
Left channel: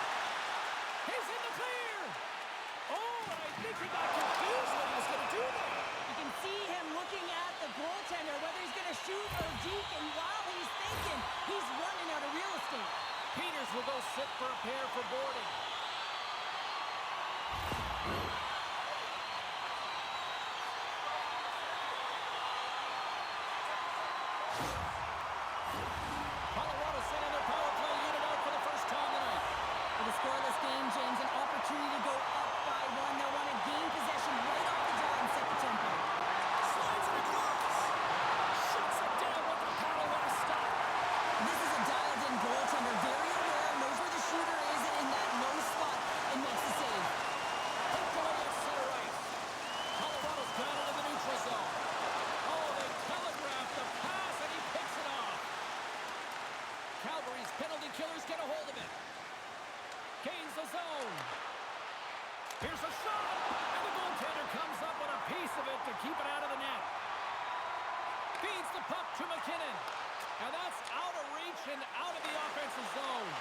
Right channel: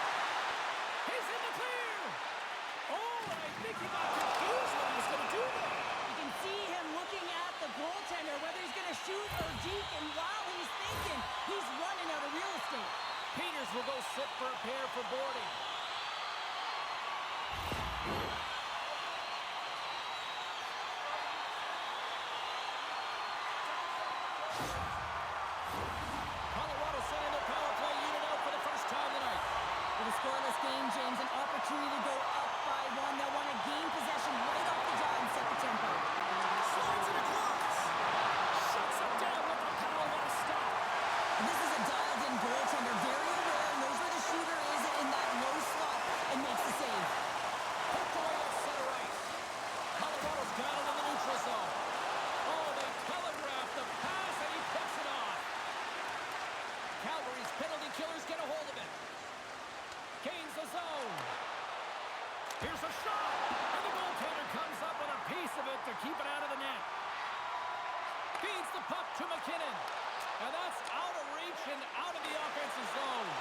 He's in the clear. Oh, and I think he got confused what he was going to do there. You can see him looking at the goaltender, whether he's going to shoot or deke, and while he's thinking, he's running out of real estate. Peters will go sit for a pair for boarding. Colorado sending their power play unit out for the first time tonight. With a scoreless game, James, an opportunity to go up by one. They'll want to gain possession right off the draw and set the tempo. Slides it across. Shuts it down with the paddle. What a stop. This is a dialed-in goaltender, very aware, knows where the shooter is in that low slot, and makes the save. Poked away at center ice. Colorado's got it in the neutral zone. Oh, they telegraphed the pass, and he picks it off. Calgary's penalty killers get a hold of it. Gains the zone. Here's a shot, and the goaltender comes up with a piece of it to keep it out of the net. Feeds the puck to McKinnon, and that's out of reach and out of the offensive zone.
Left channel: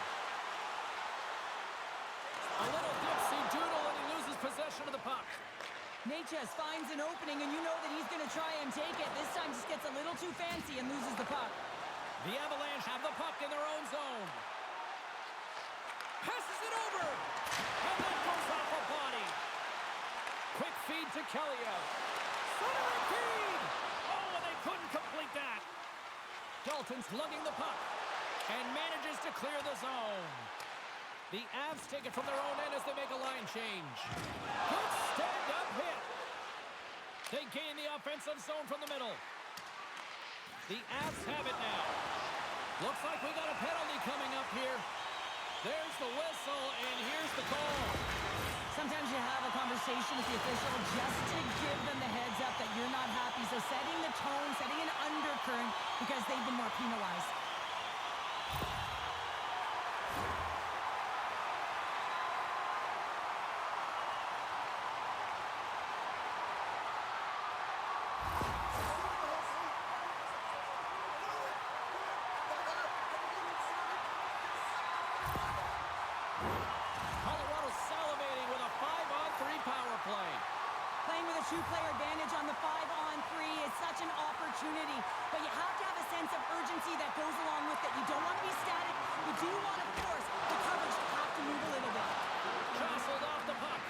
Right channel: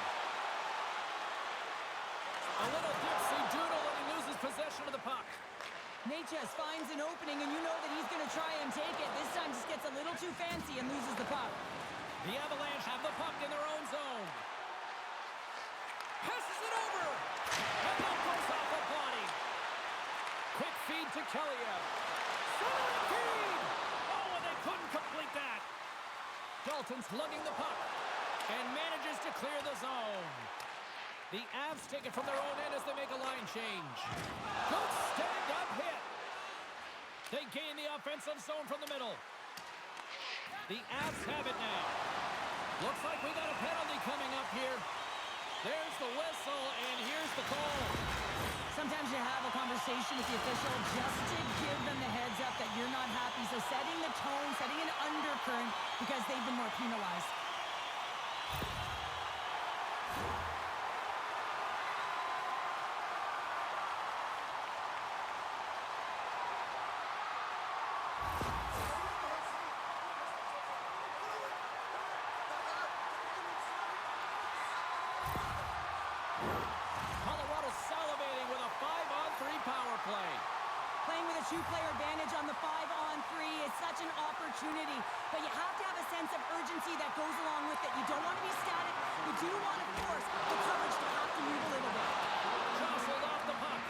A little dipsy-doodle, and he loses possession of the puck. Natchez finds an opening, and you know that he's going to try and take it. This time just gets a little too fancy and loses the puck. The Avalanche have the puck in their own zone. Passes it over, and that goes off a body. Quick feed to Keliev. Centering feed. Oh, and they couldn't complete that. Dalton's lugging the puck and manages to clear the zone. The Avs take it from their own end as they make a line change. Good stand-up hit. They gain the offensive zone from the middle. The Avs have it now. Looks like we got a penalty coming up here. There's the whistle, and here's the call. Sometimes you have a conversation with the official just to give them the heads up that you're not happy. So setting the tone, setting an undercurrent, because they've been more penalized. Salivating with a 5-on-3 power play. Playing with a two-player advantage on the 5-on-3 is such an opportunity, but you have to have a sense of urgency that goes along with it. You don't want to be static. You do want to force the coverage to have to move a little bit. Jostled off the puck.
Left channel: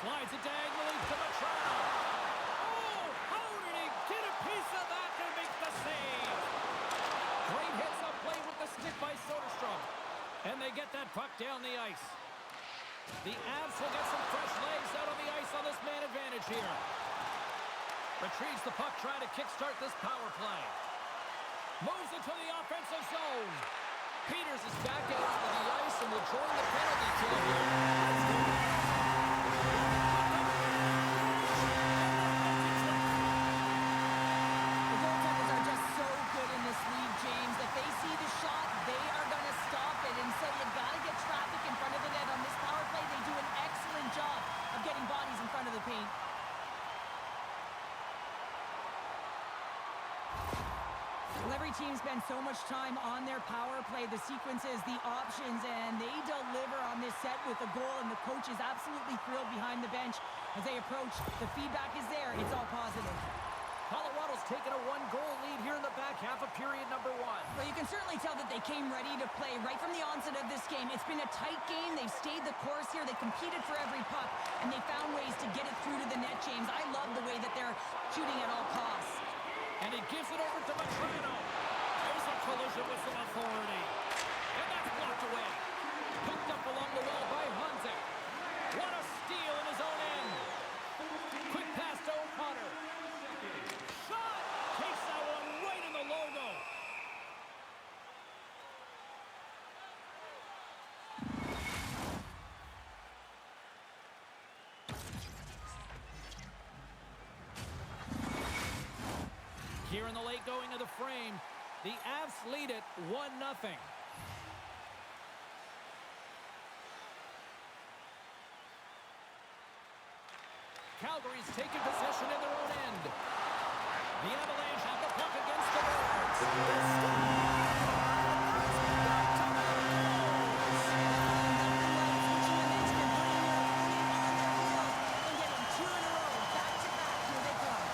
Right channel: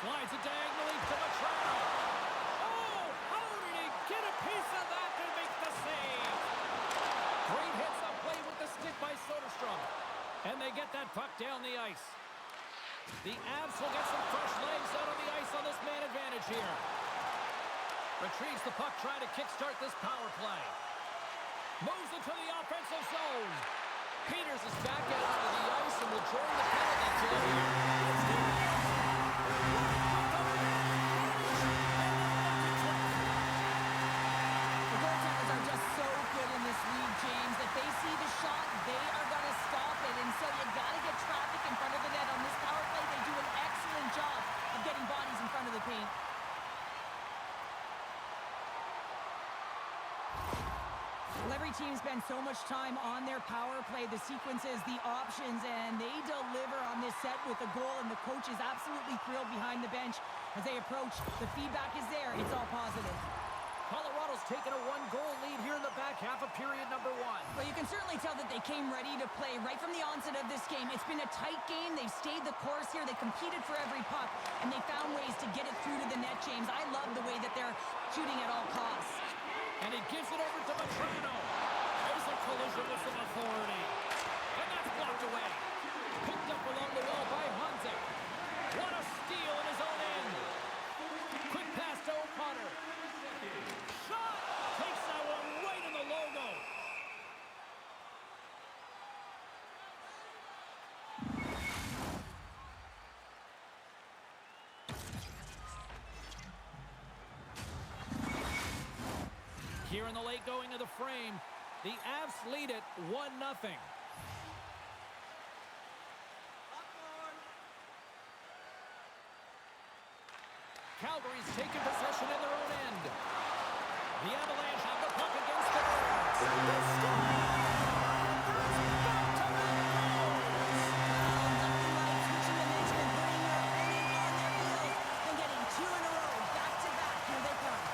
Slides it diagonally to Matrano. Oh, how did he get a piece of that to make the save? Great hits up play with the stick by Soderstrom. And they get that puck down the ice. The Avs will get some fresh legs out on the ice on this man advantage here. Retrieves the puck, trying to kickstart this power play. Moves into the offensive zone. Peters is back out onto the ice and will join the penalty kill here. Let's go! The goaltenders are just so good in this league, James. If they see the shot, they are going to stop it. And so you got to get traffic in front of the net. On this power play, they do an excellent job of getting bodies in front of the paint. Well, every team spends so much time on their power play, the sequences, the options, and they deliver on this set with a goal, and the coach is absolutely thrilled behind the bench as they approach. The feedback is there. It's all positive. Colorado's taken a one-goal lead here in the back half of period number 1. Well, you can certainly tell that they came ready to play right from the onset of this game. It's been a tight game. They've stayed the course here. They competed for every puck, and they found ways to get it through to the net, James. I love the way that they're shooting at all costs. And he gives it over to Matrano. There's a collision with some authority. And that's blocked away. Picked up along the wall by Hanzik. What a steal in his own end. Quick pass to O'Connor. Shot! Takes that one right in the logo. Here in the late going of the frame, the Avs lead it 1-0. Calgary's taken possession in their own end. The Avalanche have the puck against the boards. Nothing like switching momentum and putting your opponent on their heels and getting two in a row, back to back. Here they come.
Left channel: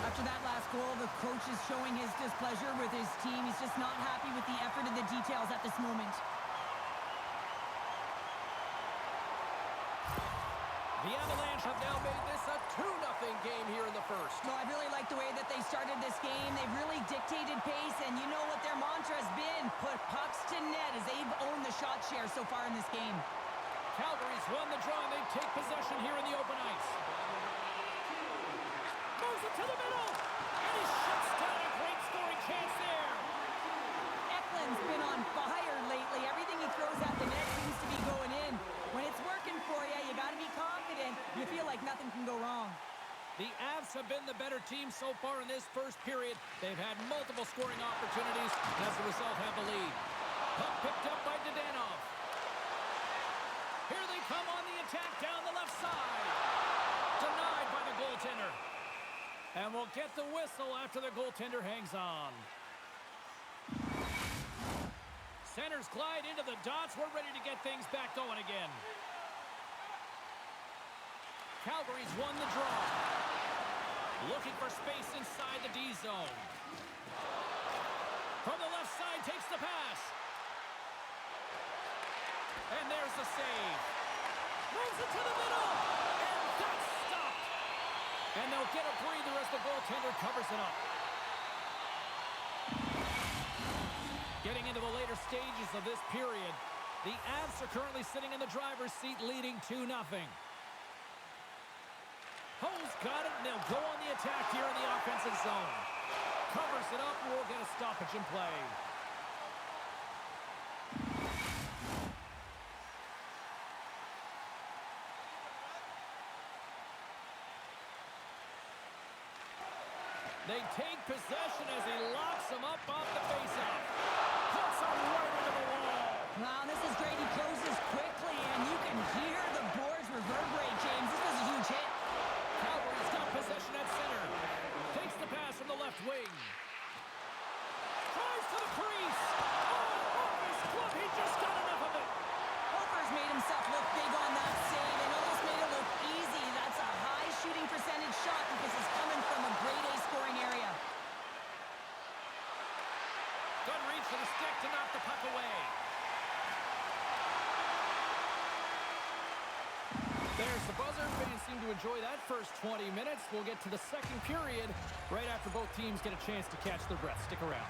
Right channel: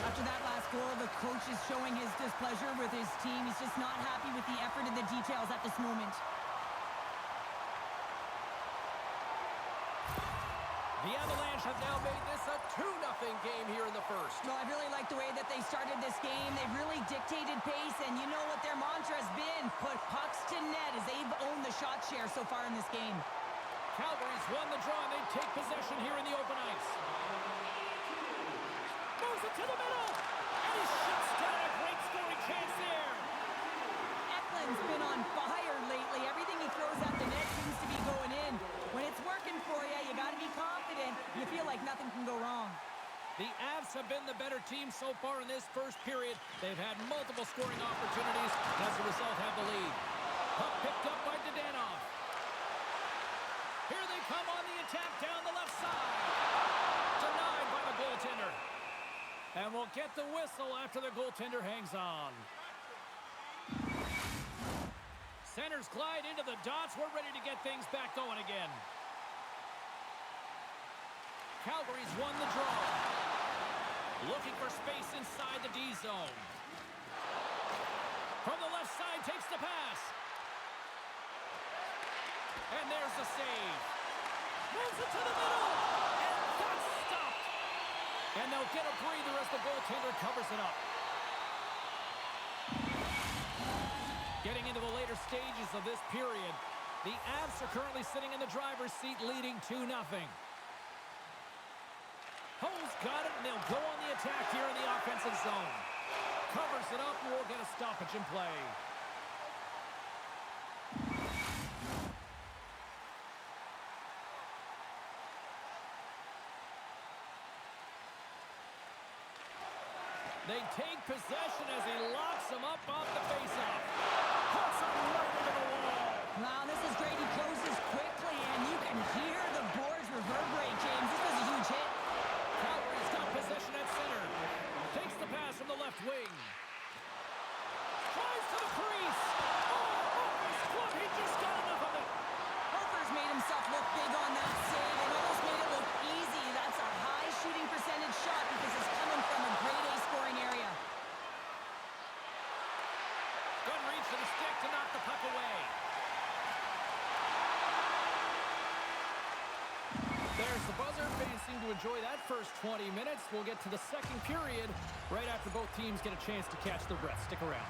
After that last goal, the coach is showing his displeasure with his team. He's just not happy with the effort and the details at this moment. The Avalanche have now made this a 2-0 game here in the first. Well, I really like the way that they started this game. They've really dictated pace, and you know what their mantra has been? Put pucks to net, as they've owned the shot share so far in this game. Calgary's won the draw, and they take possession here in the open ice. Moves it to the middle, and he shuts down a great scoring chance there. Eklund's been on fire lately. Everything he throws at the net seems to be going in. When it's working for you, you got to be confident. You feel like nothing can go wrong. The Avs have been the better team so far in this first period. They've had multiple scoring opportunities, and as a result have the lead. Puck picked up by Dadonov. Here they come on the attack down the left side. Denied by the goaltender. And we'll get the whistle after the goaltender hangs on. Centers glide into the dots. We're ready to get things back going again. Calgary's won the draw. Looking for space inside the D zone. From the left side, takes the pass. And there's the save. Moves it to the middle. And that's stopped. And they'll get a breather as the goaltender covers it up. Getting into the later stages of this period, the Avs are currently sitting in the driver's seat leading 2-0. Ho's got it, and they'll go on the attack here in the offensive zone. Covers it up, and we'll get a stoppage in play. They take possession as he locks him up off the faceoff. Puts him right into the wall. Wow, this is great. He closes quickly, and you can hear the boards reverberate, James. This was a huge hit. Calgary's got possession at center. Takes the pass from the left wing. Drives to the crease. Oh, off his glove. He just got enough of it. Hofer's made himself look big on that save and almost made it look easy. That's a high shooting percentage shot because it's coming from a grade A scoring area. Good reach for the stick to knock the puck away. There's the buzzer. Fans seem to enjoy that first 20 minutes. We'll get to the second period right after both teams get a chance to catch their breath. Stick around.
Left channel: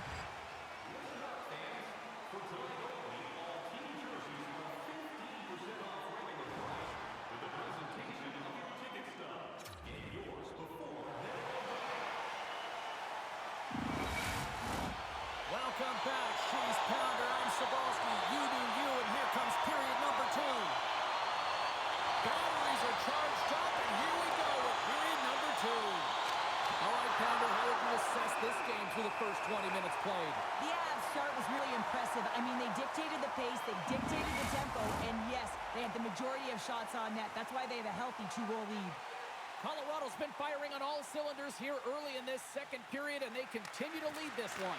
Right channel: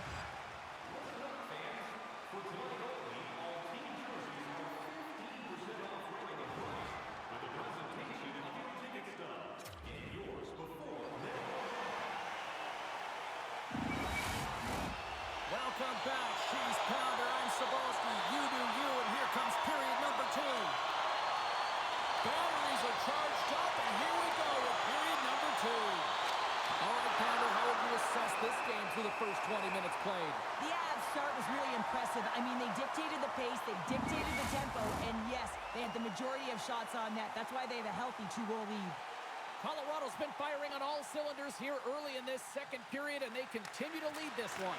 Listen up, fans. For tonight only, all team jerseys are 15% off regular price with the presentation of your ticket stub. Get yours before minimum. Welcome back, Cheese Pounder. I'm Sabalski. You do you, and here comes period number 2. Batteries are charged up, and here we go with period number 2. All right, Pounder, how would you assess this game through the first 20 minutes played? The Avs start was really impressive. I mean, they dictated the pace, they dictated the tempo, and yes, they had the majority of shots on net. That's why they have a healthy 2-goal lead. Colorado's been firing on all cylinders here early in this second period, and they continue to lead this one.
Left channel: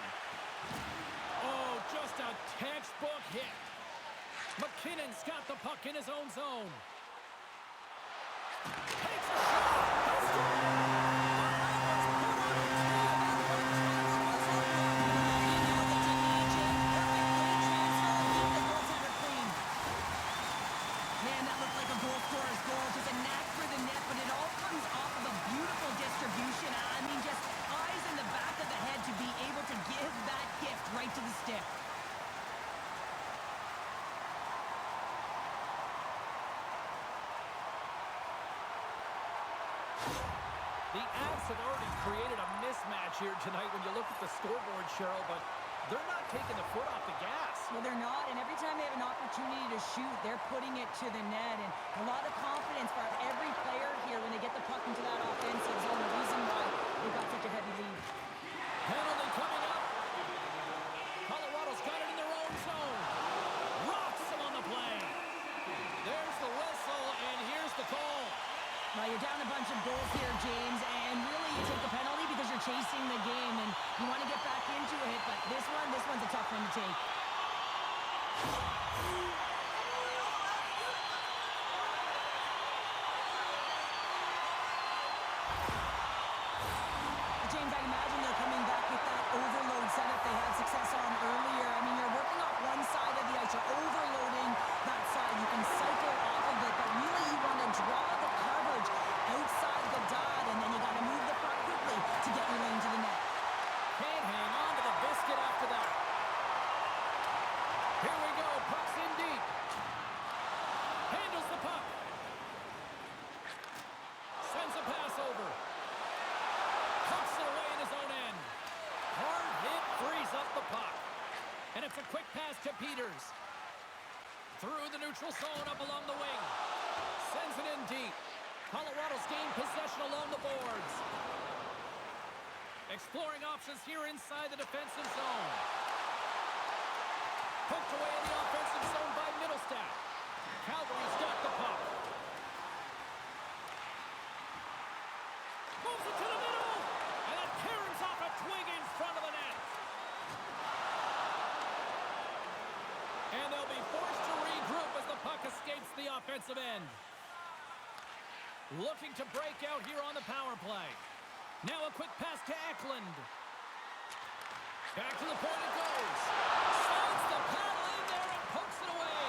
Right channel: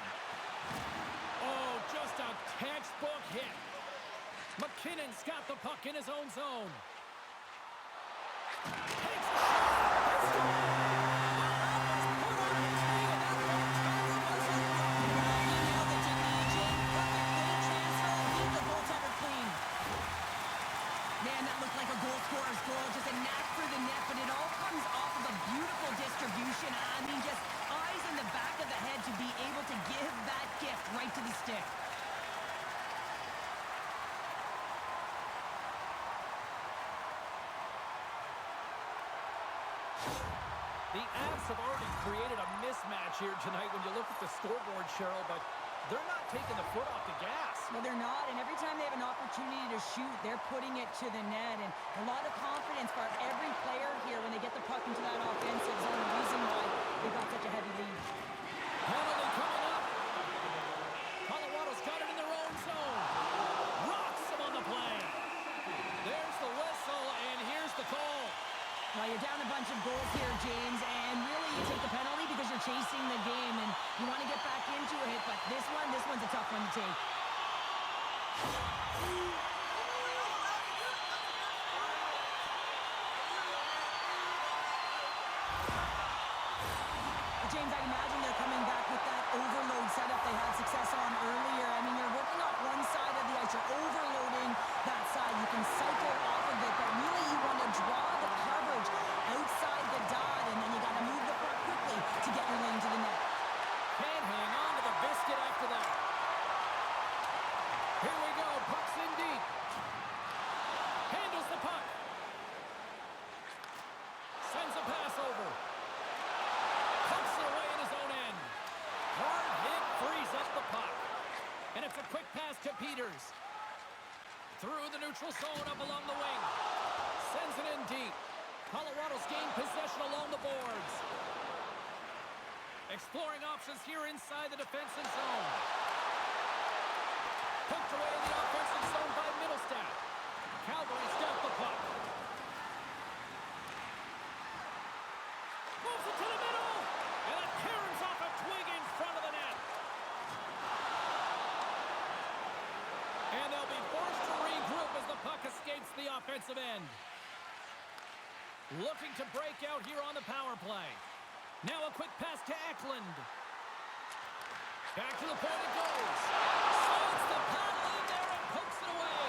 Oh, just a textbook hit. McKinnon's got the puck in his own zone. Takes a shot. They score! Put on the tee, and that one-timer was a rock. He nailed it, didn't he, Jake? Perfect weight transfer, keep the goaltender clean. Man, that looked like a goal scorer's goal. Just a knack for the net, but it all comes off of a beautiful distribution. I mean, just eyes in the back of the head to be able to give that gift right to the stick. The Avs have already created a mismatch here tonight when you look at the scoreboard, Cheryl, but They're not taking the foot off the gas. Well, they're not, and every time they have an opportunity to shoot, they're putting it to the net, and a lot of confidence for every player here when they get the puck into that offensive zone, the reason why they got such a heavy lead. Penalty coming up. Colorado's got it in their own zone. Rocks them on the play. There's the whistle, and here's the call. Now, you're down a bunch of goals here, James, and really you take the penalty because you're chasing the game, and you want to get back into it, but this one's a tough one to take. James, I'd imagine they're coming back with that overload setup they had success on earlier. I mean, you're working off one side of the ice. You're overloading that side. You can cycle off of it, but really you want to draw the coverage outside the dot, and then you got to move the puck quickly to get your lane to the net. Can't hang on to the biscuit after that. Here we go. Puck's in deep. Handles the puck. Sends a pass over. Pumps it away in his own end. Hard hit frees up the puck. And it's a quick pass to Peters. Through the neutral zone up along the wing. Sends it in deep. Colorado's gained possession along the boards. Exploring options here inside the defensive zone. Poked away in the offensive zone by Middlestat. Calgary's got the puck. Moves it to the middle. And that caroms off a twig in front of the net. And they'll be forced to regroup as the puck escapes the offensive end. Looking to break out here on the power play. Now a quick pass to Eklund. Back to the point it goes. Slides the paddle in there and pokes it away.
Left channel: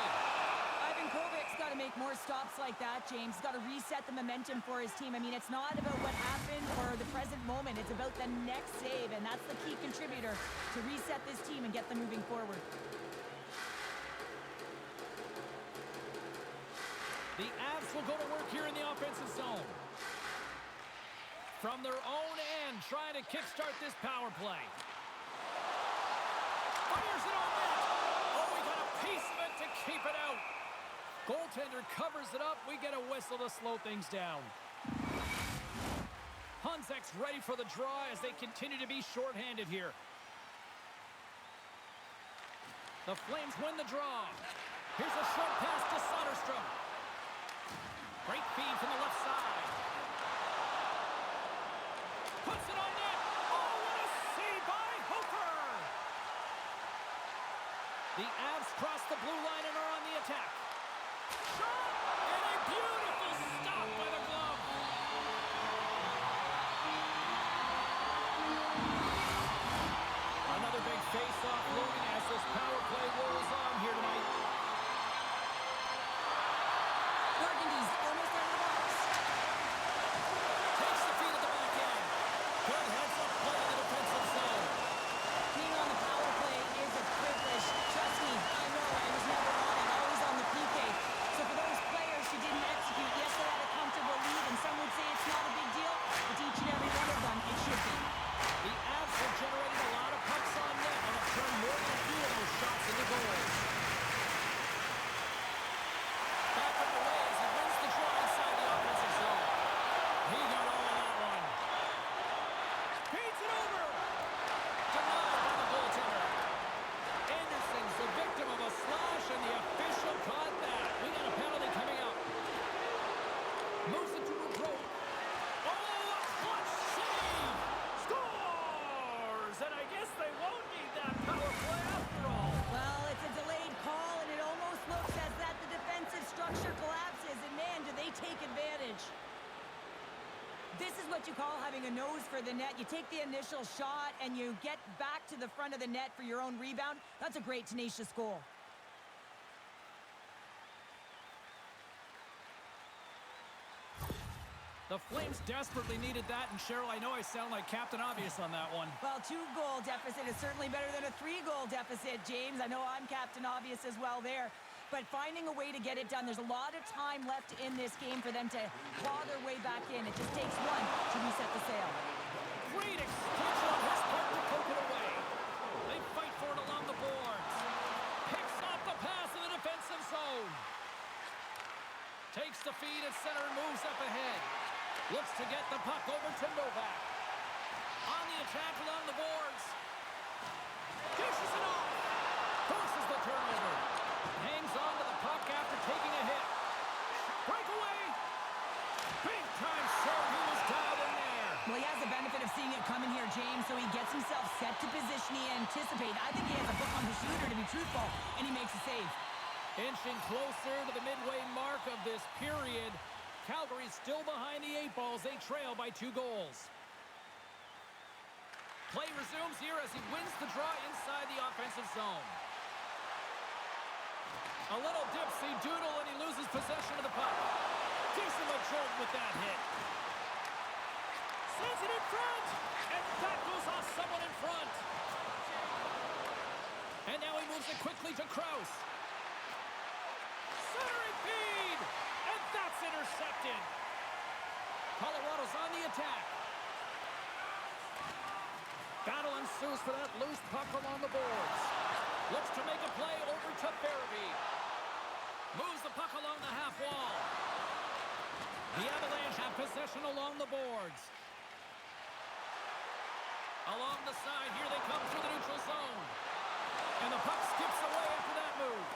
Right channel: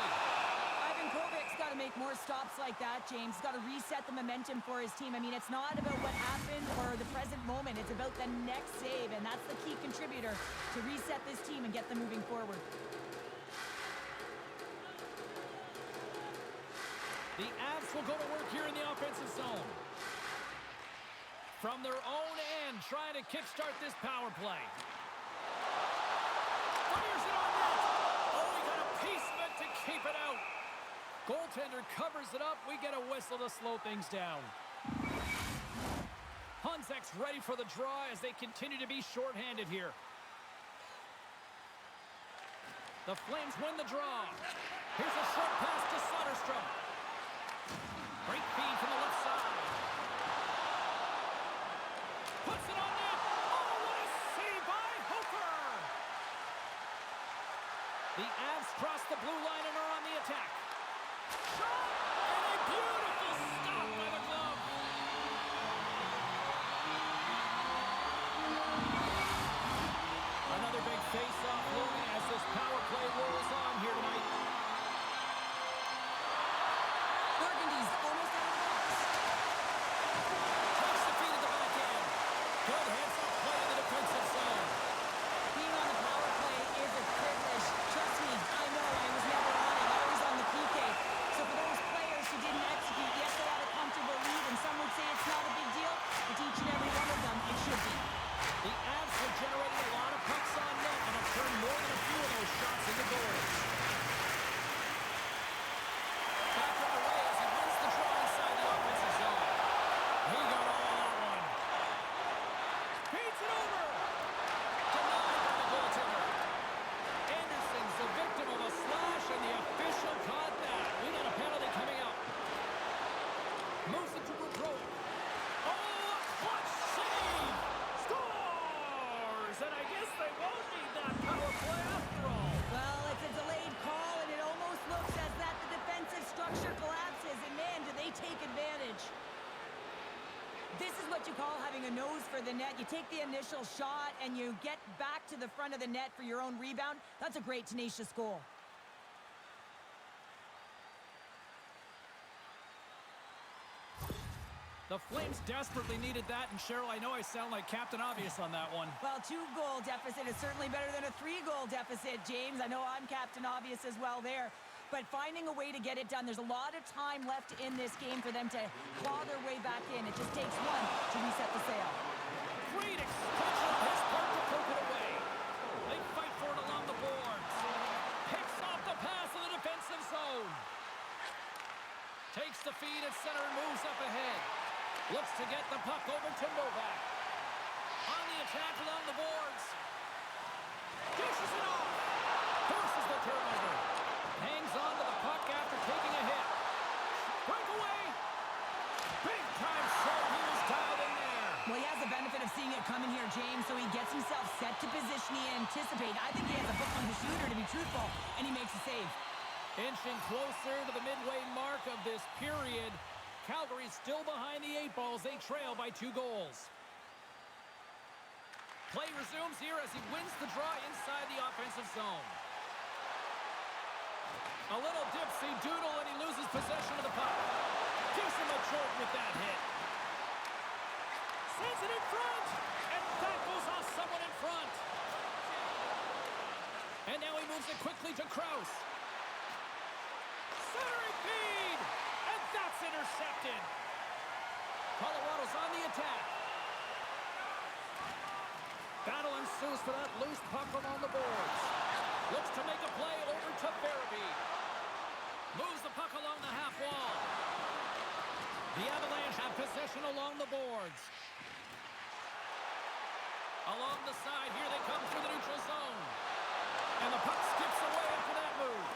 Ivan Kovic's got to make more stops like that, James. He's got to reset the momentum for his team. I mean, it's not about what happened or the present moment. It's about the next save, and that's the key contributor to reset this team and get them moving forward. The Avs will go to work here in the offensive zone. From their own end, trying to kickstart this power play. Fires it on net. Oh, we got a piece of it to keep it out. Goaltender covers it up. We get a whistle to slow things down. Hunzek's ready for the draw as they continue to be shorthanded here. The Flames win the draw. Here's a short pass to Soderstrom. Great feed from the left side. Puts it on net. Oh, what a save by Hofer! The Avs cross the blue line and are on the attack. Shot! And a beautiful stop by the glove. Another big face-off looming as this power play rolls on here tonight. Burgundy's almost out of the box. Takes the feed at the back end. Good heads-up play in the defensive zone. Being on the power play is a privilege. Trust me, I know I was never on it, always on the PK. So for those players who didn't execute, yes, they had a comfortable lead, and some would say it's not a big deal, but to each and every one of them, it should be. The Avs have generated a lot of pucks on net and have turned more than a few of those shots into goals. Back underway as he wins the draw inside the offensive zone. He got all of that one. Feeds it over. Denied by the goaltender. Anderson's the victim of a slash, and the official caught that. We got a penalty coming up. Moves it to Gaudreau. Oh, a clutch save! Scores! And I guess they won't need that power play after all. Well, it's a delayed call, and it almost looks as that the defensive structure collapses, and man, do they take advantage. This is what you call having a nose for the net. You take the initial shot, and you get back to the front of the net for your own rebound. That's a great, tenacious goal. The Flames desperately needed that, and Cheryl, I know I sound like Captain Obvious on that one. Well, 2-goal deficit is certainly better than a 3-goal deficit, James. I know I'm Captain Obvious as well there. But finding a way to get it done, there's a lot of time left in this game for them to claw their way back in. It just takes one to reset the sail. Great extension on his part to poke it away. They fight for it along the boards. Picks off the pass in the defensive zone. Takes the feed at center and moves up ahead. Looks to get the puck over to Novak. On the attack along the boards. Dishes it off. Forces the turnover. Hangs on to the puck after taking a hit. Breakaway. Big time save. He was dialed in there. Well, he has the benefit of seeing it coming here, James, so he gets himself set to position he anticipated. I think he has a book on the shooter, to be truthful, and he makes a save. Inching closer to the midway mark of this period. Calgary still behind the 8 balls. They trail by 2 goals. Play resumes here as he wins the draw inside the offensive zone. A little dipsy doodle and he loses possession of the puck. Gives him a jolt with that hit. Sends it in front. And that goes off someone in front. And now he moves it quickly to Krause. Centering feed. And that's intercepted. Colorado's on the attack. Battle ensues for that loose puck along the boards. Looks to make a play over to Farabee. Moves the puck along the half wall. The Avalanche have possession along the boards. Along the side, here they come through the neutral zone. And the puck skips away after that move.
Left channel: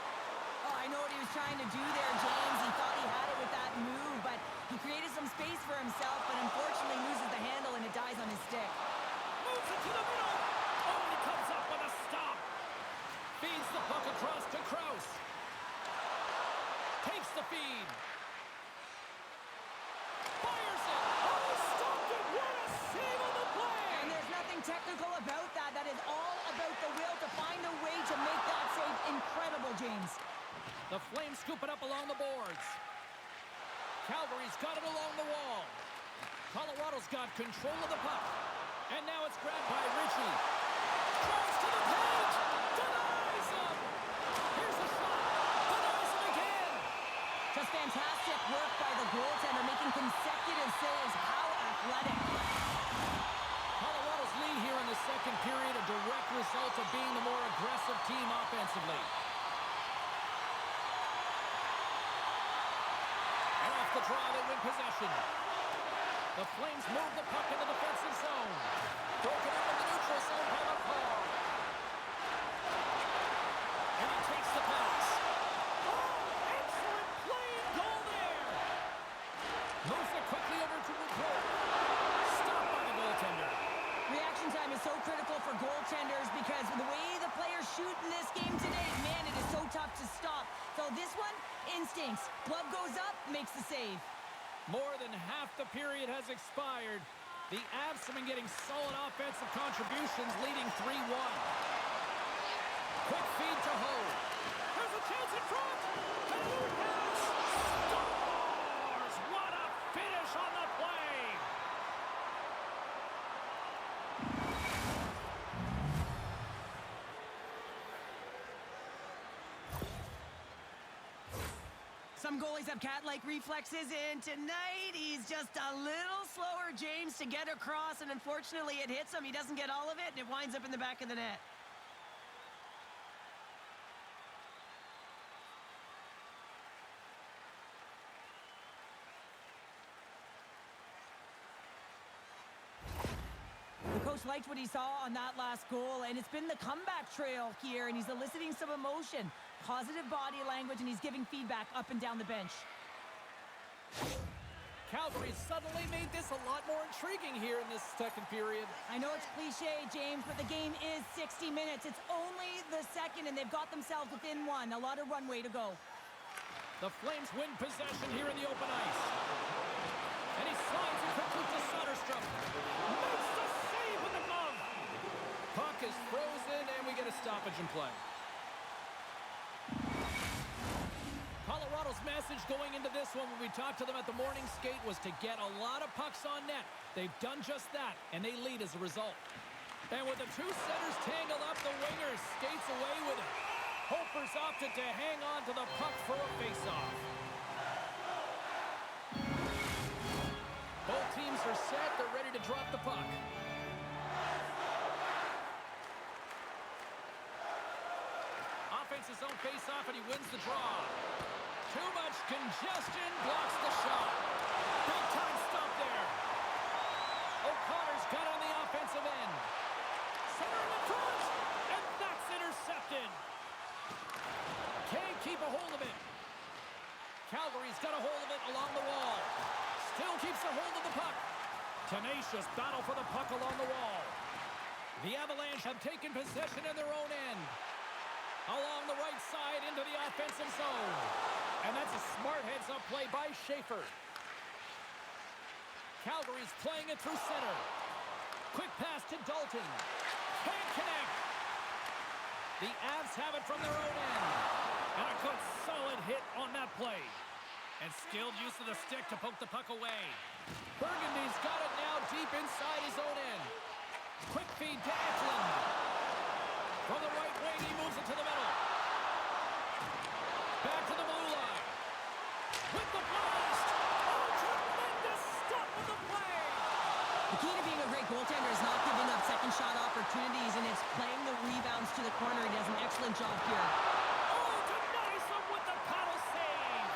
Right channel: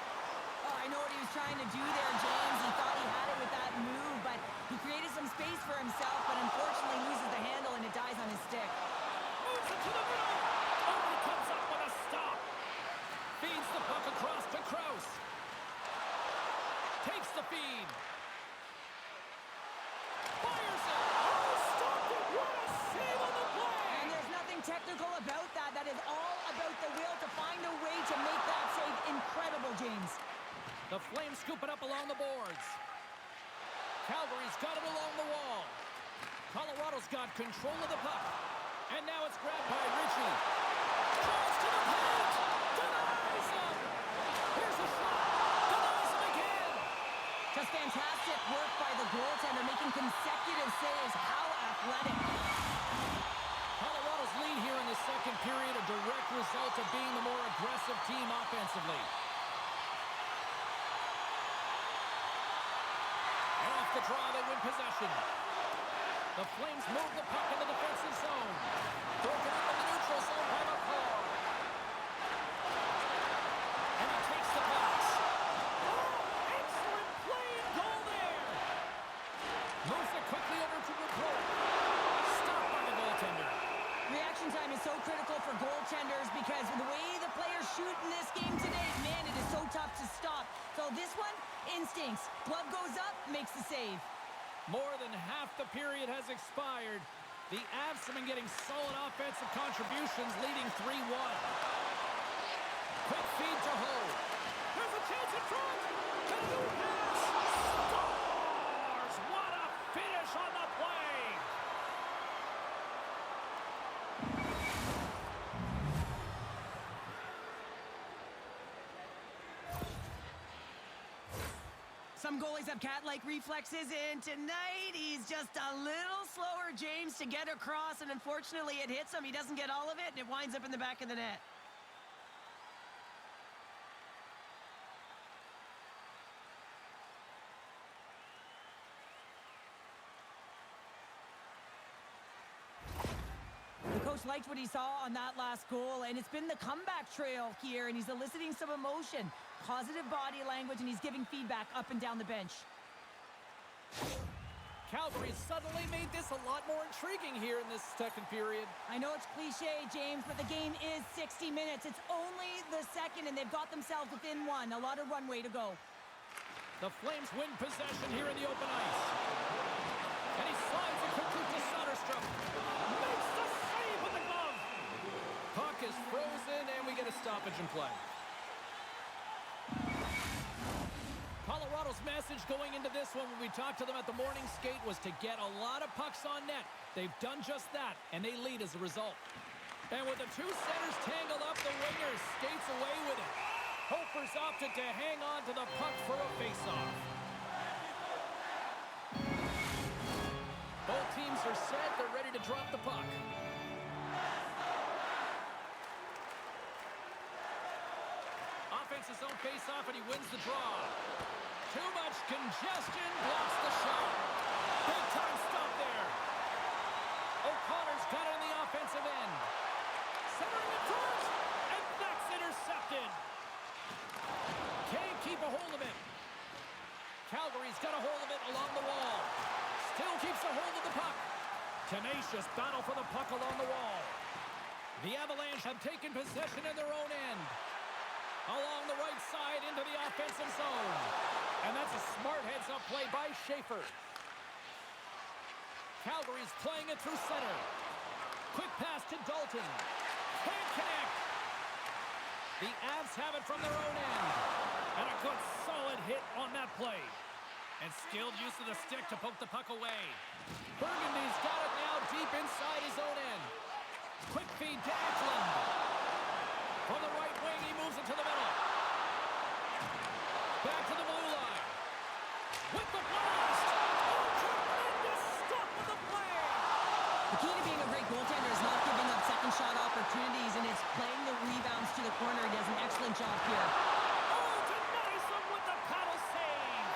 Oh, I know what he was trying to do there, James. He thought he had it with that move, but he created some space for himself, but unfortunately loses the handle and it dies on his stick. Moves it to the middle. Oh, and he comes up with a stop. Feeds the puck across to Krause. Takes the feed. Fires it. Oh, stopped it. What a save on the play. And there's nothing technical about that. That is all about the will to find a way to make that save incredible, James. The Flames scoop it up along the boards. Calgary's got it along the wall. Colorado's got control of the puck. And now it's grabbed by Ritchie. Drives to the paint. Denies him. Here's the shot. Denies him again. Just fantastic work by the goaltender, making consecutive saves. How athletic. Colorado's lead here in the second period, a direct result of being the more aggressive team offensively. And off the draw, they win possession. The Flames move the puck in the defensive zone. Broken up in the neutral zone by McCall. And he takes the pass. Oh, excellent play and goal there. Moves it quickly over to Rucrow. Stopped by the goaltender. Reaction time is so critical for goaltenders because the way the players shoot in this game today, man, it is so tough to stop. So this one, instincts. Glove goes up, makes the save. More than half the period has expired. The Avs have been getting solid offensive contributions, leading 3-1. Quick feed to Ho. There's a chance in front. And a new pass. Scores! What a finish on the play. Some goalies have cat-like reflexes, and tonight he's just a little slower, James, to get across, and unfortunately it hits him. He doesn't get all of it, and it winds up in the back of the net. The coach liked what he saw on that last goal, and it's been the comeback trail here, and he's eliciting some emotion, positive body language, and he's giving feedback up and down the bench. Calgary suddenly made this a lot more intriguing here in this second period. I know it's cliche, James, but the game is 60 minutes. It's only the second, and they've got themselves within one. A lot of runway to go. The Flames win possession here in the open ice. And he slides it quickly to Soderstrom. Makes the save with the glove. Puck is frozen, and we get a stoppage in play. Colorado's message going into this one when we talked to them at the morning skate was to get a lot of pucks on net. They've done just that, and they lead as a result. And with the two centers tangled up, the winger skates away with it. Hofer's opted to hang on to the puck for a faceoff. Both teams are set. They're ready to drop the puck. offensive zone face-off, and he wins the draw. Too much congestion, blocks the shot. Big-time stop there. O'Connor's got it on the offensive end. Centering in front, and that's intercepted. Can't keep a hold of it. Calgary's got a hold of it along the wall. Still keeps a hold of the puck. Tenacious battle for the puck along the wall. The Avalanche have taken possession in their own end. Along the right side into the offensive zone. And that's a smart heads-up play by Schaefer. Calgary's playing it through center. Quick pass to Dalton. Can't connect. The Avs have it from their own end. And a good solid hit on that play. And skilled use of the stick to poke the puck away. Burgundy's got it now deep inside his own end. Quick feed to Eklund. From the right wing, he moves it to the middle. Back to the blue line. With the blast. Oh, tremendous stop with the play. The key to being a great goaltender is not giving up second shot opportunities, and it's playing the rebounds to the corner. He does an excellent job here. Oh, denies him with the paddle save.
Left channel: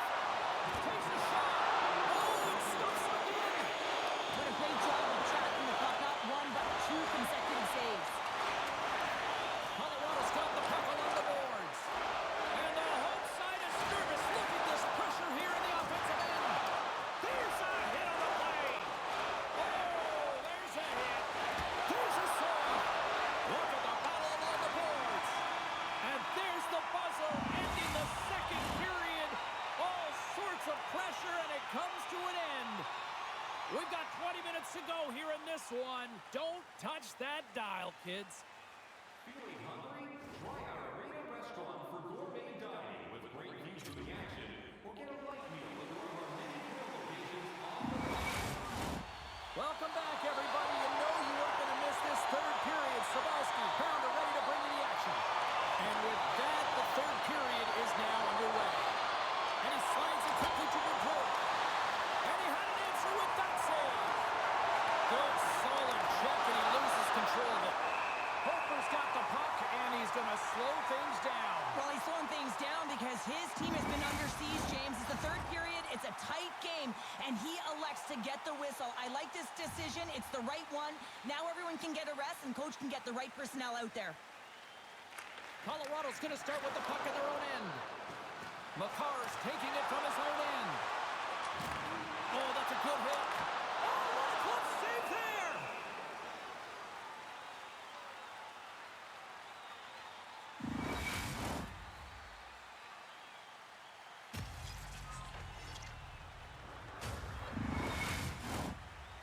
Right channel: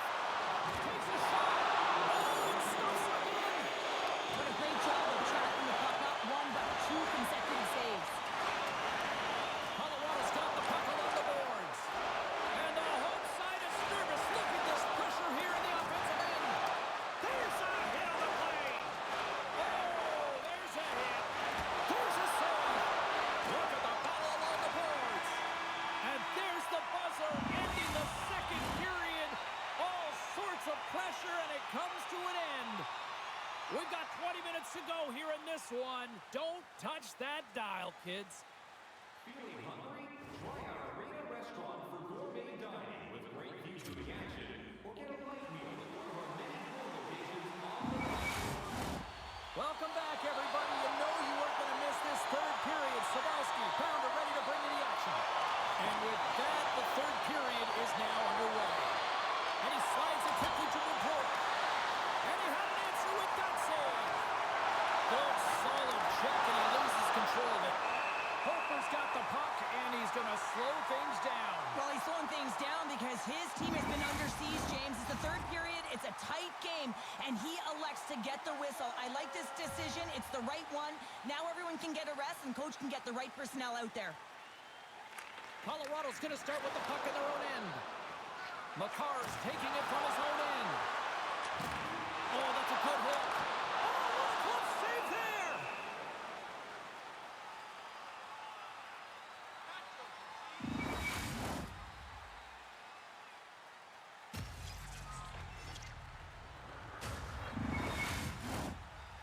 Takes a shot. Oh, it stops again. What a great job of tracking the puck, not one but two consecutive saves. Colorado's got the puck along the boards. And the home side is nervous. Look at this pressure here in the offensive end. There's a hit on the play. Oh, there's a hit. There's a save. Look at the battle along the boards. And there's the buzzer ending the second period. All sorts of pressure, and it comes to an end. We've got 20 minutes to go here in this one. Don't touch that dial, kids. Feeling hungry? Try our Arena restaurant for gourmet dining with great views of the action. Or get a light meal at one of our many grill locations on the road. Welcome back, everybody. You know you weren't going to miss this third period. Sabalski, Pounder ready to bring you the action. And with that, the third period is now underway. And he slides it quickly to Woodrow. And he had an answer with that save. Good, solid check, and he loses control of it. Hofer's got the puck, and he's going to slow things down. Well, he's slowing things down because his team has been under siege, James. It's the third period. It's a tight game, and he elects to get the whistle. I like this decision. It's the right one. Now everyone can get a rest, and coach can get the right personnel out there. Colorado's going to start with the puck in their own end. Makar's taking it from his own end. Oh, that's a good hit. Oh, what a clutch save there!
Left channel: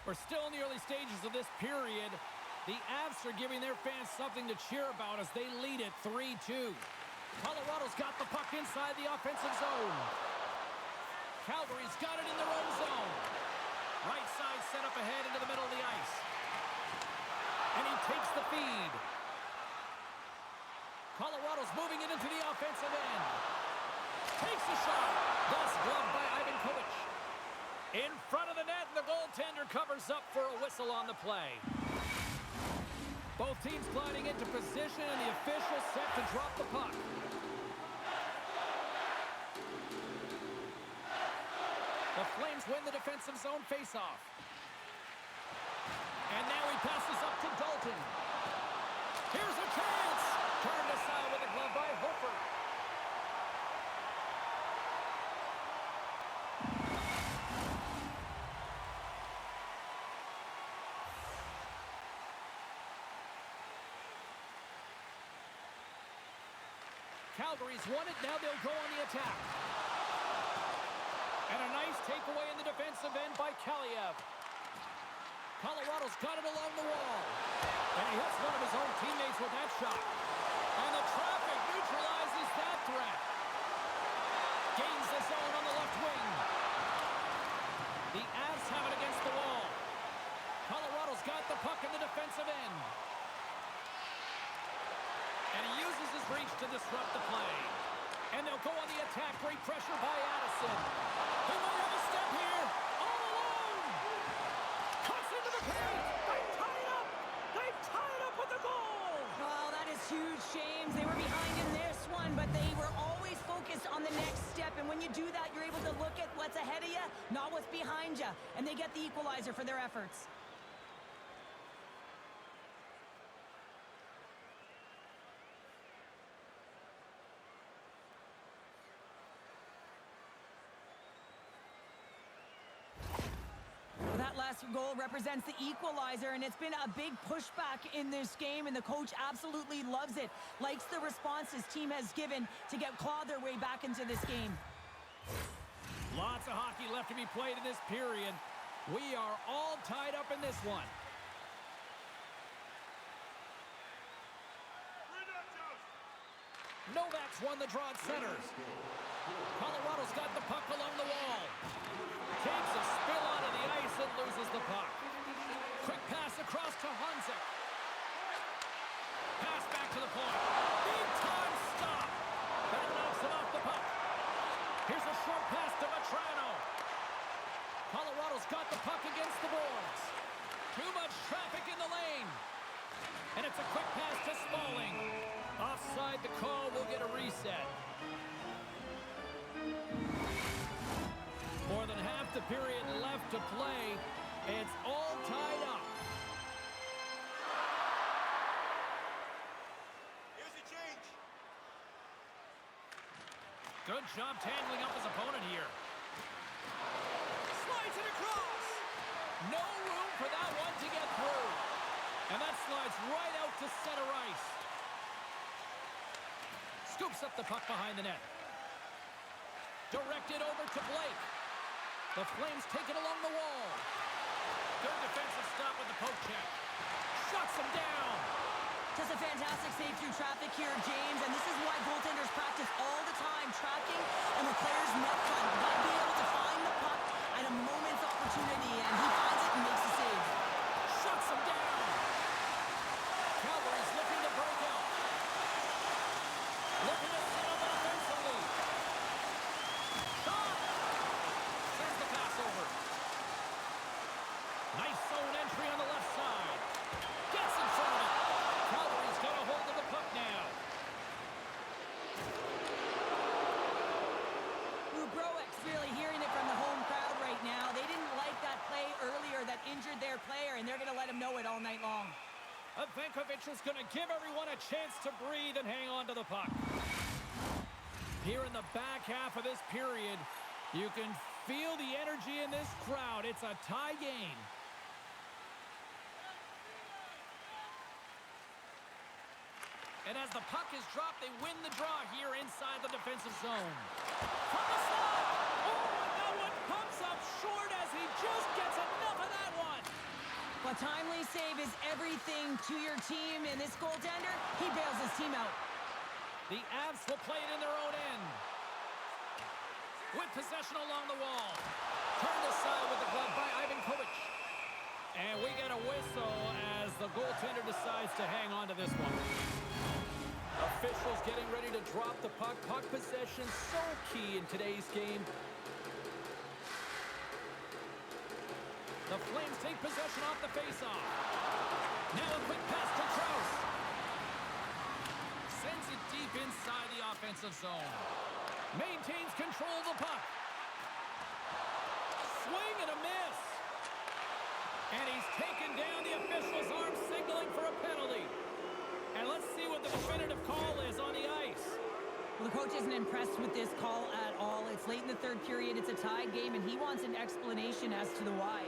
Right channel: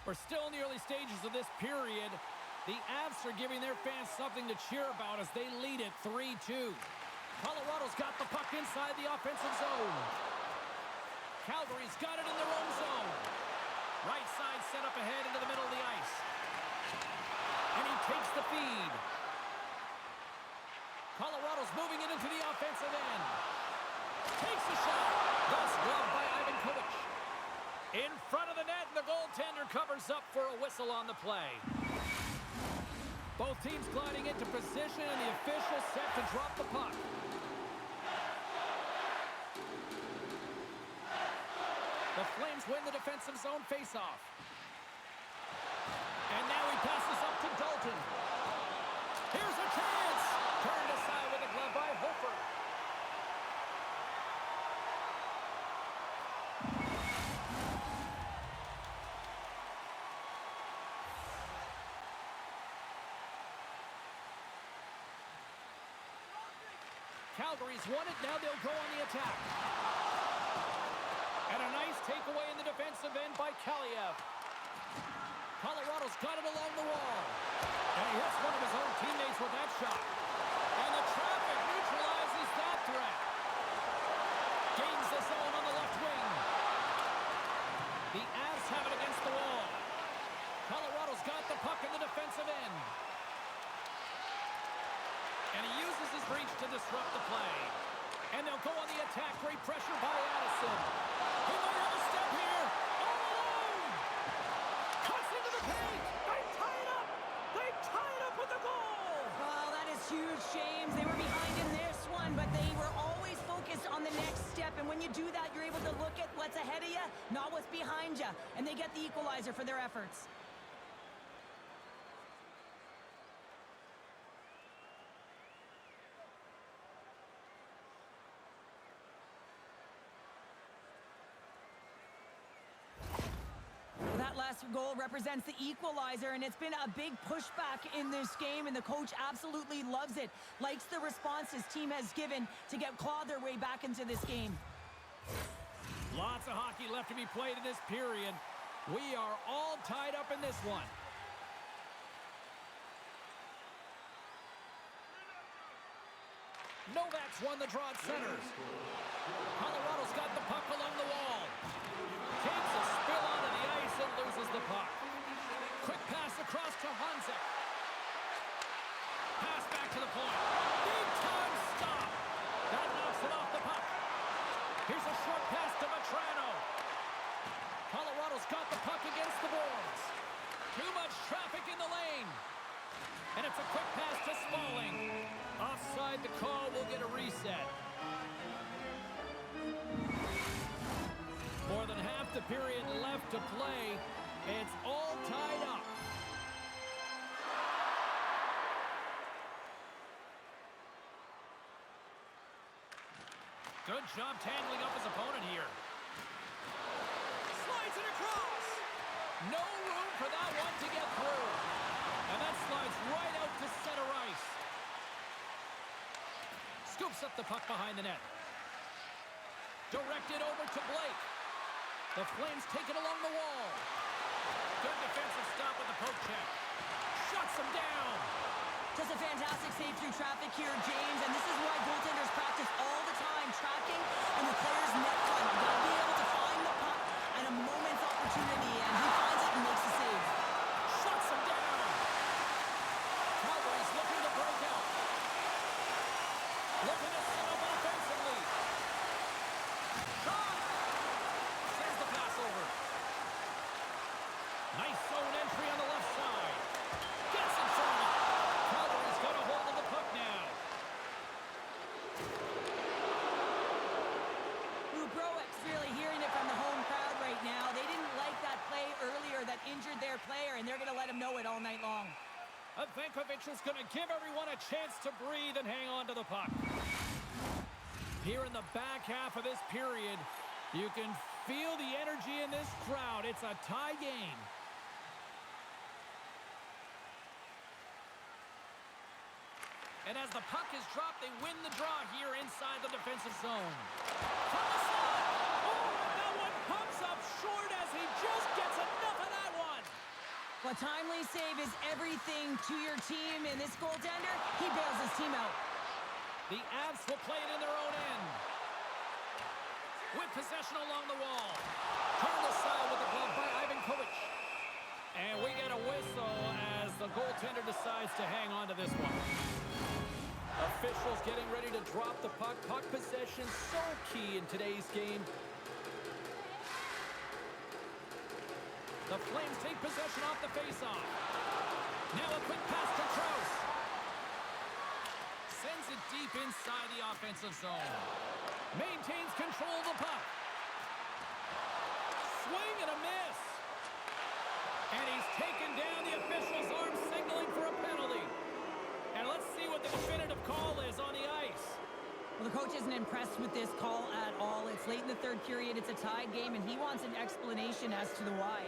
We're still in the early stages of this period. The Avs are giving their fans something to cheer about as they lead it 3-2. Colorado's got the puck inside the offensive zone. Calgary's got it in their own zone. Right side set up ahead into the middle of the ice. And he takes the feed. Colorado's moving it into the offensive end. Takes the shot. Thus gloved by Ivan Kovic. In front of the net, and the goaltender covers up for a whistle on the play. Both teams gliding into position, and the official set to drop the puck. The Flames win the defensive zone faceoff. And now he passes up to Dalton. Here's a chance! Turned aside with a glove by Hofer. Calgary's won it, now they'll go on the attack. And a nice takeaway in the defensive end by Kaliev. Colorado's got it along the wall. And he hits one of his own teammates with that shot. And the traffic neutralizes that threat. Gains the zone on the left wing. The Avs have it against the wall. Colorado's got the puck in the defensive end. And he uses his reach to disrupt the play. And they'll go on the attack. Great pressure by Addison. He might have a step here. All alone. Cuts into the paint. They tie it up. They tie it up with the goal. Oh, that is huge, James. They were behind in this one, but they were always focused on the next step. And when you do that, you're able to look at what's ahead of you, not what's behind you. And they get the equalizer for their efforts. That last goal represents the equalizer, and it's been a big pushback in this game, and the coach absolutely loves it. Likes the response his team has given to claw their way back into this game. Lots of hockey left to be played in this period. We are all tied up in this one. Novak's won the draw at centers. Colorado's got the puck along the wall. Takes a spill onto the ice and loses the puck. Quick pass across to Hunzik. Pass back to the point. Big time stop. That knocks it off the puck. Here's a short pass to Vetrano. Colorado's got the puck against the boards. Too much traffic in the lane. And it's a quick pass to Smalling. Offside the call, will get a reset. More than half the period left to play. It's all tied up. Good job tangling up his opponent here. Slides it across. No room for that one to get through. And that slides right out to center ice. Scoops up the puck behind the net. Directed over to Blake. The Flames take it along the wall. Good defensive stop with the poke check. Shuts him down. Just a fantastic save through traffic here, James, and this is why goaltenders practice all the time, tracking and with players net front. You've got to be able to find the puck at a moment's opportunity, and he finds it and makes the save. Shuts him down. Calgary's looking to break out. Looking to set up offensively. Shot! Sends the pass over. Nice zone entry on the left side. Gets in front of it. Calgary's got a hold of the puck now. Broek's really hearing it from the home crowd right now. They didn't like that play earlier that injured their player, and they're going to let him know it all night long. Vankovic is going to give everyone a chance to breathe and hang on to the puck. Here in the back half of this period, you can feel the energy in this crowd. It's a tie game. And as the puck is dropped, they win the draw here inside the defensive zone. From the slot! Oh, and that one comes up short as he just gets enough of that one. A timely save is everything to your team, and this goaltender, he bails his team out. The Avs will play it in their own end. With possession along the wall. Turned aside with the glove by Ivankovic. And we get a whistle as the goaltender decides to hang on to this one. Officials getting ready to drop the puck. Puck possession so key in today's game. The Flames take possession off the faceoff. Now a quick pass to Krause. Sends it deep inside the offensive zone. Maintains control of the puck. Swing and a miss. And he's taken down. The official's arm signaling for a penalty. And let's see what the definitive call is on the ice. Well, the coach isn't impressed with this call at all. It's late in the third period. It's a tied game, and he wants an explanation as to the why.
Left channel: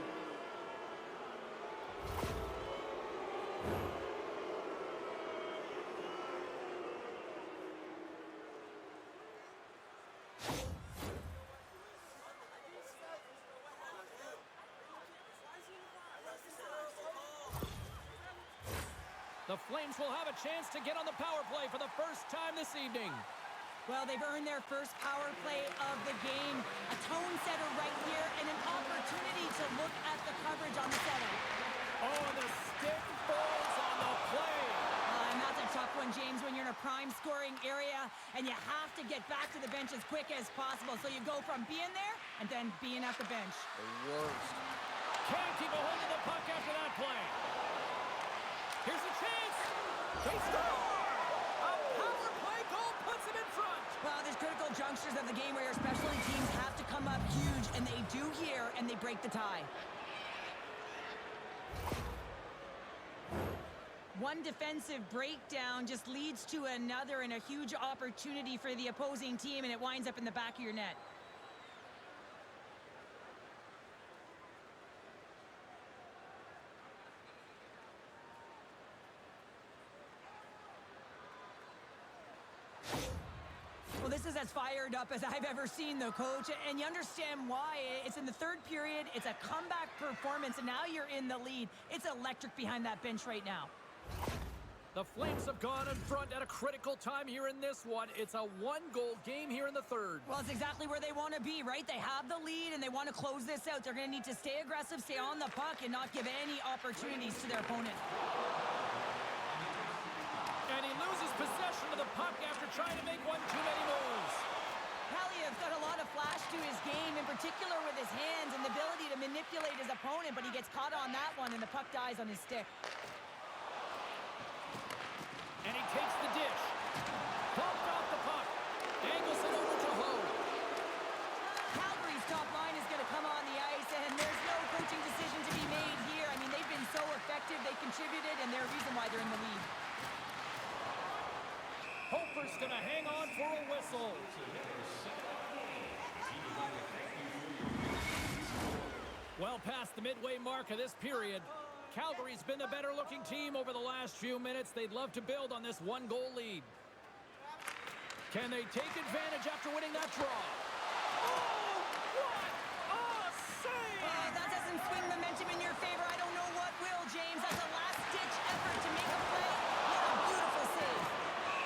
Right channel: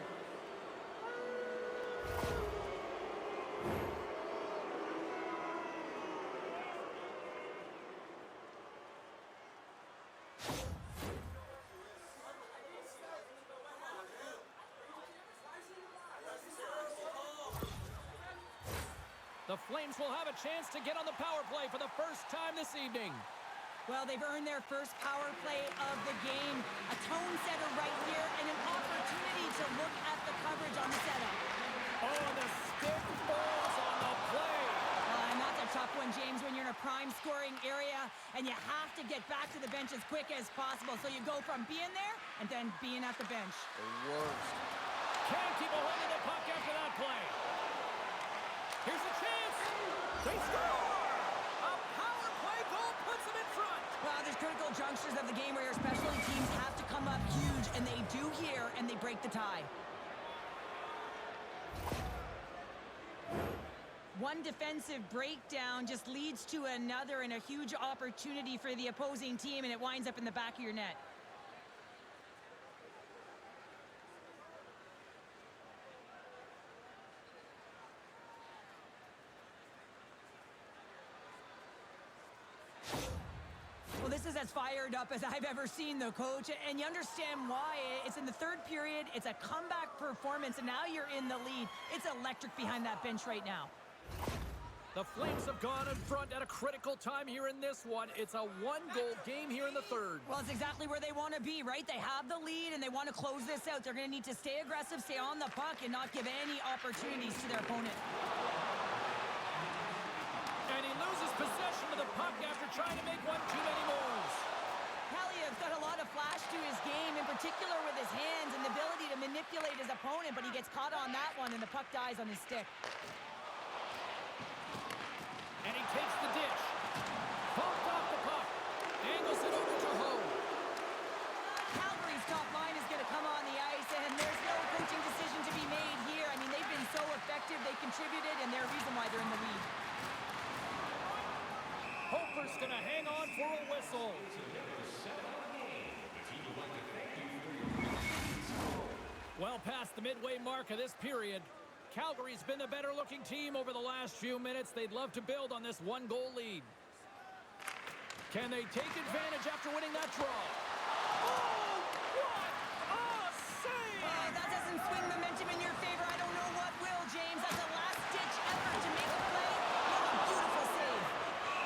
The Flames will have a chance to get on the power play for the first time this evening. Well, they've earned their first power play of the game. A tone setter right here and an opportunity to look at the coverage on the setup. Oh, and the stick falls on the play. And that's a tough one, James, when you're in a prime scoring area and you have to get back to the bench as quick as possible. So you go from being there and then being at the bench. The worst. Can't keep a hold of the puck after that play. Here's a chance. They score! A power play goal puts them in front. Well, there's critical junctures of the game where your specialty teams have to come up huge, and they do here, and they break the tie. One defensive breakdown just leads to another and a huge opportunity for the opposing team, and it winds up in the back of your net. Well, this is as fired up as I've ever seen the coach, and you understand why. It's in the third period, it's a comeback performance, and now you're in the lead. It's electric behind that bench right now. The Flames have gone in front at a critical time here in this one. It's a one-goal game here in the third. Well, it's exactly where they want to be, right? They have the lead, and they want to close this out. They're going to need to stay aggressive, stay on the puck, and not give any opportunities to their opponent. And he loses possession of the puck after trying to make one too many moves. Hallie's got a lot of flash to his game, in particular with his hands and the ability to manipulate his opponent, but he gets caught on that one, and the puck dies on his stick. And he takes the dish. Bumped off the puck. Angles it over to Ho. Calgary's top line is going to come on the ice, and there's no coaching decision to be made here. I mean, they've been so effective, they contributed, and they're the reason why they're in the lead. Hofer's going to hang on for a whistle. Well past the midway mark of this period, Calgary's been the better-looking team over the last few minutes. They'd love to build on this one-goal lead. Can they take advantage after winning that draw? Oh, what a save! That doesn't swing momentum in your favor. I don't know what will, James. That's a last-ditch effort to make a play. What a beautiful save.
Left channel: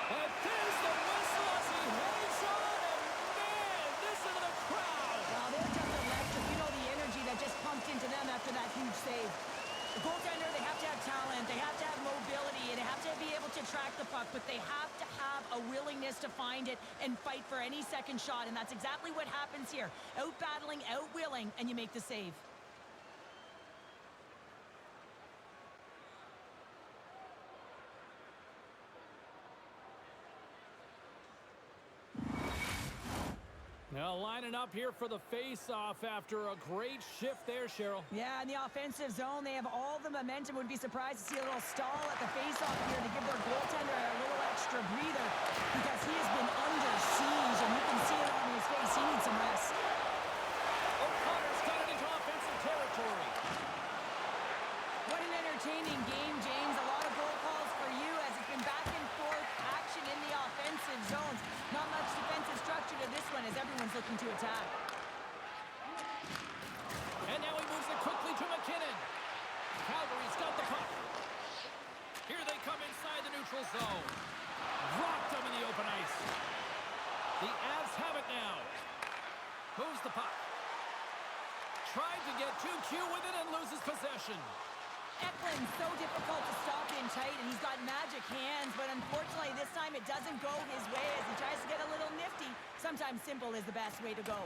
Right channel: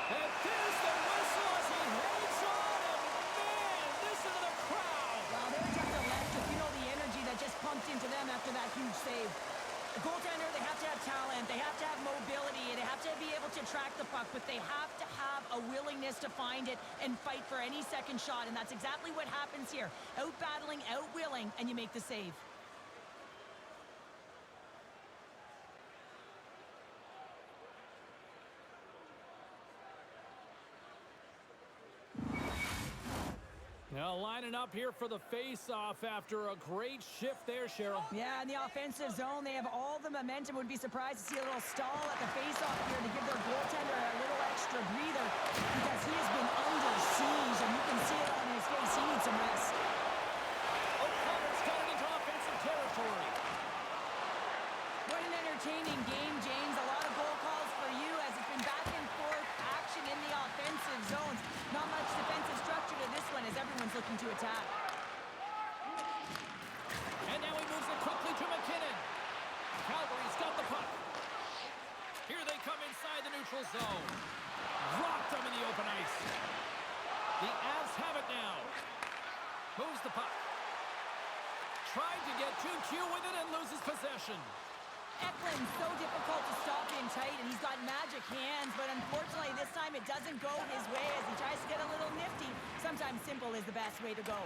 And there's the whistle as he hangs on, and man, this into the crowd. Wow, they're just electric. You know the energy that just pumped into them after that huge save. The goaltender, they have to have talent, they have to have mobility, and they have to be able to track the puck, but they have to have a willingness to find it and fight for any second shot, and that's exactly what happens here. Out-battling, out-willing, and you make the save. Now lining up here for the face-off after a great shift there, Cheryl. Yeah, in the offensive zone, they have all the momentum. Would be surprised to see a little stall at the face-off here to give their goaltender a little extra breather because he has been under siege, and you can see it on his face. He needs some rest. O'Connor's got it into offensive territory. What an entertaining game, James. A lot of goal calls for you as it's been back and forth action in the offensive zones. Not much defensive structure to this one as everyone's looking to attack. And now he moves it quickly to McKinnon. Calgary's got the puck. Here they come inside the neutral zone. Rocked them in the open ice. The Avs have it now. Moves the puck. Tried to get too cute with it and loses possession. Eklund's so difficult to stop in tight, and he's got magic hands, but unfortunately this time it doesn't go his way as he tries to get a little nifty. Sometimes simple is the best way to go.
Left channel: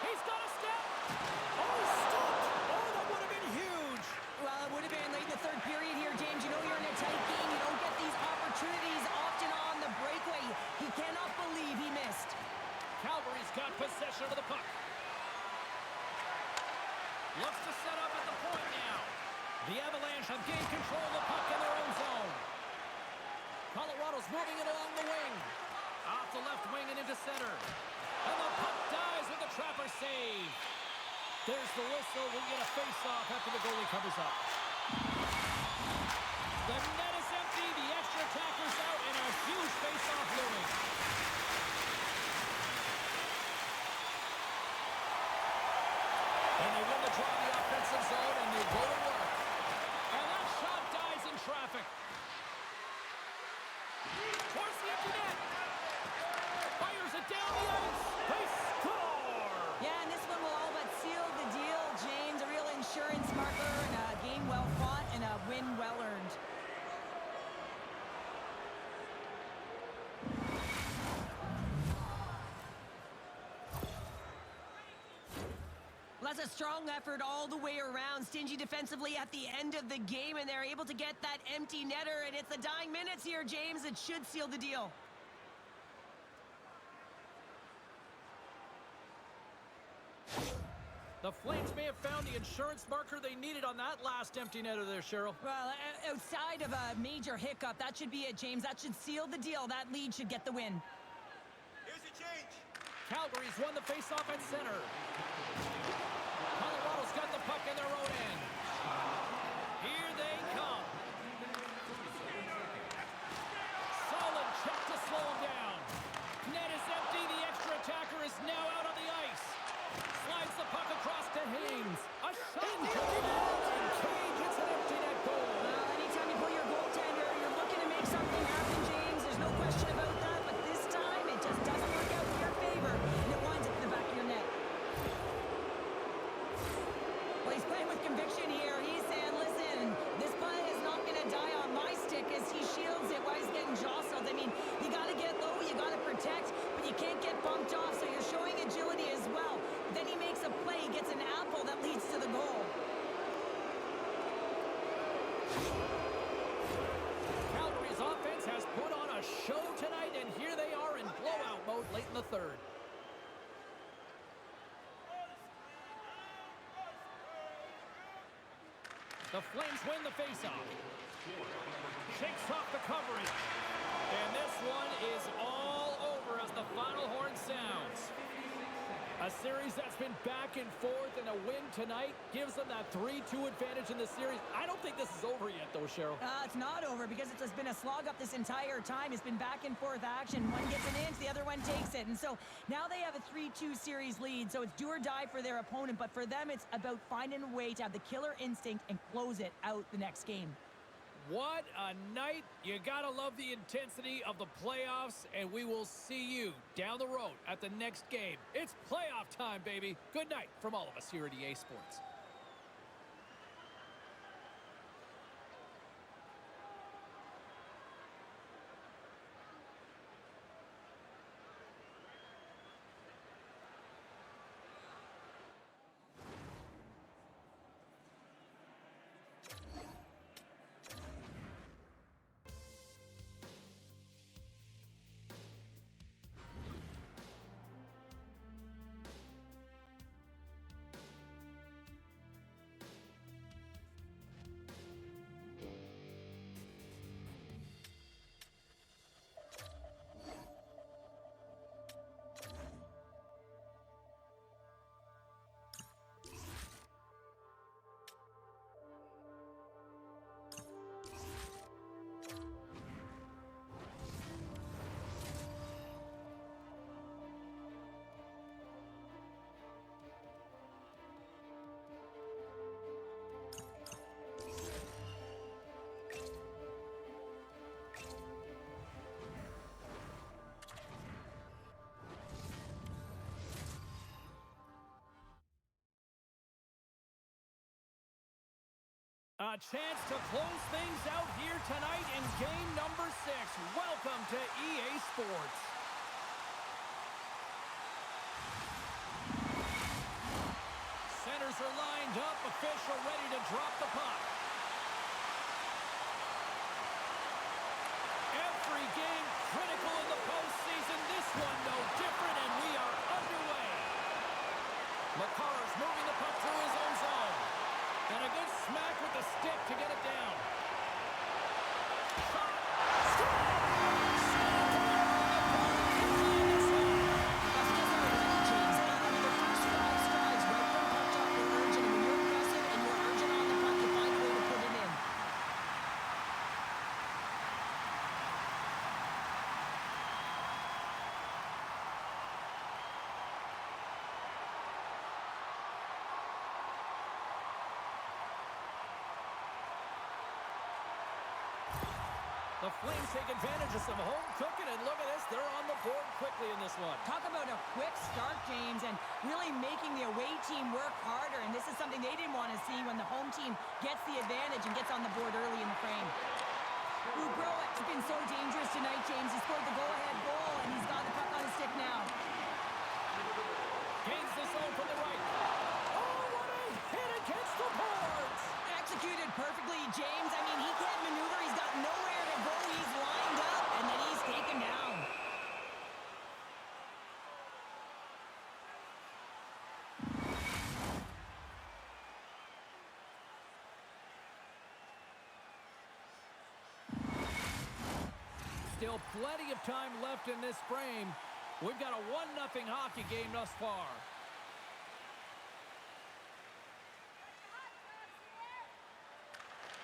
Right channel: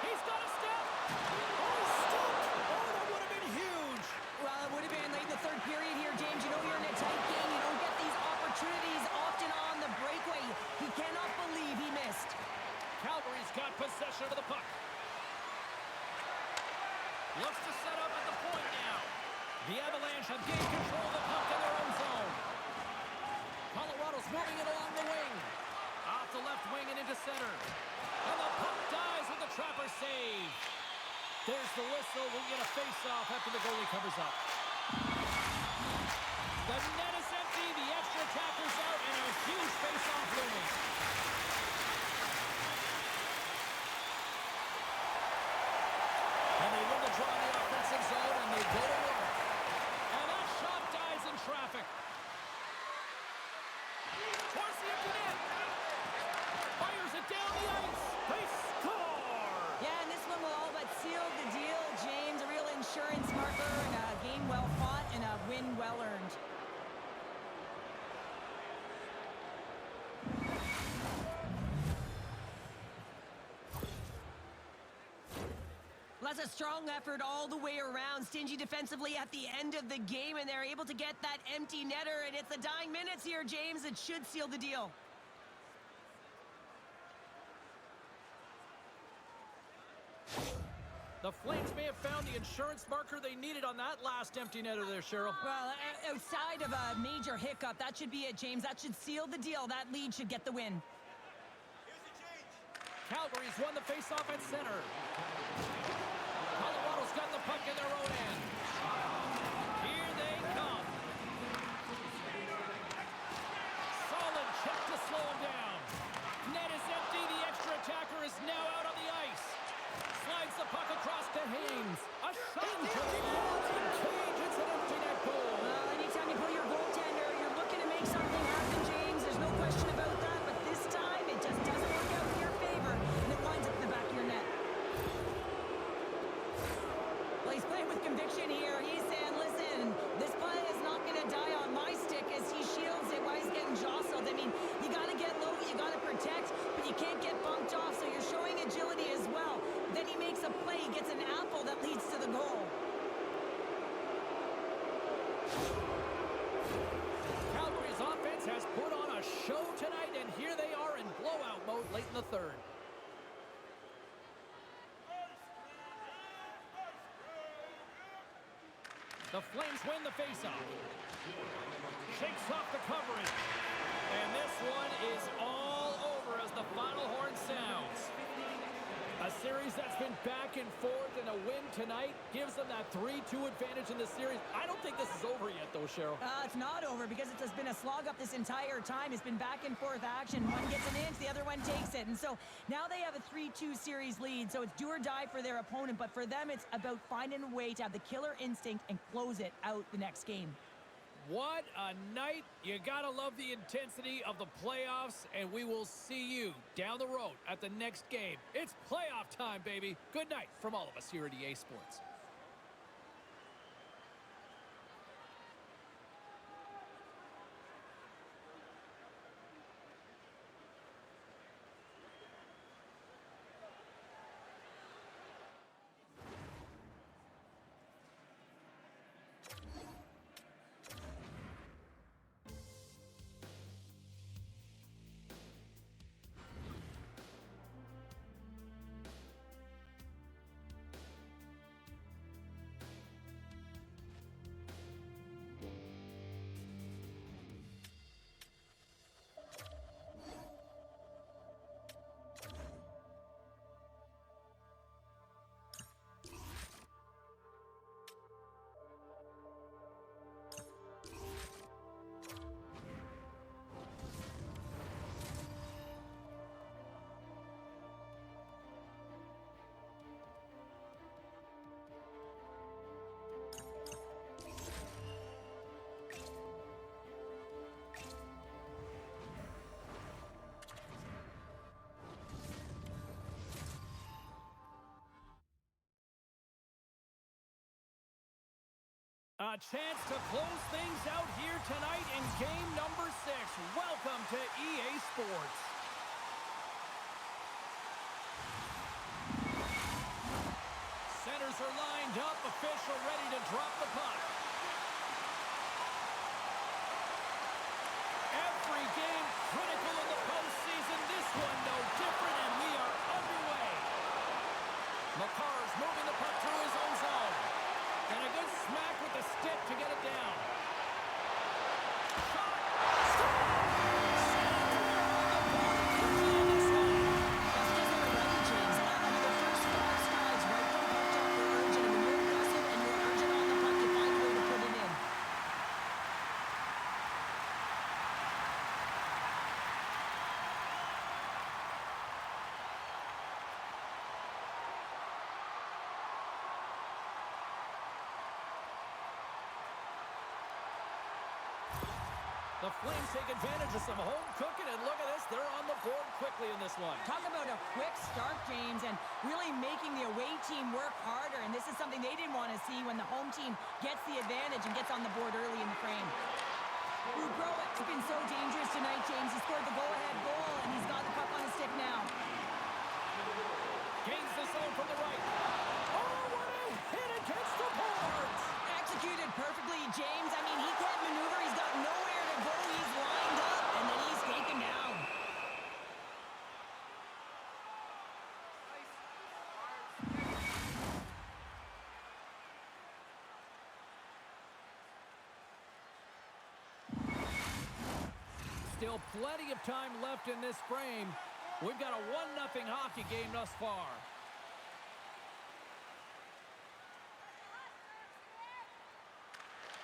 He's got a step. Oh, he's stopped. Oh, that would have been huge. Well, it would have been late in the third period here, James. You know you're in a tight game. You don't get these opportunities often on the breakaway. He cannot believe he missed. Calgary's got possession of the puck. Looks to set up at the point now. The Avalanche have gained control of the puck in their own zone. Colorado's moving it along the wing. Off the left wing and into center. And the puck dies with the trapper save. There's the whistle. We'll get a face-off after the goalie covers up. The net is empty. The extra attacker's out and a huge face-off looming. And they win the draw in the offensive zone, and they go to work. And that shot dies in traffic. Towards the empty net. Fires it down the ice. They score! Yeah, and this one will all but seal the deal, James. A real insurance marker and a game well fought and a win well earned. Let's was a strong effort all the way around. Stingy defensively at the end of the game, and they're able to get that empty netter, and it's the dying minutes here, James. It should seal the deal. The Flames may have found the insurance marker they needed on that last empty netter there, Cheryl. Well, outside of a major hiccup, that should be it, James. That should seal the deal. That lead should get the win. Here's the change. Calgary's won the faceoff at center. Colorado's got the puck in their own end. Here they come. Solid check to slow them down. Net is empty. The extra attacker is now out on the ice. Slides the puck across to Haynes. A shot into the loading cage. It's an empty net goal. Well, anytime you pull your goaltender, you're looking to make something happen, James. There's no question about that. But this time, it just doesn't work out in your favor, and it winds up in the back of your net. Well, he's playing with conviction here. He's saying, listen, this play is not going to die on my stick as he shields it while he's getting jostled. I mean, you got to get low, you got to protect, but you can't get bumped off, so you're showing agility as well. Then he makes a play, he gets an apple that leads to the goal. Calgary's offense has put on a show tonight, and here they are in blowout mode late in the third. The Flames win the faceoff. Shakes off the coverage. And this one is all over as the final horn sounds. A series that's been back and forth, and a win tonight gives them that 3-2 advantage in the series. I don't think this is over yet, though, Cheryl. It's not over because it's been a slog up this entire time. It's been back and forth action. One gets an inch, the other one takes it. And so now they have a 3-2 series lead. So it's do or die for their opponent. But for them, it's about finding a way to have the killer instinct and close it out the next game. What a night. You gotta love the intensity of the playoffs, and we will see you down the road at the next game. It's playoff time, baby. Good night from all of us here at EA Sports. A chance to close things out here tonight in game number 6. Welcome to EA Sports. Centers are lined up, official ready to drop the puck. Every game critical in the postseason. This one no different, and we are underway. Makar's moving the puck through his own zone. And a good smack with the stick to get it down. Shot! Score! That's because they were ready, James. I mean, the first 5 strides right from puck drop were urgent. And when you're aggressive and you're urgent on the puck, you find a way to put it in. The Flames take advantage of some home cooking, and look at this, they're on the board quickly in this one. Talk about a quick start, James, and really making the away team work harder. And this is something they didn't want to see when the home team gets the advantage and gets on the board early in the frame. Ubrowick's been so dangerous tonight, James. He scored the go-ahead goal, and he's got the puck on his stick now. Gains the zone from the right. Oh, the boards. Executed perfectly, James. I mean, he can't maneuver. He's got nowhere to go. He's lined up, and then he's taken down. Still plenty of time left in this frame. We've got a 1-0 hockey game thus far.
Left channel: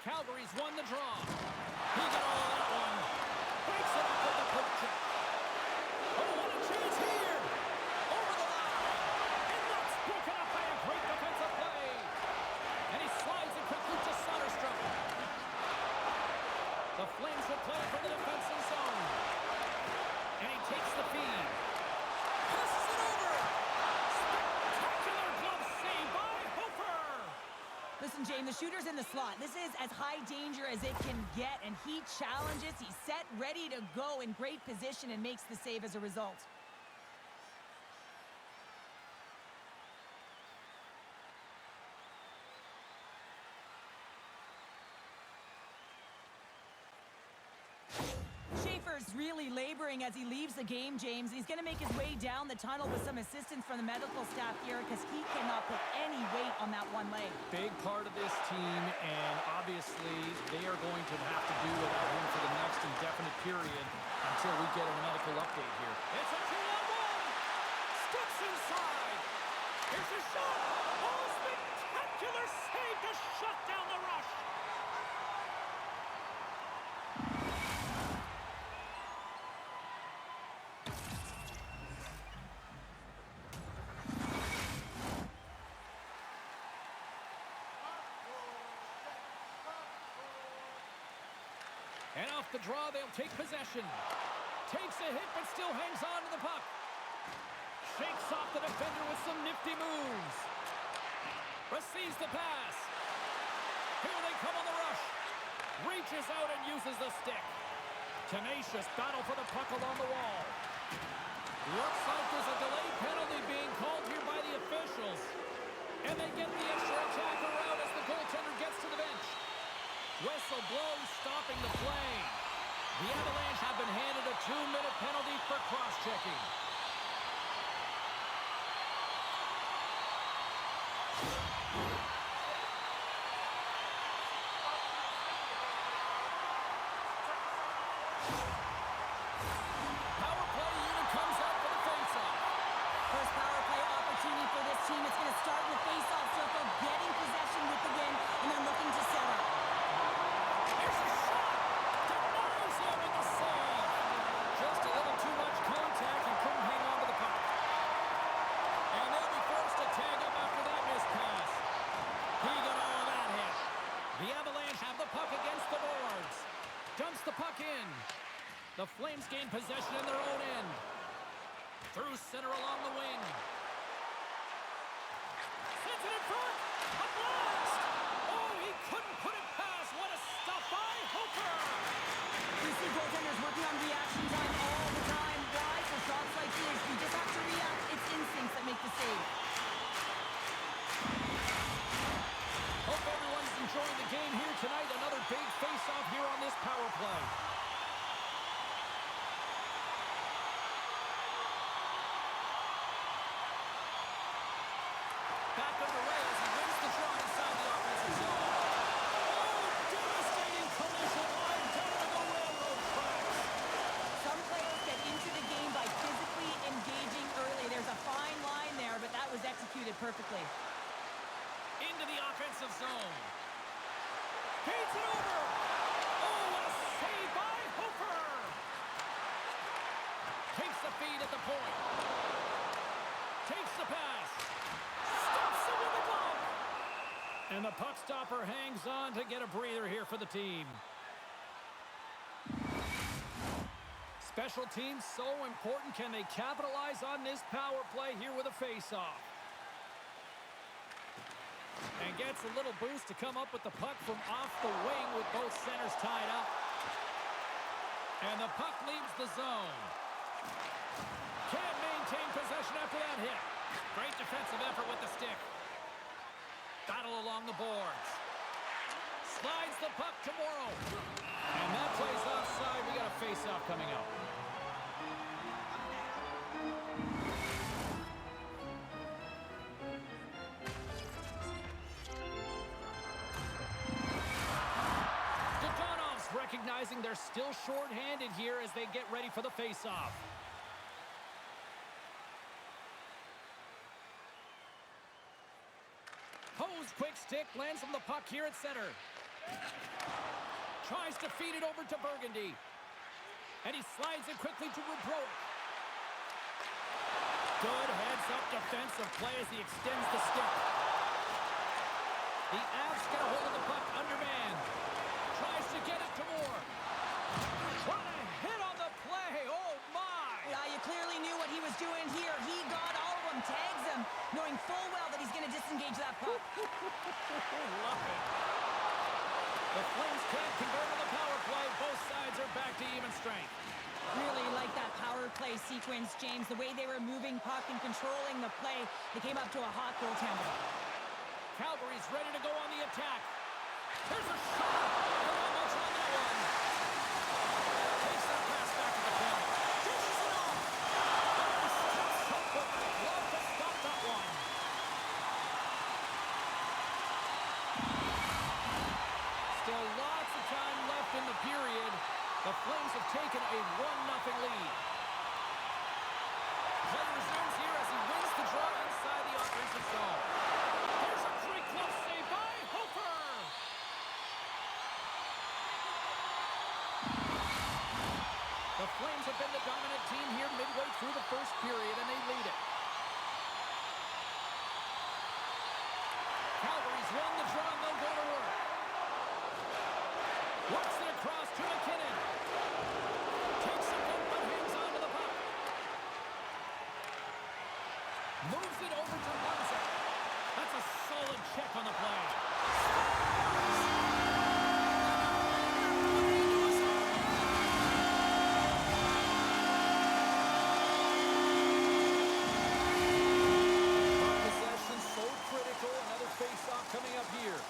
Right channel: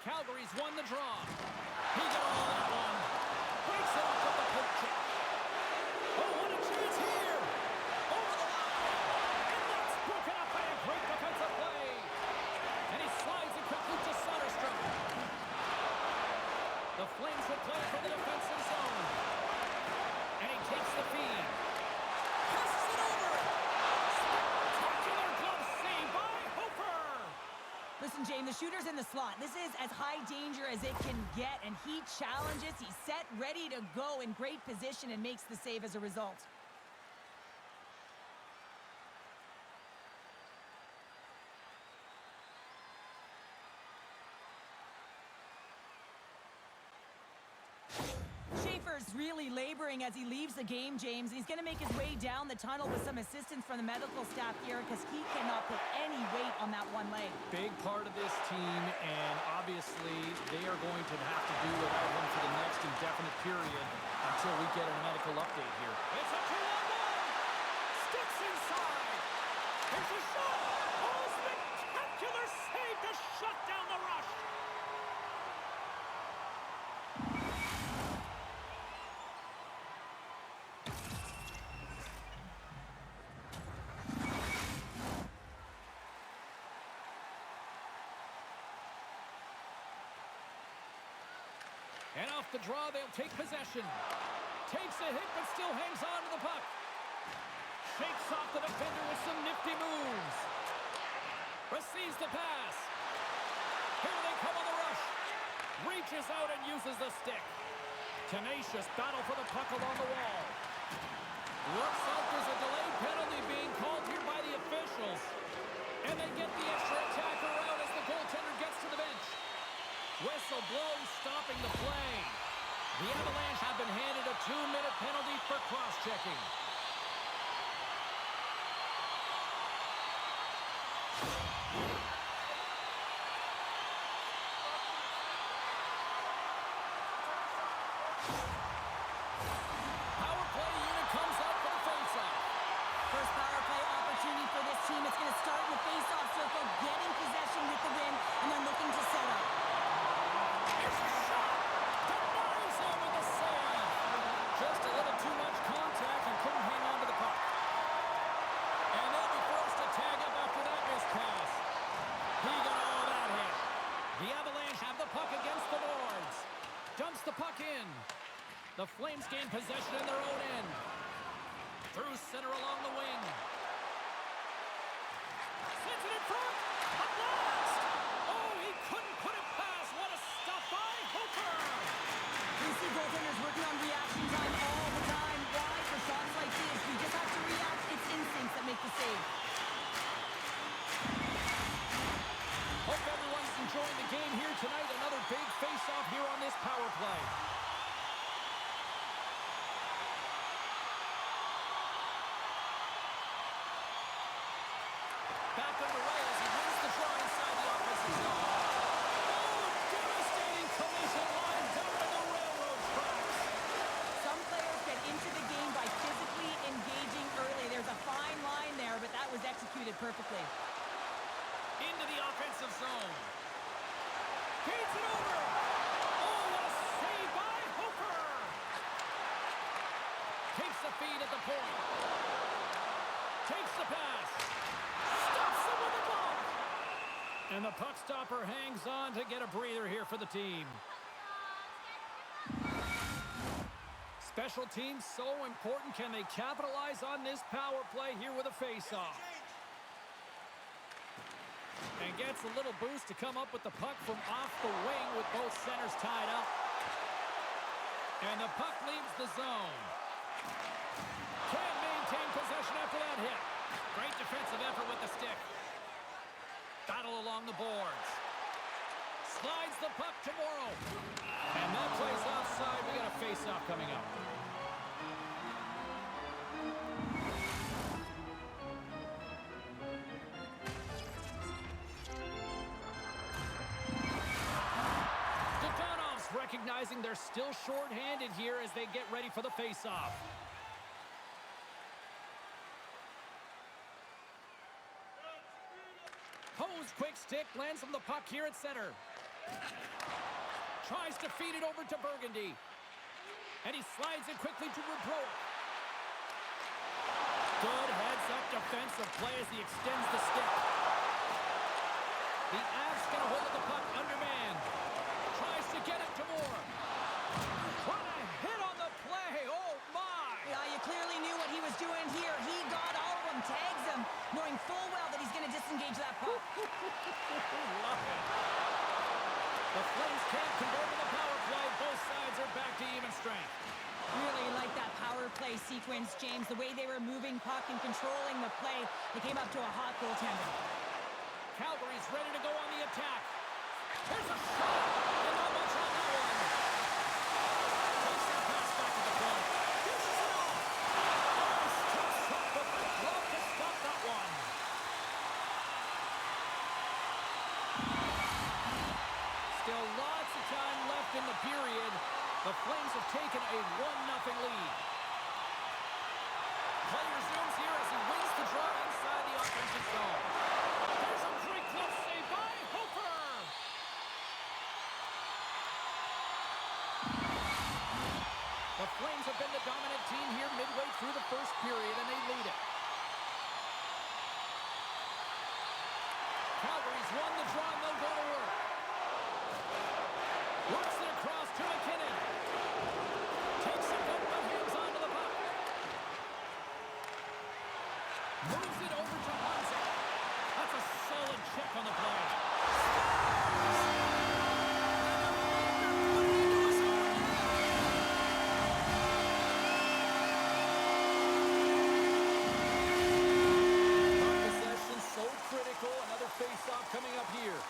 Calgary's won the draw. He got all of that one. Breaks it up with the poke check. Oh, what a chance here. Over the line. And that's broken up by a great defensive play. And he slides it quickly to Soderstrom. The Flames will play from the defensive zone. And he takes the feed. Passes it over. Spectacular glove save by Hofer. Listen, James, the shooter's in the slot. This is as high danger as it can get, and he challenges. He's set, ready to go, in great position, and makes the save as a result. Schaefer's really laboring as he leaves the game, James. He's going to make his way down the tunnel with some assistance from the medical staff here because he cannot put any weight on that one leg. Big part of this team, and obviously they are going to have to do without him for the next indefinite period until we get a medical update here. It's a 2-on-1. Steps inside. Here's a shot. Oh, spectacular save to shut down the rush. And off the draw, they'll take possession. Takes a hit, but still hangs on to the puck. Shakes off the defender with some nifty moves. Receives the pass. Here they come on the rush. Reaches out and uses the stick. Tenacious battle for the puck along the wall. Looks like there's a delayed penalty being called here by the officials. And they get the extra attacker out as the goaltender gets to the bench. Whistle blows, stopping the play. The Avalanche have been handed a 2-minute penalty for cross-checking. Power play unit comes out for the face-off. First power play opportunity for this team. It's going to start in the face-off circle, getting possession with the win, and then looking to set up. Here's a shot! Denies him with the save! Just a little too much contact and couldn't hang on to the puck. And they'll be forced to tag up after that missed pass. He got all of that hit. The Avalanche have the puck against the boards. Dumps the puck in. The Flames gain possession in their own end. Through center along the wing. Sends it in front. A blast! Oh, he couldn't put it past. What a stop by Hofer! You see goaltenders working on reaction time all the time. Why? For shots like this, you just have to react. It's instincts that make the save. Hope everyone's enjoying the game here tonight. Another big face-off here on this power play. Back underway as he wins the draw inside the offensive zone. Oh, devastating collision line down to the railroad tracks. Some players get into the game by physically engaging early. There's a fine line there, but that was executed perfectly. Into the offensive zone. Feeds it over. Oh, what a save by Hofer. Takes the feed at the point. Takes the pass. Stops it with a glove. And the puck stopper hangs on to get a breather here for the team. Special teams so important. Can they capitalize on this power play here with a face-off? And gets a little boost to come up with the puck from off the wing with both centers tied up. And the puck leaves the zone. Can't maintain possession after that hit. Great defensive effort with the stick. Battle along the boards. Slides the puck to Morrow. And that plays offside. We got a face-off coming up. Dodonov's recognizing they're still short-handed here as they get ready for the face-off. Hose quick stick lands from the puck here at center. Tries to feed it over to Burgundy. And he slides it quickly to Rubrowick. Good heads-up defensive play as he extends the stick. The Avs get a hold of the puck undermanned. Tries to get it to Moore. What a hit on the play! Oh my! Yeah, you clearly knew what he was doing here. He got all of them, tags them, knowing full well that he's going to disengage that puck. Love it. The Flames can't convert on the power play. Both sides are back to even strength. Really like that power play sequence, James. The way they were moving puck and controlling the play, they came up to a hot goaltender. Calgary's ready to go on the attack. Here's a shot, and not much on that one. Takes that pass back to the point. Dishes it off. Oh, steps up with the glove to stop that one. Still lots of time left in the period. The Flames have taken a 1-0 lead. Play resumes here as he wins the draw inside the offensive zone. There's a great glove save by Hofer. The Flames have been the dominant team here midway through the first period, and they lead it. Calgary's won the draw, and they'll go to work. Works it across to McKinnon. Takes it up, but hangs on to the puck. Moves it over to Munzek. That's a solid check on the play. Puck possession so critical. Another face-off coming up here.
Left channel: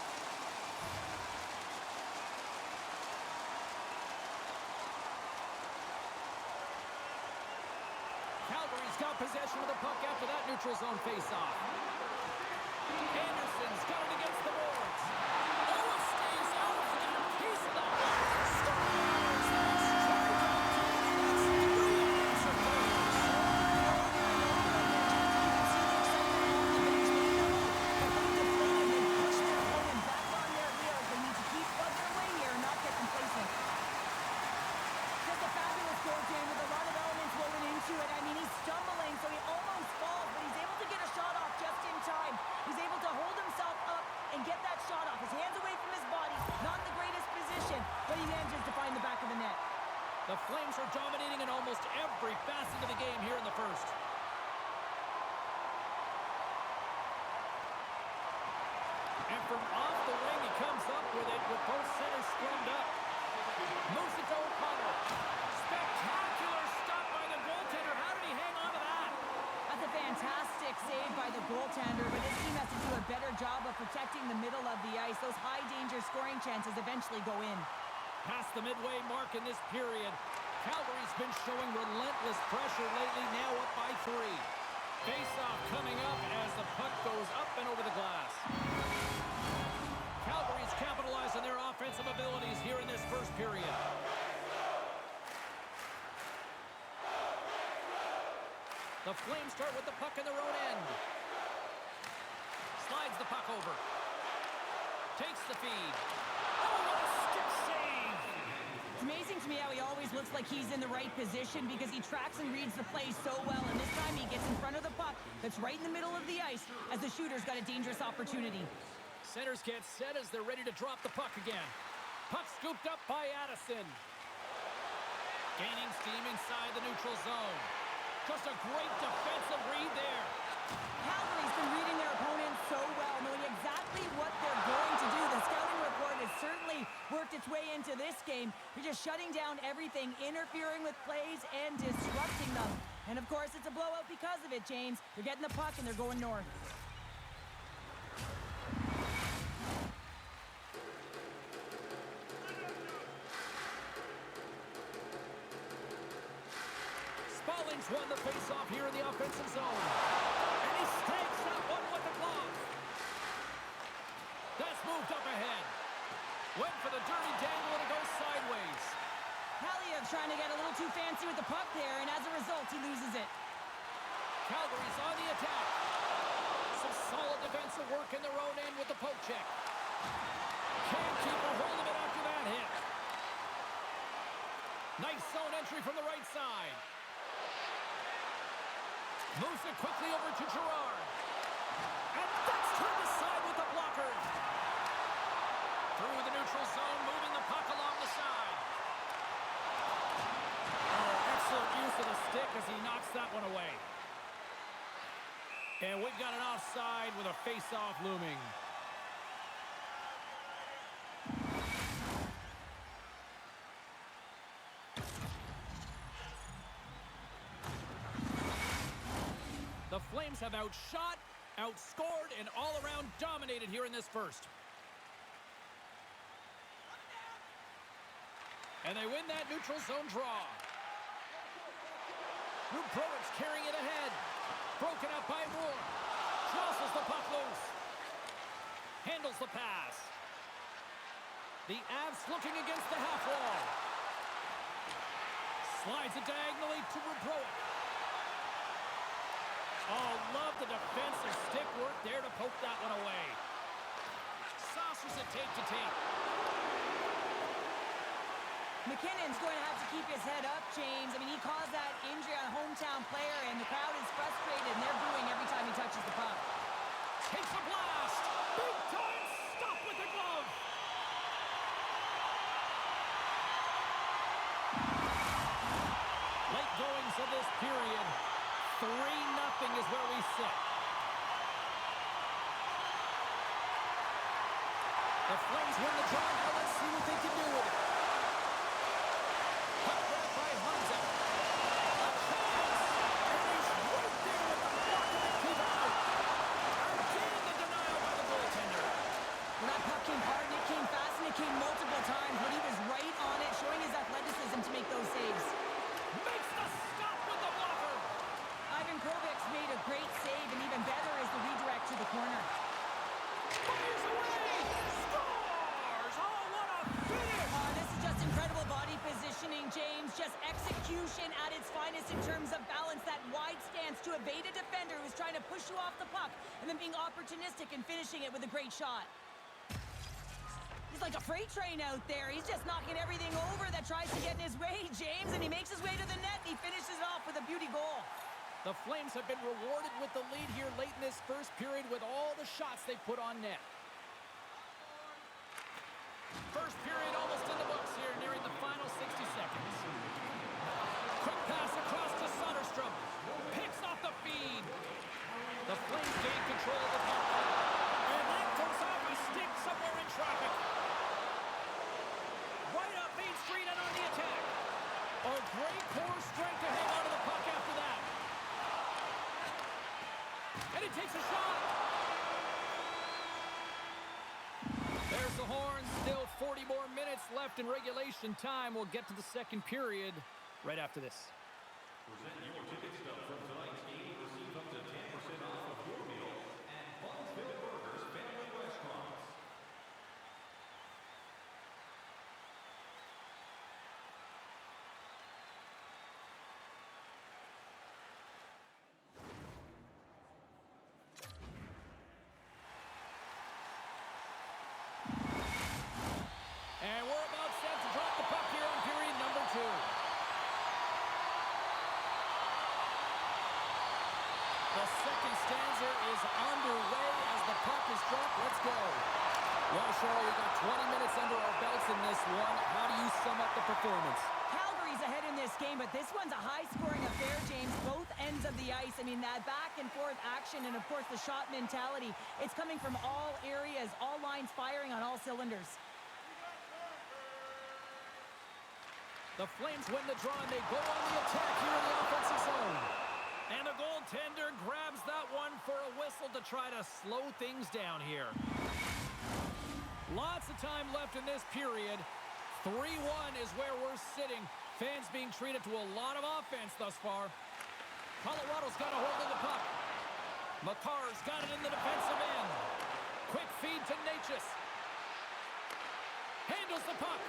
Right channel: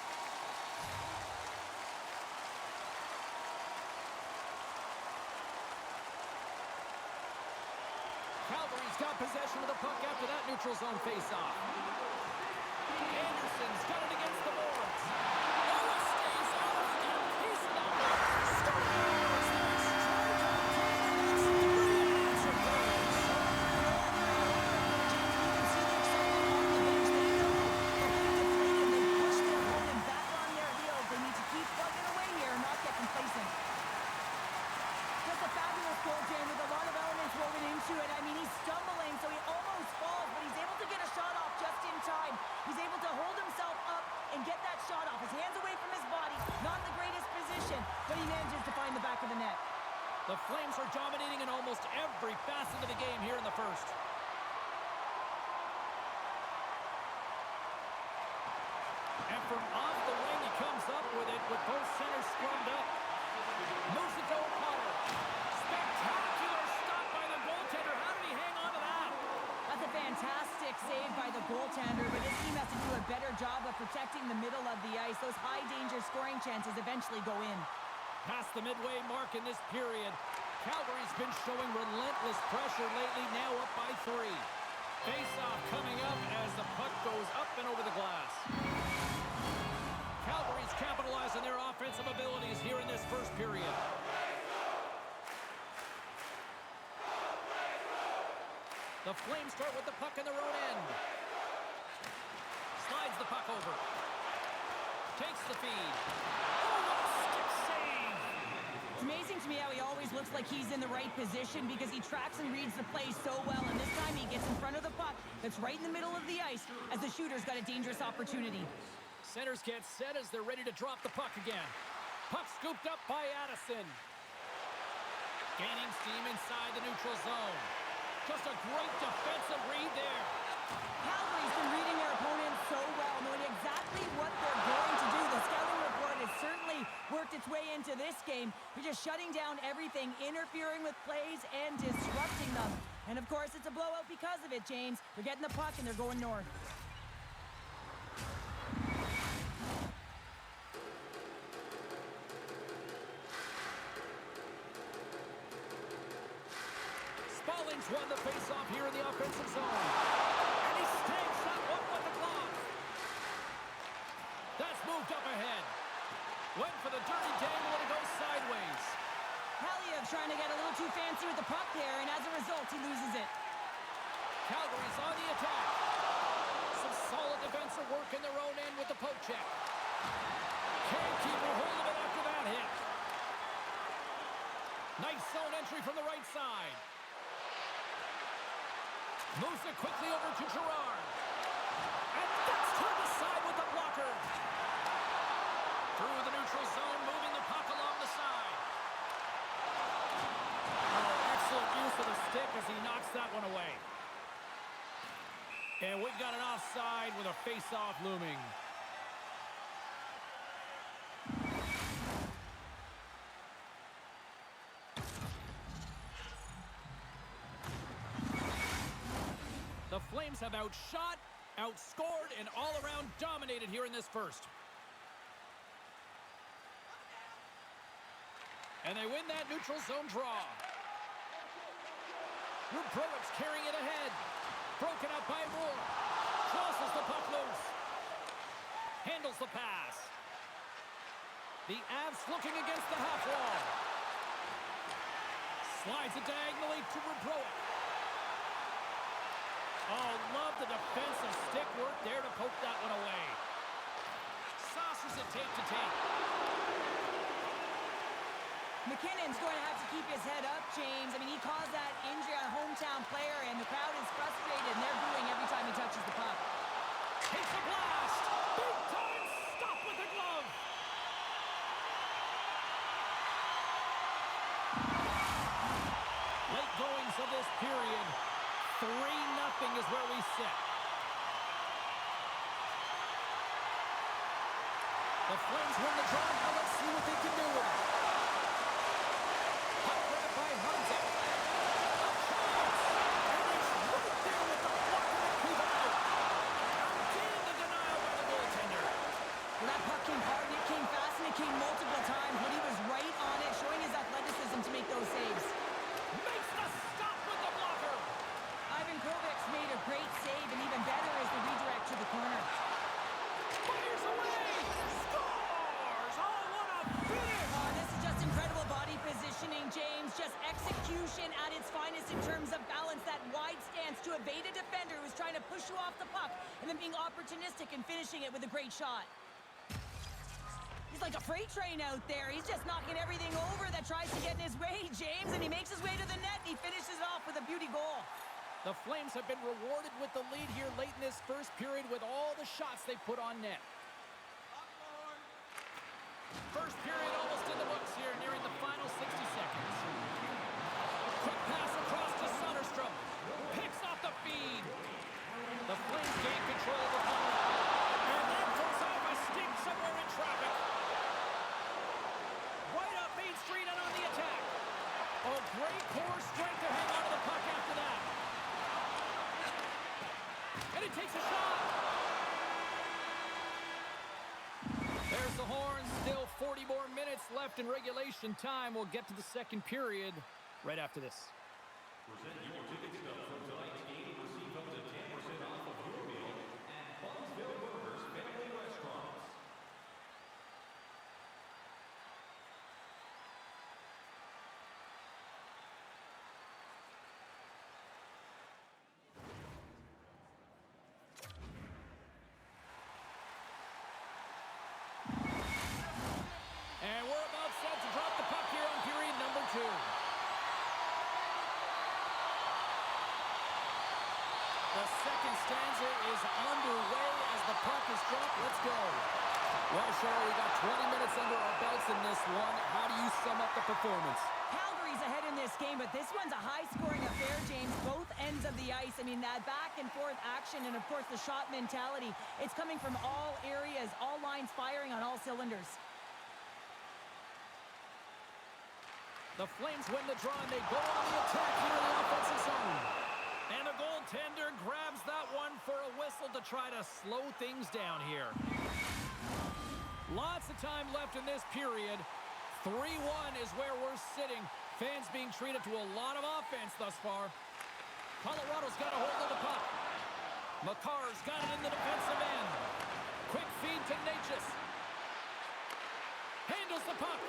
Calgary's got possession of the puck after that neutral zone face-off. Anderson's got it against the boards. Ola stays out. He got a piece of that one. Scores! They strike out Canada. That's 3 unanswered goals. They need to keep plugging away here and not get complacent. Just a fabulous goal, Jane, with a lot of elements woven into it. I mean, he's stumbling, so he almost falls, but he's able to get a shot off just in time. He's able to hold himself up and get that shot off. His hands away from his body, not in the greatest position, but he manages to find the back of the net. The Flames are dominating in almost every facet of the game here in the first. And from off the wing, he comes up with it with both centers scrummed up. Moves it to O'Connor. Spectacular stop by the goaltender. How did he hang on to that? That's a fantastic save by the goaltender, but his team has to do a better job of protecting the middle of the ice. Those high-danger scoring chances eventually go in. Past the midway mark in this period, Calgary's been showing relentless pressure lately, now up by 3. Face-off coming up as the puck goes up and over the glass. Calgary's capitalized on their offensive abilities here in this first period. The Flames start with the puck in their own end. Slides the puck over. Takes the feed. Oh, what a stick save! It's amazing to me how he always looks like he's in the right position because he tracks and reads the play so well, and this time he gets in front of the puck that's right in the middle of the ice as the shooter's got a dangerous opportunity. Centers get set as they're ready to drop the puck again. Puck scooped up by Addison. Gaining steam inside the neutral zone. Just a great defensive read there. Calgary's been reading their opponents so well, knowing exactly what they're going to do. The scouting report has certainly worked its way into this game. They're just shutting down everything, interfering with plays and disrupting them. And of course, it's a blowout because of it, James. They're getting the puck and they're going north. Rawlings won the face-off here in the offensive zone. And he stakes that one with the glove. That's moved up ahead. Went for the dirty dangle and it goes sideways. Haliev trying to get a little too fancy with the puck there, and as a result, he loses it. Calgary's on the attack. Some solid defensive work in their own end with the poke check. Can't keep a hold of it after that hit. Nice zone entry from the right side. Moves it quickly over to Gerard. And that's turned aside with the blocker. Through the neutral zone, moving the puck along the side. Oh, excellent use of the stick as he knocks that one away. And we've got an offside with a face-off looming. The Flames have outshot, outscored, and all-around dominated here in this first. And they win that neutral zone draw. Rubrowic's carrying it ahead. Broken up by Moore. Jostles the puck loose. Handles the pass. The Avs looking against the half wall. Slides it diagonally to Rubrowic. Oh, love the defensive stick work there to poke that one away. Saucers it tape to tape. McKinnon's going to have to keep his head up, James. I mean, he caused that injury on a hometown player, and the crowd is frustrated, and they're booing every time he touches the puck. Takes a blast. Big time stop with the glove. Late goings of this period. 3-0 is where we sit. The Flames win the draw. Now let's see what they can do with it. Puck grab by Hansa. A chance! And he's right there with the blocker to keep it out. Again, the denial by the goaltender. Well, that puck came hard, and it came fast, and it came multiple times, but he was right on it, showing his athleticism to make those saves. Makes the stop with the blocker. Ivan Kovic's made a great save, and even better is the redirect to the corner. Fires away! Scores! Oh, what a finish! This is just incredible body positioning, James. Just execution at its finest in terms of balance. That wide stance to evade a defender who's trying to push you off the puck, and then being opportunistic and finishing it with a great shot. He's like a freight train out there. He's just knocking everything over that tries to get in his way, James, and he makes his way to the net, and he finishes it off with a beauty goal. The Flames have been rewarded with the lead here late in this first period with all the shots they put on net. First period almost in the books here, nearing the final 60 seconds. Quick pass across to Soderstrom. Picks off the feed. The Flames gain control of the puck. And that goes off a stick somewhere in traffic. Right up Main Street and on the attack. Oh, great core strength to hang on to the puck after that. And he takes a shot. There's the horn. Still 40 more minutes left in regulation time. We'll get to the second period right after this. Present your ticket stub from tonight's game and receive up to 10% off of your meal at Bunsville Burgers Family Restaurants. And we're about set to drop the puck here on period number 2. The second stanza is underway as the puck is dropped. Let's go. Well, Cheryl, we got 20 minutes under our belts in this one. How do you sum up the performance? Calgary's ahead in this game, but this one's a high-scoring affair, James. Both ends of the ice. I mean, that back-and-forth action and, of course, the shot mentality. It's coming from all areas, all lines firing on all cylinders. The Flames win the draw, and they go on the attack here in the offensive zone. And the goaltender grabs that one for a whistle to try to slow things down here. Lots of time left in this period. 3-1 is where we're sitting. Fans being treated to a lot of offense thus far. Colorado's got a hold of the puck. Makar's got it in the defensive end. Quick feed to Natchez. Handles the puck.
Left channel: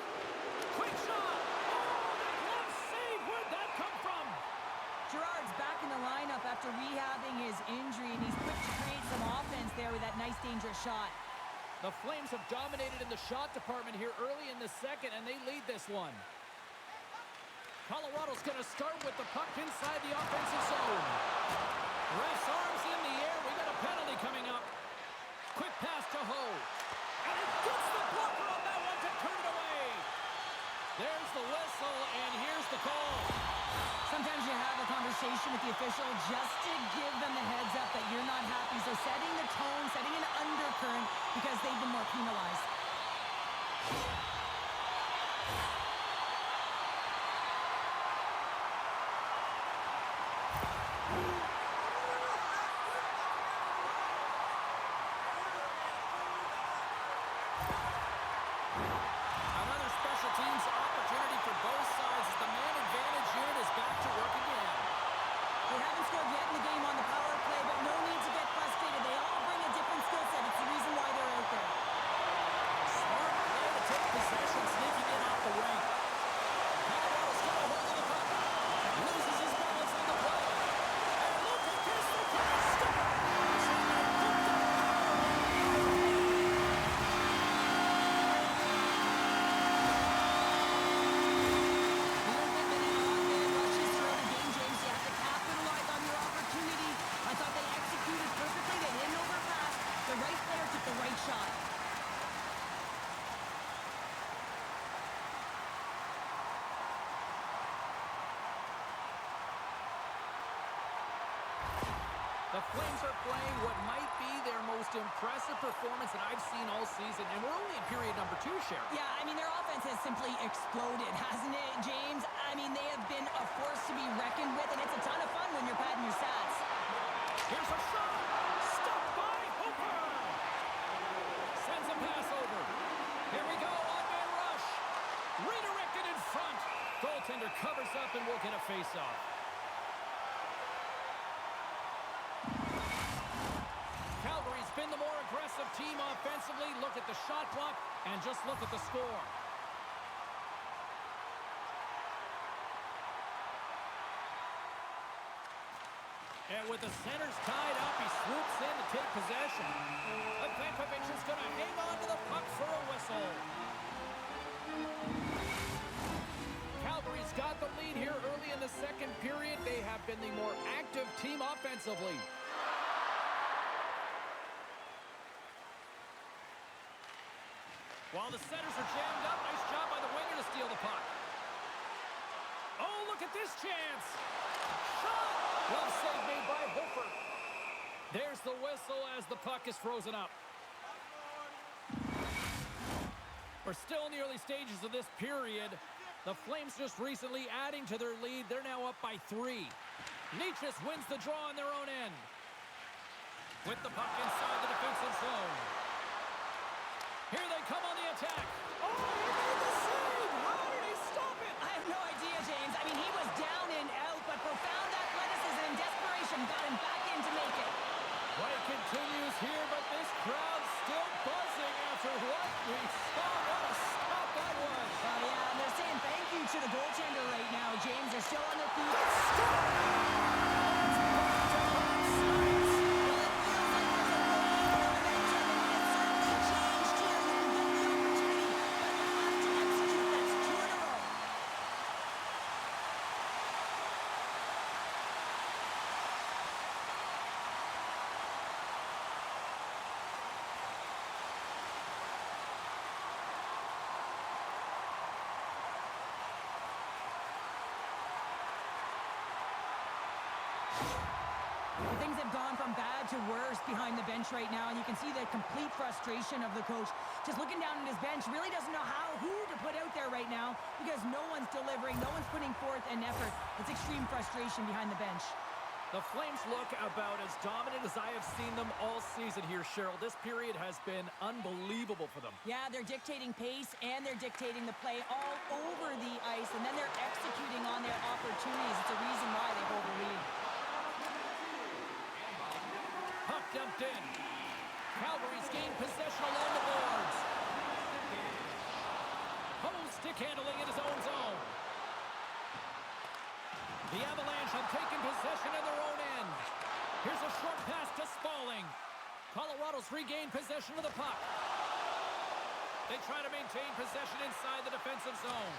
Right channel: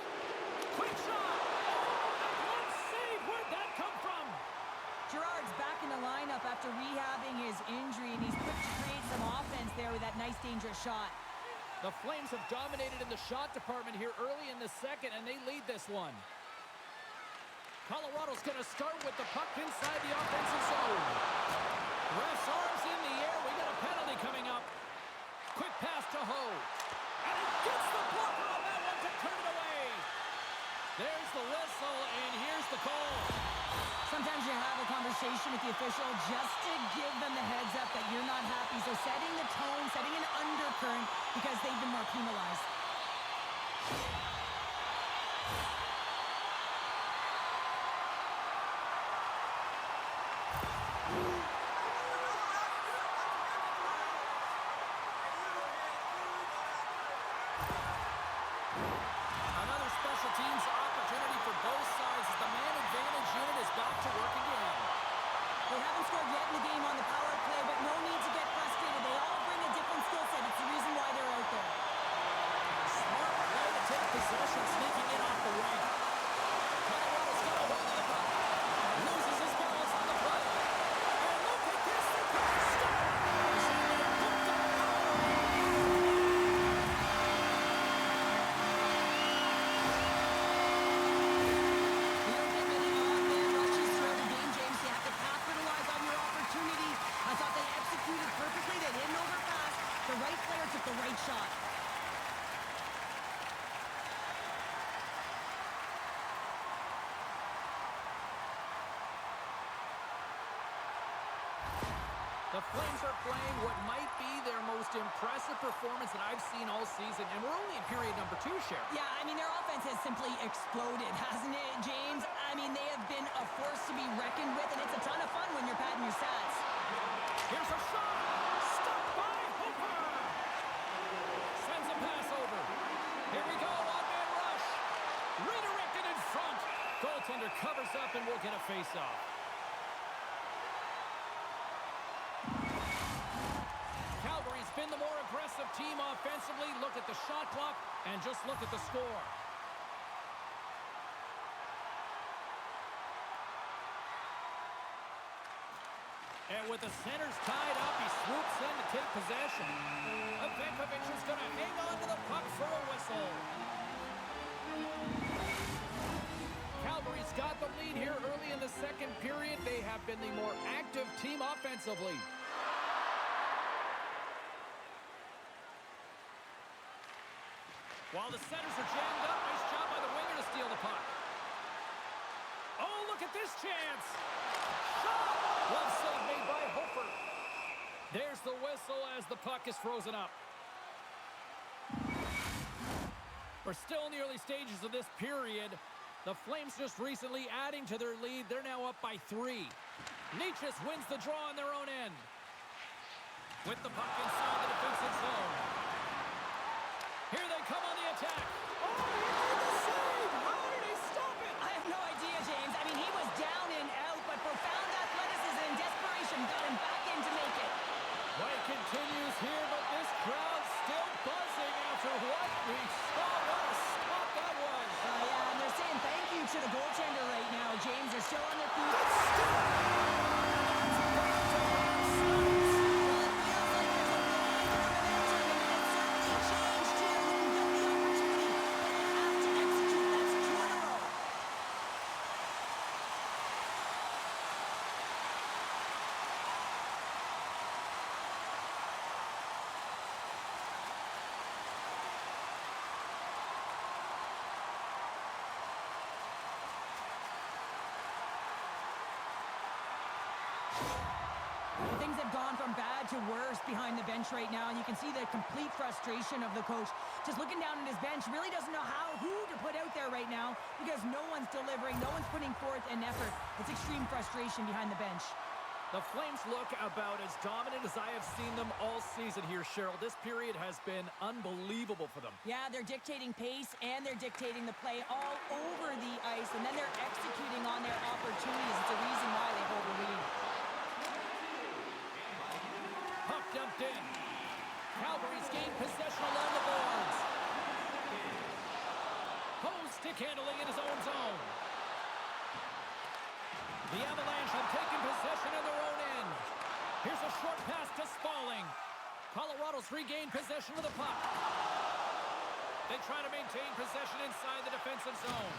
Quick shot. Oh, the glove save. Where'd that come from? Gerard's back in the lineup after rehabbing his injury, and he's quick to create some offense there with that nice, dangerous shot. The Flames have dominated in the shot department here early in the second, and they lead this one. Colorado's going to start with the puck inside the offensive zone. Ref's arms in the air. We got a penalty coming up. Quick pass to Ho. And he gets the blocker on that one to turn it away. There's the whistle, and here's the call. Sometimes you have a conversation with the official just to give them the heads up that you're not happy. So setting the tone, setting an undercurrent because they've been more penalized. Another special teams opportunity for both sides as the man advantage unit is back to work again. They haven't scored yet in the game on the power play, but no need to get frustrated. They all bring a different skill set. It's the reason why they're out there. Smart play to take possession, sneaking in off the wing. Colorado's got a hold of the puck. Loses his balance on the play. And look at this, they can't stop. And they put the power on. You don't get many odd man rushes throughout a game, James. You have to capitalize on your opportunity. I thought they executed perfectly. They didn't overpass. The right player took the right shot. The Flames are playing what might be their most impressive performance that I've seen all season, and we're only in period number 2, Cheryl. Yeah, I mean, their offense has simply exploded, hasn't it, James? I mean, they have been a force to be reckoned with, and it's a ton of fun when you're padding your stats. Here's a shot. Stopped by Hooper. Sends a pass over. Here we go, on-man rush. Redirected in front. Goaltender covers up and we'll get a face-off. Calgary's been the more aggressive team offensively. Look at the shot clock and just look at the score. And with the centers tied up, he swoops in to take possession. Avenkovic is going to hang on to the puck for a whistle. Calgary's got the lead here early in the second period. They have been the more active team offensively. While the centers are jammed up, nice job by the winger to steal the puck. Oh, look at this chance. Shot! Glove save made by Hofer. There's the whistle as the puck is frozen up. We're still in the early stages of this period. The Flames just recently adding to their lead. They're now up by 3. Natchez wins the draw on their own end. With the puck inside the defensive zone. Here they come on the attack. Oh, he made the save! How did he stop it? I have no idea, James. I mean, he was down and out, but profound athleticism and desperation got him back in to make it. Play continues here, but this crowd's still buzzing after what we saw. What a stop that was. Yeah, and they're saying thank you to the goaltender right now, James. They're still on their feet. Good stop! That's back to back snipes. Well, it feels like there's a wave of momentum, and it has certainly changed here. You can get the opportunity, but you have to execute. That's 2 in a row. Well, things have gone from bad to worse behind the bench right now, and you can see the complete frustration of the coach. Just looking down at his bench, really doesn't know who to put out there right now because no one's delivering, no one's putting forth an effort. It's extreme frustration behind the bench. The Flames look about as dominant as I have seen them all season here, Cheryl. This period has been unbelievable for them. Yeah, they're dictating pace and they're dictating the play all over the ice, and then they're executing on their opportunities. It's a reason why they hold the lead. dumped in. Calgary's gained possession along the boards. Hose stick handling in his own zone. The Avalanche have taken possession of their own end. Here's a short pass to Spalling. Colorado's regained possession of the puck. They try to maintain possession inside the defensive zone.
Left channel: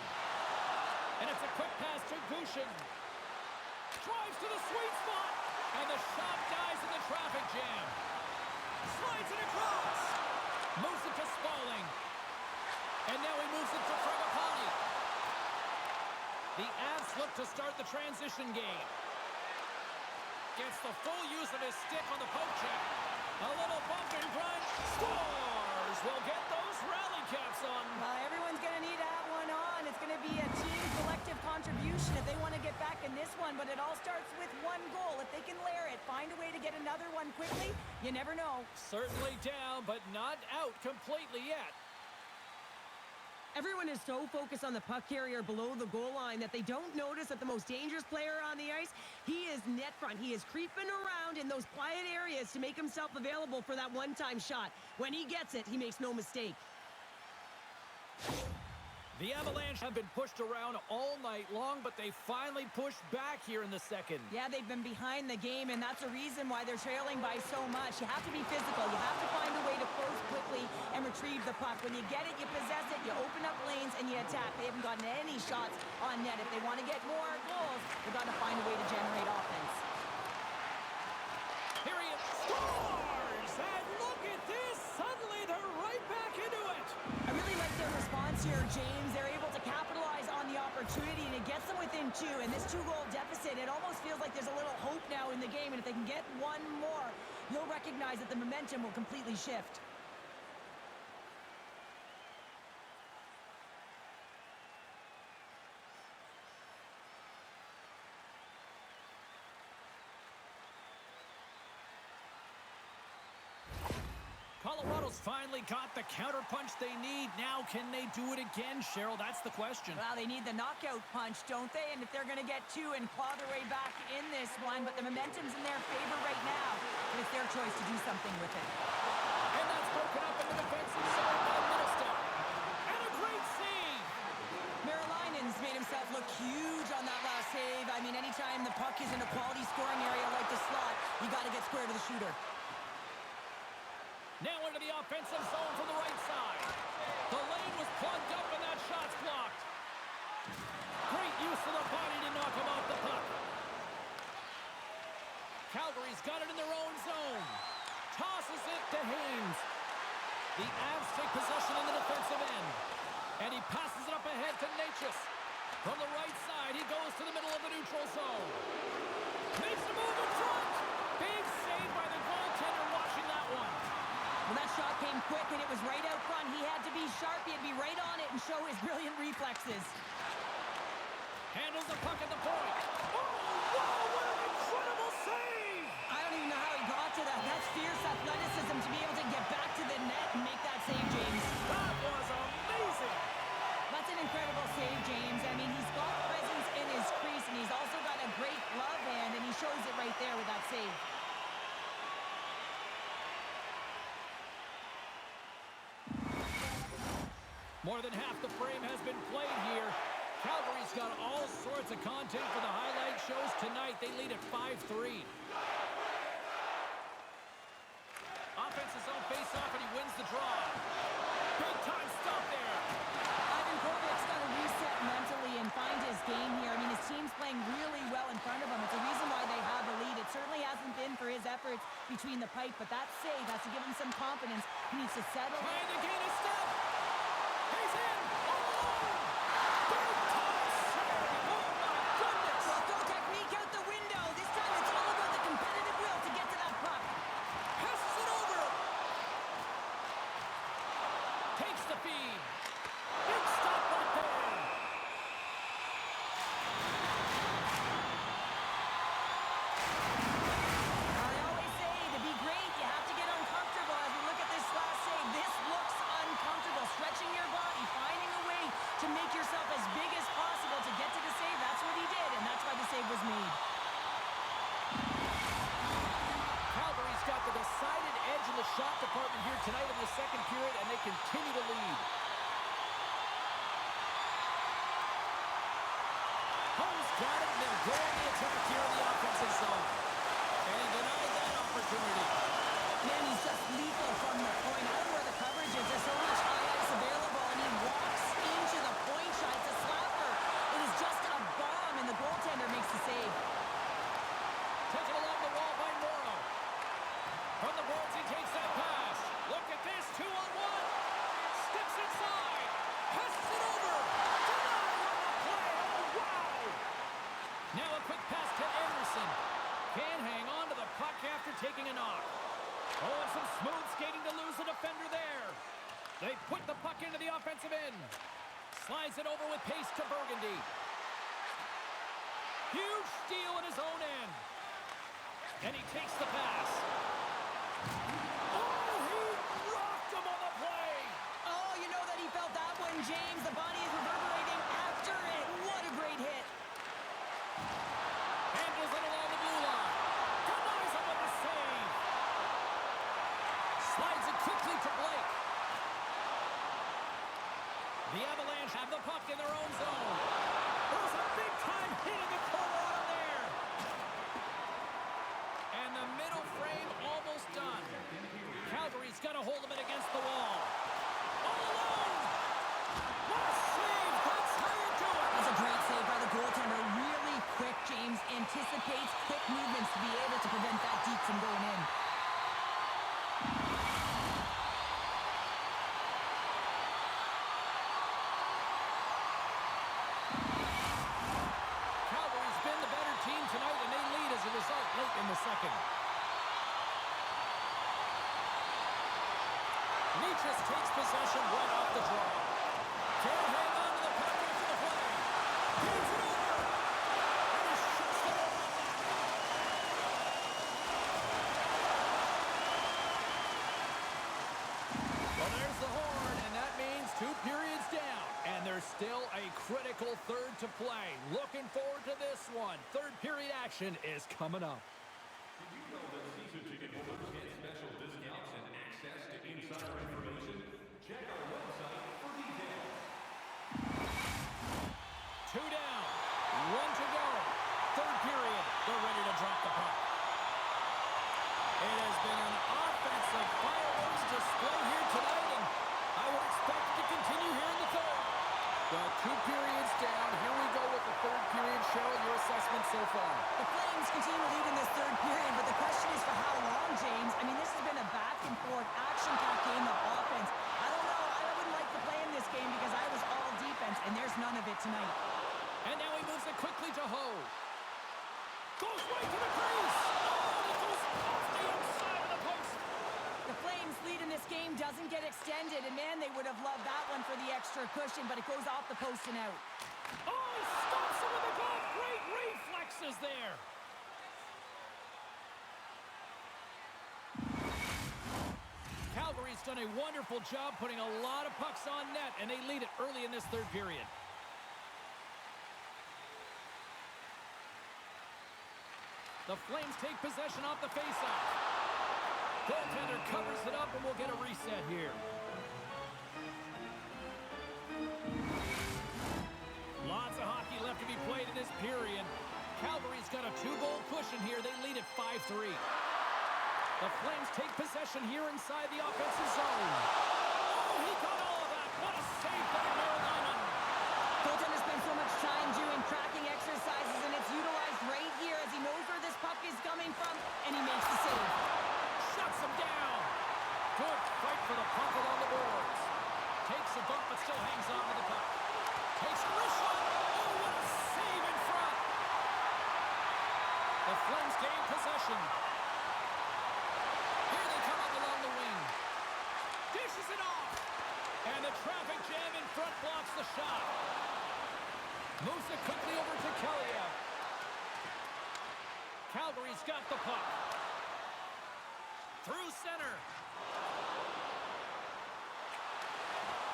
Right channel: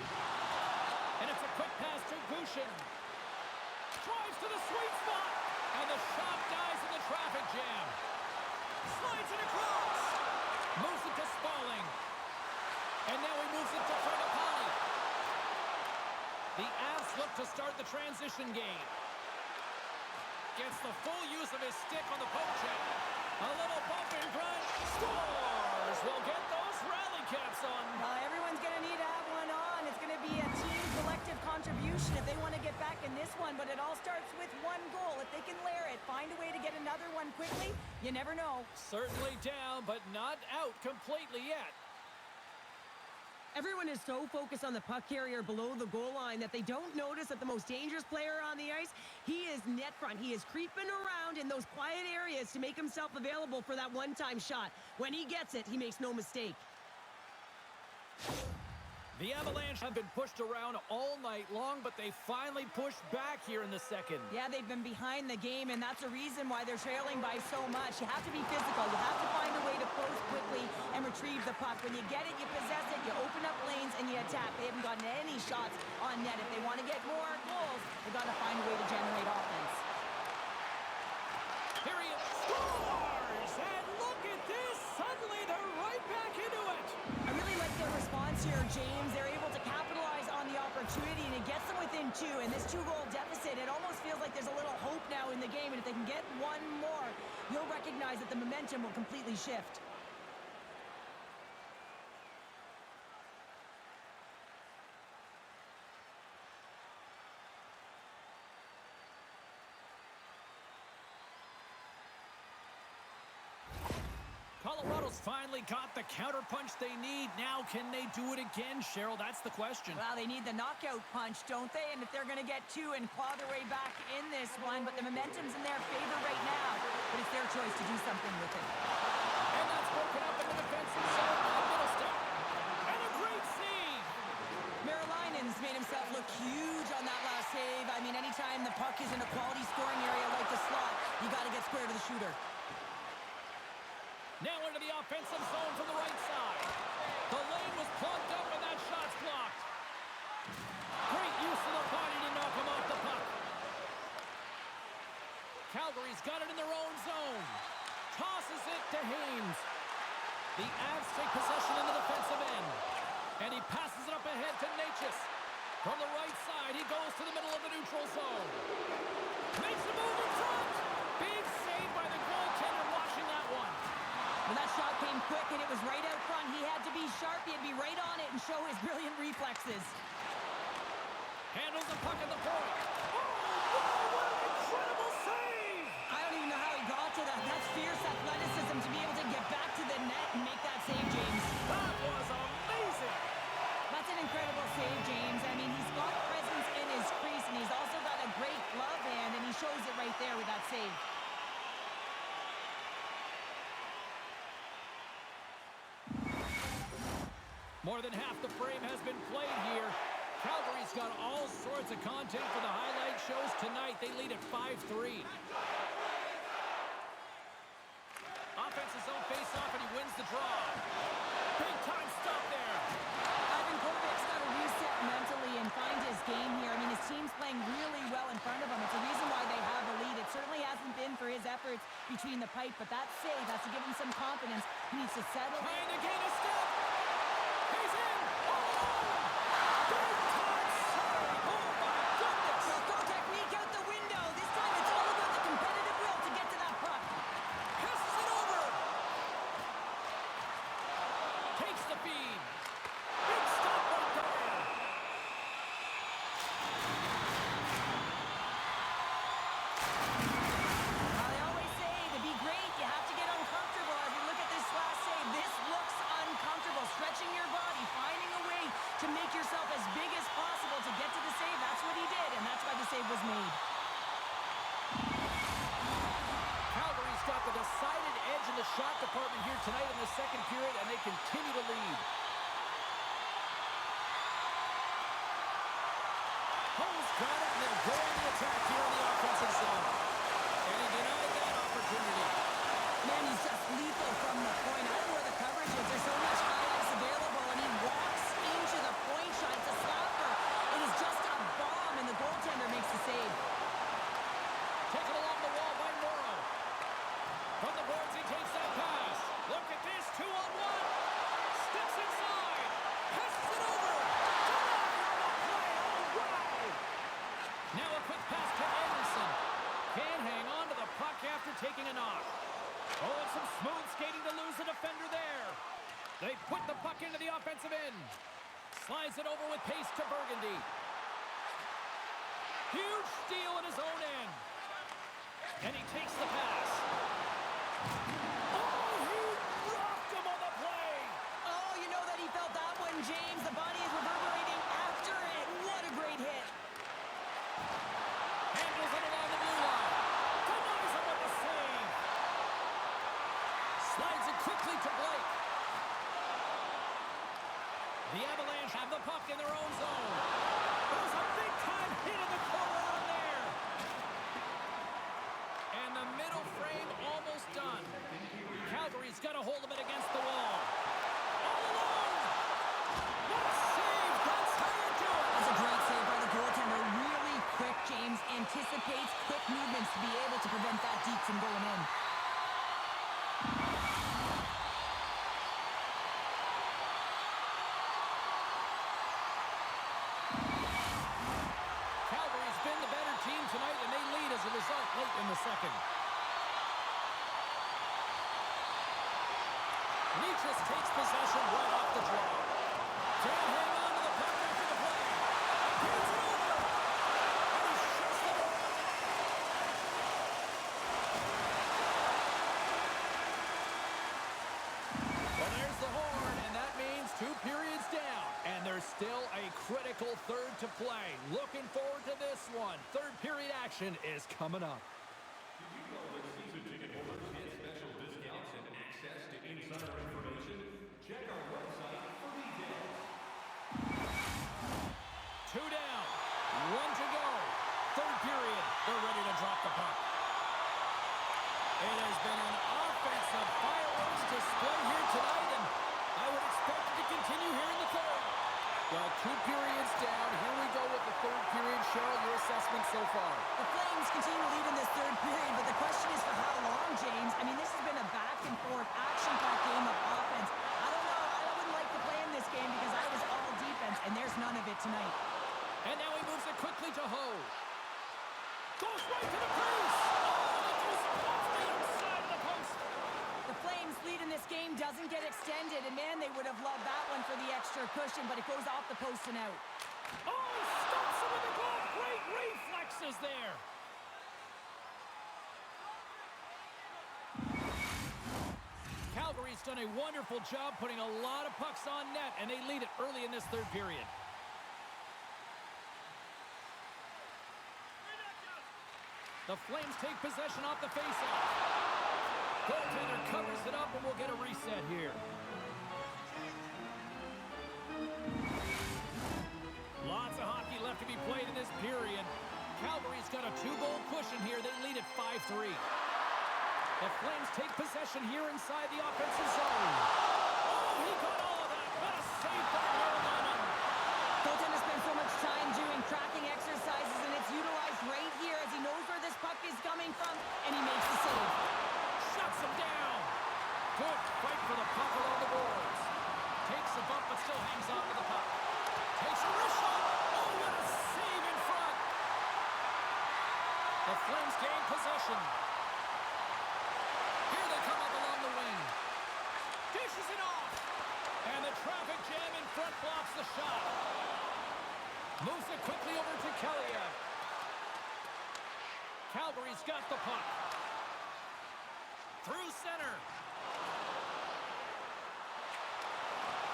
And it's a quick pass to Gushin. Drives to the sweet spot. And the shot dies in the traffic jam. Slides it across. Moves it to Spalling. And now he moves it to Fragapani. The Avs look to start the transition game. Gets the full use of his stick on the poke check. A little bump and grunt. Scores! We'll get those rally caps on. Everyone's going to need to have one on. It's going to be a team collective contribution if they want to get back in this one. But it all starts with one goal. If they can layer it, find a way to get another one quickly, you never know. Certainly down, but not out completely yet. Everyone is so focused on the puck carrier below the goal line that they don't notice that the most dangerous player on the ice, he is net front. He is creeping around in those quiet areas to make himself available for that one-time shot. When he gets it, he makes no mistake. The Avalanche have been pushed around all night long, but they finally pushed back here in the second. Yeah, they've been behind the game, and that's a reason why they're trailing by so much. You have to be physical. You have to find a way to close quickly and retrieve the puck. When you get it, you possess it, you open up lanes, and you attack. They haven't gotten any shots on net. If they want to get more goals, they've got to find a way to generate offense. Here he is. Scores! And look at this! Suddenly they're right back into it! I really like their response here, James. They're able to capitalize on the opportunity, and it gets them within two. And this two-goal deficit, it almost feels like there's a little hope now in the game. And if they can get one more, you'll recognize that the momentum will completely shift. Colorado's finally got the counterpunch they need. Now, can they do it again, Cheryl? That's the question. Well, they need the knockout punch, don't they? And if they're going to get two and claw their way back in this one, but the momentum's in their favor right now. But it's their choice to do something with it. And that's broken up in the defensive zone by Middlestat. And a great save! Marilainen's made himself look huge on that last save. I mean, anytime the puck is in a quality scoring area like the slot, you got to get square to the shooter. Now into the offensive zone from the right side. The lane was plugged up and that shot's blocked. Great use of the body to knock him off the puck. Calgary's got it in their own zone. Tosses it to Haynes. The Avs take possession in the defensive end. And he passes it up ahead to Natchez. From the right side, he goes to the middle of the neutral zone. Makes the move in front. Big save by the goaltender watching that one. Well, that shot came quick, and it was right out front. He had to be sharp. He had to be right on it and show his brilliant reflexes. Handles the puck at the point. Oh, wow, what an incredible save! I don't even know how he got to that. That's fierce athleticism to be able to get back to the net and make that save, James. That was amazing! That's an incredible save, James. I mean, he's got presence in his crease, and he's also got a great glove hand, and he shows it right there with that save. More than half the frame has been played here. Calgary's got all sorts of content for the highlight shows tonight. They lead at 5-3. Offensive zone face-off, and he wins the draw. Big time stop there. Ivan Kovic's got to reset mentally and find his game here. I mean, his team's playing really well in front of him. It's a reason why they have a lead. It certainly hasn't been for his efforts between the pipe, but that save has to give him some confidence. He needs to settle. Trying to gain a step. He's in all alone. Big time save. Oh, my goodness. Well, throw technique out the window. This time it's all about the competitive will to get to that puck. Passes it over. Takes the feed. Big stop right there. Now, they always say to be great, you have to get uncomfortable. As we look at this last save, this looks uncomfortable. shot department here tonight in the second period, and they continue to lead. Ho's got it, and they'll go on the attack here in the offensive zone. And he denied that opportunity. Man, he's just lethal from the point. I don't know where the coverage is. There's so much high ice available, and he walks into the point shot. It's a slapper. It is just a bomb, and the goaltender makes the save. Taken along the wall by Morrow. From the boards, he takes that pass. Look at this, 2-on-1. Steps inside. Passes it over. Denied on the play. Oh, wow. Now a quick pass to Anderson. Can't hang on to the puck after taking a knock. Oh, and some smooth skating to lose the defender there. They put the puck into the offensive end. Slides it over with pace to Burgundy. Huge steal in his own end. And he takes the pass. Oh, he rocked him on the play. Oh, you know that he felt that one, James. The body is reverberating after it. What a great hit. Handles it along the blue line. Denies him with the save. Slides it quickly to Blake. The Avalanche have the puck in their own zone. There's a big-time hit in the corner on him there. And the middle frame almost done. Calgary's got a hold of it against the wall. All alone. What a save. That's how you do it. That's a great save by the goaltender. Really quick, James. Anticipates quick movements to be able to prevent that deep from going in. Calgary's been the better team tonight, and they lead as a result late in the second. Nichas takes possession right off the draw. Can't hang on to the puck after the play. Gives it over. And he shuts the door on that. Well, there's the horn, and that means 2 periods down. And there's still a critical third to play. Looking forward to this one. Third period action is coming up. Did you know that season ticket holders get special discounts and access to insider information? Check our website for details. 2 down, 1 to go. Third period, they're ready to drop the puck. It has been an offensive fireworks display here tonight, and I would expect it to continue here in the third. Well, 2 periods down. Here we go with the third period. Cheryl, your assessment so far? The Flames continue to lead in this third period, but the question is for how long, James? I mean, this has been a back-and-forth, action-packed game of offense. I don't know. I wouldn't like to play in this game because I was all defense, and there's none of it tonight. And now he moves it quickly to Ho. Goes right to the crease. Oh, it goes off the outside of the post. The Flames' lead in this game doesn't get extended, and man, they would have loved that one for the extra cushion, but it goes off the post and out. Oh, he stops him with the glove. Great reflexes there. Calgary's done a wonderful job putting a lot of pucks on net, and they lead it early in this third period. The Flames take possession off the faceoff. Goaltender covers it up, and we'll get a reset here. Lots of hockey left to be played in this period. Calgary's got a 2-goal cushion here. They lead at 5-3. The Flames take possession here inside the offensive zone. Oh, he got all of that. What a save by Merrill. Goaltender spends so much time doing tracking exercises, and it's utilized right here as he knows where this puck is coming from, and he makes the save. Shuts him down. Good fight for the puck along the boards. Takes a bump, but still hangs on to the puck. Takes a wrist shot. Oh, what a save in front. The Flames gain possession. Here they come up along the wing. Dishes it off. And the traffic jam in front blocks the shot. Moves it quickly over to Kaliev. Calgary's got the puck. Through center.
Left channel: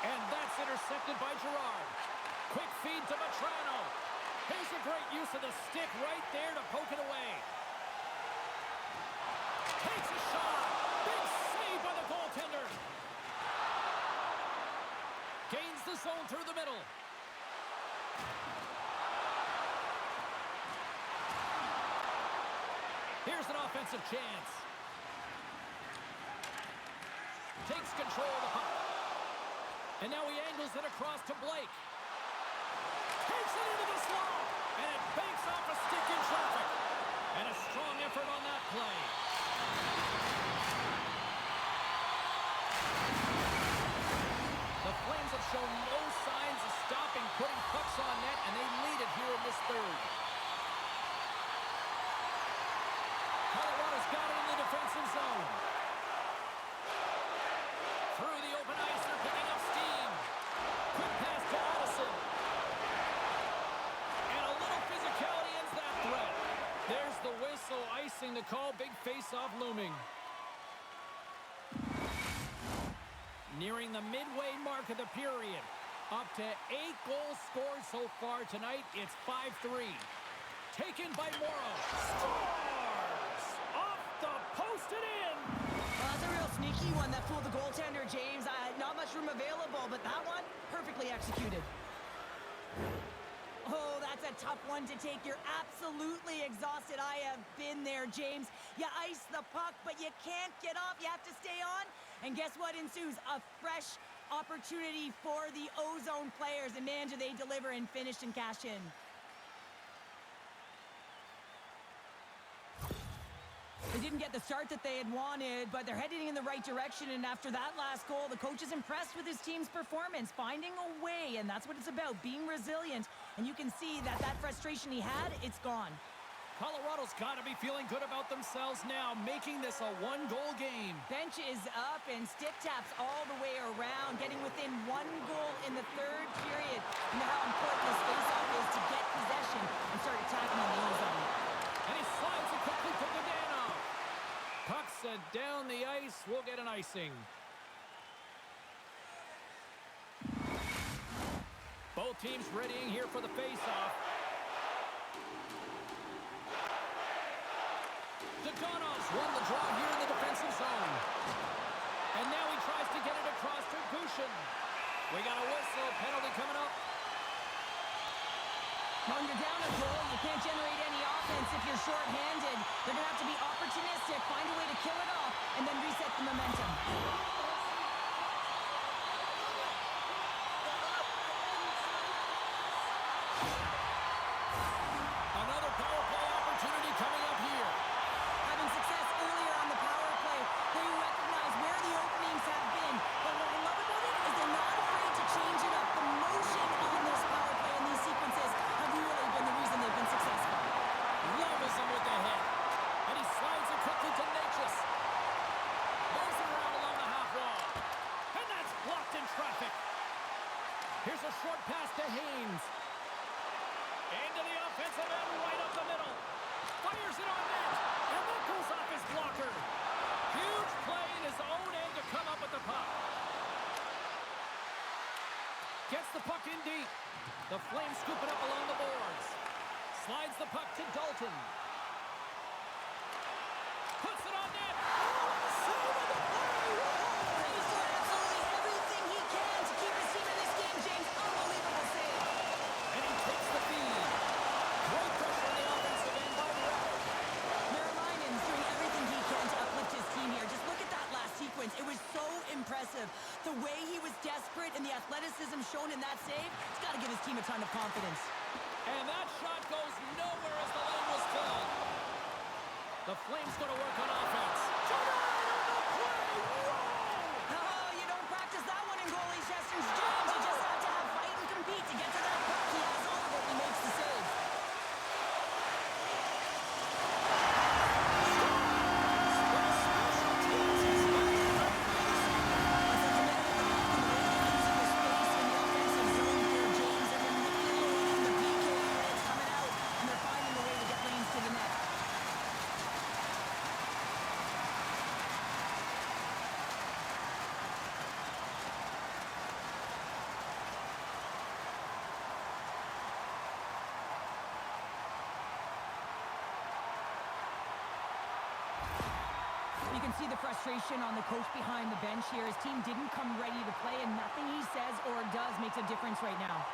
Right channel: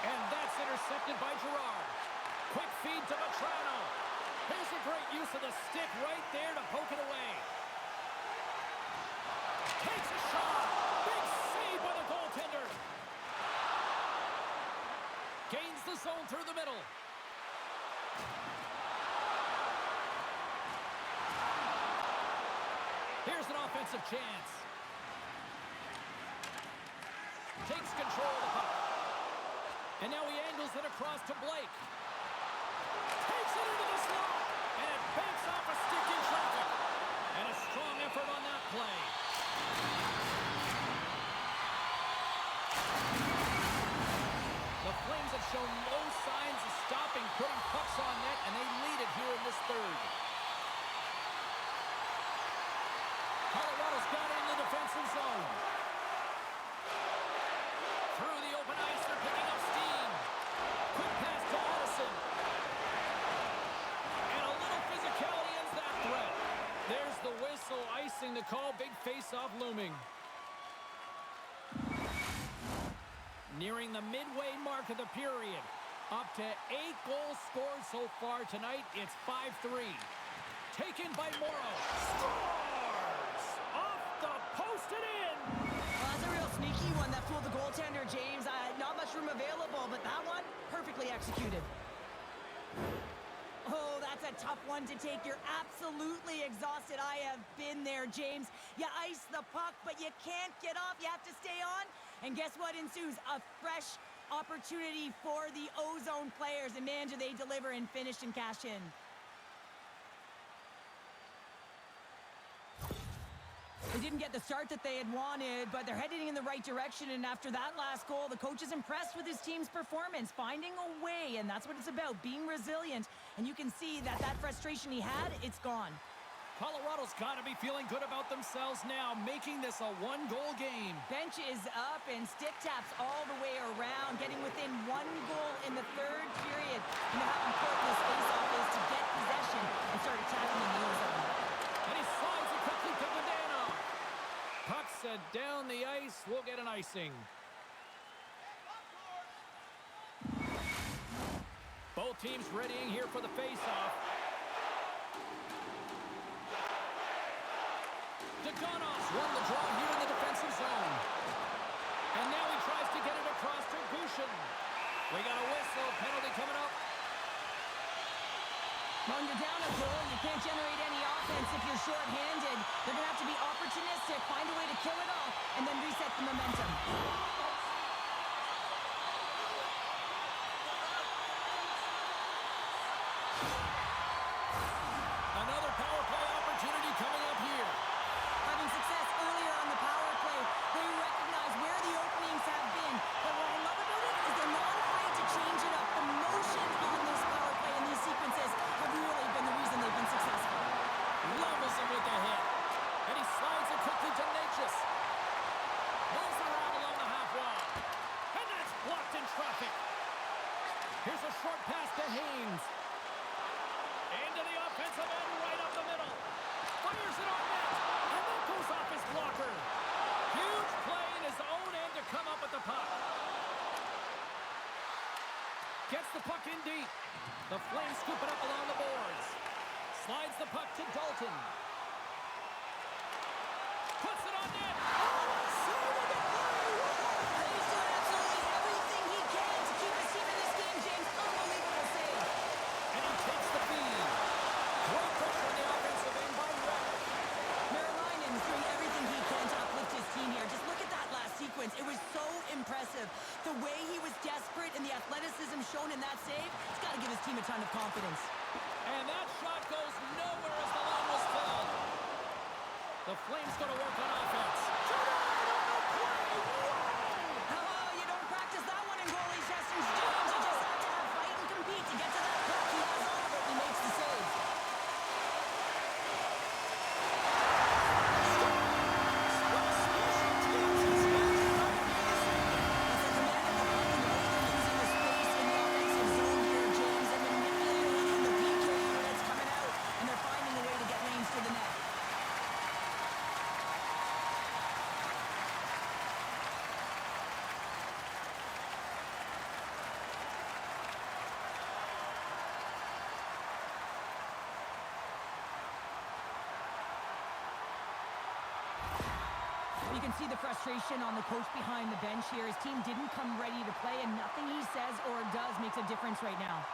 And that's intercepted by Girard. Quick feed to Vetrano. Here's a great use of the stick right there to poke it away. Takes a shot. Big save by the goaltender. Gains the zone through the middle. Here's an offensive chance. Takes control of the puck. And now he angles it across to Blake. Takes it into the slot. And it banks off a stick in traffic. And a strong effort on that play. The Flames have shown no signs of stopping putting pucks on net, and they lead it here in this third. Colorado's got it in the defensive zone. Through the open ice, they're picking up steam. Quick pass to Addison. And a little physicality ends that threat. There's the whistle, icing the call. Big face-off looming. Nearing the midway mark of the period. Up to 8 goals scored so far tonight. It's 5-3. Taken by Morrow. Scores! Off the post and in! Well, that's a real sneaky one that fooled the goaltender, James. Not much room available, but that one, perfectly executed. Oh, that's a tough one to take. You're absolutely exhausted. I have been there, James. You ice the puck, but you can't get off. You have to stay on. And guess what ensues? A fresh opportunity for the Ozone players. And man, do they deliver and finish and cash in. They didn't get the start that they had wanted, but they're heading in the right direction. And after that last goal, the coach is impressed with his team's performance, finding a way, and that's what it's about, being resilient. And you can see that that frustration he had, it's gone. Colorado's got to be feeling good about themselves now, making this a one-goal game. Bench is up and stick taps all the way around, getting within 1 goal in the third period. You know how important this faceoff is to get possession and start attacking in the Ozone. And he slides it quickly to Godano. Puck set down the ice. We'll get an icing. Both teams readying here for the faceoff. Dogonov's won the draw here in the defensive zone. And now he tries to get it across to Gushin. We got a whistle. Penalty coming up. When you're down a goal, you can't generate any offense if you're short-handed. They're going to have to be opportunistic, find a way to kill it off, and then reset the momentum. Another power play opportunity coming up here. Having success earlier on the power play, they recognize where the openings have been. But what I love about it is they're not afraid to change it up. The motion on this power play and these sequences have really been the reason they've been successful. Levels him with the hit. And he slides it quickly to Natchez. Moves it around along the half wall. And that's blocked in traffic. Here's a short pass to Haynes. Into the offensive end, right up the middle. Fires it on net. And that goes off his blocker. Huge play in his own end to come up with the puck. Gets the puck in deep. The Flames scoop it up along the boards. Slides the puck to Dalton. Puts it on net. Oh, what a save on the play! Whoa! He's doing absolutely everything he can to keep his team in this game, James. Unbelievable save. And he takes the feed. Great pressure on the offensive end by Rabbit. Marilinen's doing everything he can to uplift his team here. Just look at that last sequence. It was so impressive. The way he was desperate and the athleticism shown in that save, it's got to give his team a ton of confidence. And that shot goes nowhere as the lane was filled. The Flames go to work on offense. Tonight on the play! Whoa! Oh, you don't practice that one in goalie sessions, James. You just have to have fight and compete to get to that puck. He has all of it. He makes the save. can see the frustration on the coach behind the bench here. His team didn't come ready to play, and nothing he says or does makes a difference right now.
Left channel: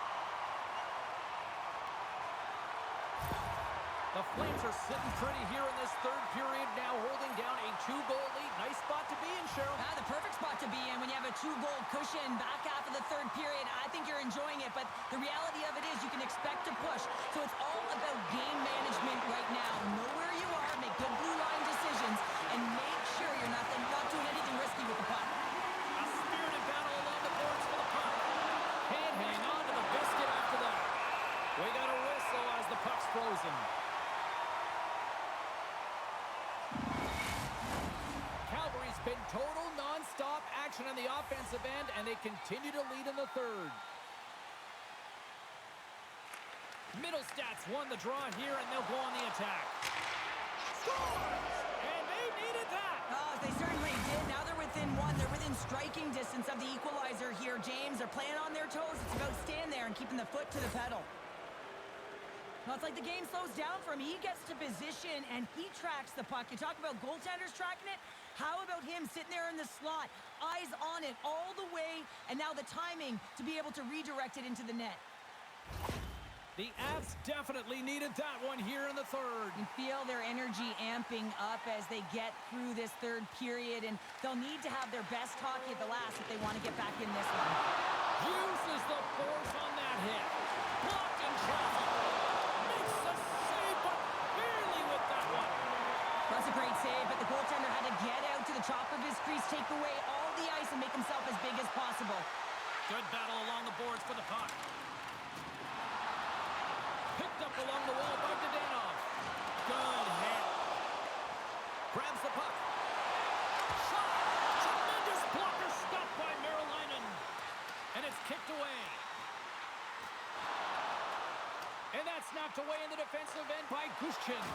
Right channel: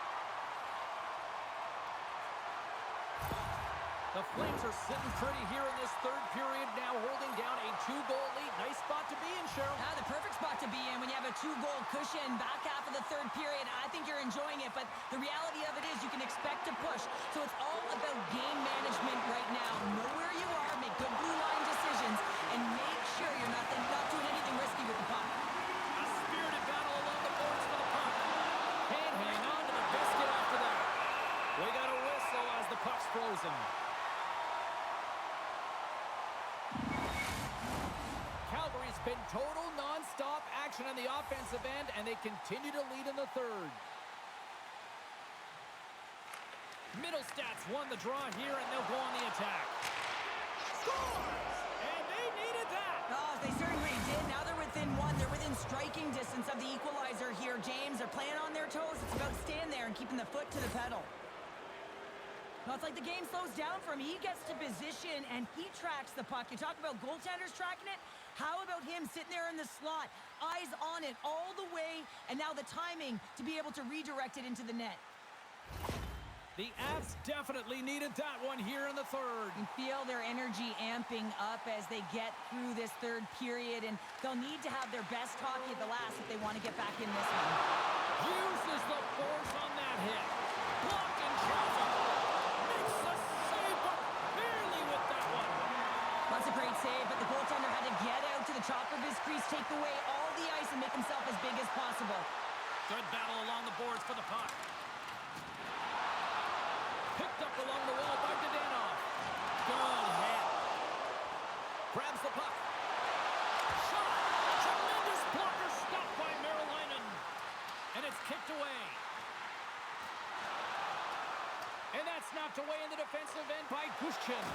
The Flames are sitting pretty here in this third period, now holding down a 2-goal lead. Nice spot to be in, Cheryl. The perfect spot to be in when you have a 2-goal cushion back half of the third period. I think you're enjoying it, but the reality of it is you can expect to push. So it's all about game management right now. Know where you are, make good blue line decisions, and make sure you're not doing anything risky with the puck. A spirited battle along the boards for the puck. Can't hang on to the biscuit after that. We got a whistle as the puck's frozen. Calgary's been total non-stop action on the offensive end, and they continue to lead in the third. Middlestats won the draw here, and they'll go on the attack. Scores! And they needed that! Oh, they certainly did. Now they're within one. They're within striking distance of the equalizer here, James. They're playing on their toes. It's about staying there and keeping the foot to the pedal. Well, it's like the game slows down for him. He gets to position, and he tracks the puck. You talk about goaltenders tracking it. How about him sitting there in the slot, eyes on it all the way, and now the timing to be able to redirect it into the net. The Avs definitely needed that one here in the third. You feel their energy amping up as they get through this third period, and they'll need to have their best hockey at the last if they want to get back in this one. Uses the force on that hit. Blocked in traffic. Makes the save, but barely with that one. That's a great save, but the goaltender had to get out to the top of his crease, take away all the ice, and make himself as big as possible. Good battle along the boards for the puck. Picked up along the wall by Dadonov. Good hit. Grabs the puck. Shot! Tremendous blocker stopped by Marilainen. And it's kicked away. And that's knocked away in the defensive end by Gushchin.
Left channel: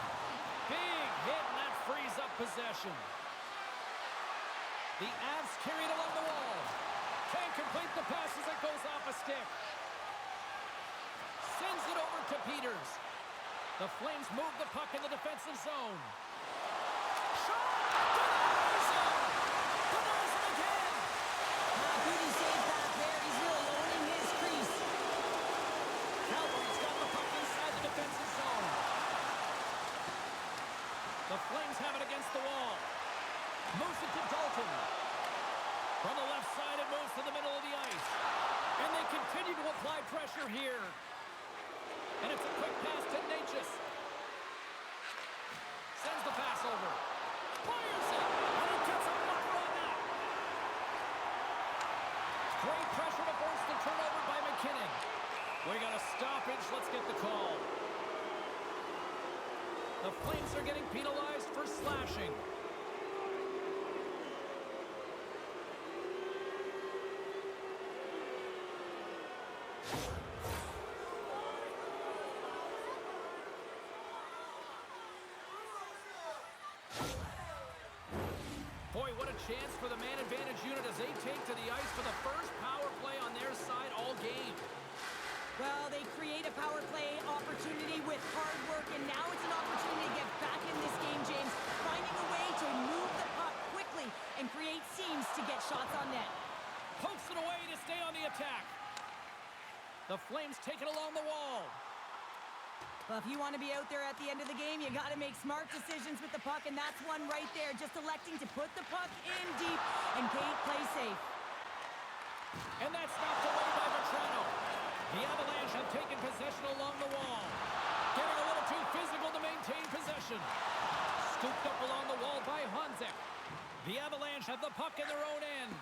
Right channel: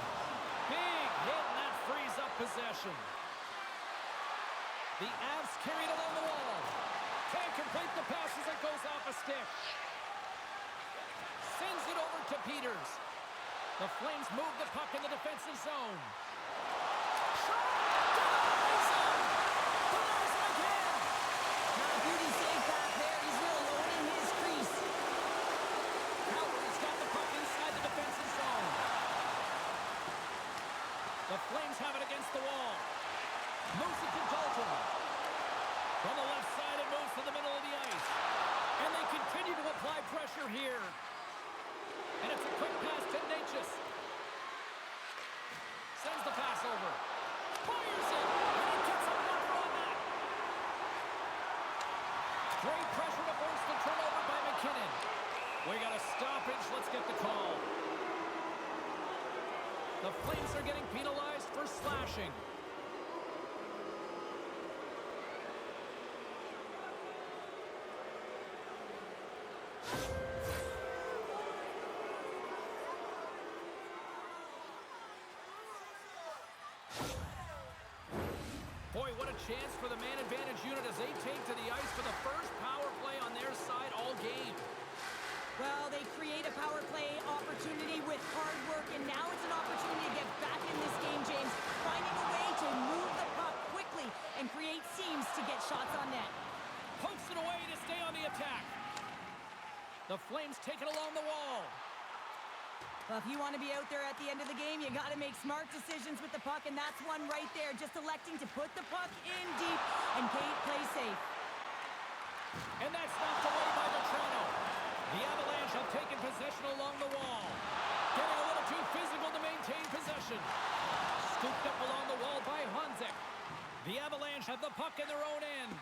Big hit, and that frees up possession. The Avs carried along the wall. Can't complete the pass as it goes off a stick. Sends it over to Peters. The Flames move the puck in the defensive zone. Shot! Denies him! Denies him again! Beauty save back there. He's really owning his crease. Calgary's got the puck inside the defensive zone. The Flames have it against the wall. Moves it to Dalton. From the left side, it moves to the middle of the ice. And they continue to apply pressure here. And it's a quick pass to Natchez. Sends the pass over. Fires it. And he gets a blocker on that. Great pressure to force the turnover by McKinnon. We got a stoppage. Let's get the call. The Flames are getting penalized for slashing. Boy, what a chance for the man advantage unit as they take to the ice for the first power play on their side all game. Well, they create a power play opportunity with hard work, and now it's an opportunity to get back in this game, James. Finding a way to move the puck quickly and create seams to get shots on net. Pokes it away to stay on the attack. The Flames take it along the wall. Well, if you want to be out there at the end of the game, you got to make smart decisions with the puck, and that's one right there. Just electing to put the puck in deep and play safe. And that's knocked away by Vetrano. The Avalanche have taken possession along the wall. Getting a little too physical to maintain possession. Scooped up along the wall by Honzek. The Avalanche have the puck in their own end.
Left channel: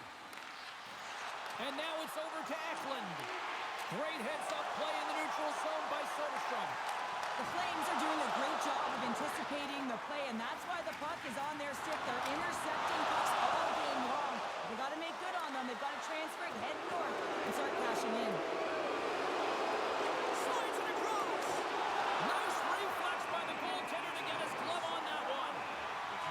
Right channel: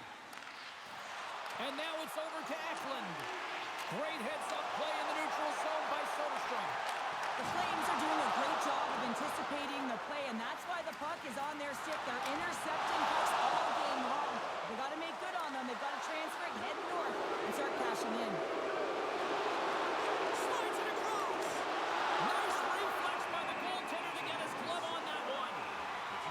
And now it's over to Eklund. Great heads-up play in the neutral zone by Soderstrom. The Flames are doing a great job of anticipating the play, and that's why the puck is on their stick. They're intercepting pucks all game long. They got to make good on them. They've got to transfer it, head north, and start cashing in. Slides it across. Nice reflex by the goaltender to get his glove on that one.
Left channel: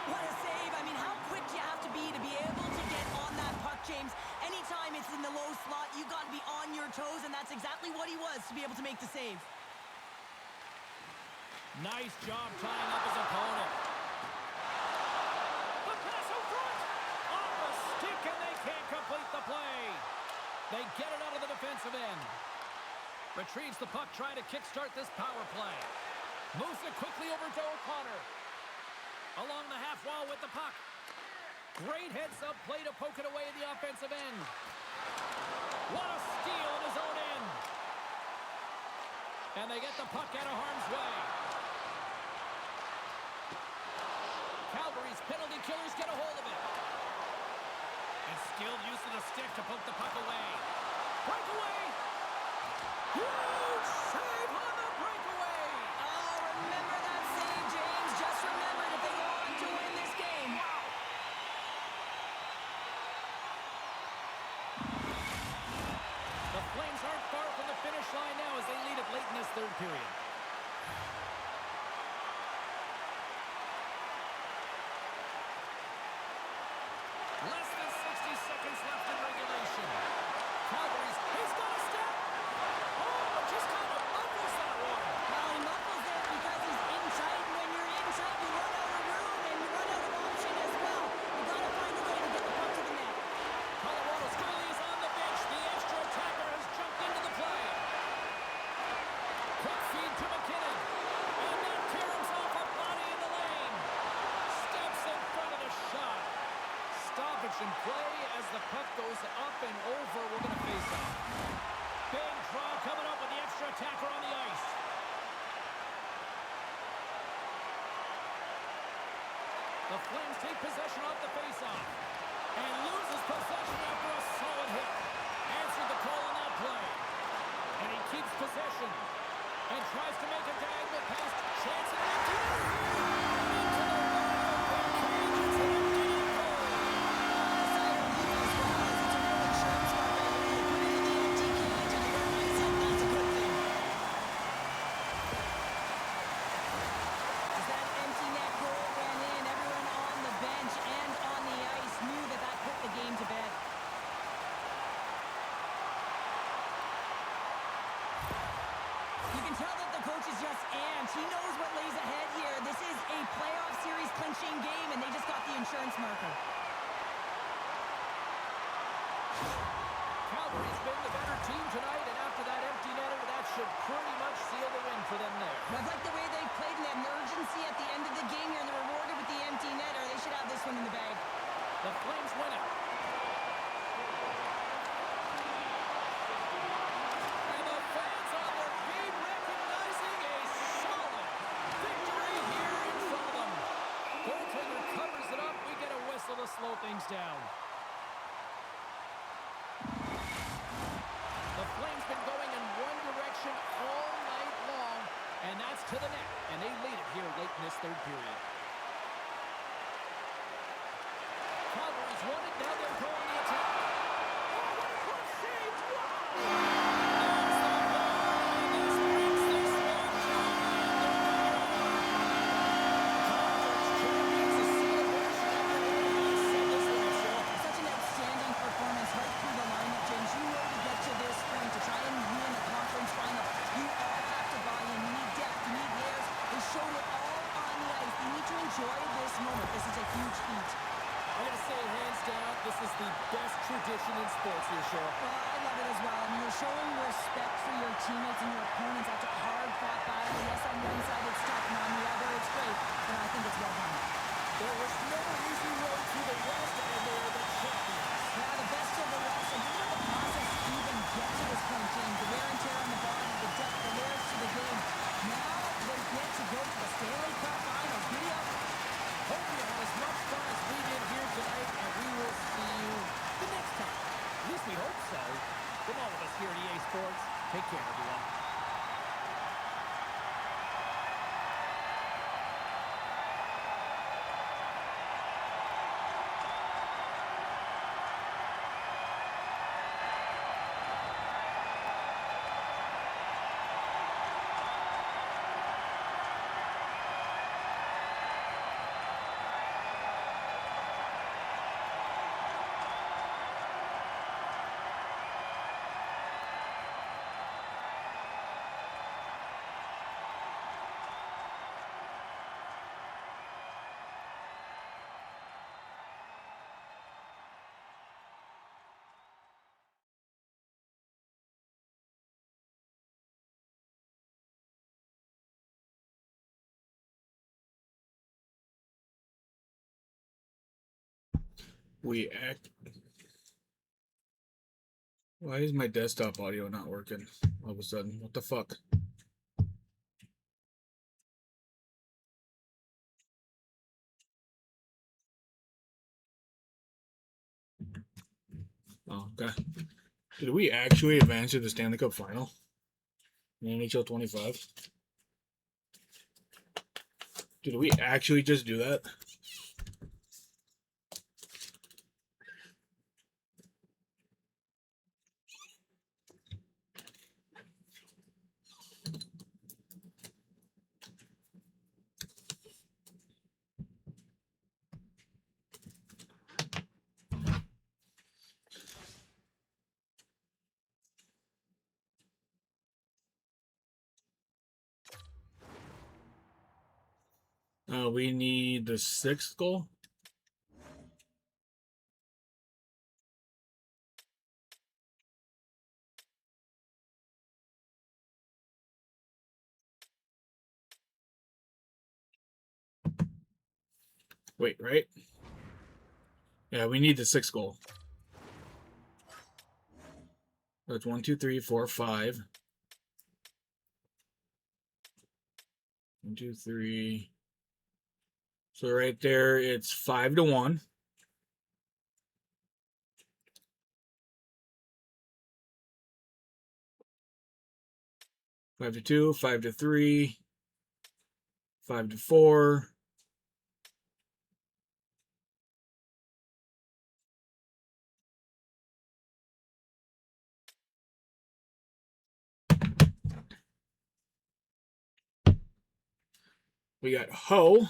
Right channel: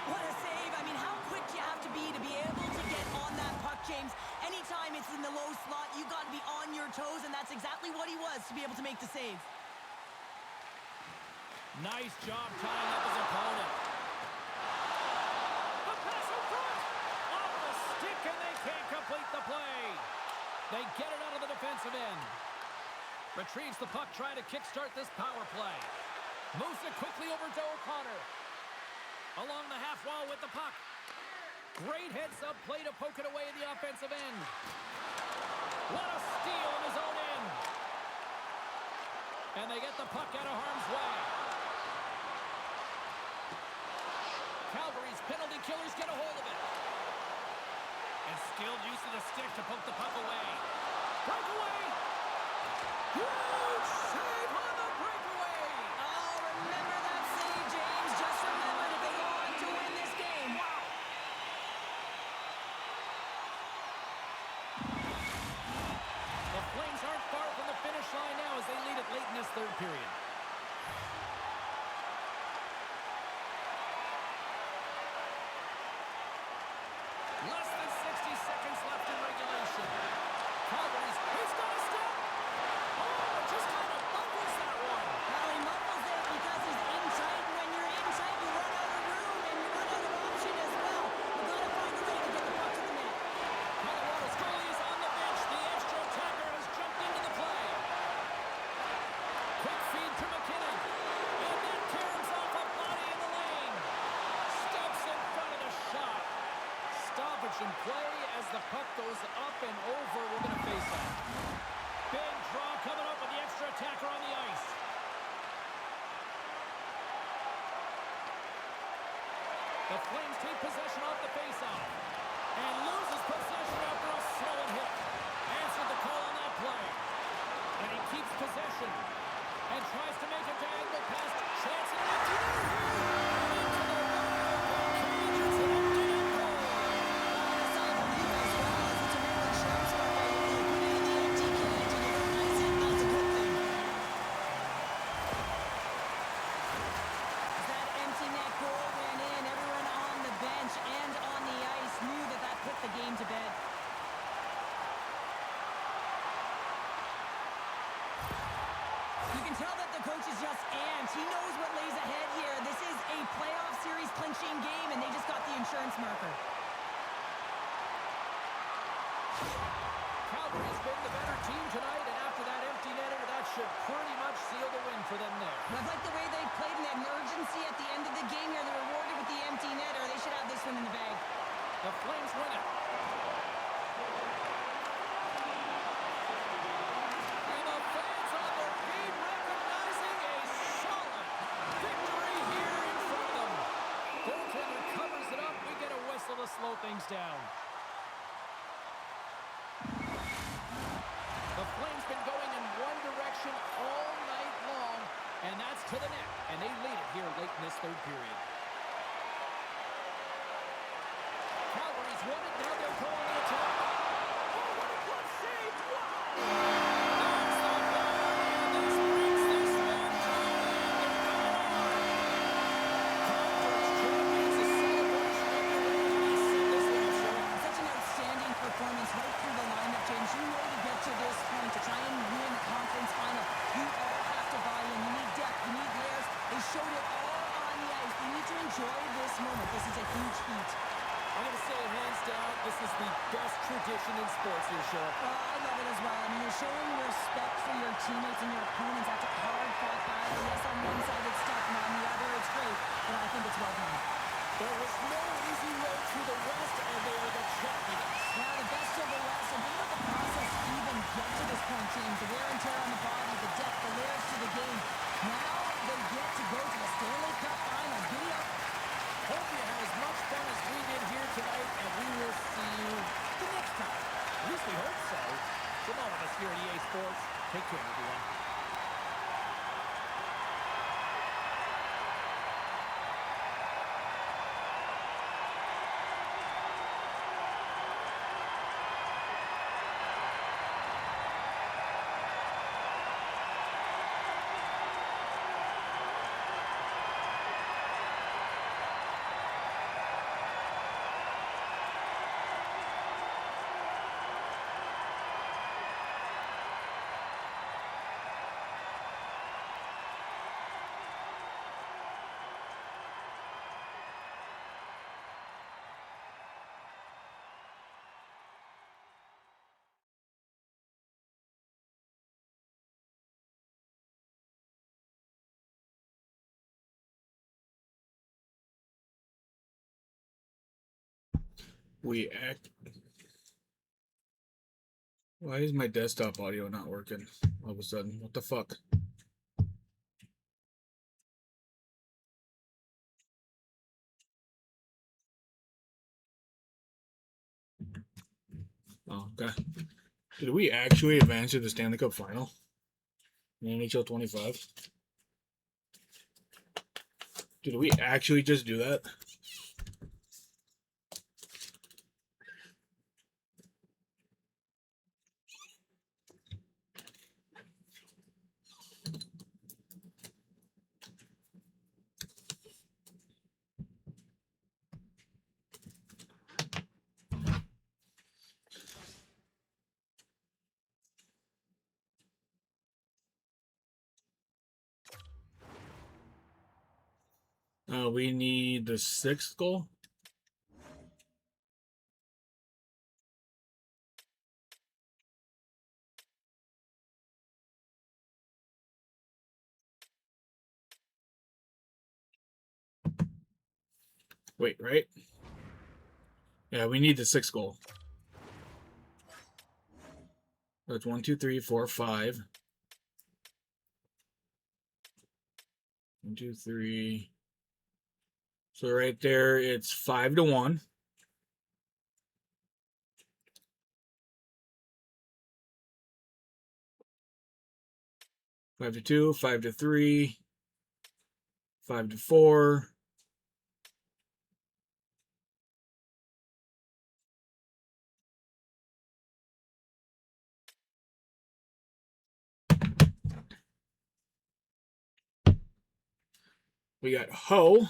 What a save. I mean, how quick do you have to be able to get on that puck, James? Anytime it's in the low slot, you got to be on your toes, and that's exactly what he was to be able to make the save. Nice job tying up his opponent. The pass out front. stick, and they can't complete the play. They get it out of the defensive end. Retrieves the puck, trying to kickstart this power play. Moves it quickly over to O'Connor. Along the half wall with the puck. Great heads-up play to poke it away in the offensive end. What a steal in his own end. And they get the puck out of harm's way. Calgary's penalty killers get a hold of it. And skilled use of the stick to poke the puck away. Breakaway! Huge save on the breakaway! Oh, remember that save, James. Just remember it if they go on to win this game. Wow! The Flames aren't far from the finish line now as they lead it late in this third period. Less than 60 seconds left in regulation. Calgary's, he's got a step! Oh, just kind of muffles that one. Well, he muffles it because he's in tight. When you're in tight, you run out of room and you run out of option as well. You got to find a way to get the puck to the net. Colorado's goalie is on the bench. The extra attacker has jumped into the play. Quick feed to McKinnon. And that caroms off a body in the lane. Steps in front of the shot. Stoppage in play as the puck goes up and over. We're going to face off. Big draw coming up with the extra attacker on the ice. The Flames take possession off the faceoff and loses possession after a solid hit. Answered the call on that play. And he keeps possession and tries to make a diagonal pass. Chance and an empty net here. And into the wide open cage. It's an empty net goal. That's all I believe as well. As it's a real insurance marker. You put it in the empty cage and you don't ice it, that's a good thing. As that empty net goal went in, everyone on the bench and on the ice knew that that put the game to bed. You can tell that the coach is just amped. He knows what lays ahead here. This is a playoff series clinching game, and they just got the insurance marker. Calgary's been the better team tonight, and after that empty netter, that should pretty much seal the win for them there. I like the way they've played and that urgency at the end of the game here. They're rewarded with the empty netter. They should have this one in the bag. The Flames win it. And the fans on their feet recognizing a solid victory here in front of them. Goaltender covers it up. We get a whistle to slow things down. The Flames been going in one direction all night long, and that's to the net. And they lead it here late in this third period. Calgary's won it. Now they'll go on the attack. Oh, what a glove save! Wow! There's the goal, and this brings this one to an end. Conference champions, a celebration underway. How do you sum this one up, Cheryl? Such an outstanding performance right through the lineup, James. You know to get to this point, to try and win a conference final, you all have to buy in. You need depth. You need layers. They showed it all on the ice. They need to enjoy this moment. This is a huge feat. I'm going to say hands down, this is the best tradition in sports here, Cheryl. Well, I love it as well. I mean, you're showing respect for your teammates and your opponents after a hard-fought battle. Yes, on one side it's tough, and on the other it's great, but I think it's well done. There was no easy road through the West, and they are the champions. Yeah, the best of the West. And think about the process to even get to this point, James. The wear and tear on the body, the depth, the layers to the game. Now they get to go to the Stanley Cup Finals. Giddy up. Hope you had as much fun as we did here tonight, and we will see you the next time. At least we hope so. From all of us here at EA Sports, take care, everyone. we act. Why is my desktop audio not working all of a sudden? What the fuck? Oh, okay. Did we actually advance to the Stanley Cup final in NHL 25? Did we actually just do that? We need the 6th goal. Wait, right? Yeah, we need the 6th goal. That's 1, 2, 3, 4, 5. 1, 2, 3. So right there, it's 5-1. Five to 2, 5 to 3, 5 to 4. We got Ho.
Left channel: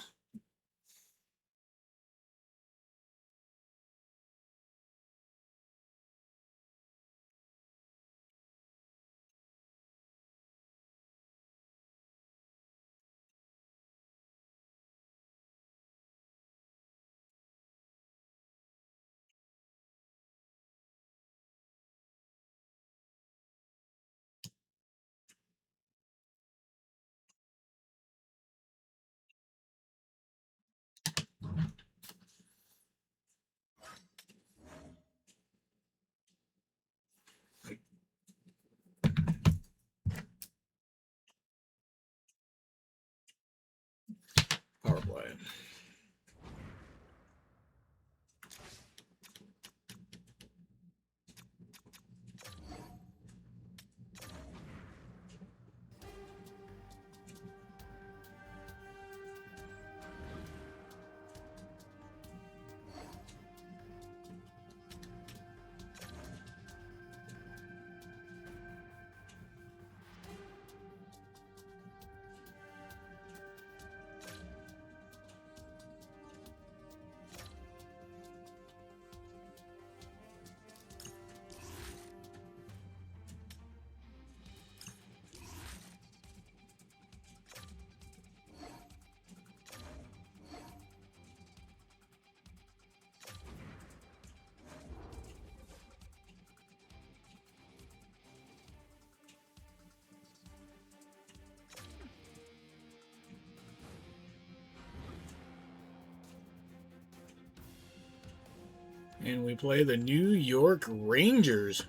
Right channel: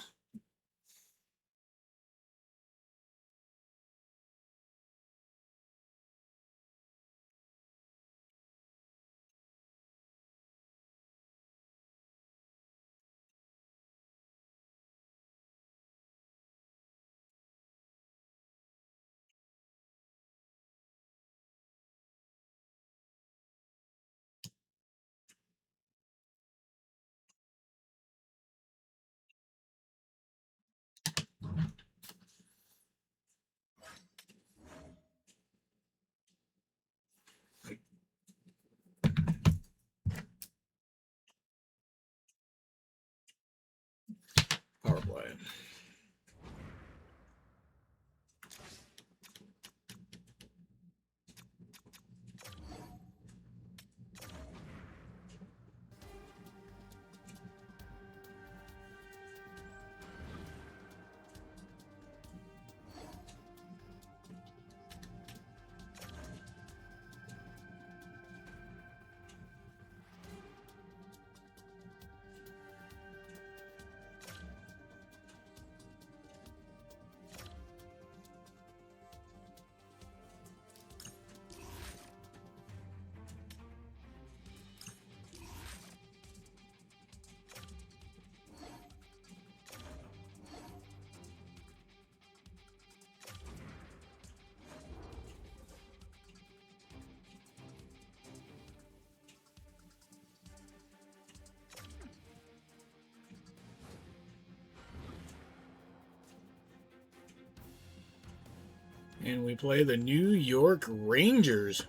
Power play. And we play the New York Rangers.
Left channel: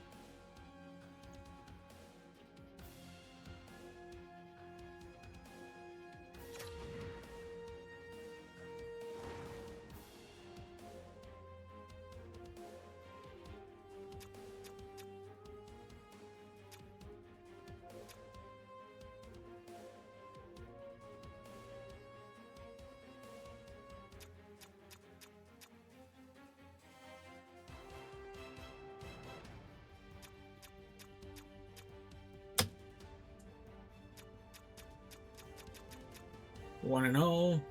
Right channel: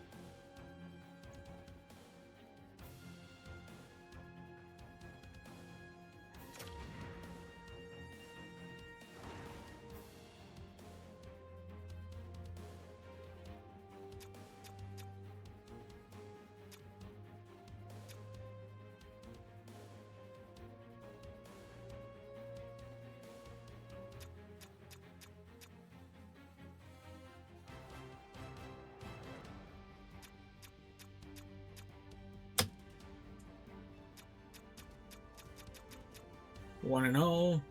One and all.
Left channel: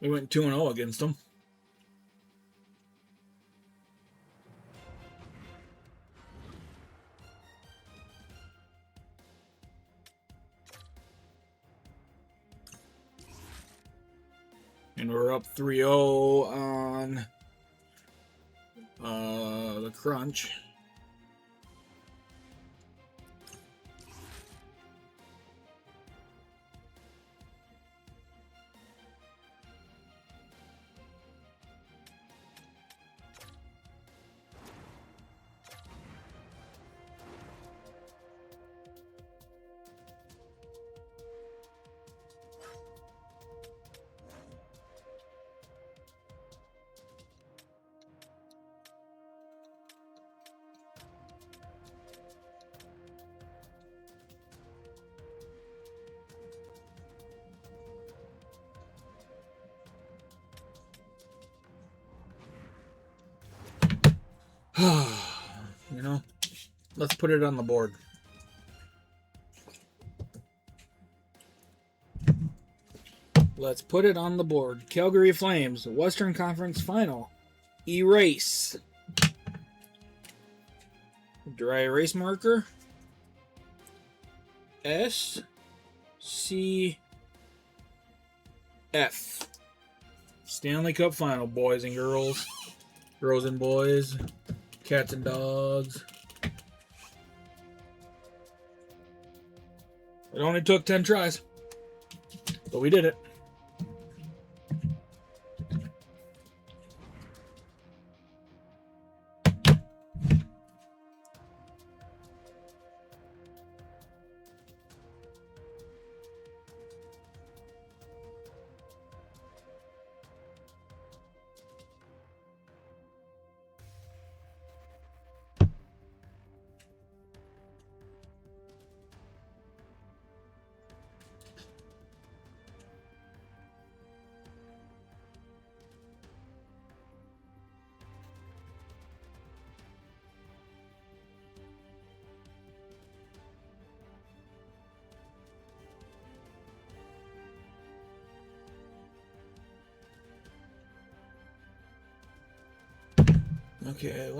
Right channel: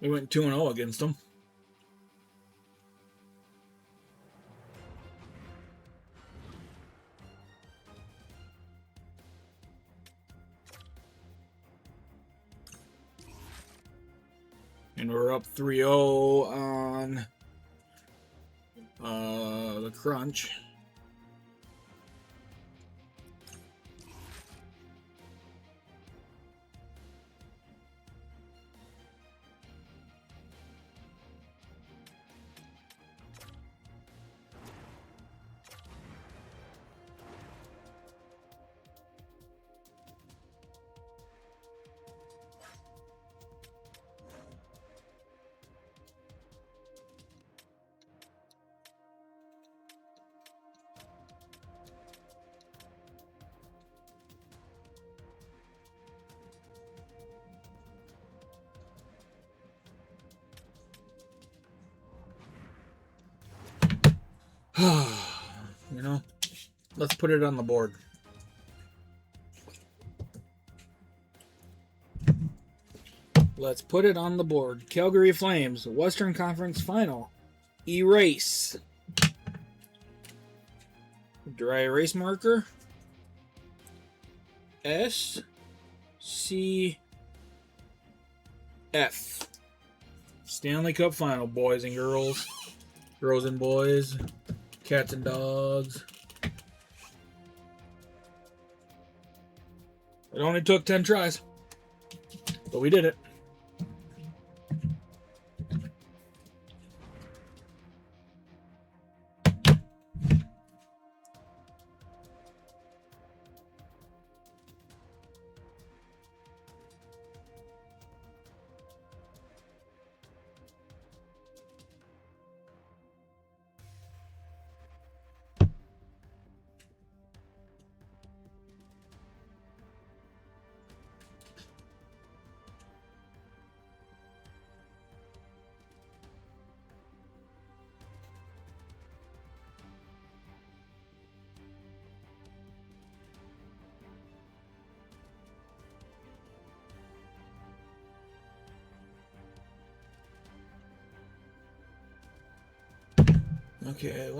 We went 2-0 against them. And we're up 3-0 on The crunch. You know, let's put it on the board. Let's put it on the board. Calgary Flames, Western Conference Final. Erase. Dry erase marker. S C F. Stanley Cup Final, boys and girls. Girls and boys. Cats and dogs. It only took 10 tries. But we did it. Okay,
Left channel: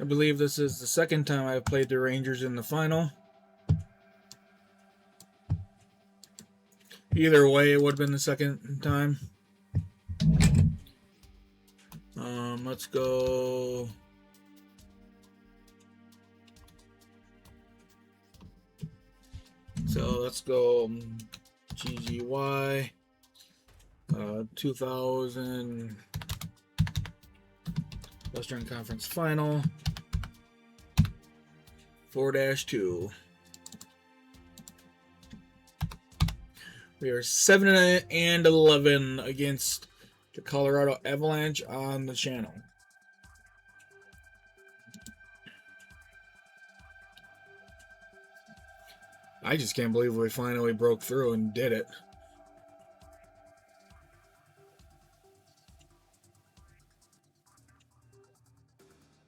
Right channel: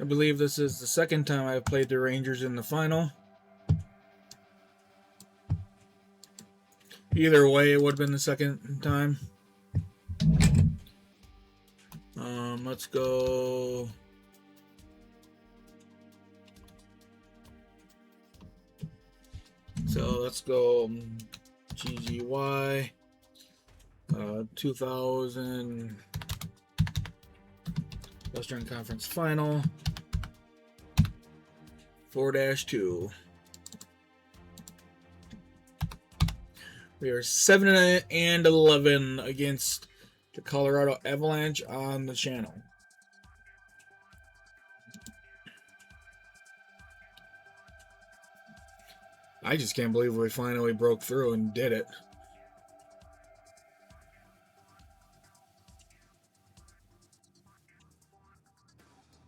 I believe this is the second time I've played the Rangers in the final. Either way, it would have been the second time. Let's go. So let's go GGY 2000 Western Conference Final 4-2. We are 7-11 against the Colorado Avalanche on the channel. I just can't believe we finally broke through and did it.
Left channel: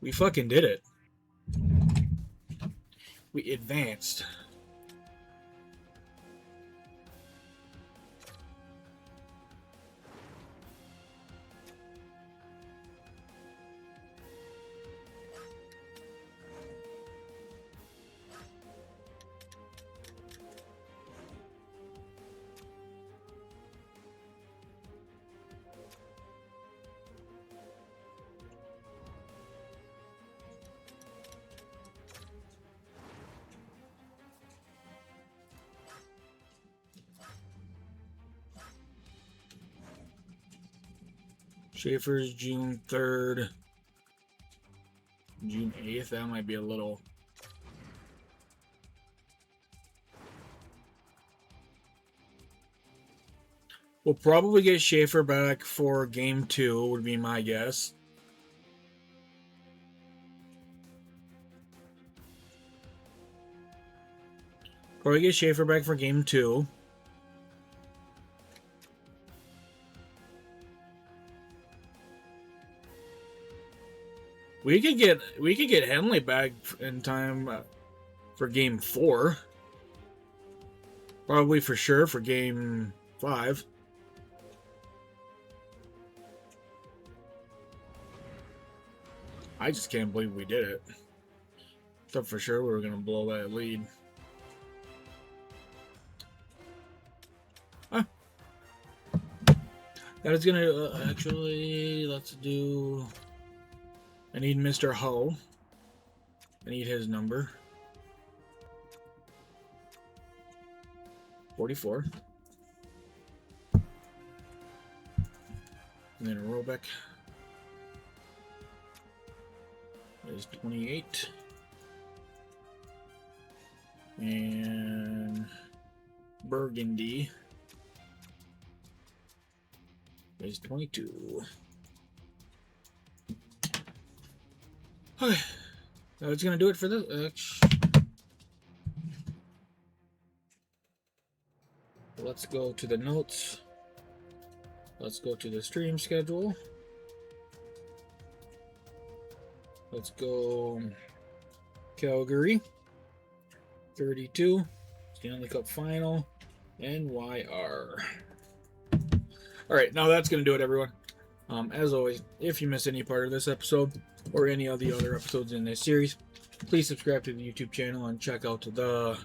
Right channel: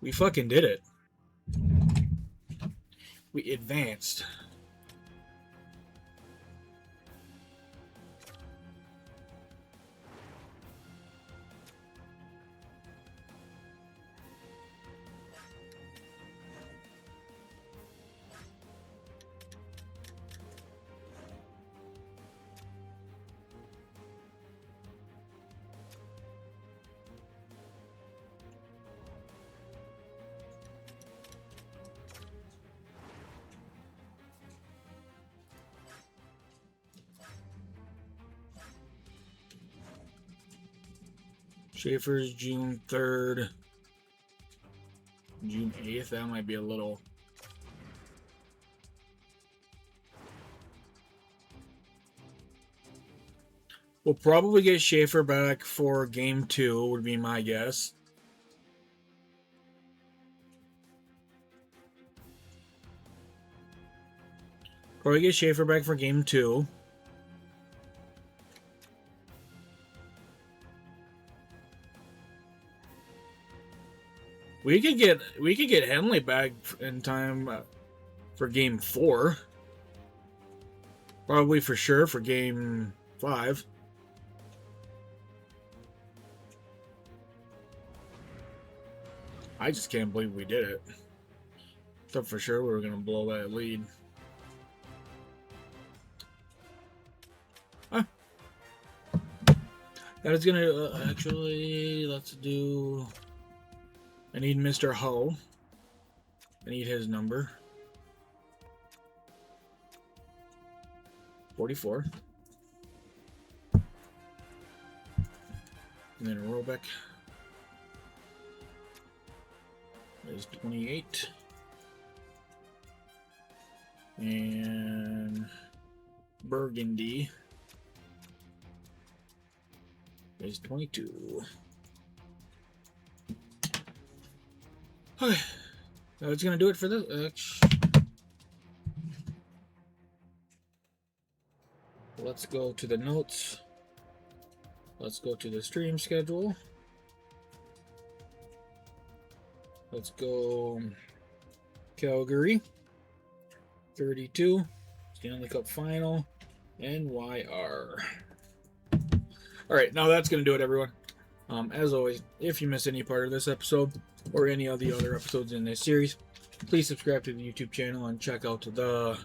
We fucking did it. We advanced. Schaefer's June 3rd. June 8th. That might be a little. We'll probably get Schaefer back for game 2, would be my guess. Probably get Schaefer back for game 2. We could get Henley back in time for game 4. Probably for sure for game 5. I just can't believe we did it. Thought for sure we were gonna blow that lead. That is gonna actually, let's do. I need Mr. Ho. I need his number. 44. And then Robeck is 28. And Burgundy is 22. Okay, that's gonna do it for this. Let's go to the notes. Let's go to the stream schedule. Let's go Calgary 32 Stanley Cup Final NYR. All right, now that's gonna do it, everyone. As always, if you missed any part of this episode or any of the other episodes in this series, please subscribe to the YouTube channel and check out the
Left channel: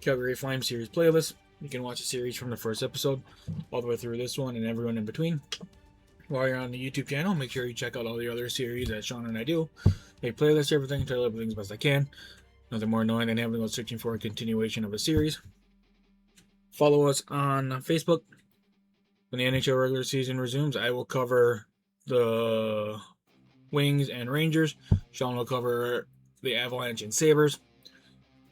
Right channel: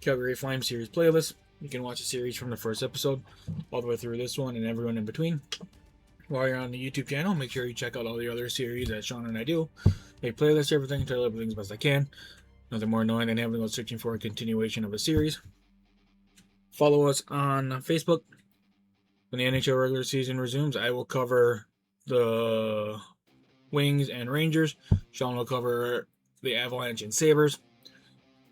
Calgary Flames series playlist. You can watch the series from the first episode all the way through this one and everyone in between. While you're on the YouTube channel, make sure you check out all the other series that Sean and I do. Make playlists, everything, try to everything as best I can. Nothing more annoying than having to go searching for a continuation of a series. Follow us on Facebook. When the NHL regular season resumes, I will cover the Wings and Rangers. Sean will cover the Avalanche and Sabres.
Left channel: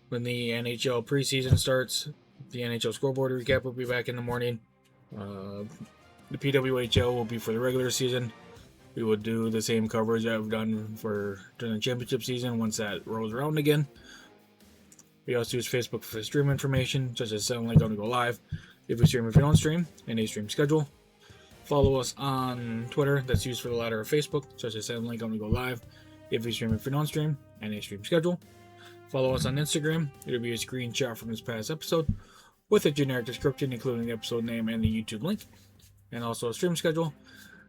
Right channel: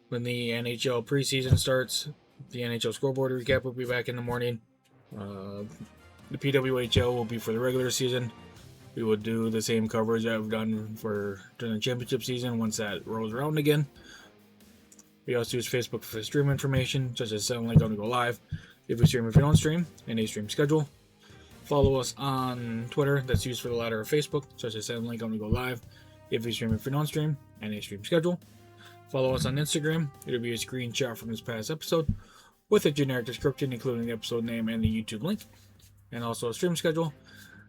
When the NHL preseason starts, the NHL scoreboard recap will be back in the morning. The PWHL will be for the regular season. We will do the same coverage I've done for during the championship season once that rolls around again. We also use Facebook for stream information, such as setting link on to go live. If we stream, if you don't stream, and a stream schedule. Follow us on Twitter, that's used for the latter of Facebook, such as setting link on to go live. If we stream, if we don't stream, and a stream schedule. Follow us on Instagram. It'll be a screenshot from this past episode with a generic description, including the episode name and the YouTube link, and also a stream schedule.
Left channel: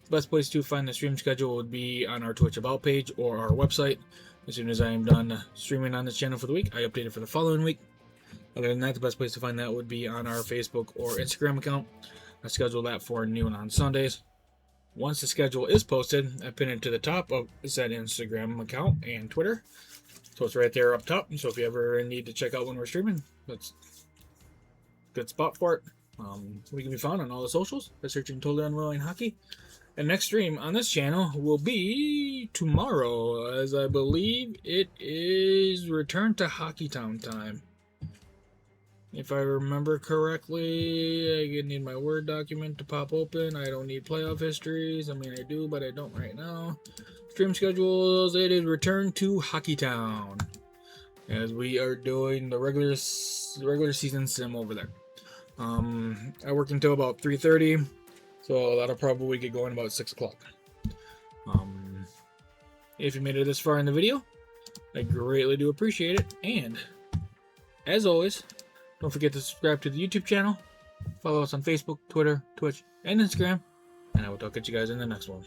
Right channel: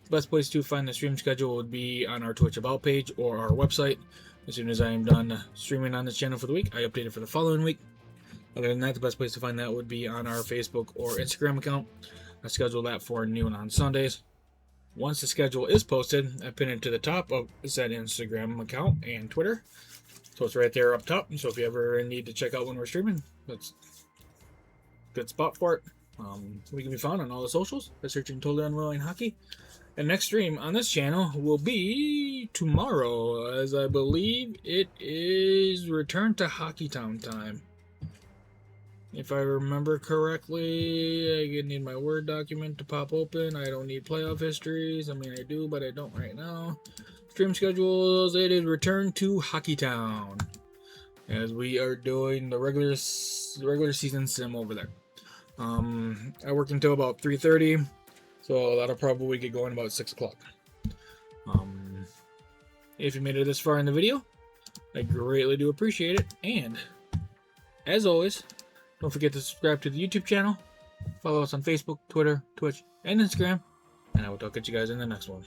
The best place to find the stream schedule would be on our Twitch About page or our website. As soon as I am done streaming on this channel for the week, I update it for the following week. Other than that, the best place to find that would be on our Facebook or Instagram account. I schedule that for noon on Sundays. Once the schedule is posted, I pin it to the top of said Instagram account and Twitter. So it's right there up top. So if you ever need to check out when we're streaming, that's a good spot for it. We can be found on all the socials by searching Totally Unwilling Hockey. And next stream on this channel will be tomorrow, as I believe it is Return to Hockeytown time. If I remember correctly, I need my Word document to pop open. I don't need playoff histories. I mean, I do, but I don't right now. Stream schedules, it is Return to Hockeytown, as we are doing the regular season sim over there. I work until about 3:30, so that'll probably get going about 6 o'clock. If you made it this far in the video, I greatly do appreciate it. And as always, don't forget to subscribe to the YouTube channel, follow us on Facebook, Twitter, Twitch, and Instagram, and I will talk at you guys in the next one.